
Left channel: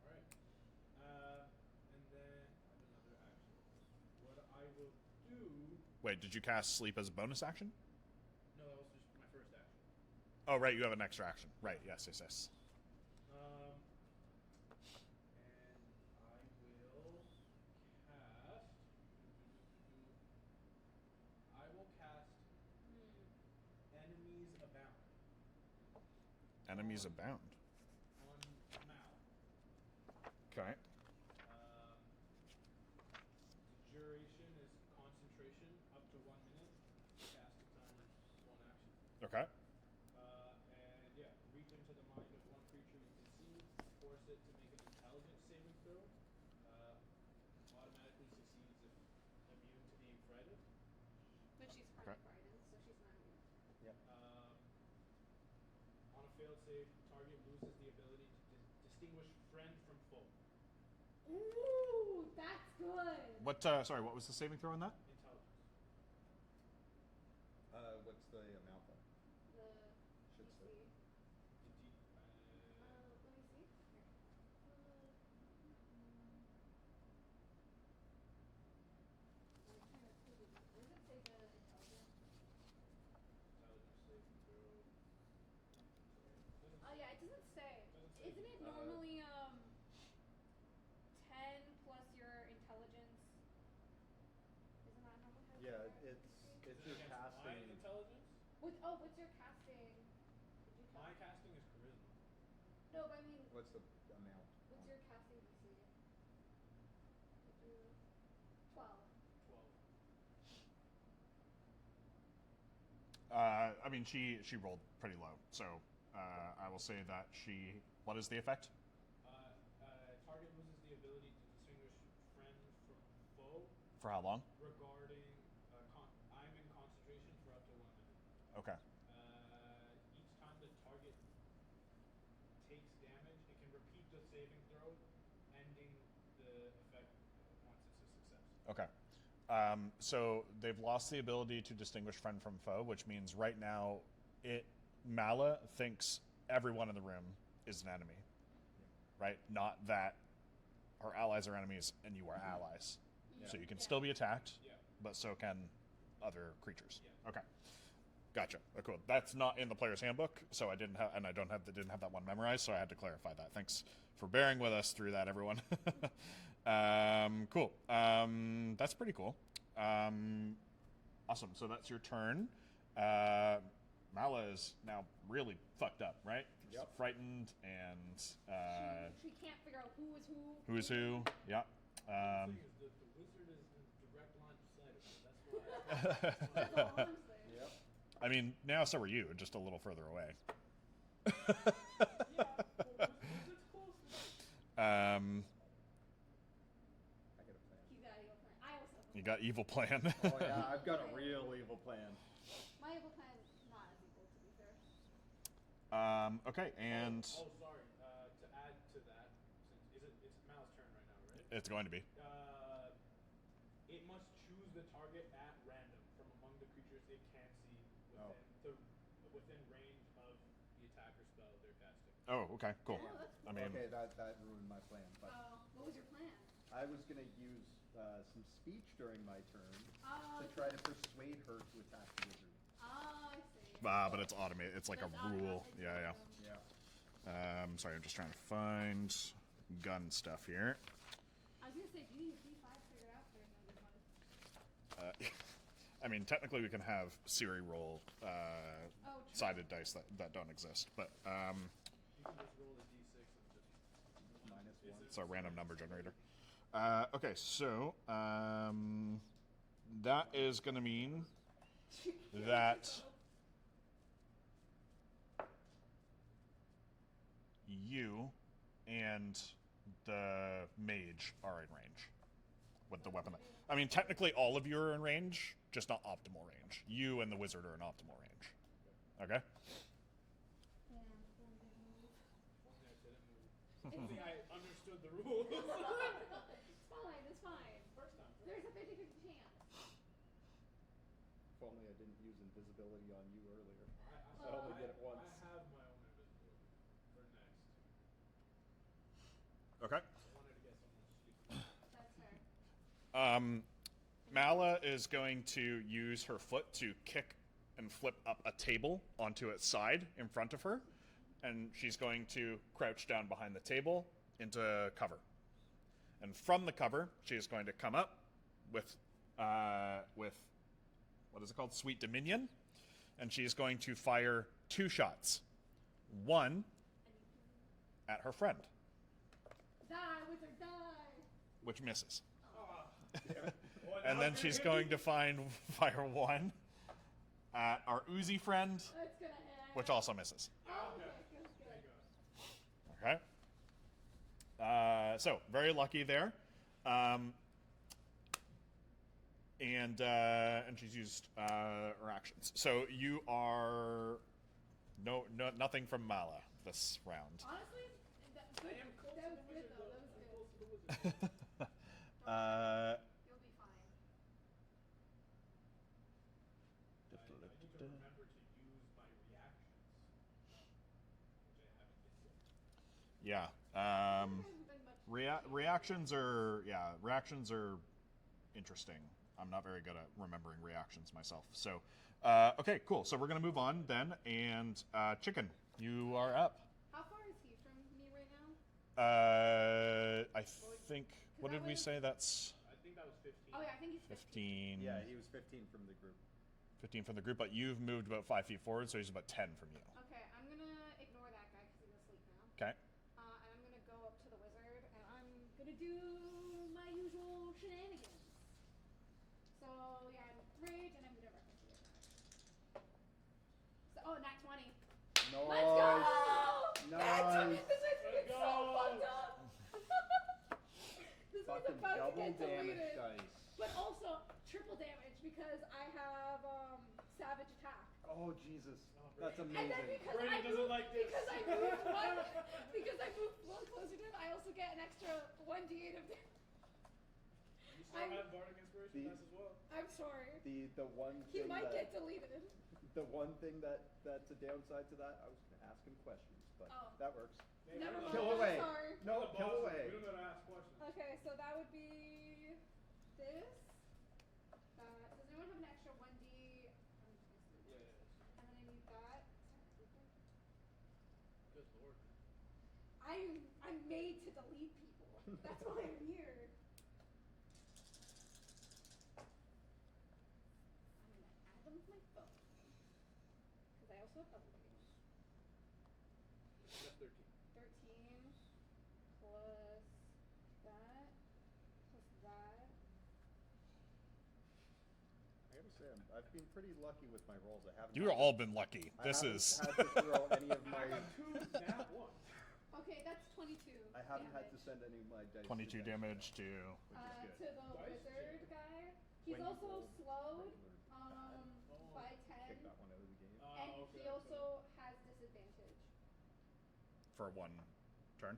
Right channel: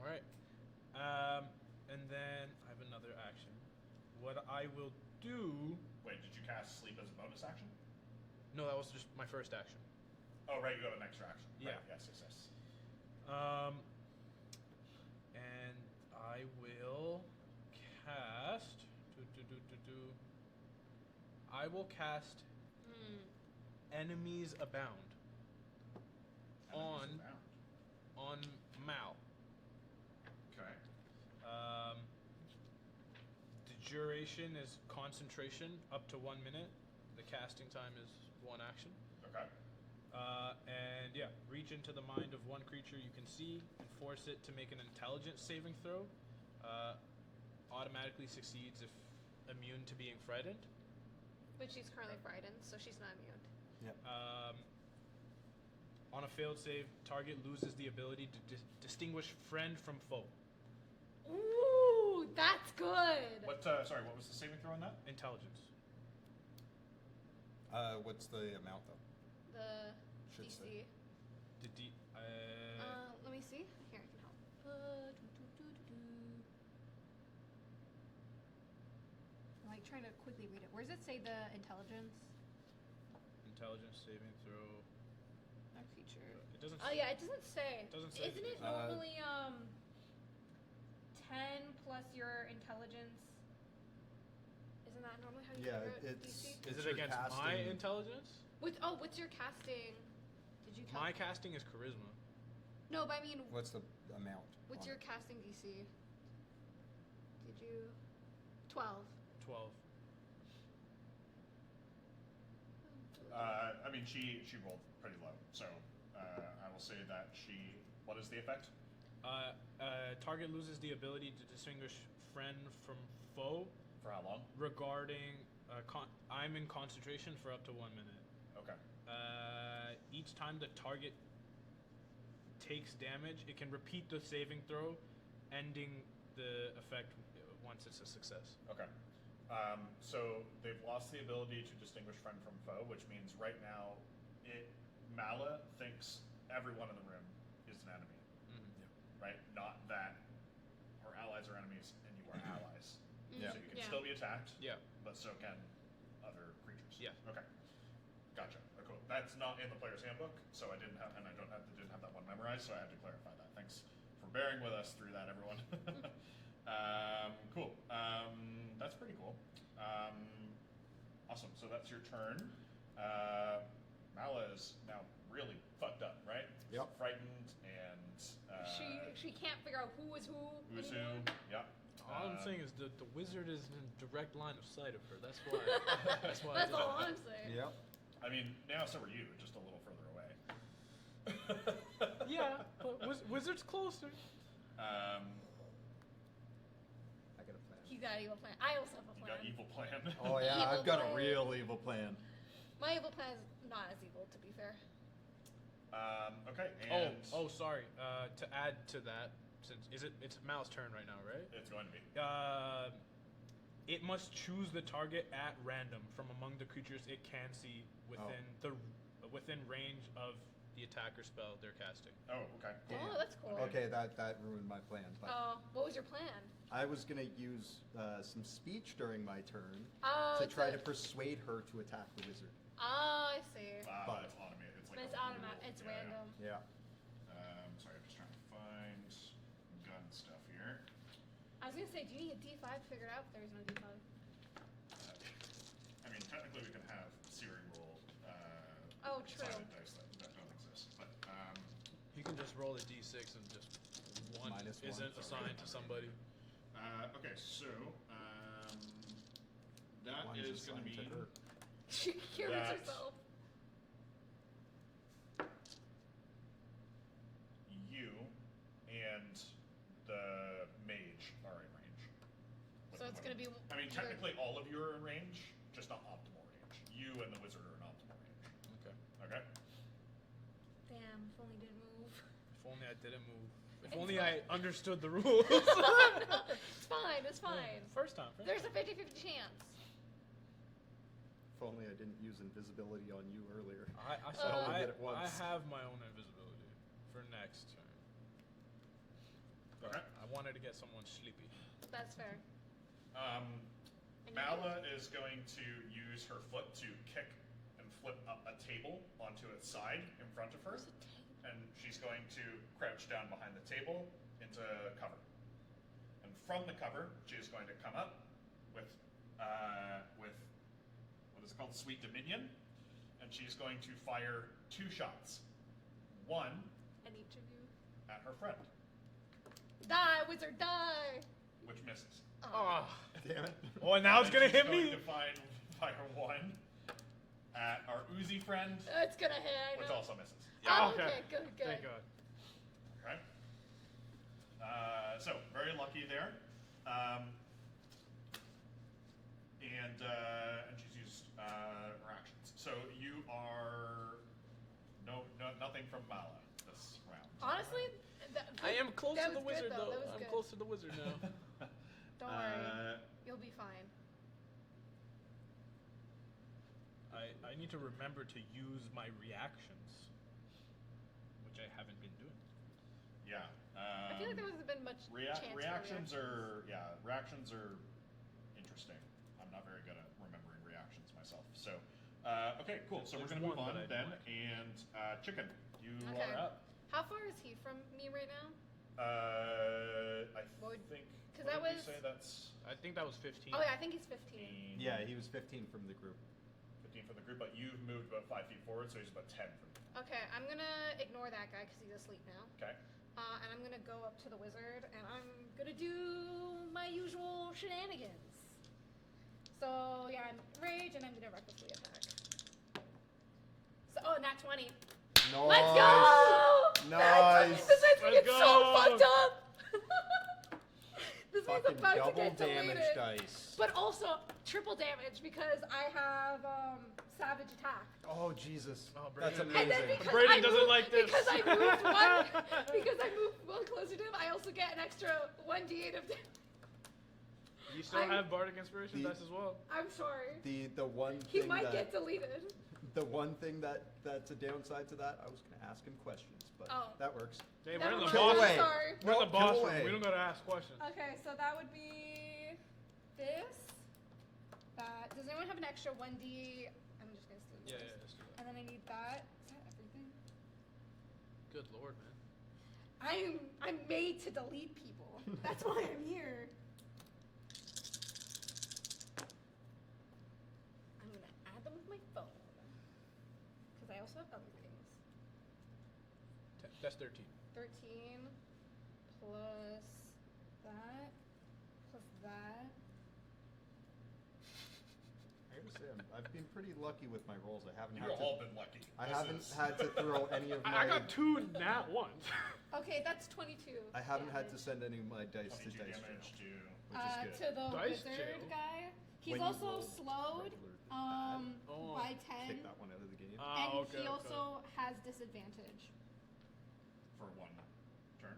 All right. And then I have another action. What I will do. Wait, did you cast sleep as a bonus action? No, that was just my first action. Oh, right. You have an extra action. Right. Yeah. Yes. And I will cast. I will cast Enemies Abound Enemies On- abound. on Mal. Okay. The duration is concentration up to 1 minute. The casting time is 1 action. Okay. And yeah, reach into the mind of one creature you can see and force it to make an intelligence saving throw. Automatically succeeds if immune to being frightened. But she's currently frightened, so she's not immune. Yep. On a failed save, target loses the ability to distinguish friend from foe. Ooh, that's good. What? Sorry. What was the saving throw on that? Intelligence. What's the amount though? The Should DC. say. The D. Let me see. Here, I can help. I'm like trying to quickly read it. Where does it say the intelligence? Intelligence saving throw. Our feature. It doesn't. Oh yeah, it doesn't say. Doesn't say. Isn't it normally 10 plus your intelligence? Isn't that normally how you Yeah, figure out it's. DC? Is it's it your against my casting- intelligence? What's your casting? Did you count? My casting is charisma. No, but I mean, What's the amount? what's on your it? casting DC? Did you 12? 12. I mean, she rolled pretty low, so I will say that she. What is the effect? Target loses the ability to distinguish friend from foe For how long? regarding. I'm in concentration for up to 1 minute. Okay. Each time the target takes damage, it can repeat the saving throw, ending the effect once it's a success. Okay. So they've lost the ability to distinguish friend from foe, which means right now, Mala thinks everyone in the room is an enemy, right? Not that her allies are enemies and you are allies. Yeah. So you can Yeah. still be attacked, Yeah. but so can other creatures. Yeah. Okay. Gotcha. Oh, cool. That's not in the player's handbook, so I didn't have, and I didn't have that one memorized, so I had to clarify that. Thanks for bearing with us through that, everyone. Cool. That's pretty cool. Awesome. So that's your turn. Mala is now really fucked up, right? Yep. Frightened and She can't figure out who is who. who's who. Yep. All I'm saying is the wizard is in direct line of sight of her. That's why. That's why. That's all I'm saying. Yep. I mean, now so are you, just a little further away. Yeah, but wizard's closer. I got a plan. He's got an evil plan. I also have a plan. You got evil plan. Oh yeah, Evil I've got plan. a real evil plan. My evil plan is not as evil, to be fair. Okay, and Sorry. To add to that, since it's Mal's turn right now, right? it's going to be. It must choose the target at random from among the creatures it can see within range of the attacker spell they're casting. Oh, okay, cool. Oh, that's cool. Okay, that ruined my plan. But What was your plan? I was gonna use some speech during my turn Oh, to try to persuade her to attack the wizard. Oh, I see. But it's automated. It's like It's a rule. automatic. It's random. Yeah. Sorry, I'm just trying to find gun stuff here. I was gonna say, do you need a D5 figured out? There is no D5. I mean, technically we can have Siri roll Oh, true. sided dice that don't exist, but You can just roll a d6 and just one Minus one. isn't it's a assigned random to number somebody. generator. Okay, so that One is is going to assigned to mean her. She kills That- herself. you and the mage are in range with So the it's weapon. gonna be- I mean, technically all of you are in range, just not optimal range. You and the wizard are in optimal range. Okay. Okay? Damn, if only didn't move. If only I didn't move. If only I understood the rules. It's fine, it's fine. First time. There's a 50-50 chance. If only I didn't use invisibility on you earlier. I did it once. have my own invisibility for next turn. Okay. I wanted to get someone sleepy. That's fair. Mala is going to use her foot to kick and flip up a table onto its side in front of her. And she's going to crouch down behind the table into cover. And from the cover, she is going to come up with what is it called? Sweet Dominion. And she is going to fire 2 shots. One And each of you. at her friend, Die, wizard, die! which misses. Oh. Damn it. Well, now And it's then gonna she's hit going me. to fire one at our Uzi friend, It's gonna hit. I which know. also misses. Oh, Okay. okay, good, good. Thank God. Okay. So very lucky there, and she's used her actions. So you are nothing from Mala this round. Honestly, I am close that to the was good, wizard, though. though. That was I'm good. close to the wizard now. Don't worry. You'll be fine. I need to remember to use my reactions, which I haven't been doing. Yeah. I feel like there hasn't been much chance for Reactions are interesting. I'm not very good at remembering reactions myself. So, okay, cool. So we're There's gonna move one on that I then, like. and Chicken, you Okay. are up. How far is he from me right now? I Would- think. 'cause What that did we was- say? That's I think that was 15. Oh yeah, I think he's 15. 15. Yeah, he was 15 from the group. 15 from the group, but you've moved about 5 feet forward, so he's about 10 from you. Okay, I'm gonna ignore that guy because he's asleep now. Okay. And I'm gonna go up to the wizard and I'm gonna do my usual shenanigans. So yeah, I'm rage and I'm gonna recklessly attack. So nat 20. Nice. Let's go! Nice. This is Let's so go! fucked up. This man's Fucking about to double get damage deleted. dice. But also triple damage because I have savage attack. Oh Jesus, Oh, that's Brandon. And then amazing. because Brayden I doesn't moved, like this. Because I moved one closer to him, I also get an extra 1d8 of damage. You still I'm- have Bardic Inspiration The- dice as well. I'm sorry. The one He thing might that get deleted. the one thing that's a downside to that, I was gonna ask him questions, but Oh. that works. Hey, Never we're in the mind, Kill boss. away. Sorry. We're in the No, boss kill room. away. We don't gotta ask questions. Okay, so that would be this. Does anyone have an extra 1d? I'm just gonna do Yeah, this. yeah, let's do that. And then I need that. Is that everything? Good lord, man. I'm made to delete people. That's why I'm here. I'm gonna add them with my phone. Because I also That's 13. 13 plus that plus that. I gotta say, I've been pretty lucky with my rolls. I haven't. You've all been lucky. I This haven't is. had to throw any of my. I got 2 nat ones. Okay, that's 22. I haven't had to damage. send any of my dice. 22 to dice damage jail, to. which is good. To the Dice wizard jail? guy. He's When you also roll slowed regular Oh. by 10. Take that one out of the game. And Okay, he okay. also has disadvantage. For 1 turn.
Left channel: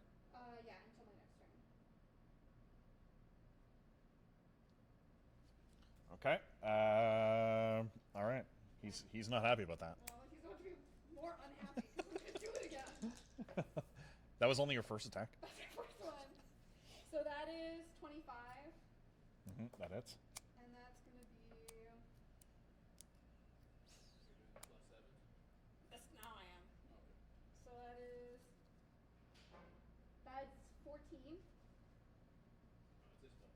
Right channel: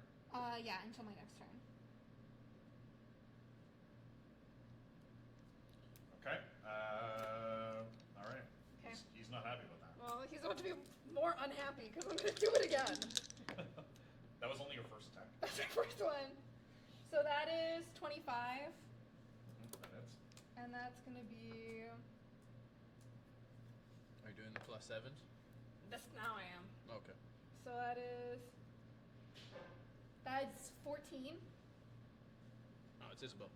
Yeah, until my next turn. Okay. All right. He's not happy about that. Well, he's about to be more unhappy because I'm going to do it again. That was only your first attack. That's my first one. So that is 25. That hits. And that's going to be... Are you doing the plus 7s? Now I am. Okay. So that's 14. Oh, it's Isabel.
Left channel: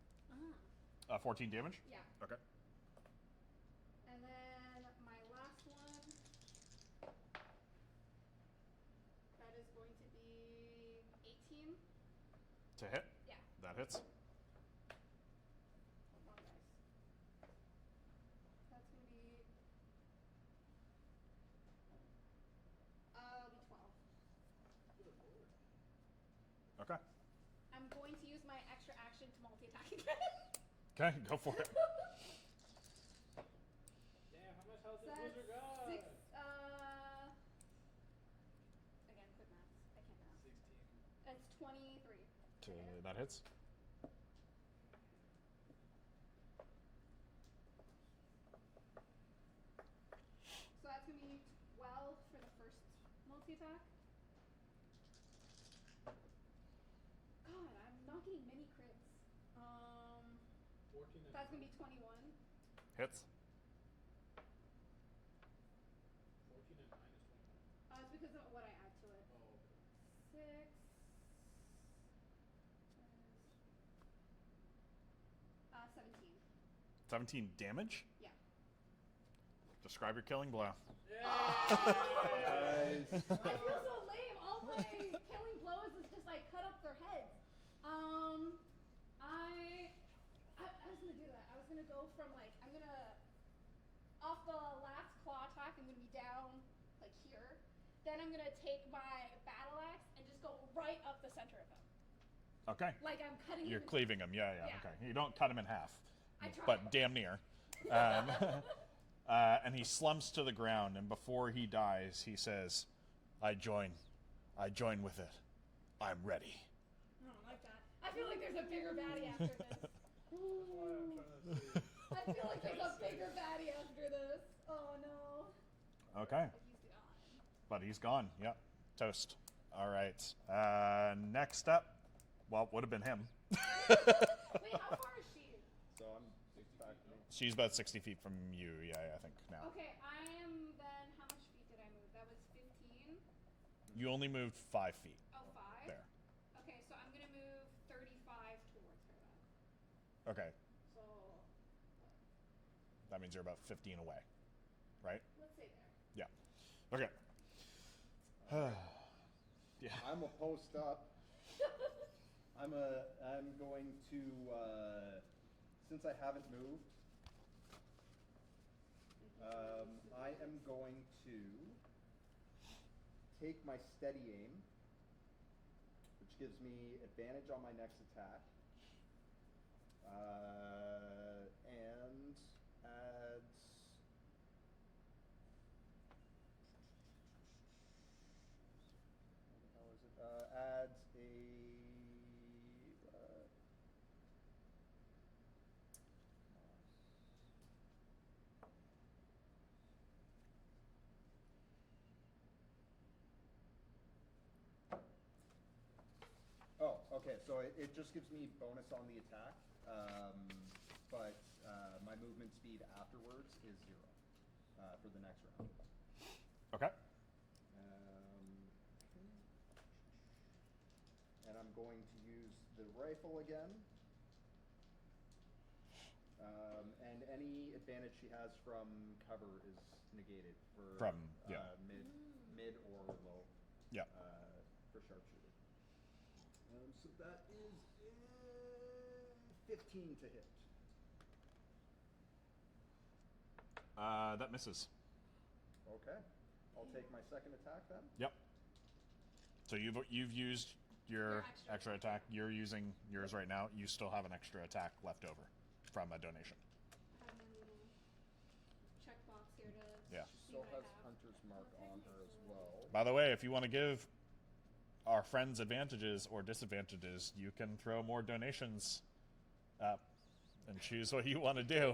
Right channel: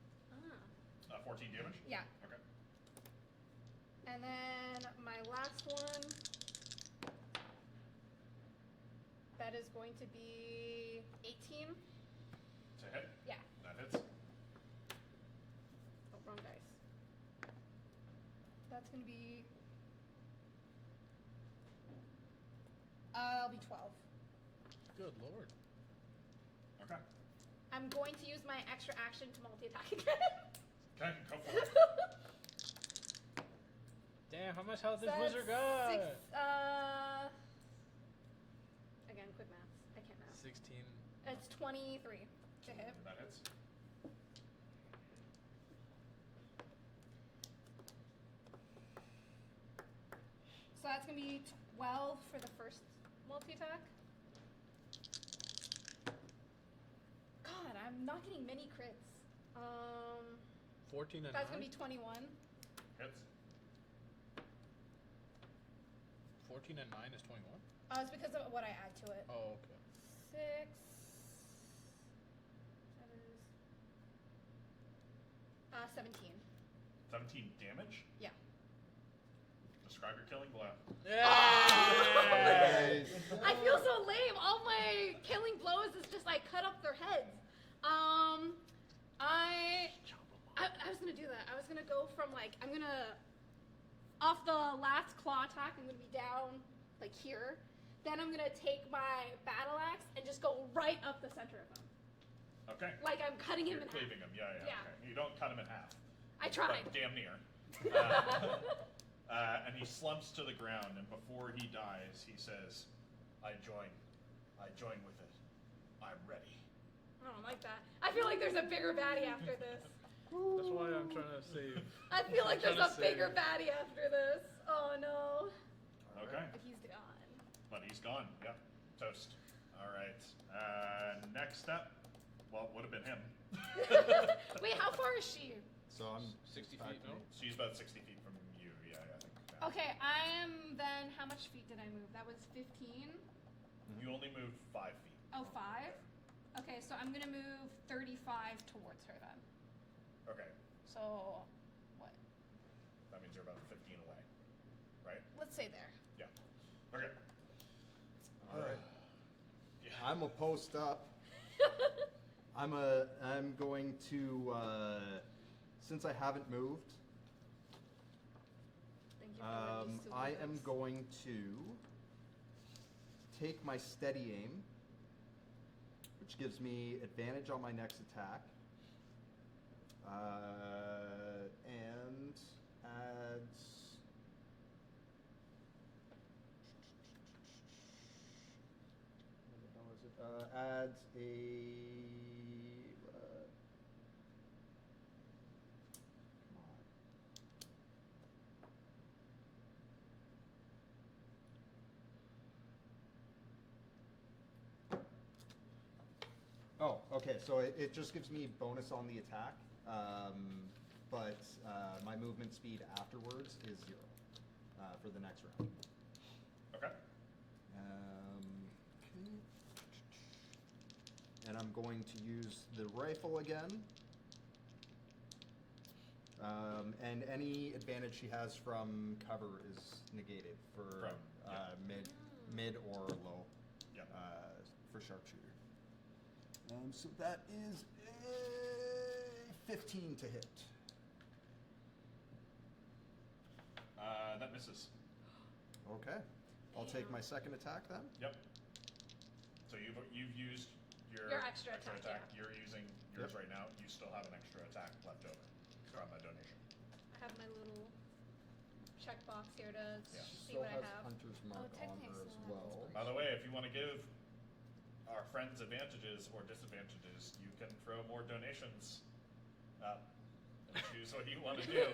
14 damage? Yeah. Okay. And then my last one, that is going to be 18. To hit? Yeah. That hits. Oh, wrong dice. That's going to be... I'll be 12. Good lord. Okay. I'm going to use my extra action to multi-attack again. Okay, go for it. Damn, how much health does That's Wizard got? Again, quick maths. I can't math. 16. It's 23 to hit. That hits. So that's going to be 12 for the first multi-attack. God, I'm not getting many crits. 14 and That's 9? going to be 21. Hits. 14 and 9 is 21? It's because of what I add to it. Oh, okay. 6. That is 17. 17 damage? Yeah. Describe your killing blow. I feel so lame. All my killing blows is just like cut off their heads. I was gonna do that. I was gonna go from like off the last claw attack. I'm gonna be down like here. Then I'm gonna take my battle axe and just go right up the center of them. Okay. Like I'm cutting him. You're in cleaving half. him. Yeah. Yeah. Okay. You don't cut him in half. I tried. But damn near. And he slumps to the ground, and before he dies, he says, I join with it. I'm ready. I don't like that. I feel like there's a bigger baddie after this. That's why I'm trying to save. I feel like there's Trying a to bigger save. baddie after this. Oh no. Okay. But he's gone. But he's gone. Yep. Toast. All right. Next up, well, would have been him. Wait, how far is she? So I'm 60 back feet, to no? me. She's about 60 feet from you. Yeah, I think now. Okay, I am then. How much feet did I move? That was 15. You only moved 5 feet. Oh, 5? There. Okay, so I'm gonna move 35 towards her then. Okay. So, what? That means you're about 15 away, right? Let's say there. Yeah. Okay. All right. Yeah. I'm a post up. I'm going to since I haven't moved. Thank you for these I am silver going to take my steady aim, which gives me advantage on my next attack, and adds. What the hell is it? Adds a. Come on. Oh, okay. So it just gives me bonus on the attack, but my movement speed afterwards is 0 for the next round. Okay. Okay. And I'm going to use the rifle again. And any advantage she has from cover is negated for From, yeah. mid or low. Yeah. for sharpshooter. So that is a 15 to hit. That misses. Okay. I'll take my second attack then. Yep. So you've used your extra extra attack, attack. You're using yours Yep. right now. You still have an extra attack left over from a donation. I have my little checkbox here to Yeah. She see still what has I have. Hunter's Mark Oh, on technically her I as still have well. By the way, if you want to give our friends advantages or disadvantages, you can throw more donations up and choose what you want to do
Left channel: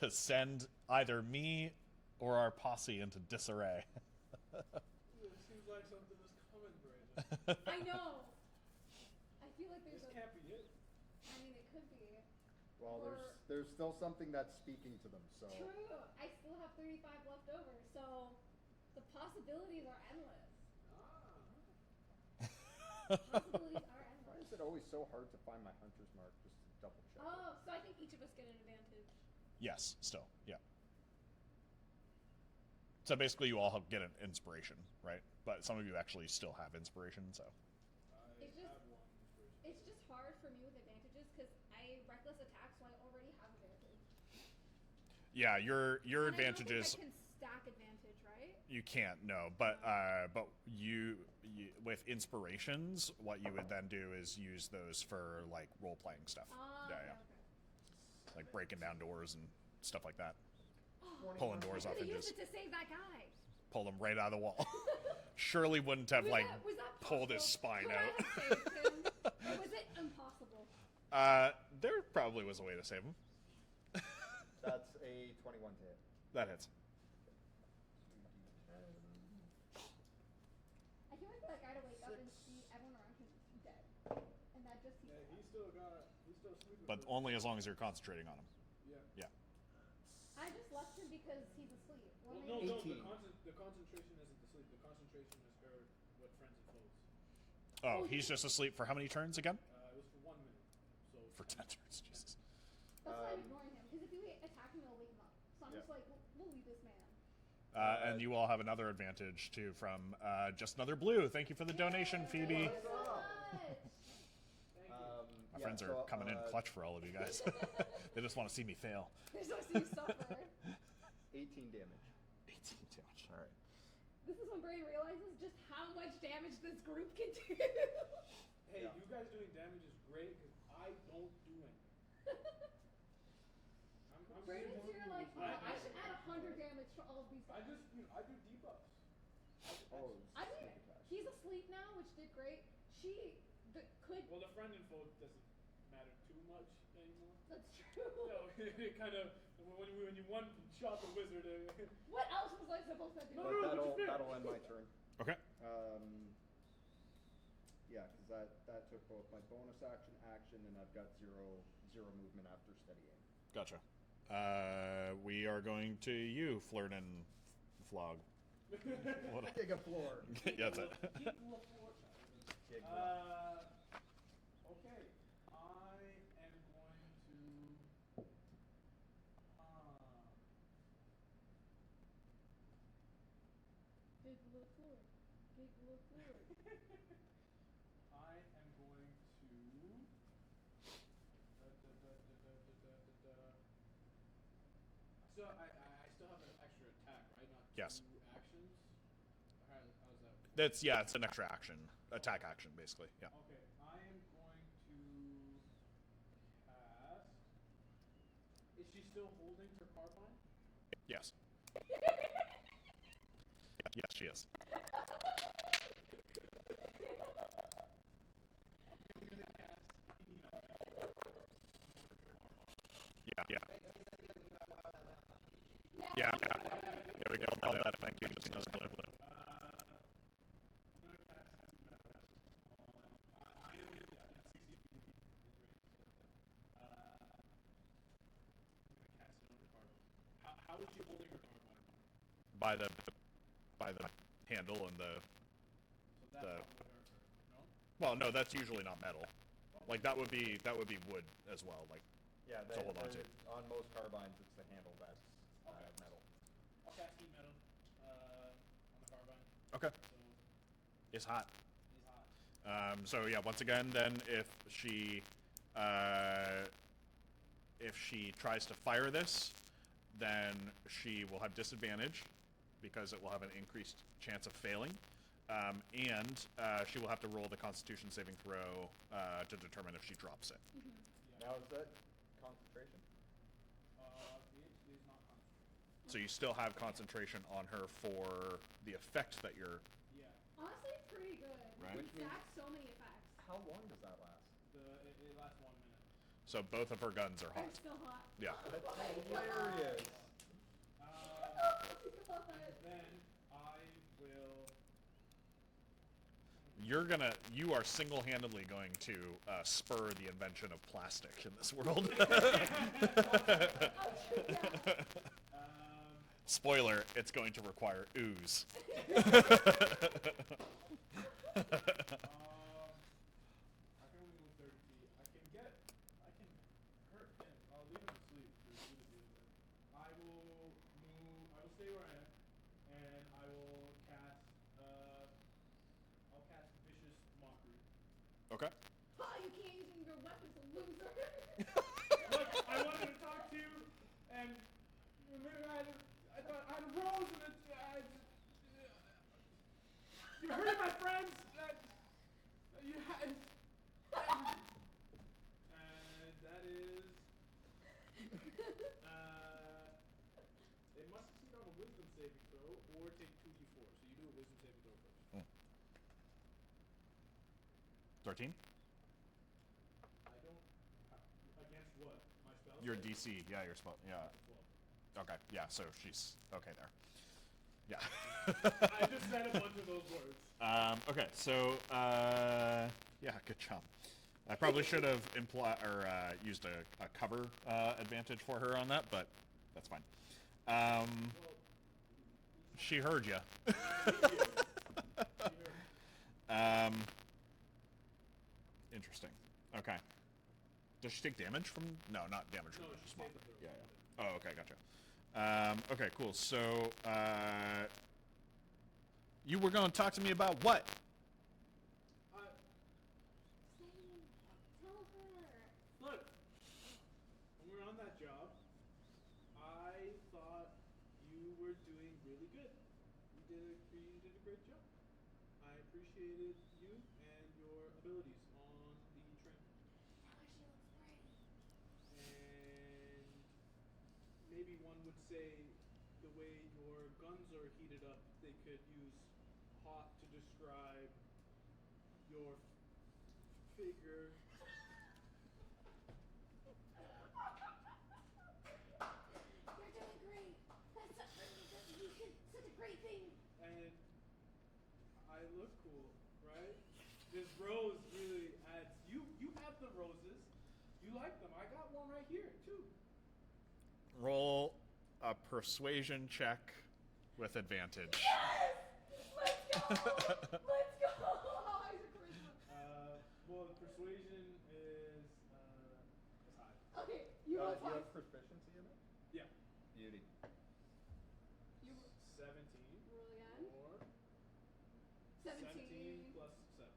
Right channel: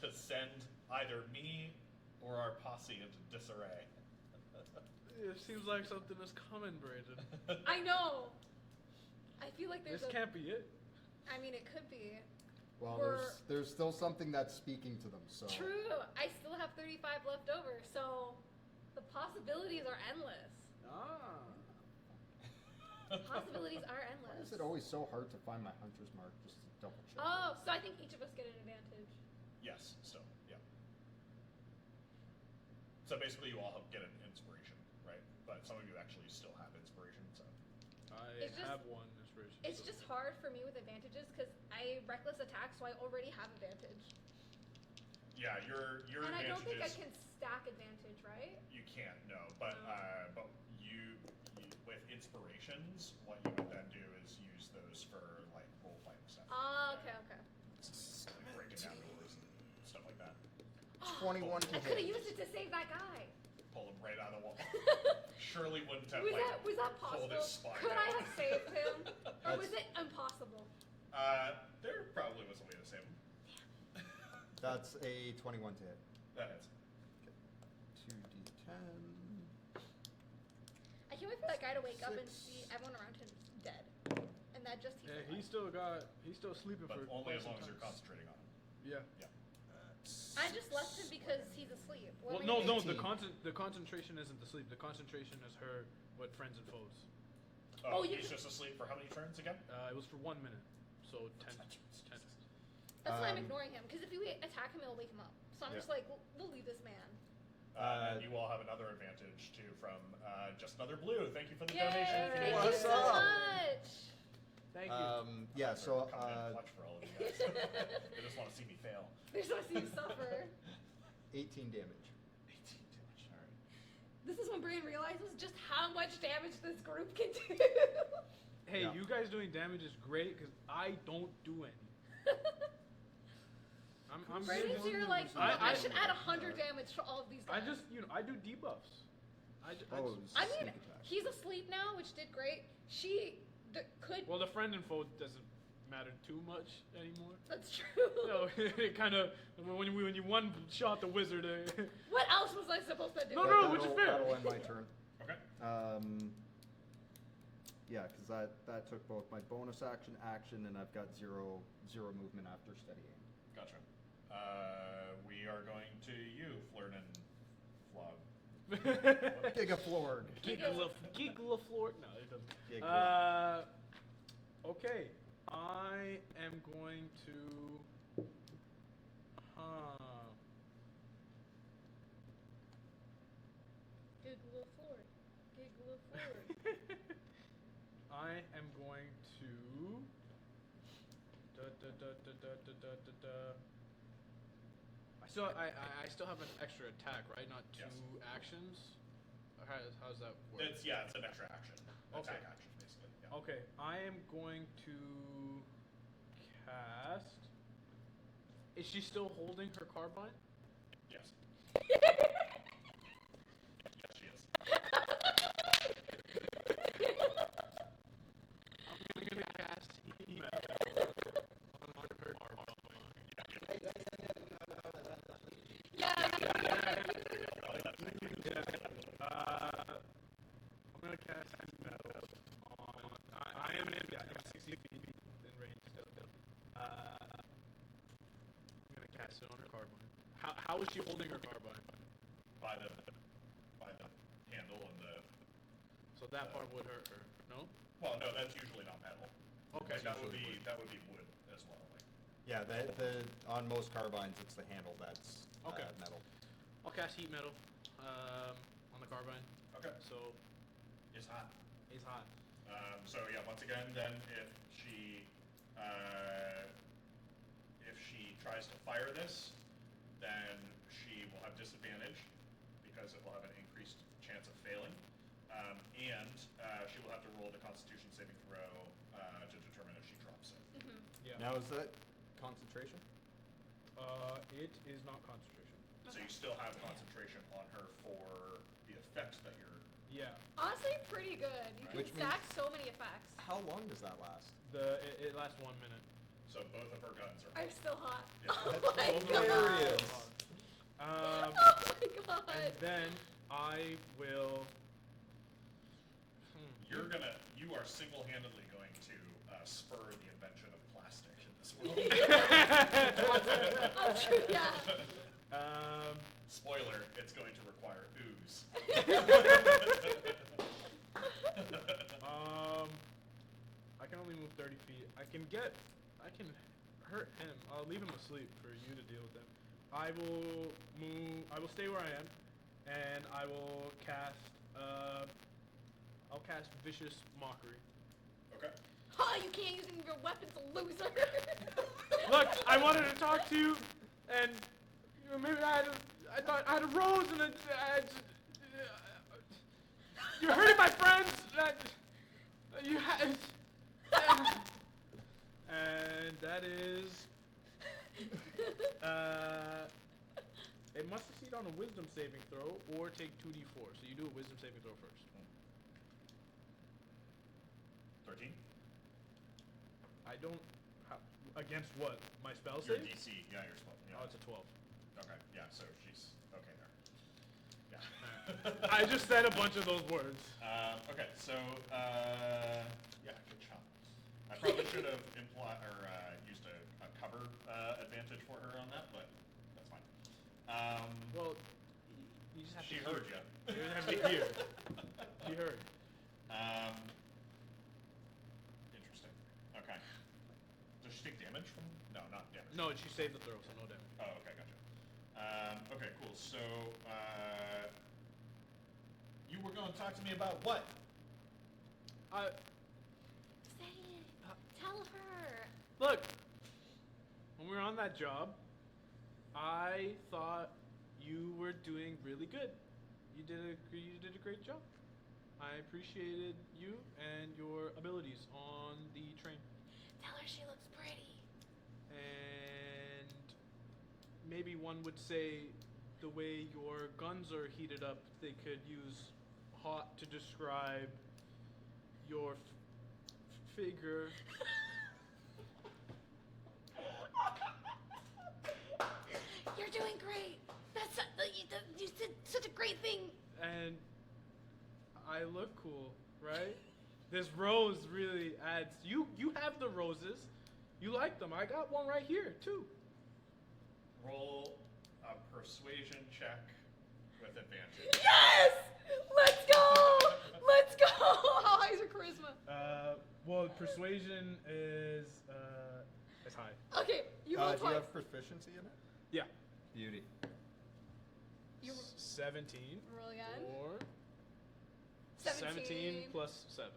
to send either me or our posse into disarray. It seems like something is coming, Brandon. I know. I feel like there's This can't be it. I mean, it could be. Well, Or- there's still something that's speaking to them. So True. I still have 35 left over, so the possibilities are endless. Ah. Possibilities are Why endless. is it always so hard to find my Hunter's Mark? Just to double check. Oh, so I think each of us get an advantage. Yes, still, yeah. So basically, you all get an inspiration, right? But some of you actually still have inspiration, so. I It's just- have one inspiration. It's so- just hard for me with advantages because I reckless attack, so I already have advantage. Yeah, your And I advantages. don't think I can stack advantage, right? You can't, no. But you with inspirations, what you would then do is use those for like role playing stuff. Ah, Yeah, okay, yeah. okay. Like breaking down doors and stuff like that. 21 I I to should have hit. used it to save that guy. Pull them right out of the wall. Surely wouldn't have Was like that pulled his possible? spine Could I out. have saved him? Or was it impossible? There probably was a way to save him. That's a 21 to hit. That hits. 2d10. I can't wait for that guy to wake up and Six. see everyone around him dead. And that just Yeah, he's still sleeping. But for only quite as some long as you're time. concentrating on him. Yeah. Yeah. I just left him because he's asleep. What Well, am I no, gonna no. do? The concentration isn't the sleep. The concentration is her, what friends and foes. Oh, Oh, you he's can- just asleep for how many turns again? It was for 1 minute, so For 10 10 turns. Jesus. That's why I'm ignoring him. Because if we attack him, it'll wake him up. So I'm Yeah. just like, we'll leave this man. And you all have another advantage too from Just Another Blue. Thank you for the donation, Yay! Phoebe. Thank you What's so up? much. Thank you. Our Yeah, friends so are coming in clutch for all of you guys. They just want to see me fail. There's no see you suffer. 18 damage. 18 damage. All right. This is when Brain realizes just how much damage this group can do. Hey, Yeah. you guys doing damage is great because I don't do any. I'm Brain is here like, I- I I- should add 100 damage to all of these guys. I just, I do debuffs. Oh, I sneak mean, attack. he's asleep now, which did great. She could. Well, the friend and foe doesn't matter too much anymore. That's true. So it kind of when you one shot the wizard. What else was I supposed to do? No, But no, which is fair. That'll end my turn. Okay. Yeah, because that took both my bonus action, and I've got zero movement after steady aim. Gotcha. We are going to you, Flirt and Flog. Gigaflord. Geek Yeah. LaFleur. No, it doesn't. Gig Okay, I am going to. Giggle forward. Giggle forward. I am going to. I still have an extra attack, right? Not two Yes. actions. Or how's that work? It's an extra action, attack action, basically. Yeah. Okay, I am going to cast. Is she still holding her carbine? Yes. Yes, she is. I'm gonna cast heat on her carbine. Yeah. Yeah. There we go. Oh, that thing. I'm gonna cast heat metal on. I am in 60 feet in range still. I'm gonna cast it on her carbine. How is she holding her carbine? By the handle and the. So that part would hurt her. No. Well, no, that's usually not metal. Okay, Like so that would be wood as well. Like. Yeah, on most carbines, it's the handle that's Okay. metal. I'll cast heat metal on the carbine. Okay. So It's hot. It's hot. So yeah, once again, then if she tries to fire this, then she will have disadvantage because it will have an increased chance of failing, and she will have to roll the Constitution saving throw to determine if she drops it. Yeah. Now is that concentration? It is not concentration. So you still have concentration on her for the effect that you're. Yeah. Honestly, pretty good. You Right. can Which means- stack so many effects. How long does that last? It lasts 1 minute. So both of her guns are hot. I'm still hot. Yeah. Oh my Hilarious. god. Um, Oh my god. and then I will. You are single-handedly going to spur the invention of plastic in this world. Oh, true, yeah. Spoiler, it's going to require ooze. I can only move 30 feet. I can hurt him. I'll leave him asleep for you to deal with him. I will stay where I am, and I will cast. I'll cast Vicious Mockery. Okay. Oh, you can't use any of your weapons, loser. Look, I wanted to talk to you, and you know, maybe I thought I had a rose, and you're hurting my friends. And that is. It must succeed on a Wisdom saving throw or take 2d4. So you do a Wisdom saving throw first. 13? I don't. Against what? My spell Your save? DC, yeah, your spell. Yeah. Oh, it's a 12. Okay, yeah, so she's okay there. Yeah. I just said a bunch of those words. Okay, so yeah, good job. I probably should have used a cover advantage for her on that, but that's fine. Well, you just have She to heard you. You have to hear. She heard. Interesting. Okay. Does she take damage from? No, not damage. No, she saved the throw, so no damage. Oh, okay, gotcha. Okay, cool. So, you were going to talk to me about what? Say it. Tell her. Look, when we were on that job, I thought you were doing really good. You did a great job. I appreciated you and your abilities on the train. Tell her she looks pretty. And maybe one would say the way your guns are heated up, they could use hot to describe your figure. You're doing great. You did such a great thing. And I look cool, right? This rose really adds. You have the roses. You like them. I got one right here too. Roll a persuasion check with advantage. Yes! Let's go! Let's go! How high is your charisma? Well, persuasion is high. Okay, you roll Do you twice. have proficiency in it? Yeah. Beauty. You 17. roll again. Or 17 plus 7.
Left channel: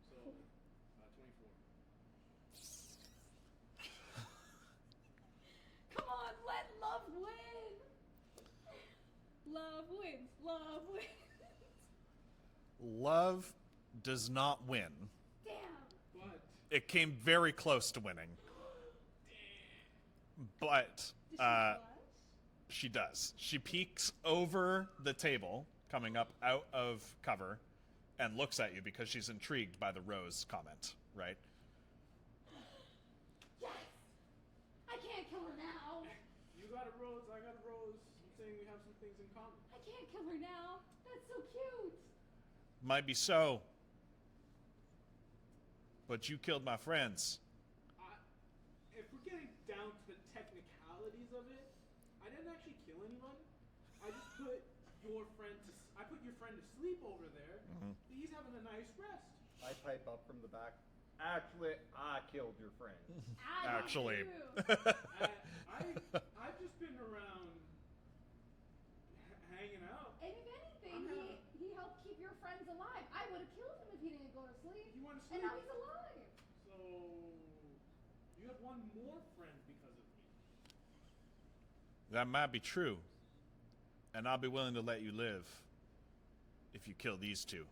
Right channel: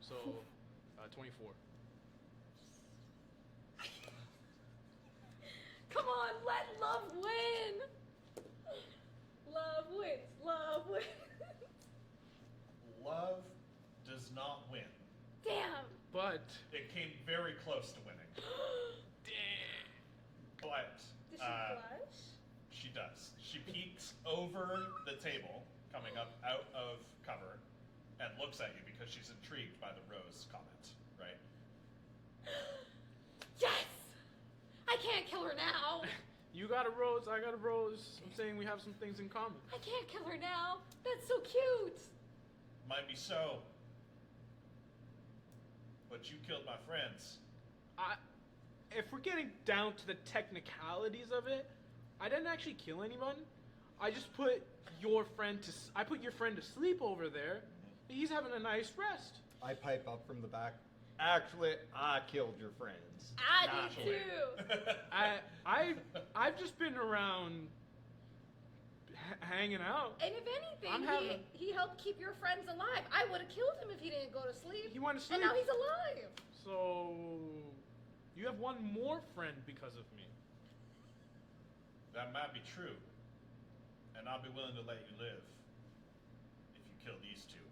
So 24. Come on, let love win! Love wins. Love wins. Love does not win. Damn. But It came very close to winning, but Does she blush? she does. She peeks over the table, coming up out of cover, and looks at you because she's intrigued by the rose comment, right? Yes! I can't kill her now. you got a rose, I got a rose. I'm saying we have some things in common. I can't kill her now. That's so cute. Might be so, but you killed my friends. If we're getting down to the technicalities of it, I didn't actually kill anyone. I just put your friend to sleep over there. Mm-hmm. He's having a nice rest. I pipe up from the back. Actually, I killed your friends. I do Actually. too. I've just been around hanging out. And if anything, I'm having- he helped keep your friends alive. I would have killed him if he didn't go to sleep. He went to sleep. And now he's alive. So you have one more friend because of me. That might be true. And I'll be willing to let you live if you kill these two.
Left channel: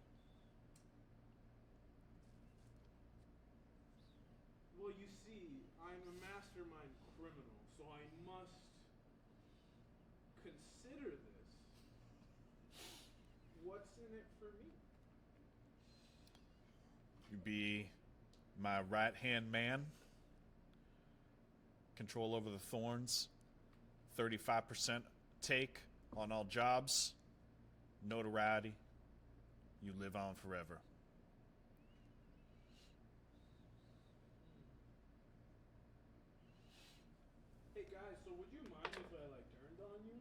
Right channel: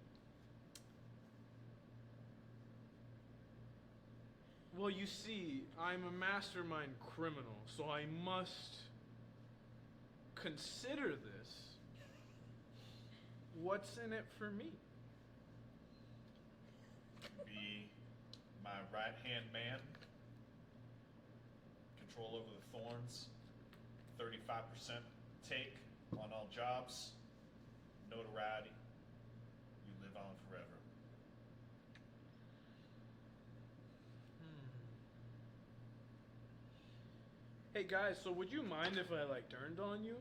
Well, you see, I'm a mastermind criminal, so I must consider this. What's in it for me? You be my right-hand man. Control over the thorns. 35% take on all jobs. Notoriety. You live on forever. Hey guys, so would you mind if I like turned on you?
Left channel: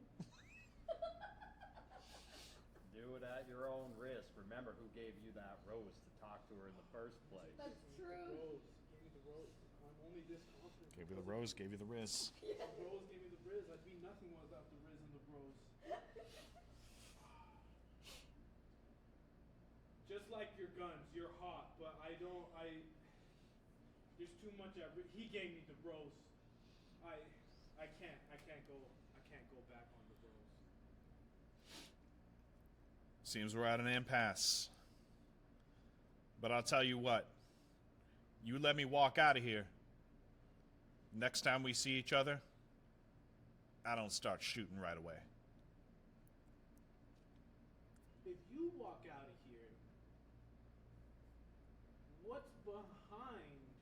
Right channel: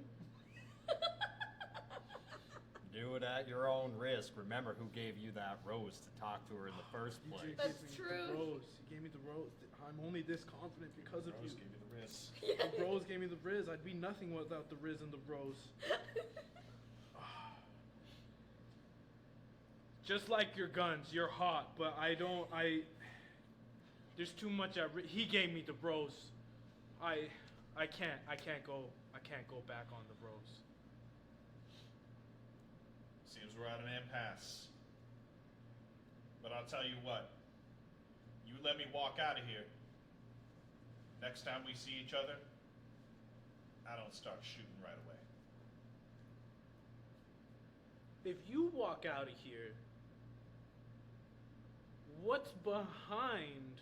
Do it at your own risk. Remember who gave you that rose to talk to her in the first place. That's He true. gave me the rose. He gave me the rose. I'm only this confident because the of rose you. gave you the riz. The rose gave me the riz. I'd be nothing without the riz and the rose. Just like your guns, you're hot, but there's too much he gave me the rose. I can't go back on the rose. Seems we're at an impasse. But I'll tell you what. You let me walk out of here. Next time we see each other, I don't start shooting right away. If you walk out of here, what's behind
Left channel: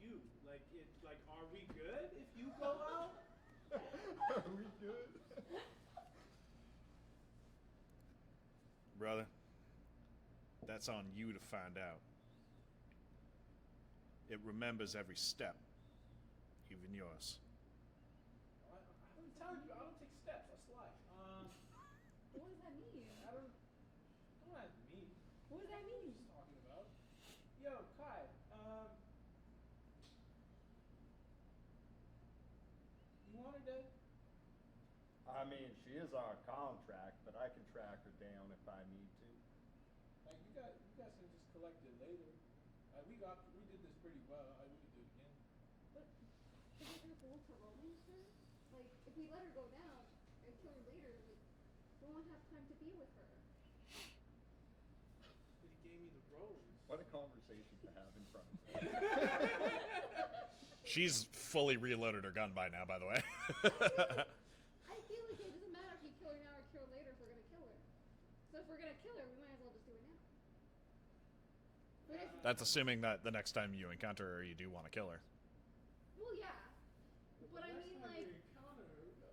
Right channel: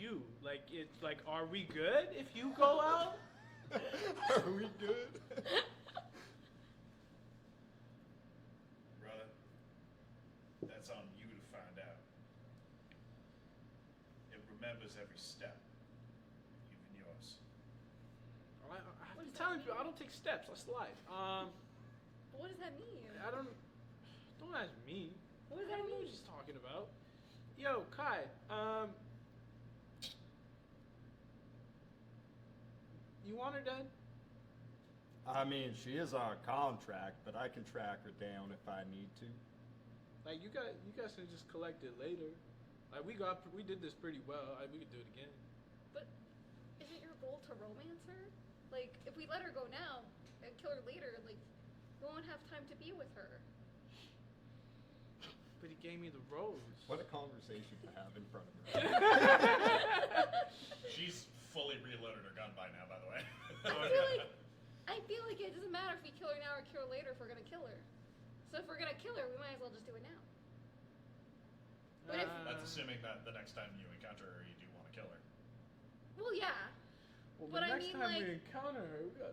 you? Like, are we good if you go out? Are we good? Brother, that's on you to find out. It remembers every step, even yours. I'm telling you, I don't take steps. I slide. What does that mean? Don't ask me. What does I that don't know mean? what she's talking about. Yo, Kai. You want her dead? I mean, she is on contract, but I can track her down if I need to. Like, you guys can just collect it later. Like, we did this pretty well. We could do it again. But isn't your goal to romance her? Like, if we let her go now and kill her later, like, we won't have time to be with her. But he gave me the rose. What a conversation to have in front of her. She's fully reloaded her gun by now, by the way. I feel like it doesn't matter if we kill her now or kill her later if we're gonna kill her. So if we're gonna kill her, we might as well just do it now. But if, That's assuming that the next time you encounter her, you do want to kill her. well, yeah. Well, But the I next mean, time like- we encounter her, we got.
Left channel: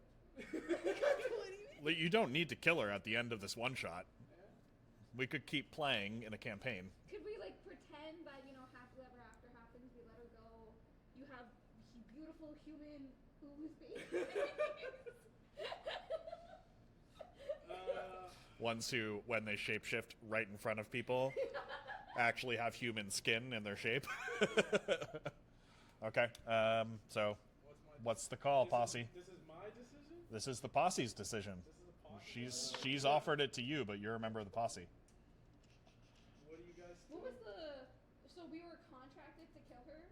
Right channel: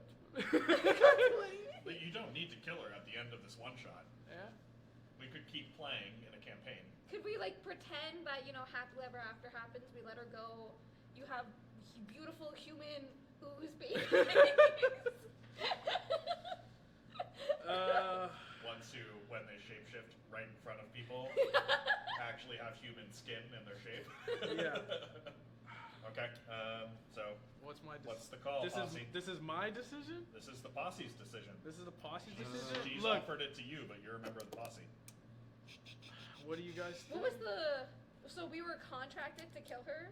You don't need to kill her at the end of this one shot. Yeah. We could keep playing in a campaign. Could we like pretend that happily ever after happens? We let her go. You have beautiful human ooze babies. Ones who, when they shapeshift right in front of people, actually have human skin in their shape. Yeah. Okay. So, what's the call, posse? This is my decision? This is the posse's decision. This is the posse decision? She's Look, offered it to you, but you're a member of the posse. What do you guys think? What was so we were contracted to kill her?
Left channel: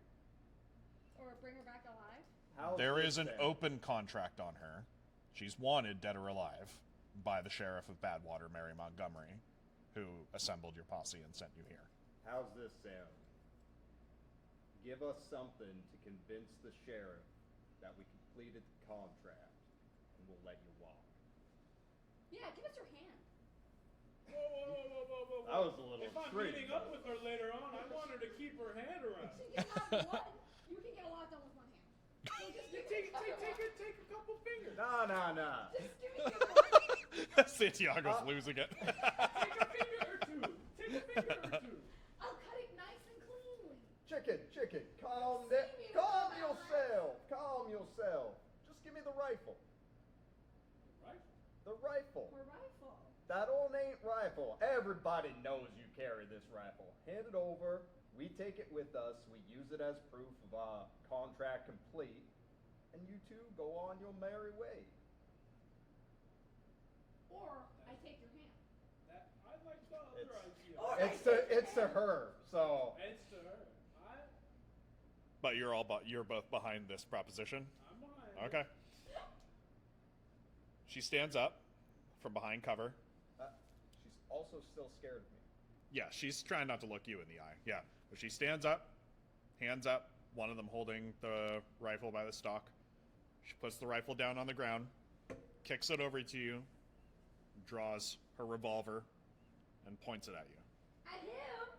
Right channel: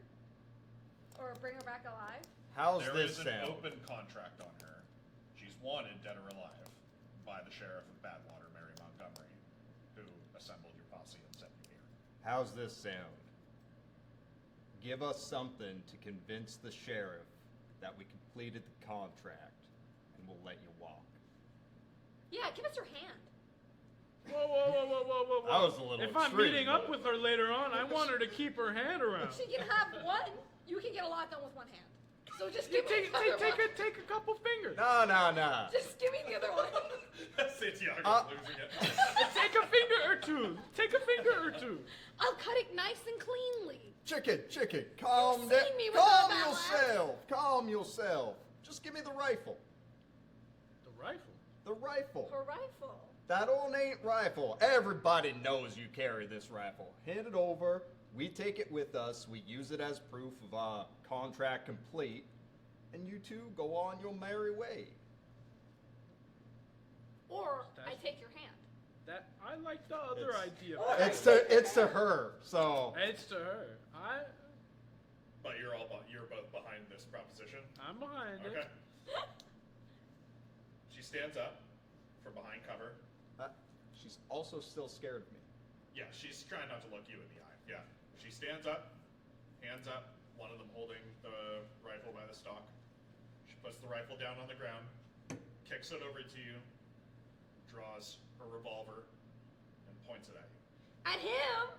Or bring her back alive? How's There this is an sound? open contract on her. She's wanted, dead or alive, by the sheriff of Badwater, Mary Montgomery, who assembled your posse and sent you here. How's this sound? Give us something to convince the sheriff that we completed the contract, and we'll let you walk. Yeah, give us your hand. Whoa. That was a little If I'm extreme, meeting up though. with her later on, I want her to keep her hand around. She can have one. You can get a lot done with one hand. So just give me Take the other one. a couple fingers. No. Just give me the other one. Santiago's losing it. Take a finger or two. Take a finger or two. I'll cut it nice and cleanly. Chicken, calm You've down. seen me with Calm all that yourself. Calm yourself. Just give me the rifle. The rifle. The rifle. Her rifle. That ornate rifle. Everybody knows you carry this rifle. Hand it over. We take it with us. We use it as proof of contract complete. And you two go on your merry way. or I That's- take your hand. That I like the other idea. It's to her. So It's to her. But you're both behind this proposition. I'm behind Okay. it. She stands up from behind cover. she's also still scared of me. Yeah, she's trying not to look you in the eye. Yeah, but she stands up, hands up. One of them holding the rifle by the stock. She puts the rifle down on the ground, kicks it over to you, draws her revolver, and points it at you. At him?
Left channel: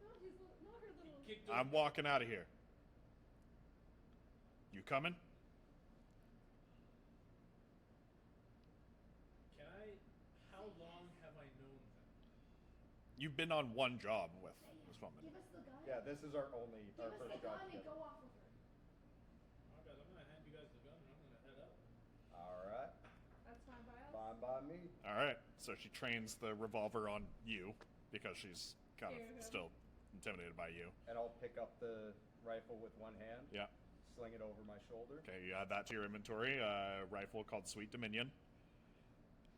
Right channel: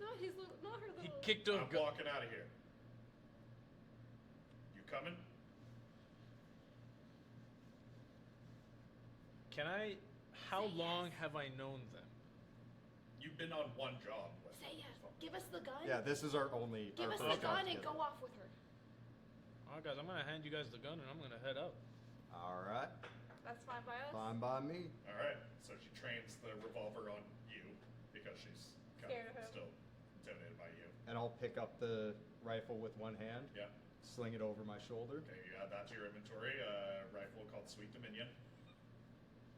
Not his little, not her little. He kicked her. I'm walking out of here. You coming? Can I? How long have I known them? You've been on one job with Say yes. this woman. Give us the gun. Yeah, this is our only. Give our us first the job gun and together. go off with her. Alright, guys, I'm gonna hand you guys the gun and I'm gonna head out. All right, That's fine by us. fine by me. All right. So she trains the revolver on you because she's kind Scared of of him. still intimidated by you. And I'll pick up the rifle with one hand, Yeah. sling it over my shoulder. Okay, you add that to your inventory. A rifle called Sweet Dominion.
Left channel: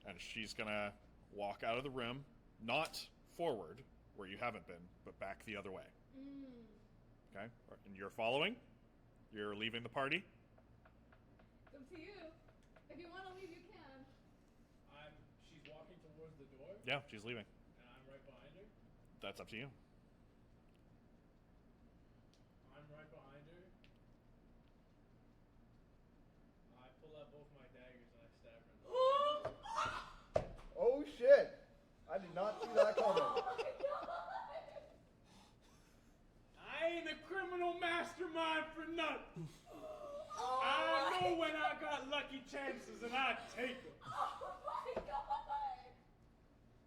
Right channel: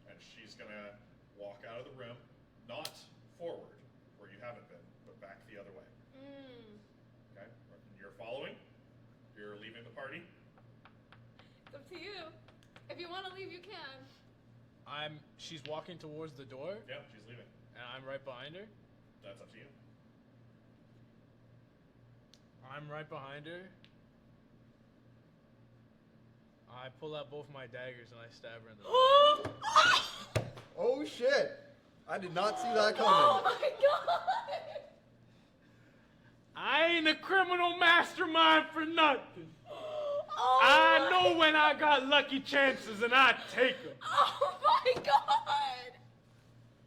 And she's gonna walk out of the room, not forward where you haven't been, but back the other way. Okay? And you're following. You're leaving the party. It's up to you. If you want to leave, you can. She's walking towards the door Yeah, she's leaving. and I'm right behind her. That's up to you. I'm right behind her. I pull out both my daggers and I stab her in the back. Oh shit! I did not see that coming. Oh my god! I ain't a criminal mastermind for nothing. Oh I my- know when I got lucky chances and I take them. Oh my god!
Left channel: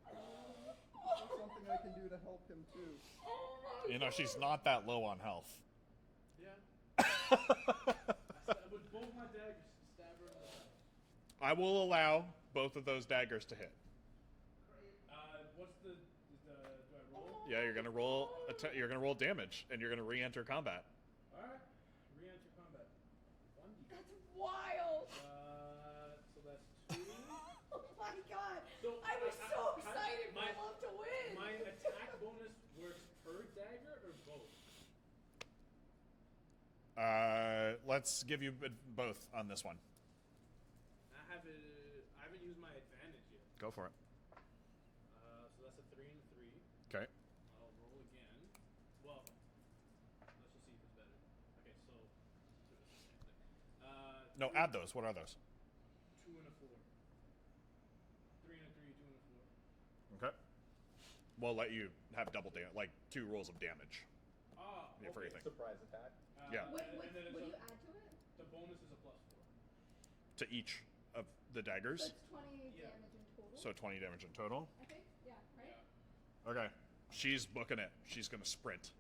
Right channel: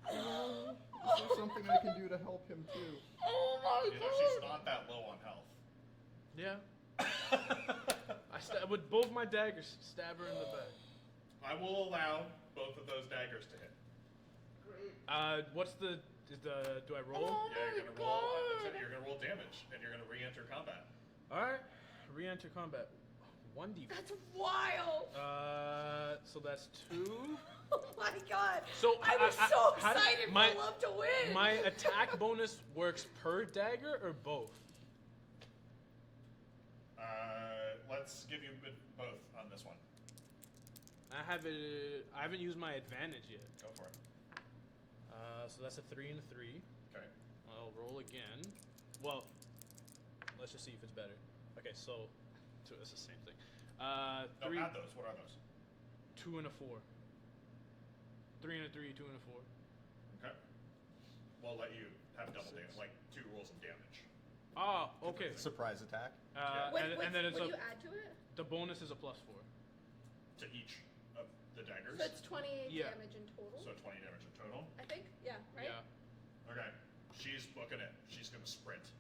Is there something I can do to help him too? Oh my You know, god! she's not that low on health. Yeah. I with both my daggers, stab her in the back. I will allow both of those daggers to hit. What's the do I roll? Oh Yeah, you're my gonna roll. God. You're gonna roll damage, and you're gonna re-enter combat. All right, re-enter combat. 1d. That's wild! So that's 2. Oh my god! So I was so how do- excited for love to win! My attack bonus works per dagger or both? Let's give you both on this one. I haven't used my advantage yet. Go for it. So that's a 3 and a 3. Okay. I'll roll again. Well, let's just see if it's better. Okay, so it's the same thing. No, 3, add those. What are those? 2 and a 4. 3 and a 3, 2 and a 4. Okay. We'll let you have double damage, like 2 rolls of damage. Oh, okay. Surprise attack. Yeah. And then it's when a, you add to it? the bonus is a +4. To each of the daggers. So it's 28 Yeah. damage in total. So 20 damage in total. I think? Yeah, right? Yeah. Okay. She's booking it. She's gonna sprint.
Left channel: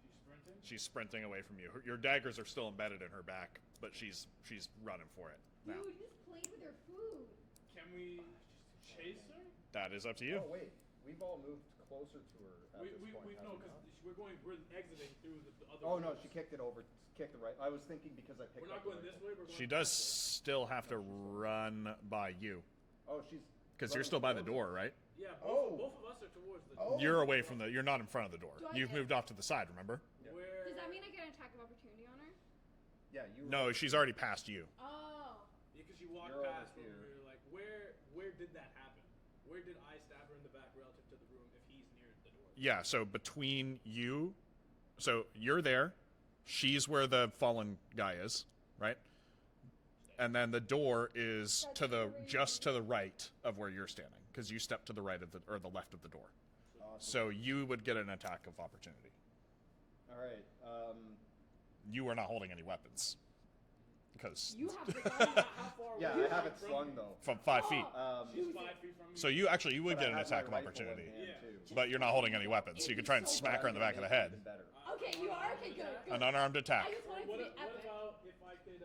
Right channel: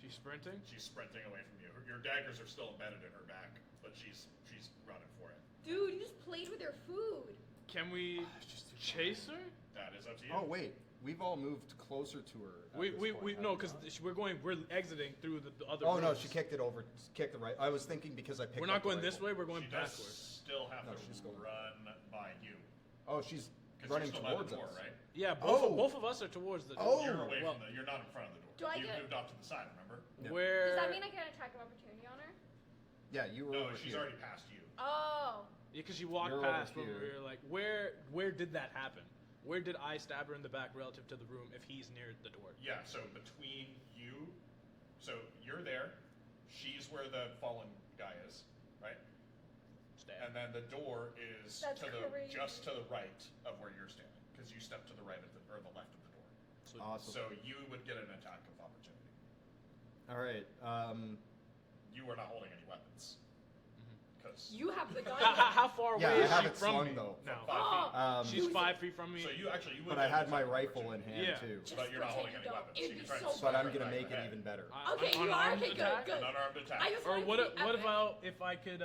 She's sprinting. She's sprinting away from you. Your daggers are still embedded in her back, but she's running for it. Dude, you just played with your food. Can we chase her? That is up to you. Oh wait, we've all moved closer to her. at We this point, no, have we because not? we're exiting through the other. Oh no, rooms. she kicked it over. Kicked the right. I was thinking because I picked. We're up not the going this rifle. way. We're going She does backwards. still have No, to she's going- run by you Oh, she's. because you're running still by the towards door, us. right? Yeah, Oh. both of us are towards the door. Oh. You're away Well, from the. You're not in front of the door. Do I You've get- moved off to the side. Remember? Yeah. Where? Does that mean I get an attack of opportunity on her? Yeah, you. Were No, over she's here. already past you. Oh. Yeah, because you walked You're over past when we here. were like, where did that happen? Where did I stab her in the back relative to the room if he's near the door? Yeah. So between you, so you're there. She's where the fallen guy is, right? Stab. And then the door is That's to the crazy. just to the right of where you're standing, because you stepped to the right of the or the left of the door. Awesome. So you would get an attack of opportunity. All right. You are not holding any weapons, because You have the how, gun. how far away Yeah, I is have she it from slung, me? though. from now? 5 Oh. feet. She's 5 feet from me. So you would but get I an had attack my of rifle in opportunity. hand Yeah. too. But you're not holding any weapons, so you could try and It'd be smack But her I'm in the gonna back of make the it head. even better. Okay, you are. unarmed Okay, good, attack? good. An unarmed attack. I just Or wanted what? to be What epic. about if I could?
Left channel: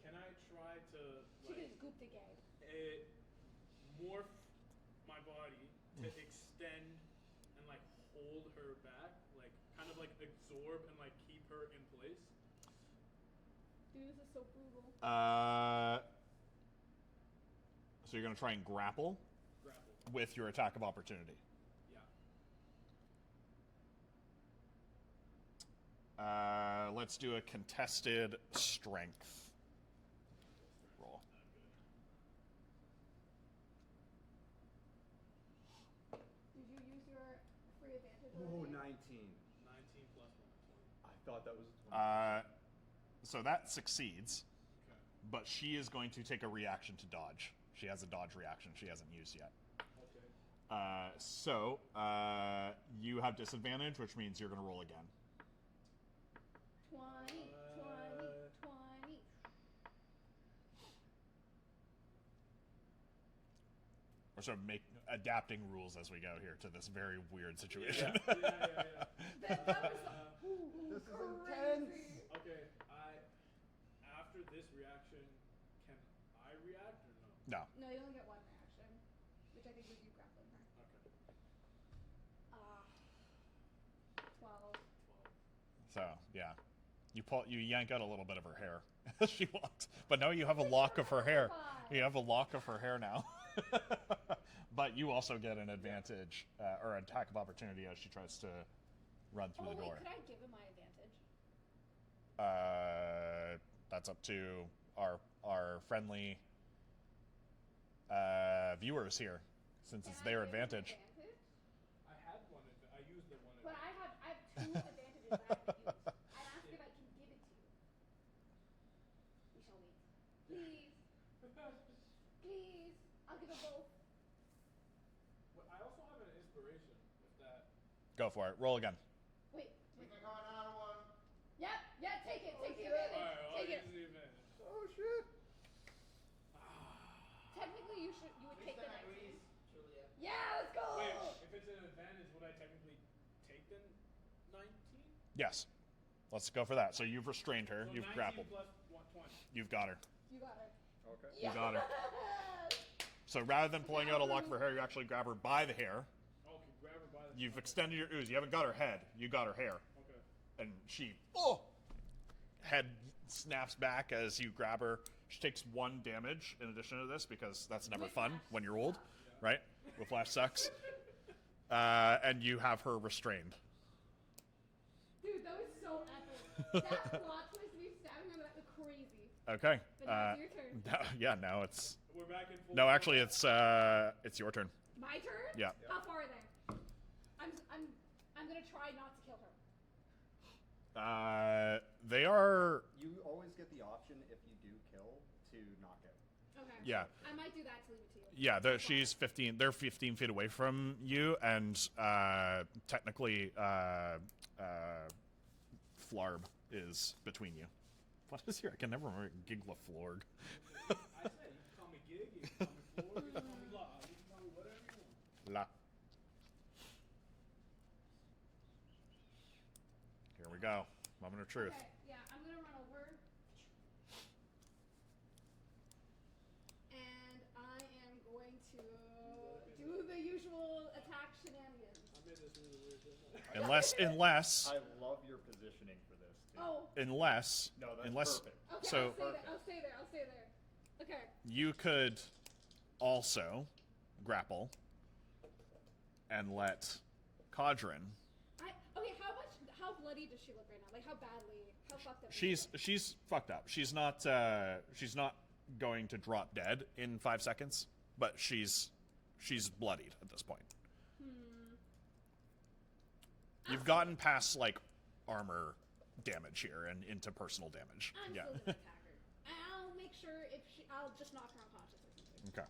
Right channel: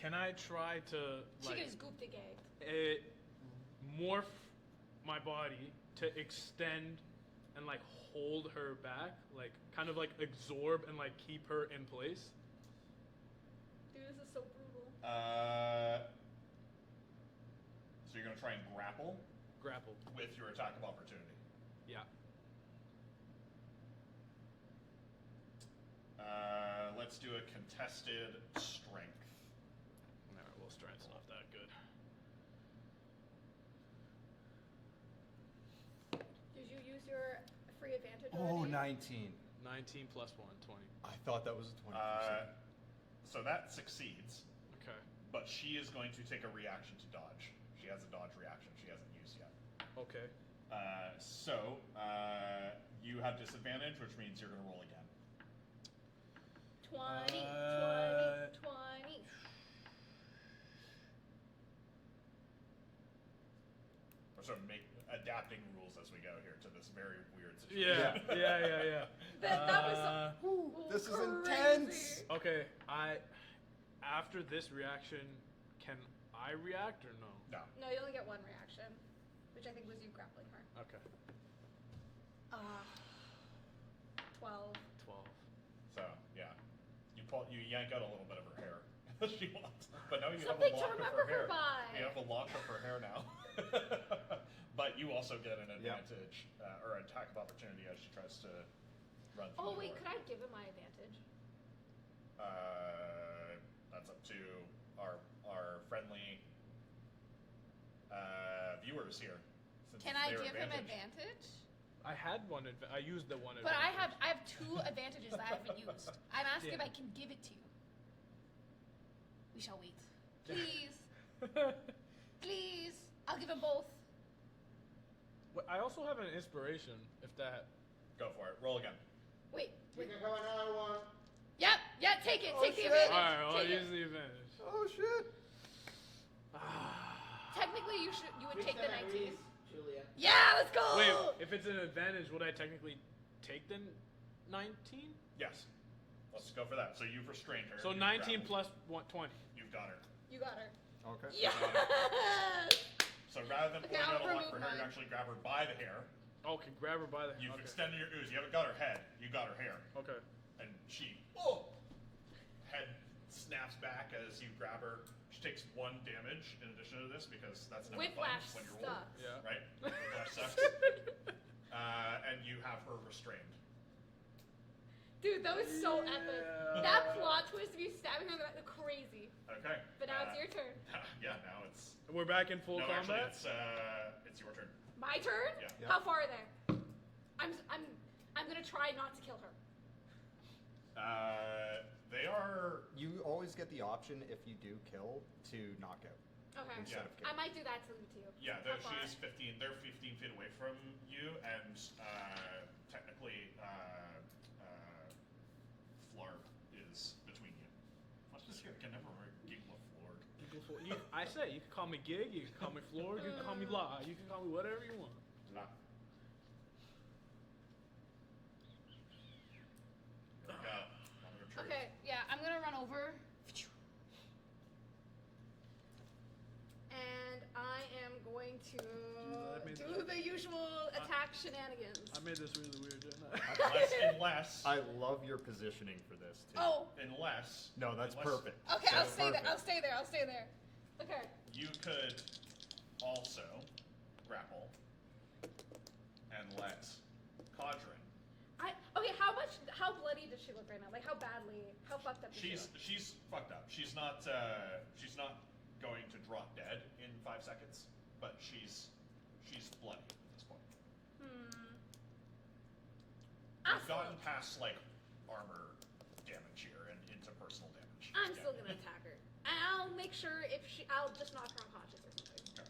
Can I try to She like gets gooped again. morph my body to extend and like hold her back, like kind of like absorb and like keep her in place? Dude, this is so brutal. So you're going to try and grapple Grapple. with your attack of opportunity. Yeah. Let's do a contested strength. Nah, well, strength's not that good. Did you use your free advantage Oh, already? 19. 19 plus 1, 20. I thought that was a 20%. So that succeeds, Okay. but she is going to take a reaction to dodge. She has a dodge reaction she hasn't used yet. Okay. So you have disadvantage, which means you're going to roll again. 20, 20, 20. We're sort of adapting rules as we go here to this very weird situation. Yeah. That was so, This is crazy. intense. Okay, after this reaction, can I react or no? No. No, you only get one reaction, which I think was you grappling her. Okay. 12. 12. So yeah, you yank out a little bit of her hair as she walks, but now you have a Something to lock of her remember hair. by. You have a lock of her hair now. But you also get an advantage or attack of opportunity as she tries to run through Oh the wait, door. could I give him my advantage? That's up to our friendly viewers here, since Can it's I their give advantage. him advantage? I had one. I used the one. But I advantage. have 2 advantages that I haven't used. I'm asking if Yeah. I can give it to you. We shall wait. Please, please. I'll give him both. Wait, I also have an inspiration. If that. Go for it. Roll again. Wait. We can go another one. Yep. Yeah. Take it. Oh, Take the shit. advantage. All right. Well, I Take it. use the advantage. Oh, shit. Technically, you would take the 19. Grease, Julia. Yeah. Let's go. Wait, if it's an advantage, would I technically take the 19? Yes. Let's go for that. So you've restrained her. So you've 19 grappled. plus 20. You've got her. You got her. Okay. Yes. So rather than pulling Now out a for lock for her, you movement. actually grab her by the hair. Okay, grab her by the. You've okay. extended your ooze. You haven't got her head. You got her hair. Okay. And she head snaps back as you grab her. She takes 1 damage in addition to this because that's never fun Whiplash when you're old, sucks. Yeah. right? Whiplash sucks. And you have her restrained. Dude, that was so epic. That plot twist of you stabbing her in the back, crazy. Okay. But now it's your turn. Now it's. We're back in full. No, actually, combat? it's your turn. My turn? Yeah. How far are they? I'm gonna try not to kill her. They are. You always get the option if you do kill to knock out. Okay. Yeah. I might do that to leave it to you. Yeah, How far? she's 15. They're 15 feet away from you, and technically, Flarb is between you. What is your? I can never remember. Giglaflorg. I say you can call me Gig, you can call me Floor, you can call me La, you can call me whatever you want. La. Here we go. Moment of truth. Okay, yeah, I'm gonna run over. And I am going to I made do this- the usual attack shenanigans. I made this really weird, didn't I? Unless, I love your positioning for this, too. Oh, unless. No, that's unless perfect. okay, So- I'll stay there. Perfect. I'll stay there. I'll stay there. Okay. You could also grapple and let Cadren. Okay, how bloody does she look right now? Like how fucked up? Does she look? She's fucked up. She's not going to drop dead in 5 seconds, but she's bloodied at this point. You've gotten past like armor damage here and into personal damage. I'm still gonna attack her. And I'll make sure I'll just knock her unconscious or something. Okay.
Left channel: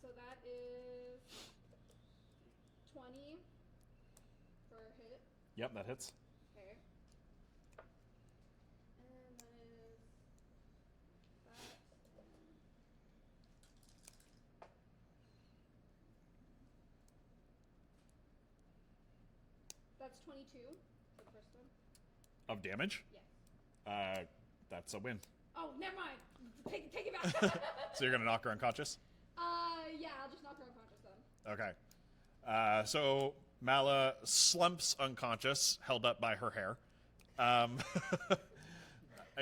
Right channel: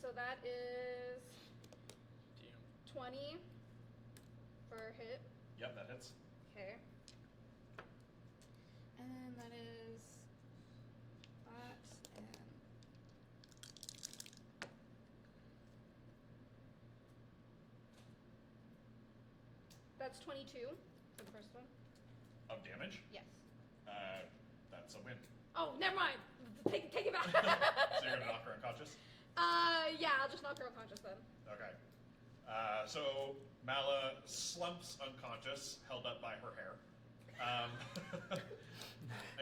So that is 20 for a hit. Yep, that hits. Okay. And then that is that and that's 22 for the first one. Of damage. Yes. That's a win. Oh, never mind. Take it back. So you're gonna knock her unconscious. Yeah, I'll just knock her unconscious then. Okay. So Mala slumps unconscious, held up by her hair.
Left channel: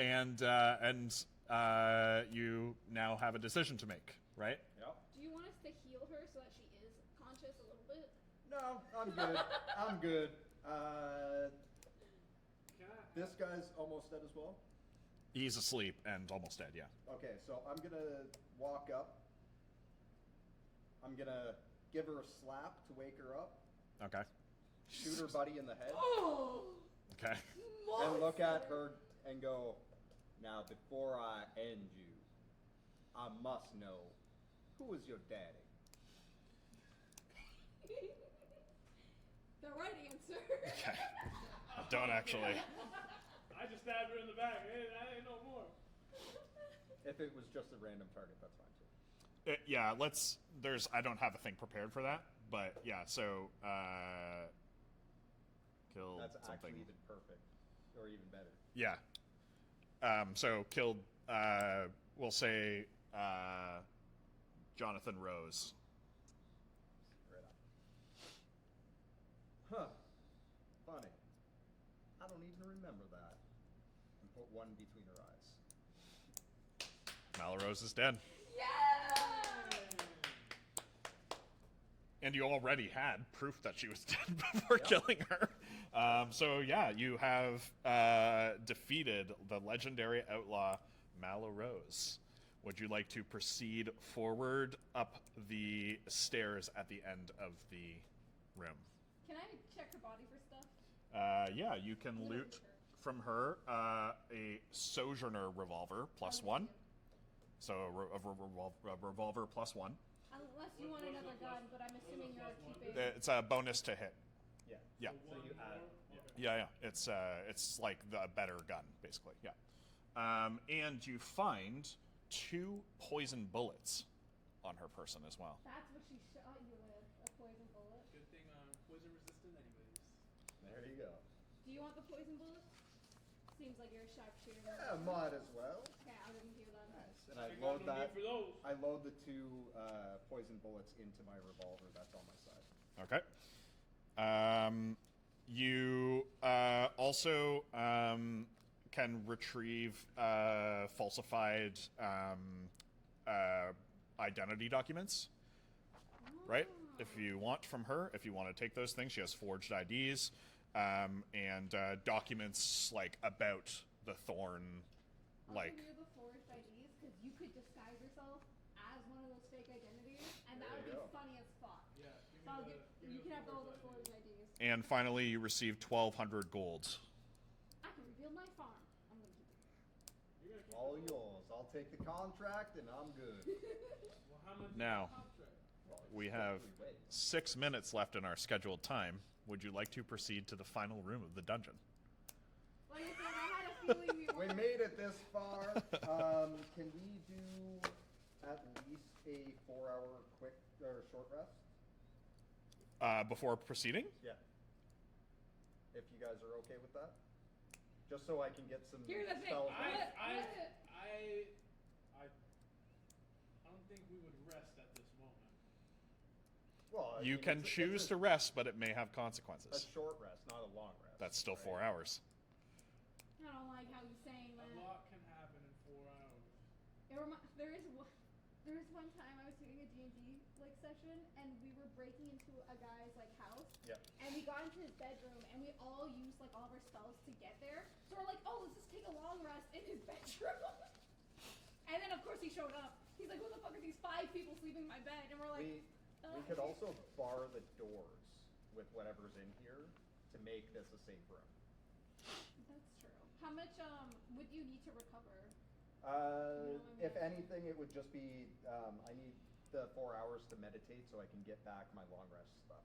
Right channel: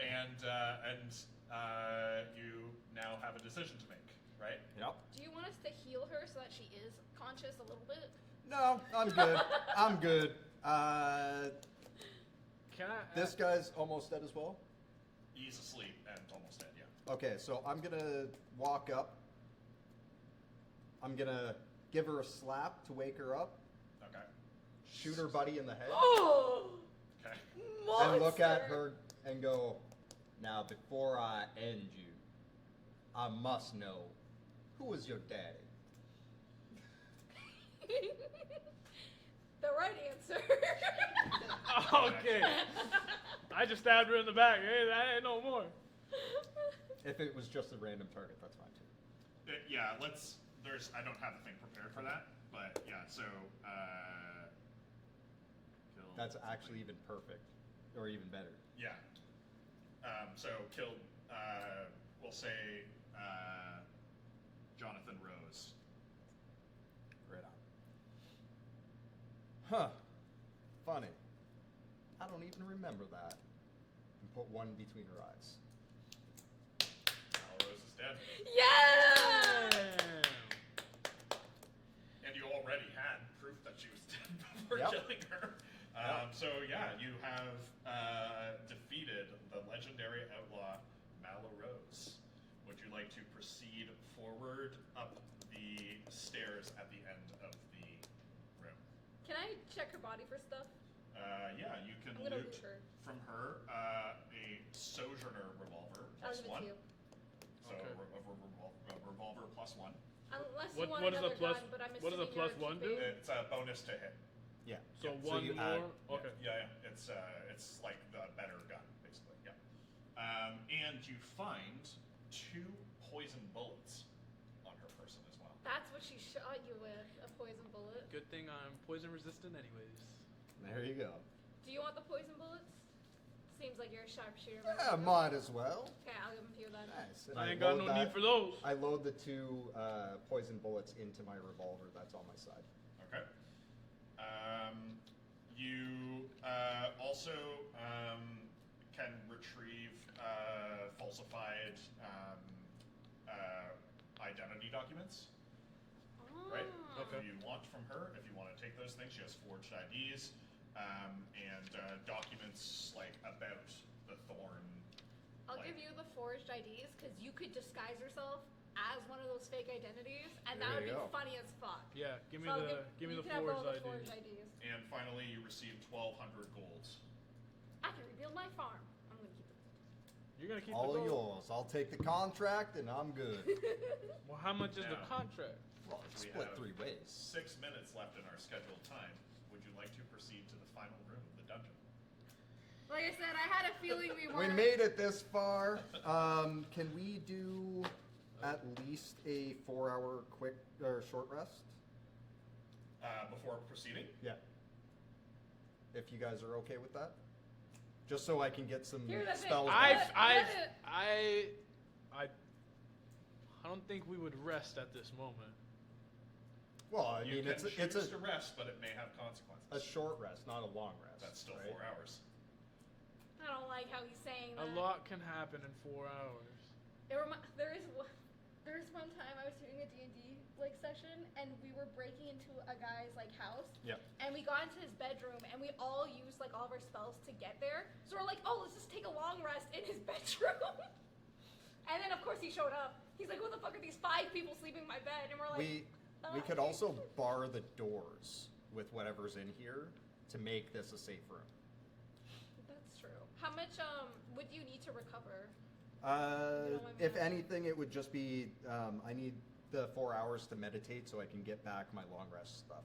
and you now have a decision to make, right? Yep. Do you want us to heal her so that she is conscious a little bit? No, I'm good. I'm good. Can I? This guy's almost dead as well. He's asleep and almost dead. Yeah. Okay, so I'm gonna walk up. I'm gonna give her a slap to wake her up. Okay. Shoot her buddy in the head. Oh! Okay. And look at her and go, now before I end you, I must know, who was your daddy? The right answer. Okay. I just stabbed her in the back. Hey, that ain't no more. If it was just a random target, that's fine too. Yeah. I don't have a thing prepared for that, but yeah. So. Kill. That's something. actually even perfect, or even better. Yeah. So killed. We'll say Jonathan Rose. Right on. Huh. Funny. I don't even remember that. And put one between her eyes. Malrose is dead. Yeah! And you already had proof that she was dead before Yep. killing her. So yeah, you have defeated the legendary outlaw Malrose. Would you like to proceed forward up the stairs at the end of the room? Can I check her body for stuff? Yeah, you can I'm gonna loot loot her. from her a Sojourner revolver plus I'll give it one. to you. So a revolver plus one. Unless you What- want what is another the plus- gun, but I'm what does the assuming plus you're one do? keeping- It's a bonus to hit. Yeah. So Yeah, one you more. add- Okay. Yeah. It's like the better gun, basically. Yeah. And you find 2 poison bullets on her person as well. That's what she shot you with, a poison bullet. Good thing I'm poison resistant, anyways. There you go. Do you want the poison bullets? Seems like you're a sharpshooter. Yeah, might as well. Okay, I'll give them to you then. Nice. And I ain't got load no need for those. I load the 2 poison bullets into my revolver. That's on my side. Okay. You also can retrieve falsified identity documents, right? Oh. If you want from her, if you want to take those things, she has forged IDs and documents like about the Thorn. I'll like, give you the forged IDs because you could disguise yourself as one of those fake identities, and that There would be you go. funny as fuck. Yeah, give me So I'll the give me you the can have all forged the ID. forged IDs. and finally, you receive 1,200 gold. I can rebuild my farm. I'm gonna keep it. You're gonna keep All the gold. yours. I'll take the contract and I'm good. Well, how much is Now. the contract? Well, We split have 3 ways. 6 minutes left in our scheduled time. Would you like to proceed to the final room of the dungeon? Like I said, I had a feeling we We weren't. made it this far. Can we do at least a 4-hour quick or short rest? Before proceeding? Yeah. If you guys are okay with that, just so I can get some Here's the thing. spells. I back. don't think we would rest at this moment. Well, I You mean, can it's choose a to rest, but it may have consequences. short rest, not a long rest. That's still right? 4 hours. I don't like how he's saying that. A lot can happen in 4 hours. There is one time I was doing a D&D like session, and we were breaking into a guy's like house. Yep. And we got into his bedroom, and we all used like all of our spells to get there. So we're like, oh, let's just take a long rest in his bedroom. And then of course he showed up. He's like, what the fuck are these 5 people sleeping in my bed? And we're like, We could also bar the doors with whatever's in here to make this a safe room. That's true. How much would you need to recover? If anything, it would just be I need the 4 hours to meditate so I can get back my long rest stuff.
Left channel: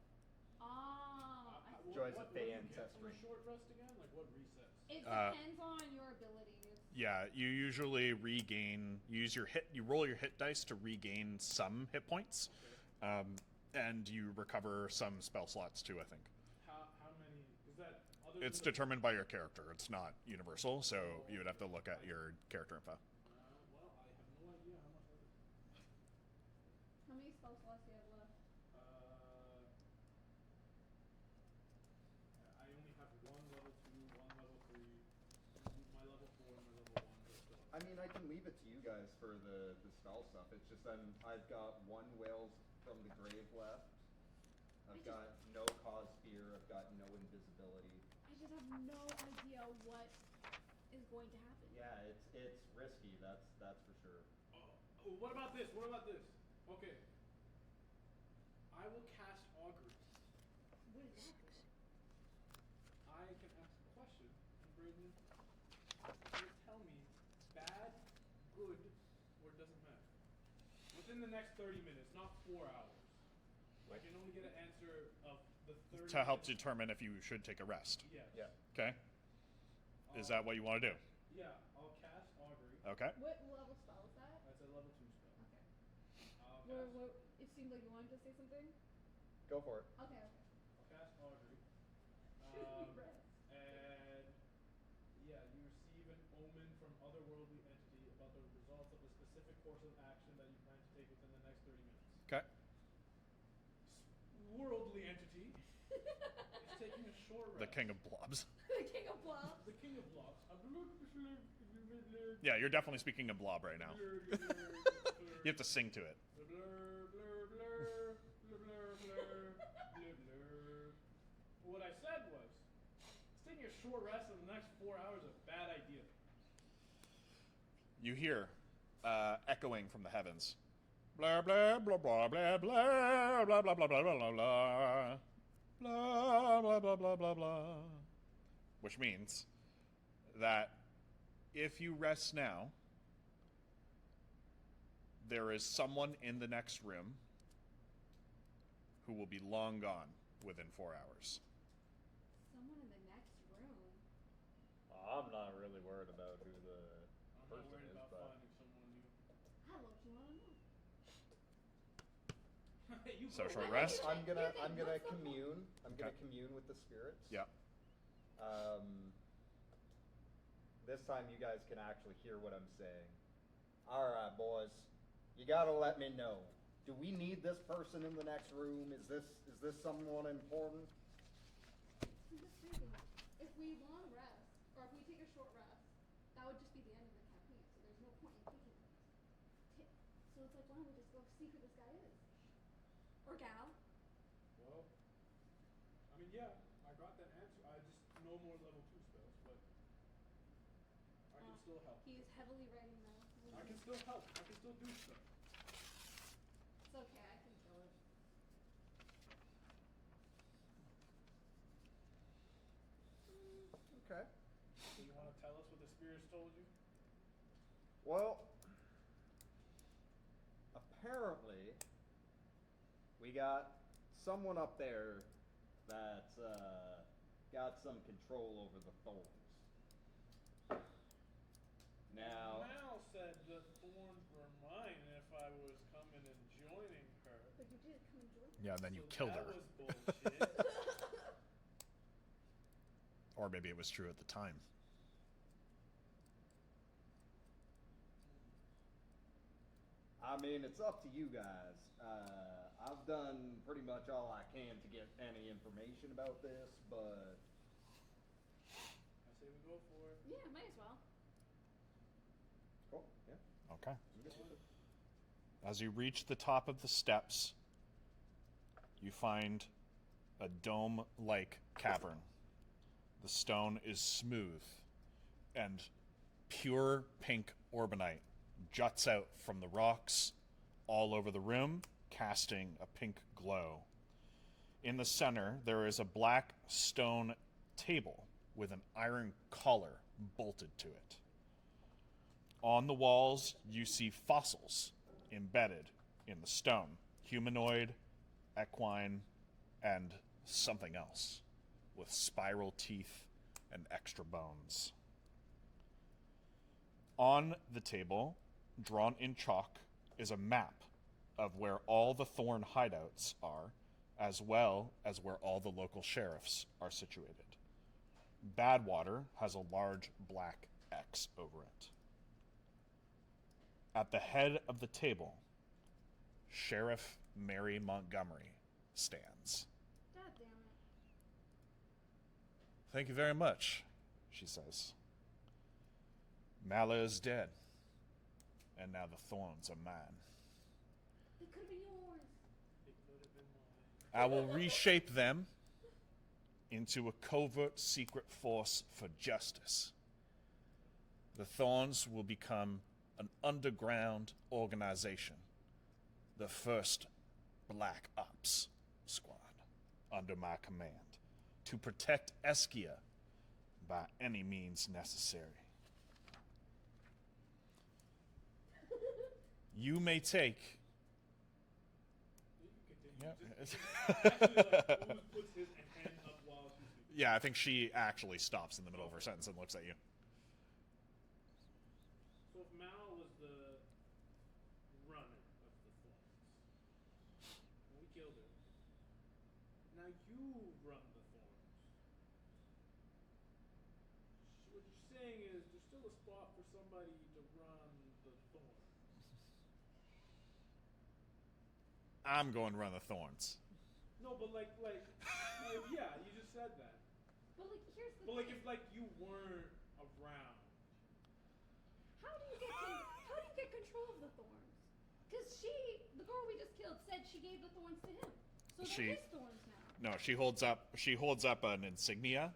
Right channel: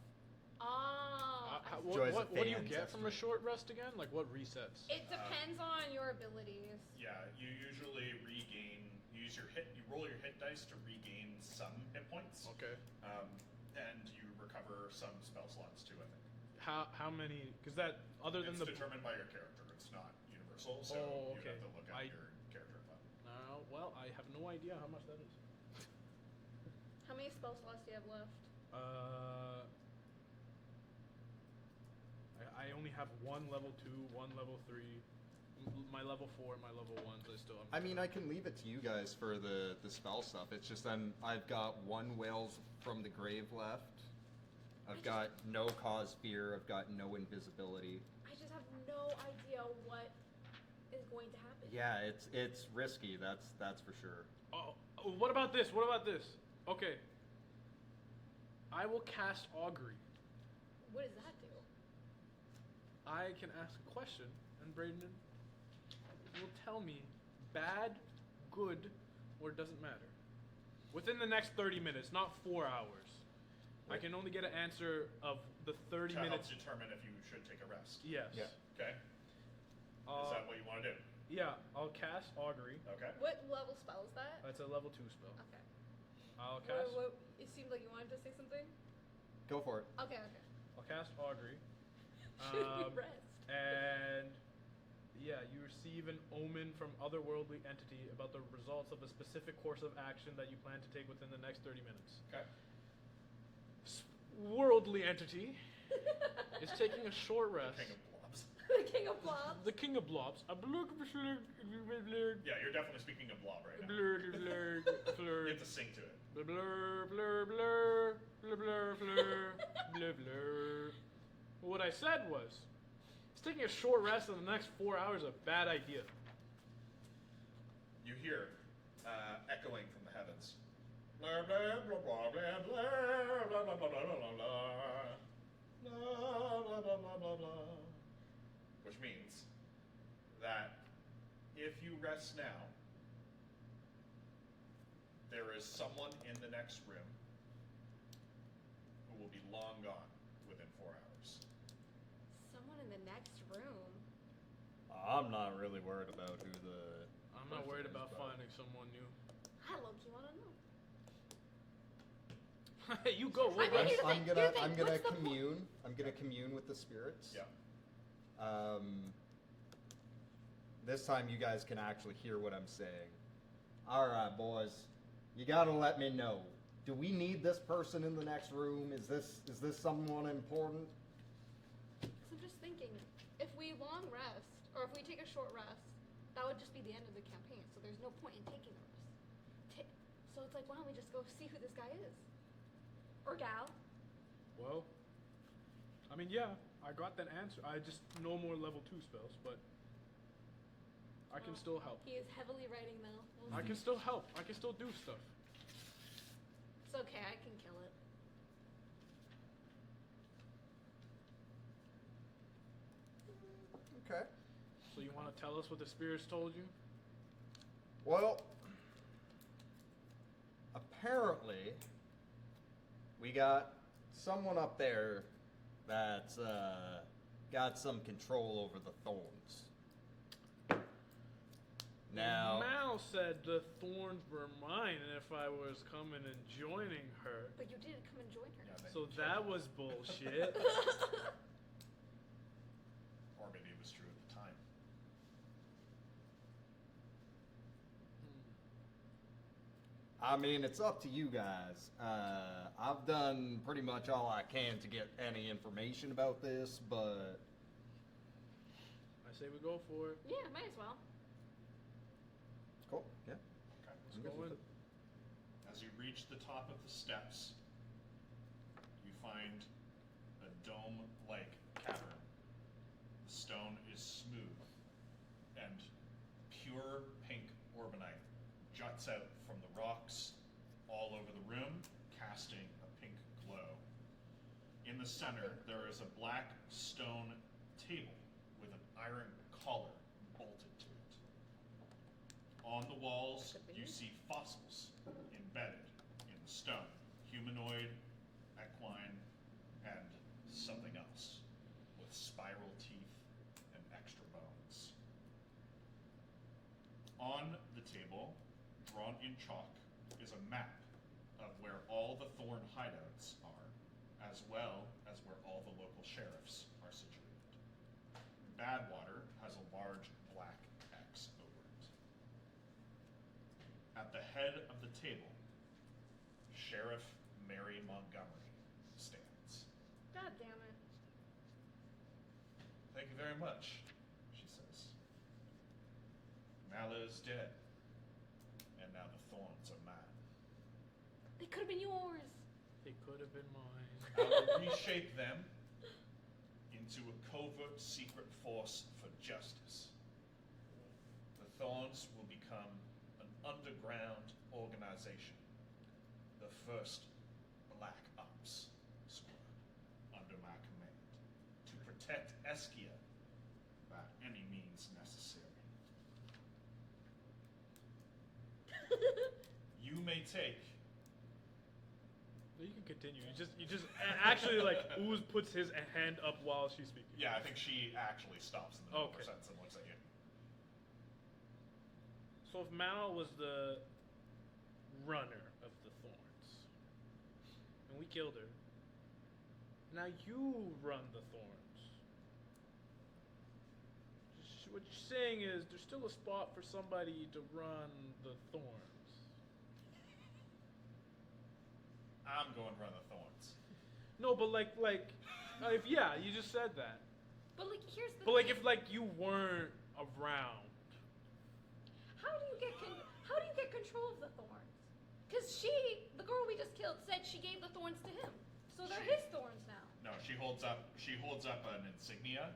Ah, I see. Joys of What do you fans, get that's from a short rest again? Like what resets? It depends on your abilities. Yeah, you usually regain. You roll your hit dice to regain some hit points. Okay. And you recover some spell slots too. I think How many? Because that other than it's the determined by your character. It's not universal, so Oh, you would have to okay. look at your character info. well, I have no idea how much that is. How many spell slots do you have left? I only have 1 level 2, 1 level 3. my level 4 and my level 1s, I still I have. mean, I can leave it to you guys for the spell stuff. It's just I've got 1 Whales from the Grave left. I've got no cause fear. I've got no invisibility. I just have no idea what is going to happen. Yeah, it's risky. That's for sure. Oh, what about this? What about this? Okay. I will cast Augury. What does that do? I can ask a question, and Braden will tell me bad, good, or it doesn't matter. Within the next 30 minutes, not 4 hours. I can only get an answer of the 30 To help minutes. determine if you should take a rest. Yes. Yeah. Okay. Is that what you want to do? Yeah, I'll cast Augury. Okay. What level spell is that? That's a level 2 spell. Okay. I'll cast. It seemed like you wanted to say something. Go for it. Okay. I'll cast Augury. Rest. And yeah, you receive an omen from otherworldly entity about the results of a specific course of action that you plan to take within the next 30 minutes. Okay. Worldly entity is taking a short The rest. King of Blobs. The King of Blobs. The King of Blobs. Yeah, you're definitely speaking a blob right now. You have to sing to it. Blur, blur, blur, blur, blur, blur, blur, blur, blur. What I said was, it's taking a short rest in the next 4 hours is a bad idea. You hear echoing from the heavens. Blah blah blah blah blah blah blah blah blah blah blah blah blah blah blah blah blah blah. Which means that if you rest now, there is someone in the next room who will be long gone within 4 hours. Someone in the next room. I'm not really worried about who the. I'm not worried person is, about but- finding someone new. I low-key want to know. You go. So Rick. I mean, Rest, I'm here's gonna the thing, I'm gonna what's the point? commune. I'm gonna Okay. commune with the spirits. Yeah. This time you guys can actually hear what I'm saying. All right, boys, you gotta let me know. Do we need this person in the next room? Is this someone important? So I'm just thinking, if we long rest, or if we take a short rest, that would just be the end of the campaign. So there's no point in taking a rest. So it's like, why don't we just go see who this guy is, or gal? Well, I mean, yeah, I got that answer. I just no more level 2 spells, but I can still help. He is heavily writing though. We'll I see. can still help. I can still do stuff. It's okay. I can kill it. Okay. So you want to tell us what the spirits told you? Well, apparently, we got someone up there that's got some control over the thorns. Now, Mal said the thorns were mine, and if I was coming and joining her, But you did come and join her. Yeah, and then so you killed that her. was bullshit. Or maybe it was true at the time. I mean, it's up to you guys. I've done pretty much all I can to get any information about this, but I say we go for it. Yeah, might as well. cool. Yeah. Okay. I'm good with it. As you reach the top of the steps, you find a dome-like cavern. The stone is smooth, and pure pink orbonite juts out from the rocks all over the room, casting a pink glow. In the center, there is a black stone table with an iron collar bolted to it. On the walls, you see fossils embedded in the stone. Humanoid, equine, and something else with spiral teeth and extra bones. On the table, drawn in chalk, is a map of where all the Thorn hideouts are, as well as where all the local sheriffs are situated. Badwater has a large black X over it. At the head of the table, Sheriff Mary Montgomery stands. God damn it. Thank you very much, she says. Mala is dead, and now the thorns are mine. They could have been yours. It could have been mine. I will reshape them into a covert secret force for justice. The Thorns will become an underground organization, the first Black Ops squad under my command, to protect Eskia by any means necessary. You may take... You can continue. You just actually like Ooze puts his hand up while she's speaking. Yeah, I think she actually stops in the middle of her Okay. sentence and looks at you. So if Mao was the runner of the Thorns, and we killed her, now you run the Thorns. What you're saying is there's still a spot for somebody to run the Thorns. I'm going to run the Thorns. No, but if yeah, you just said that. But like, here's the. But like, thing. if like you weren't around, How do you get control of the thorns? Because the girl we just killed, said she gave the thorns to him, so they're She- his thorns now. No, she holds up an insignia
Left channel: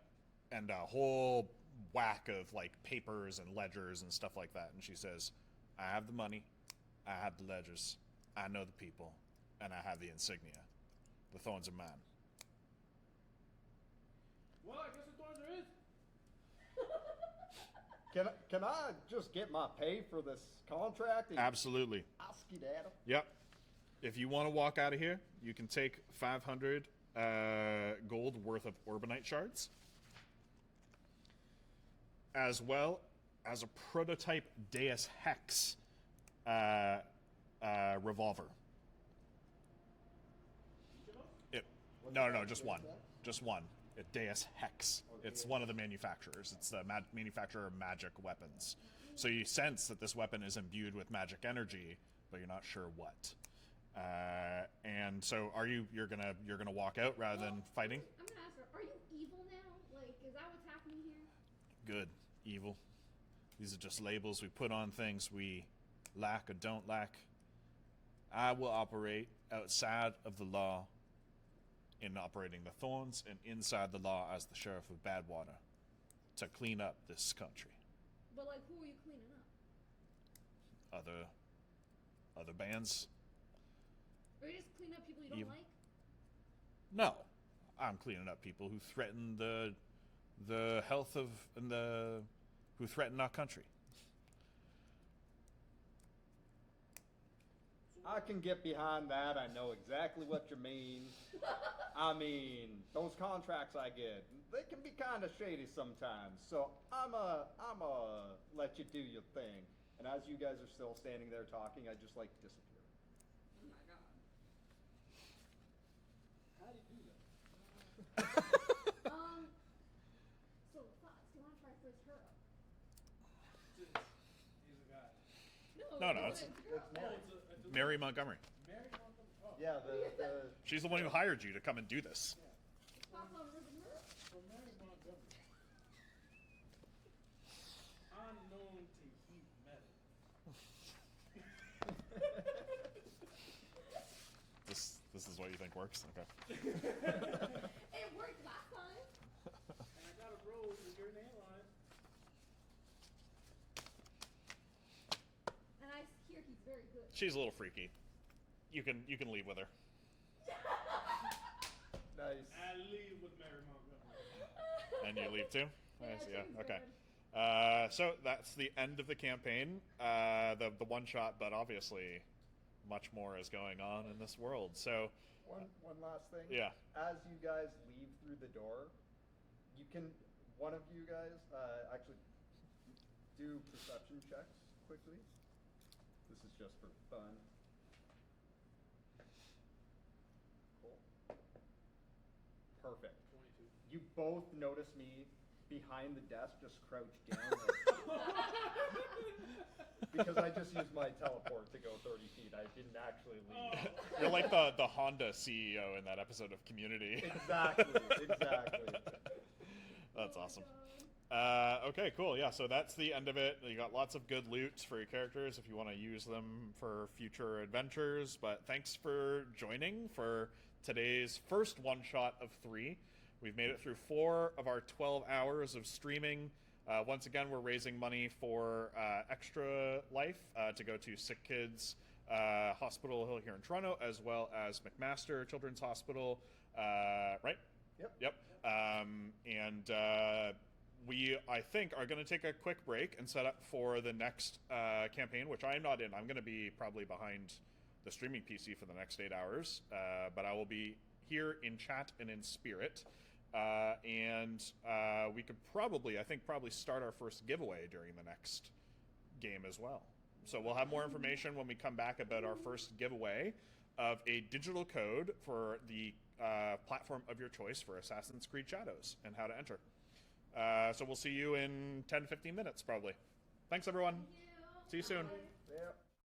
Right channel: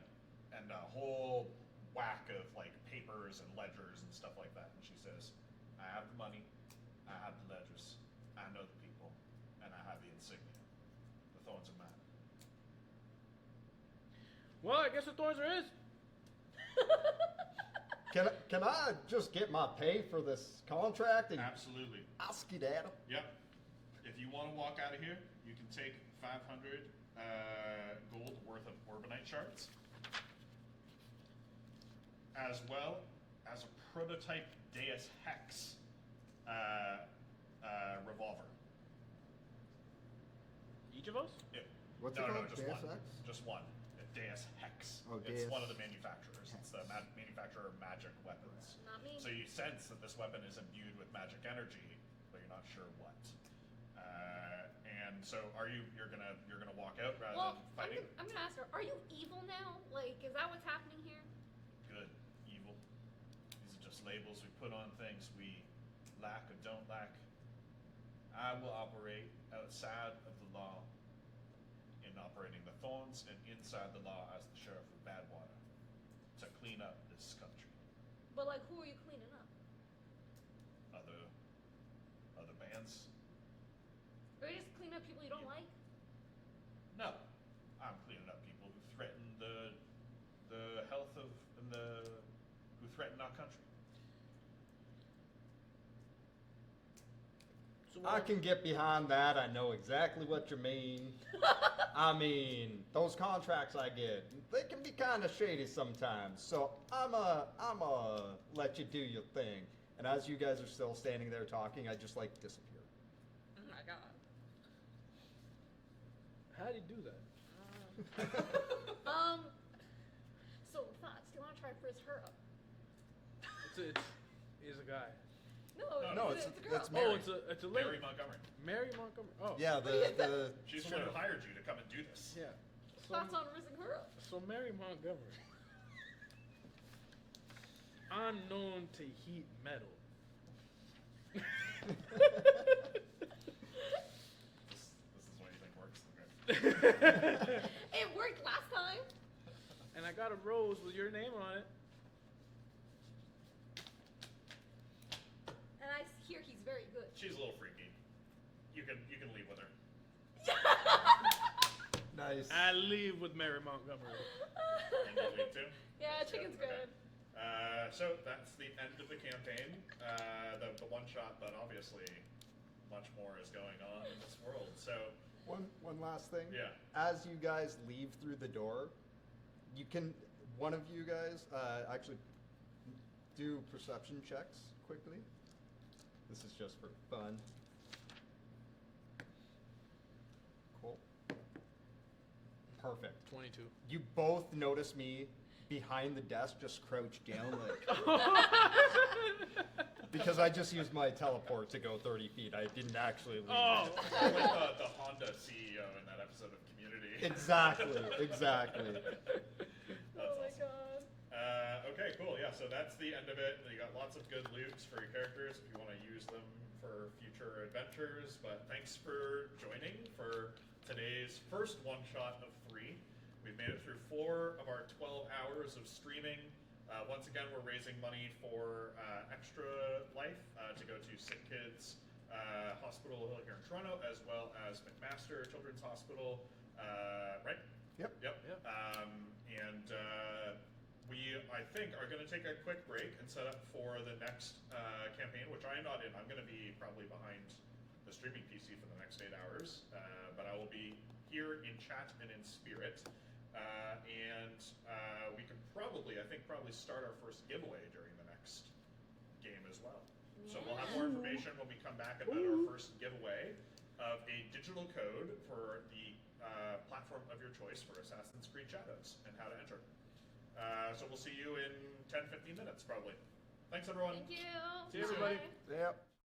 and a whole whack of like papers and ledgers and stuff like that, and she says, I have the money, I have the ledgers, I know the people, and I have the insignia. The Thorns are mine. well, I guess the Thorns are his. Can I just get my pay for this contract and Absolutely. I'll skedaddle? Yep. If you want to walk out of here, you can take 500 gold worth of Orbanite shards, as well as a prototype Deus Hex revolver. Each of us? What's No, it no, called? just Deus one. Ex? Just one. A Deus Hex. Oh, It's Deus one of the manufacturers. It's the manufacturer of magic weapons. Not me. So you sense that this weapon is imbued with magic energy, but you're not sure what. And so, you're gonna walk out rather than fighting? I'm gonna ask her. Are you evil now? Like, is that what's happening here? Good, evil. These are just labels we put on things we lack or don't lack. I will operate outside of the law in operating the Thorns, and inside the law as the Sheriff of Badwater to clean up this country. But like, who are you cleaning up? Other bands? Or you just clean up people you don't Evil. like? No. I'm cleaning up people who threaten the health of and who threaten our country. So I can get behind that. I know exactly what you mean. I mean, those contracts I get, they can be kind of shady sometimes. So I'ma let you do your thing. And as you guys are still standing there talking, I just like disappear. Oh my god. How do you do that? So thoughts? Do you want to try first her up? He's a guy. No, it's a girl. it's Mary. It's a Mary lady. Montgomery. Mary Montgomery. Oh. Yeah, the She's the one who hired you to come and do this. Yeah. Thoughts on raising her up? So Mary Montgomery. I'm known to heat metal. This is what you think works? Okay. It worked last time. And I got a rose with your name on it. And I hear he's very good. She's a little freaky. You can leave with her. Nice. I leave with Mary Montgomery. And you leave too? Yeah, Nice, chicken's okay. good. So that's the end of the campaign. The one shot, but obviously much more is going on in this world. So One last thing. Yeah. As you guys leave through the door, one of you guys actually do perception checks quickly. This is just for fun. Cool. Perfect. 22. You both notice me behind the desk, just crouched down, like, because I just used my teleport to go 30 feet. I didn't actually leave. Oh. you're like the Honda CEO in that episode of Community. Exactly. That's Oh my awesome. God. Okay. Okay, cool. Yeah, so that's the end of it. You got lots of good loot for your characters if you want to use them for future adventures. But thanks for joining for today's first one-shot of 3. We've made it through 4 of our 12 hours of streaming. Once again, we're raising money for Extra Life to go to Sick Kids Hospital here in Toronto, as well as McMaster Children's Hospital, right? Yep. We, I think, are going to take a quick break and set up for the next campaign, which I'm not in. I'm going to be probably behind the streaming PC for the next 8 hours, but I will be here in chat and in spirit. We could probably, I think, start our first giveaway during the next game as well. So we'll have more information when we come back about our first giveaway of a digital code for the platform of your choice for Assassin's Creed Shadows and how to enter. So we'll see you in 10-15 minutes, probably. Thanks, everyone. Thank you. See you soon. Bye. Yep.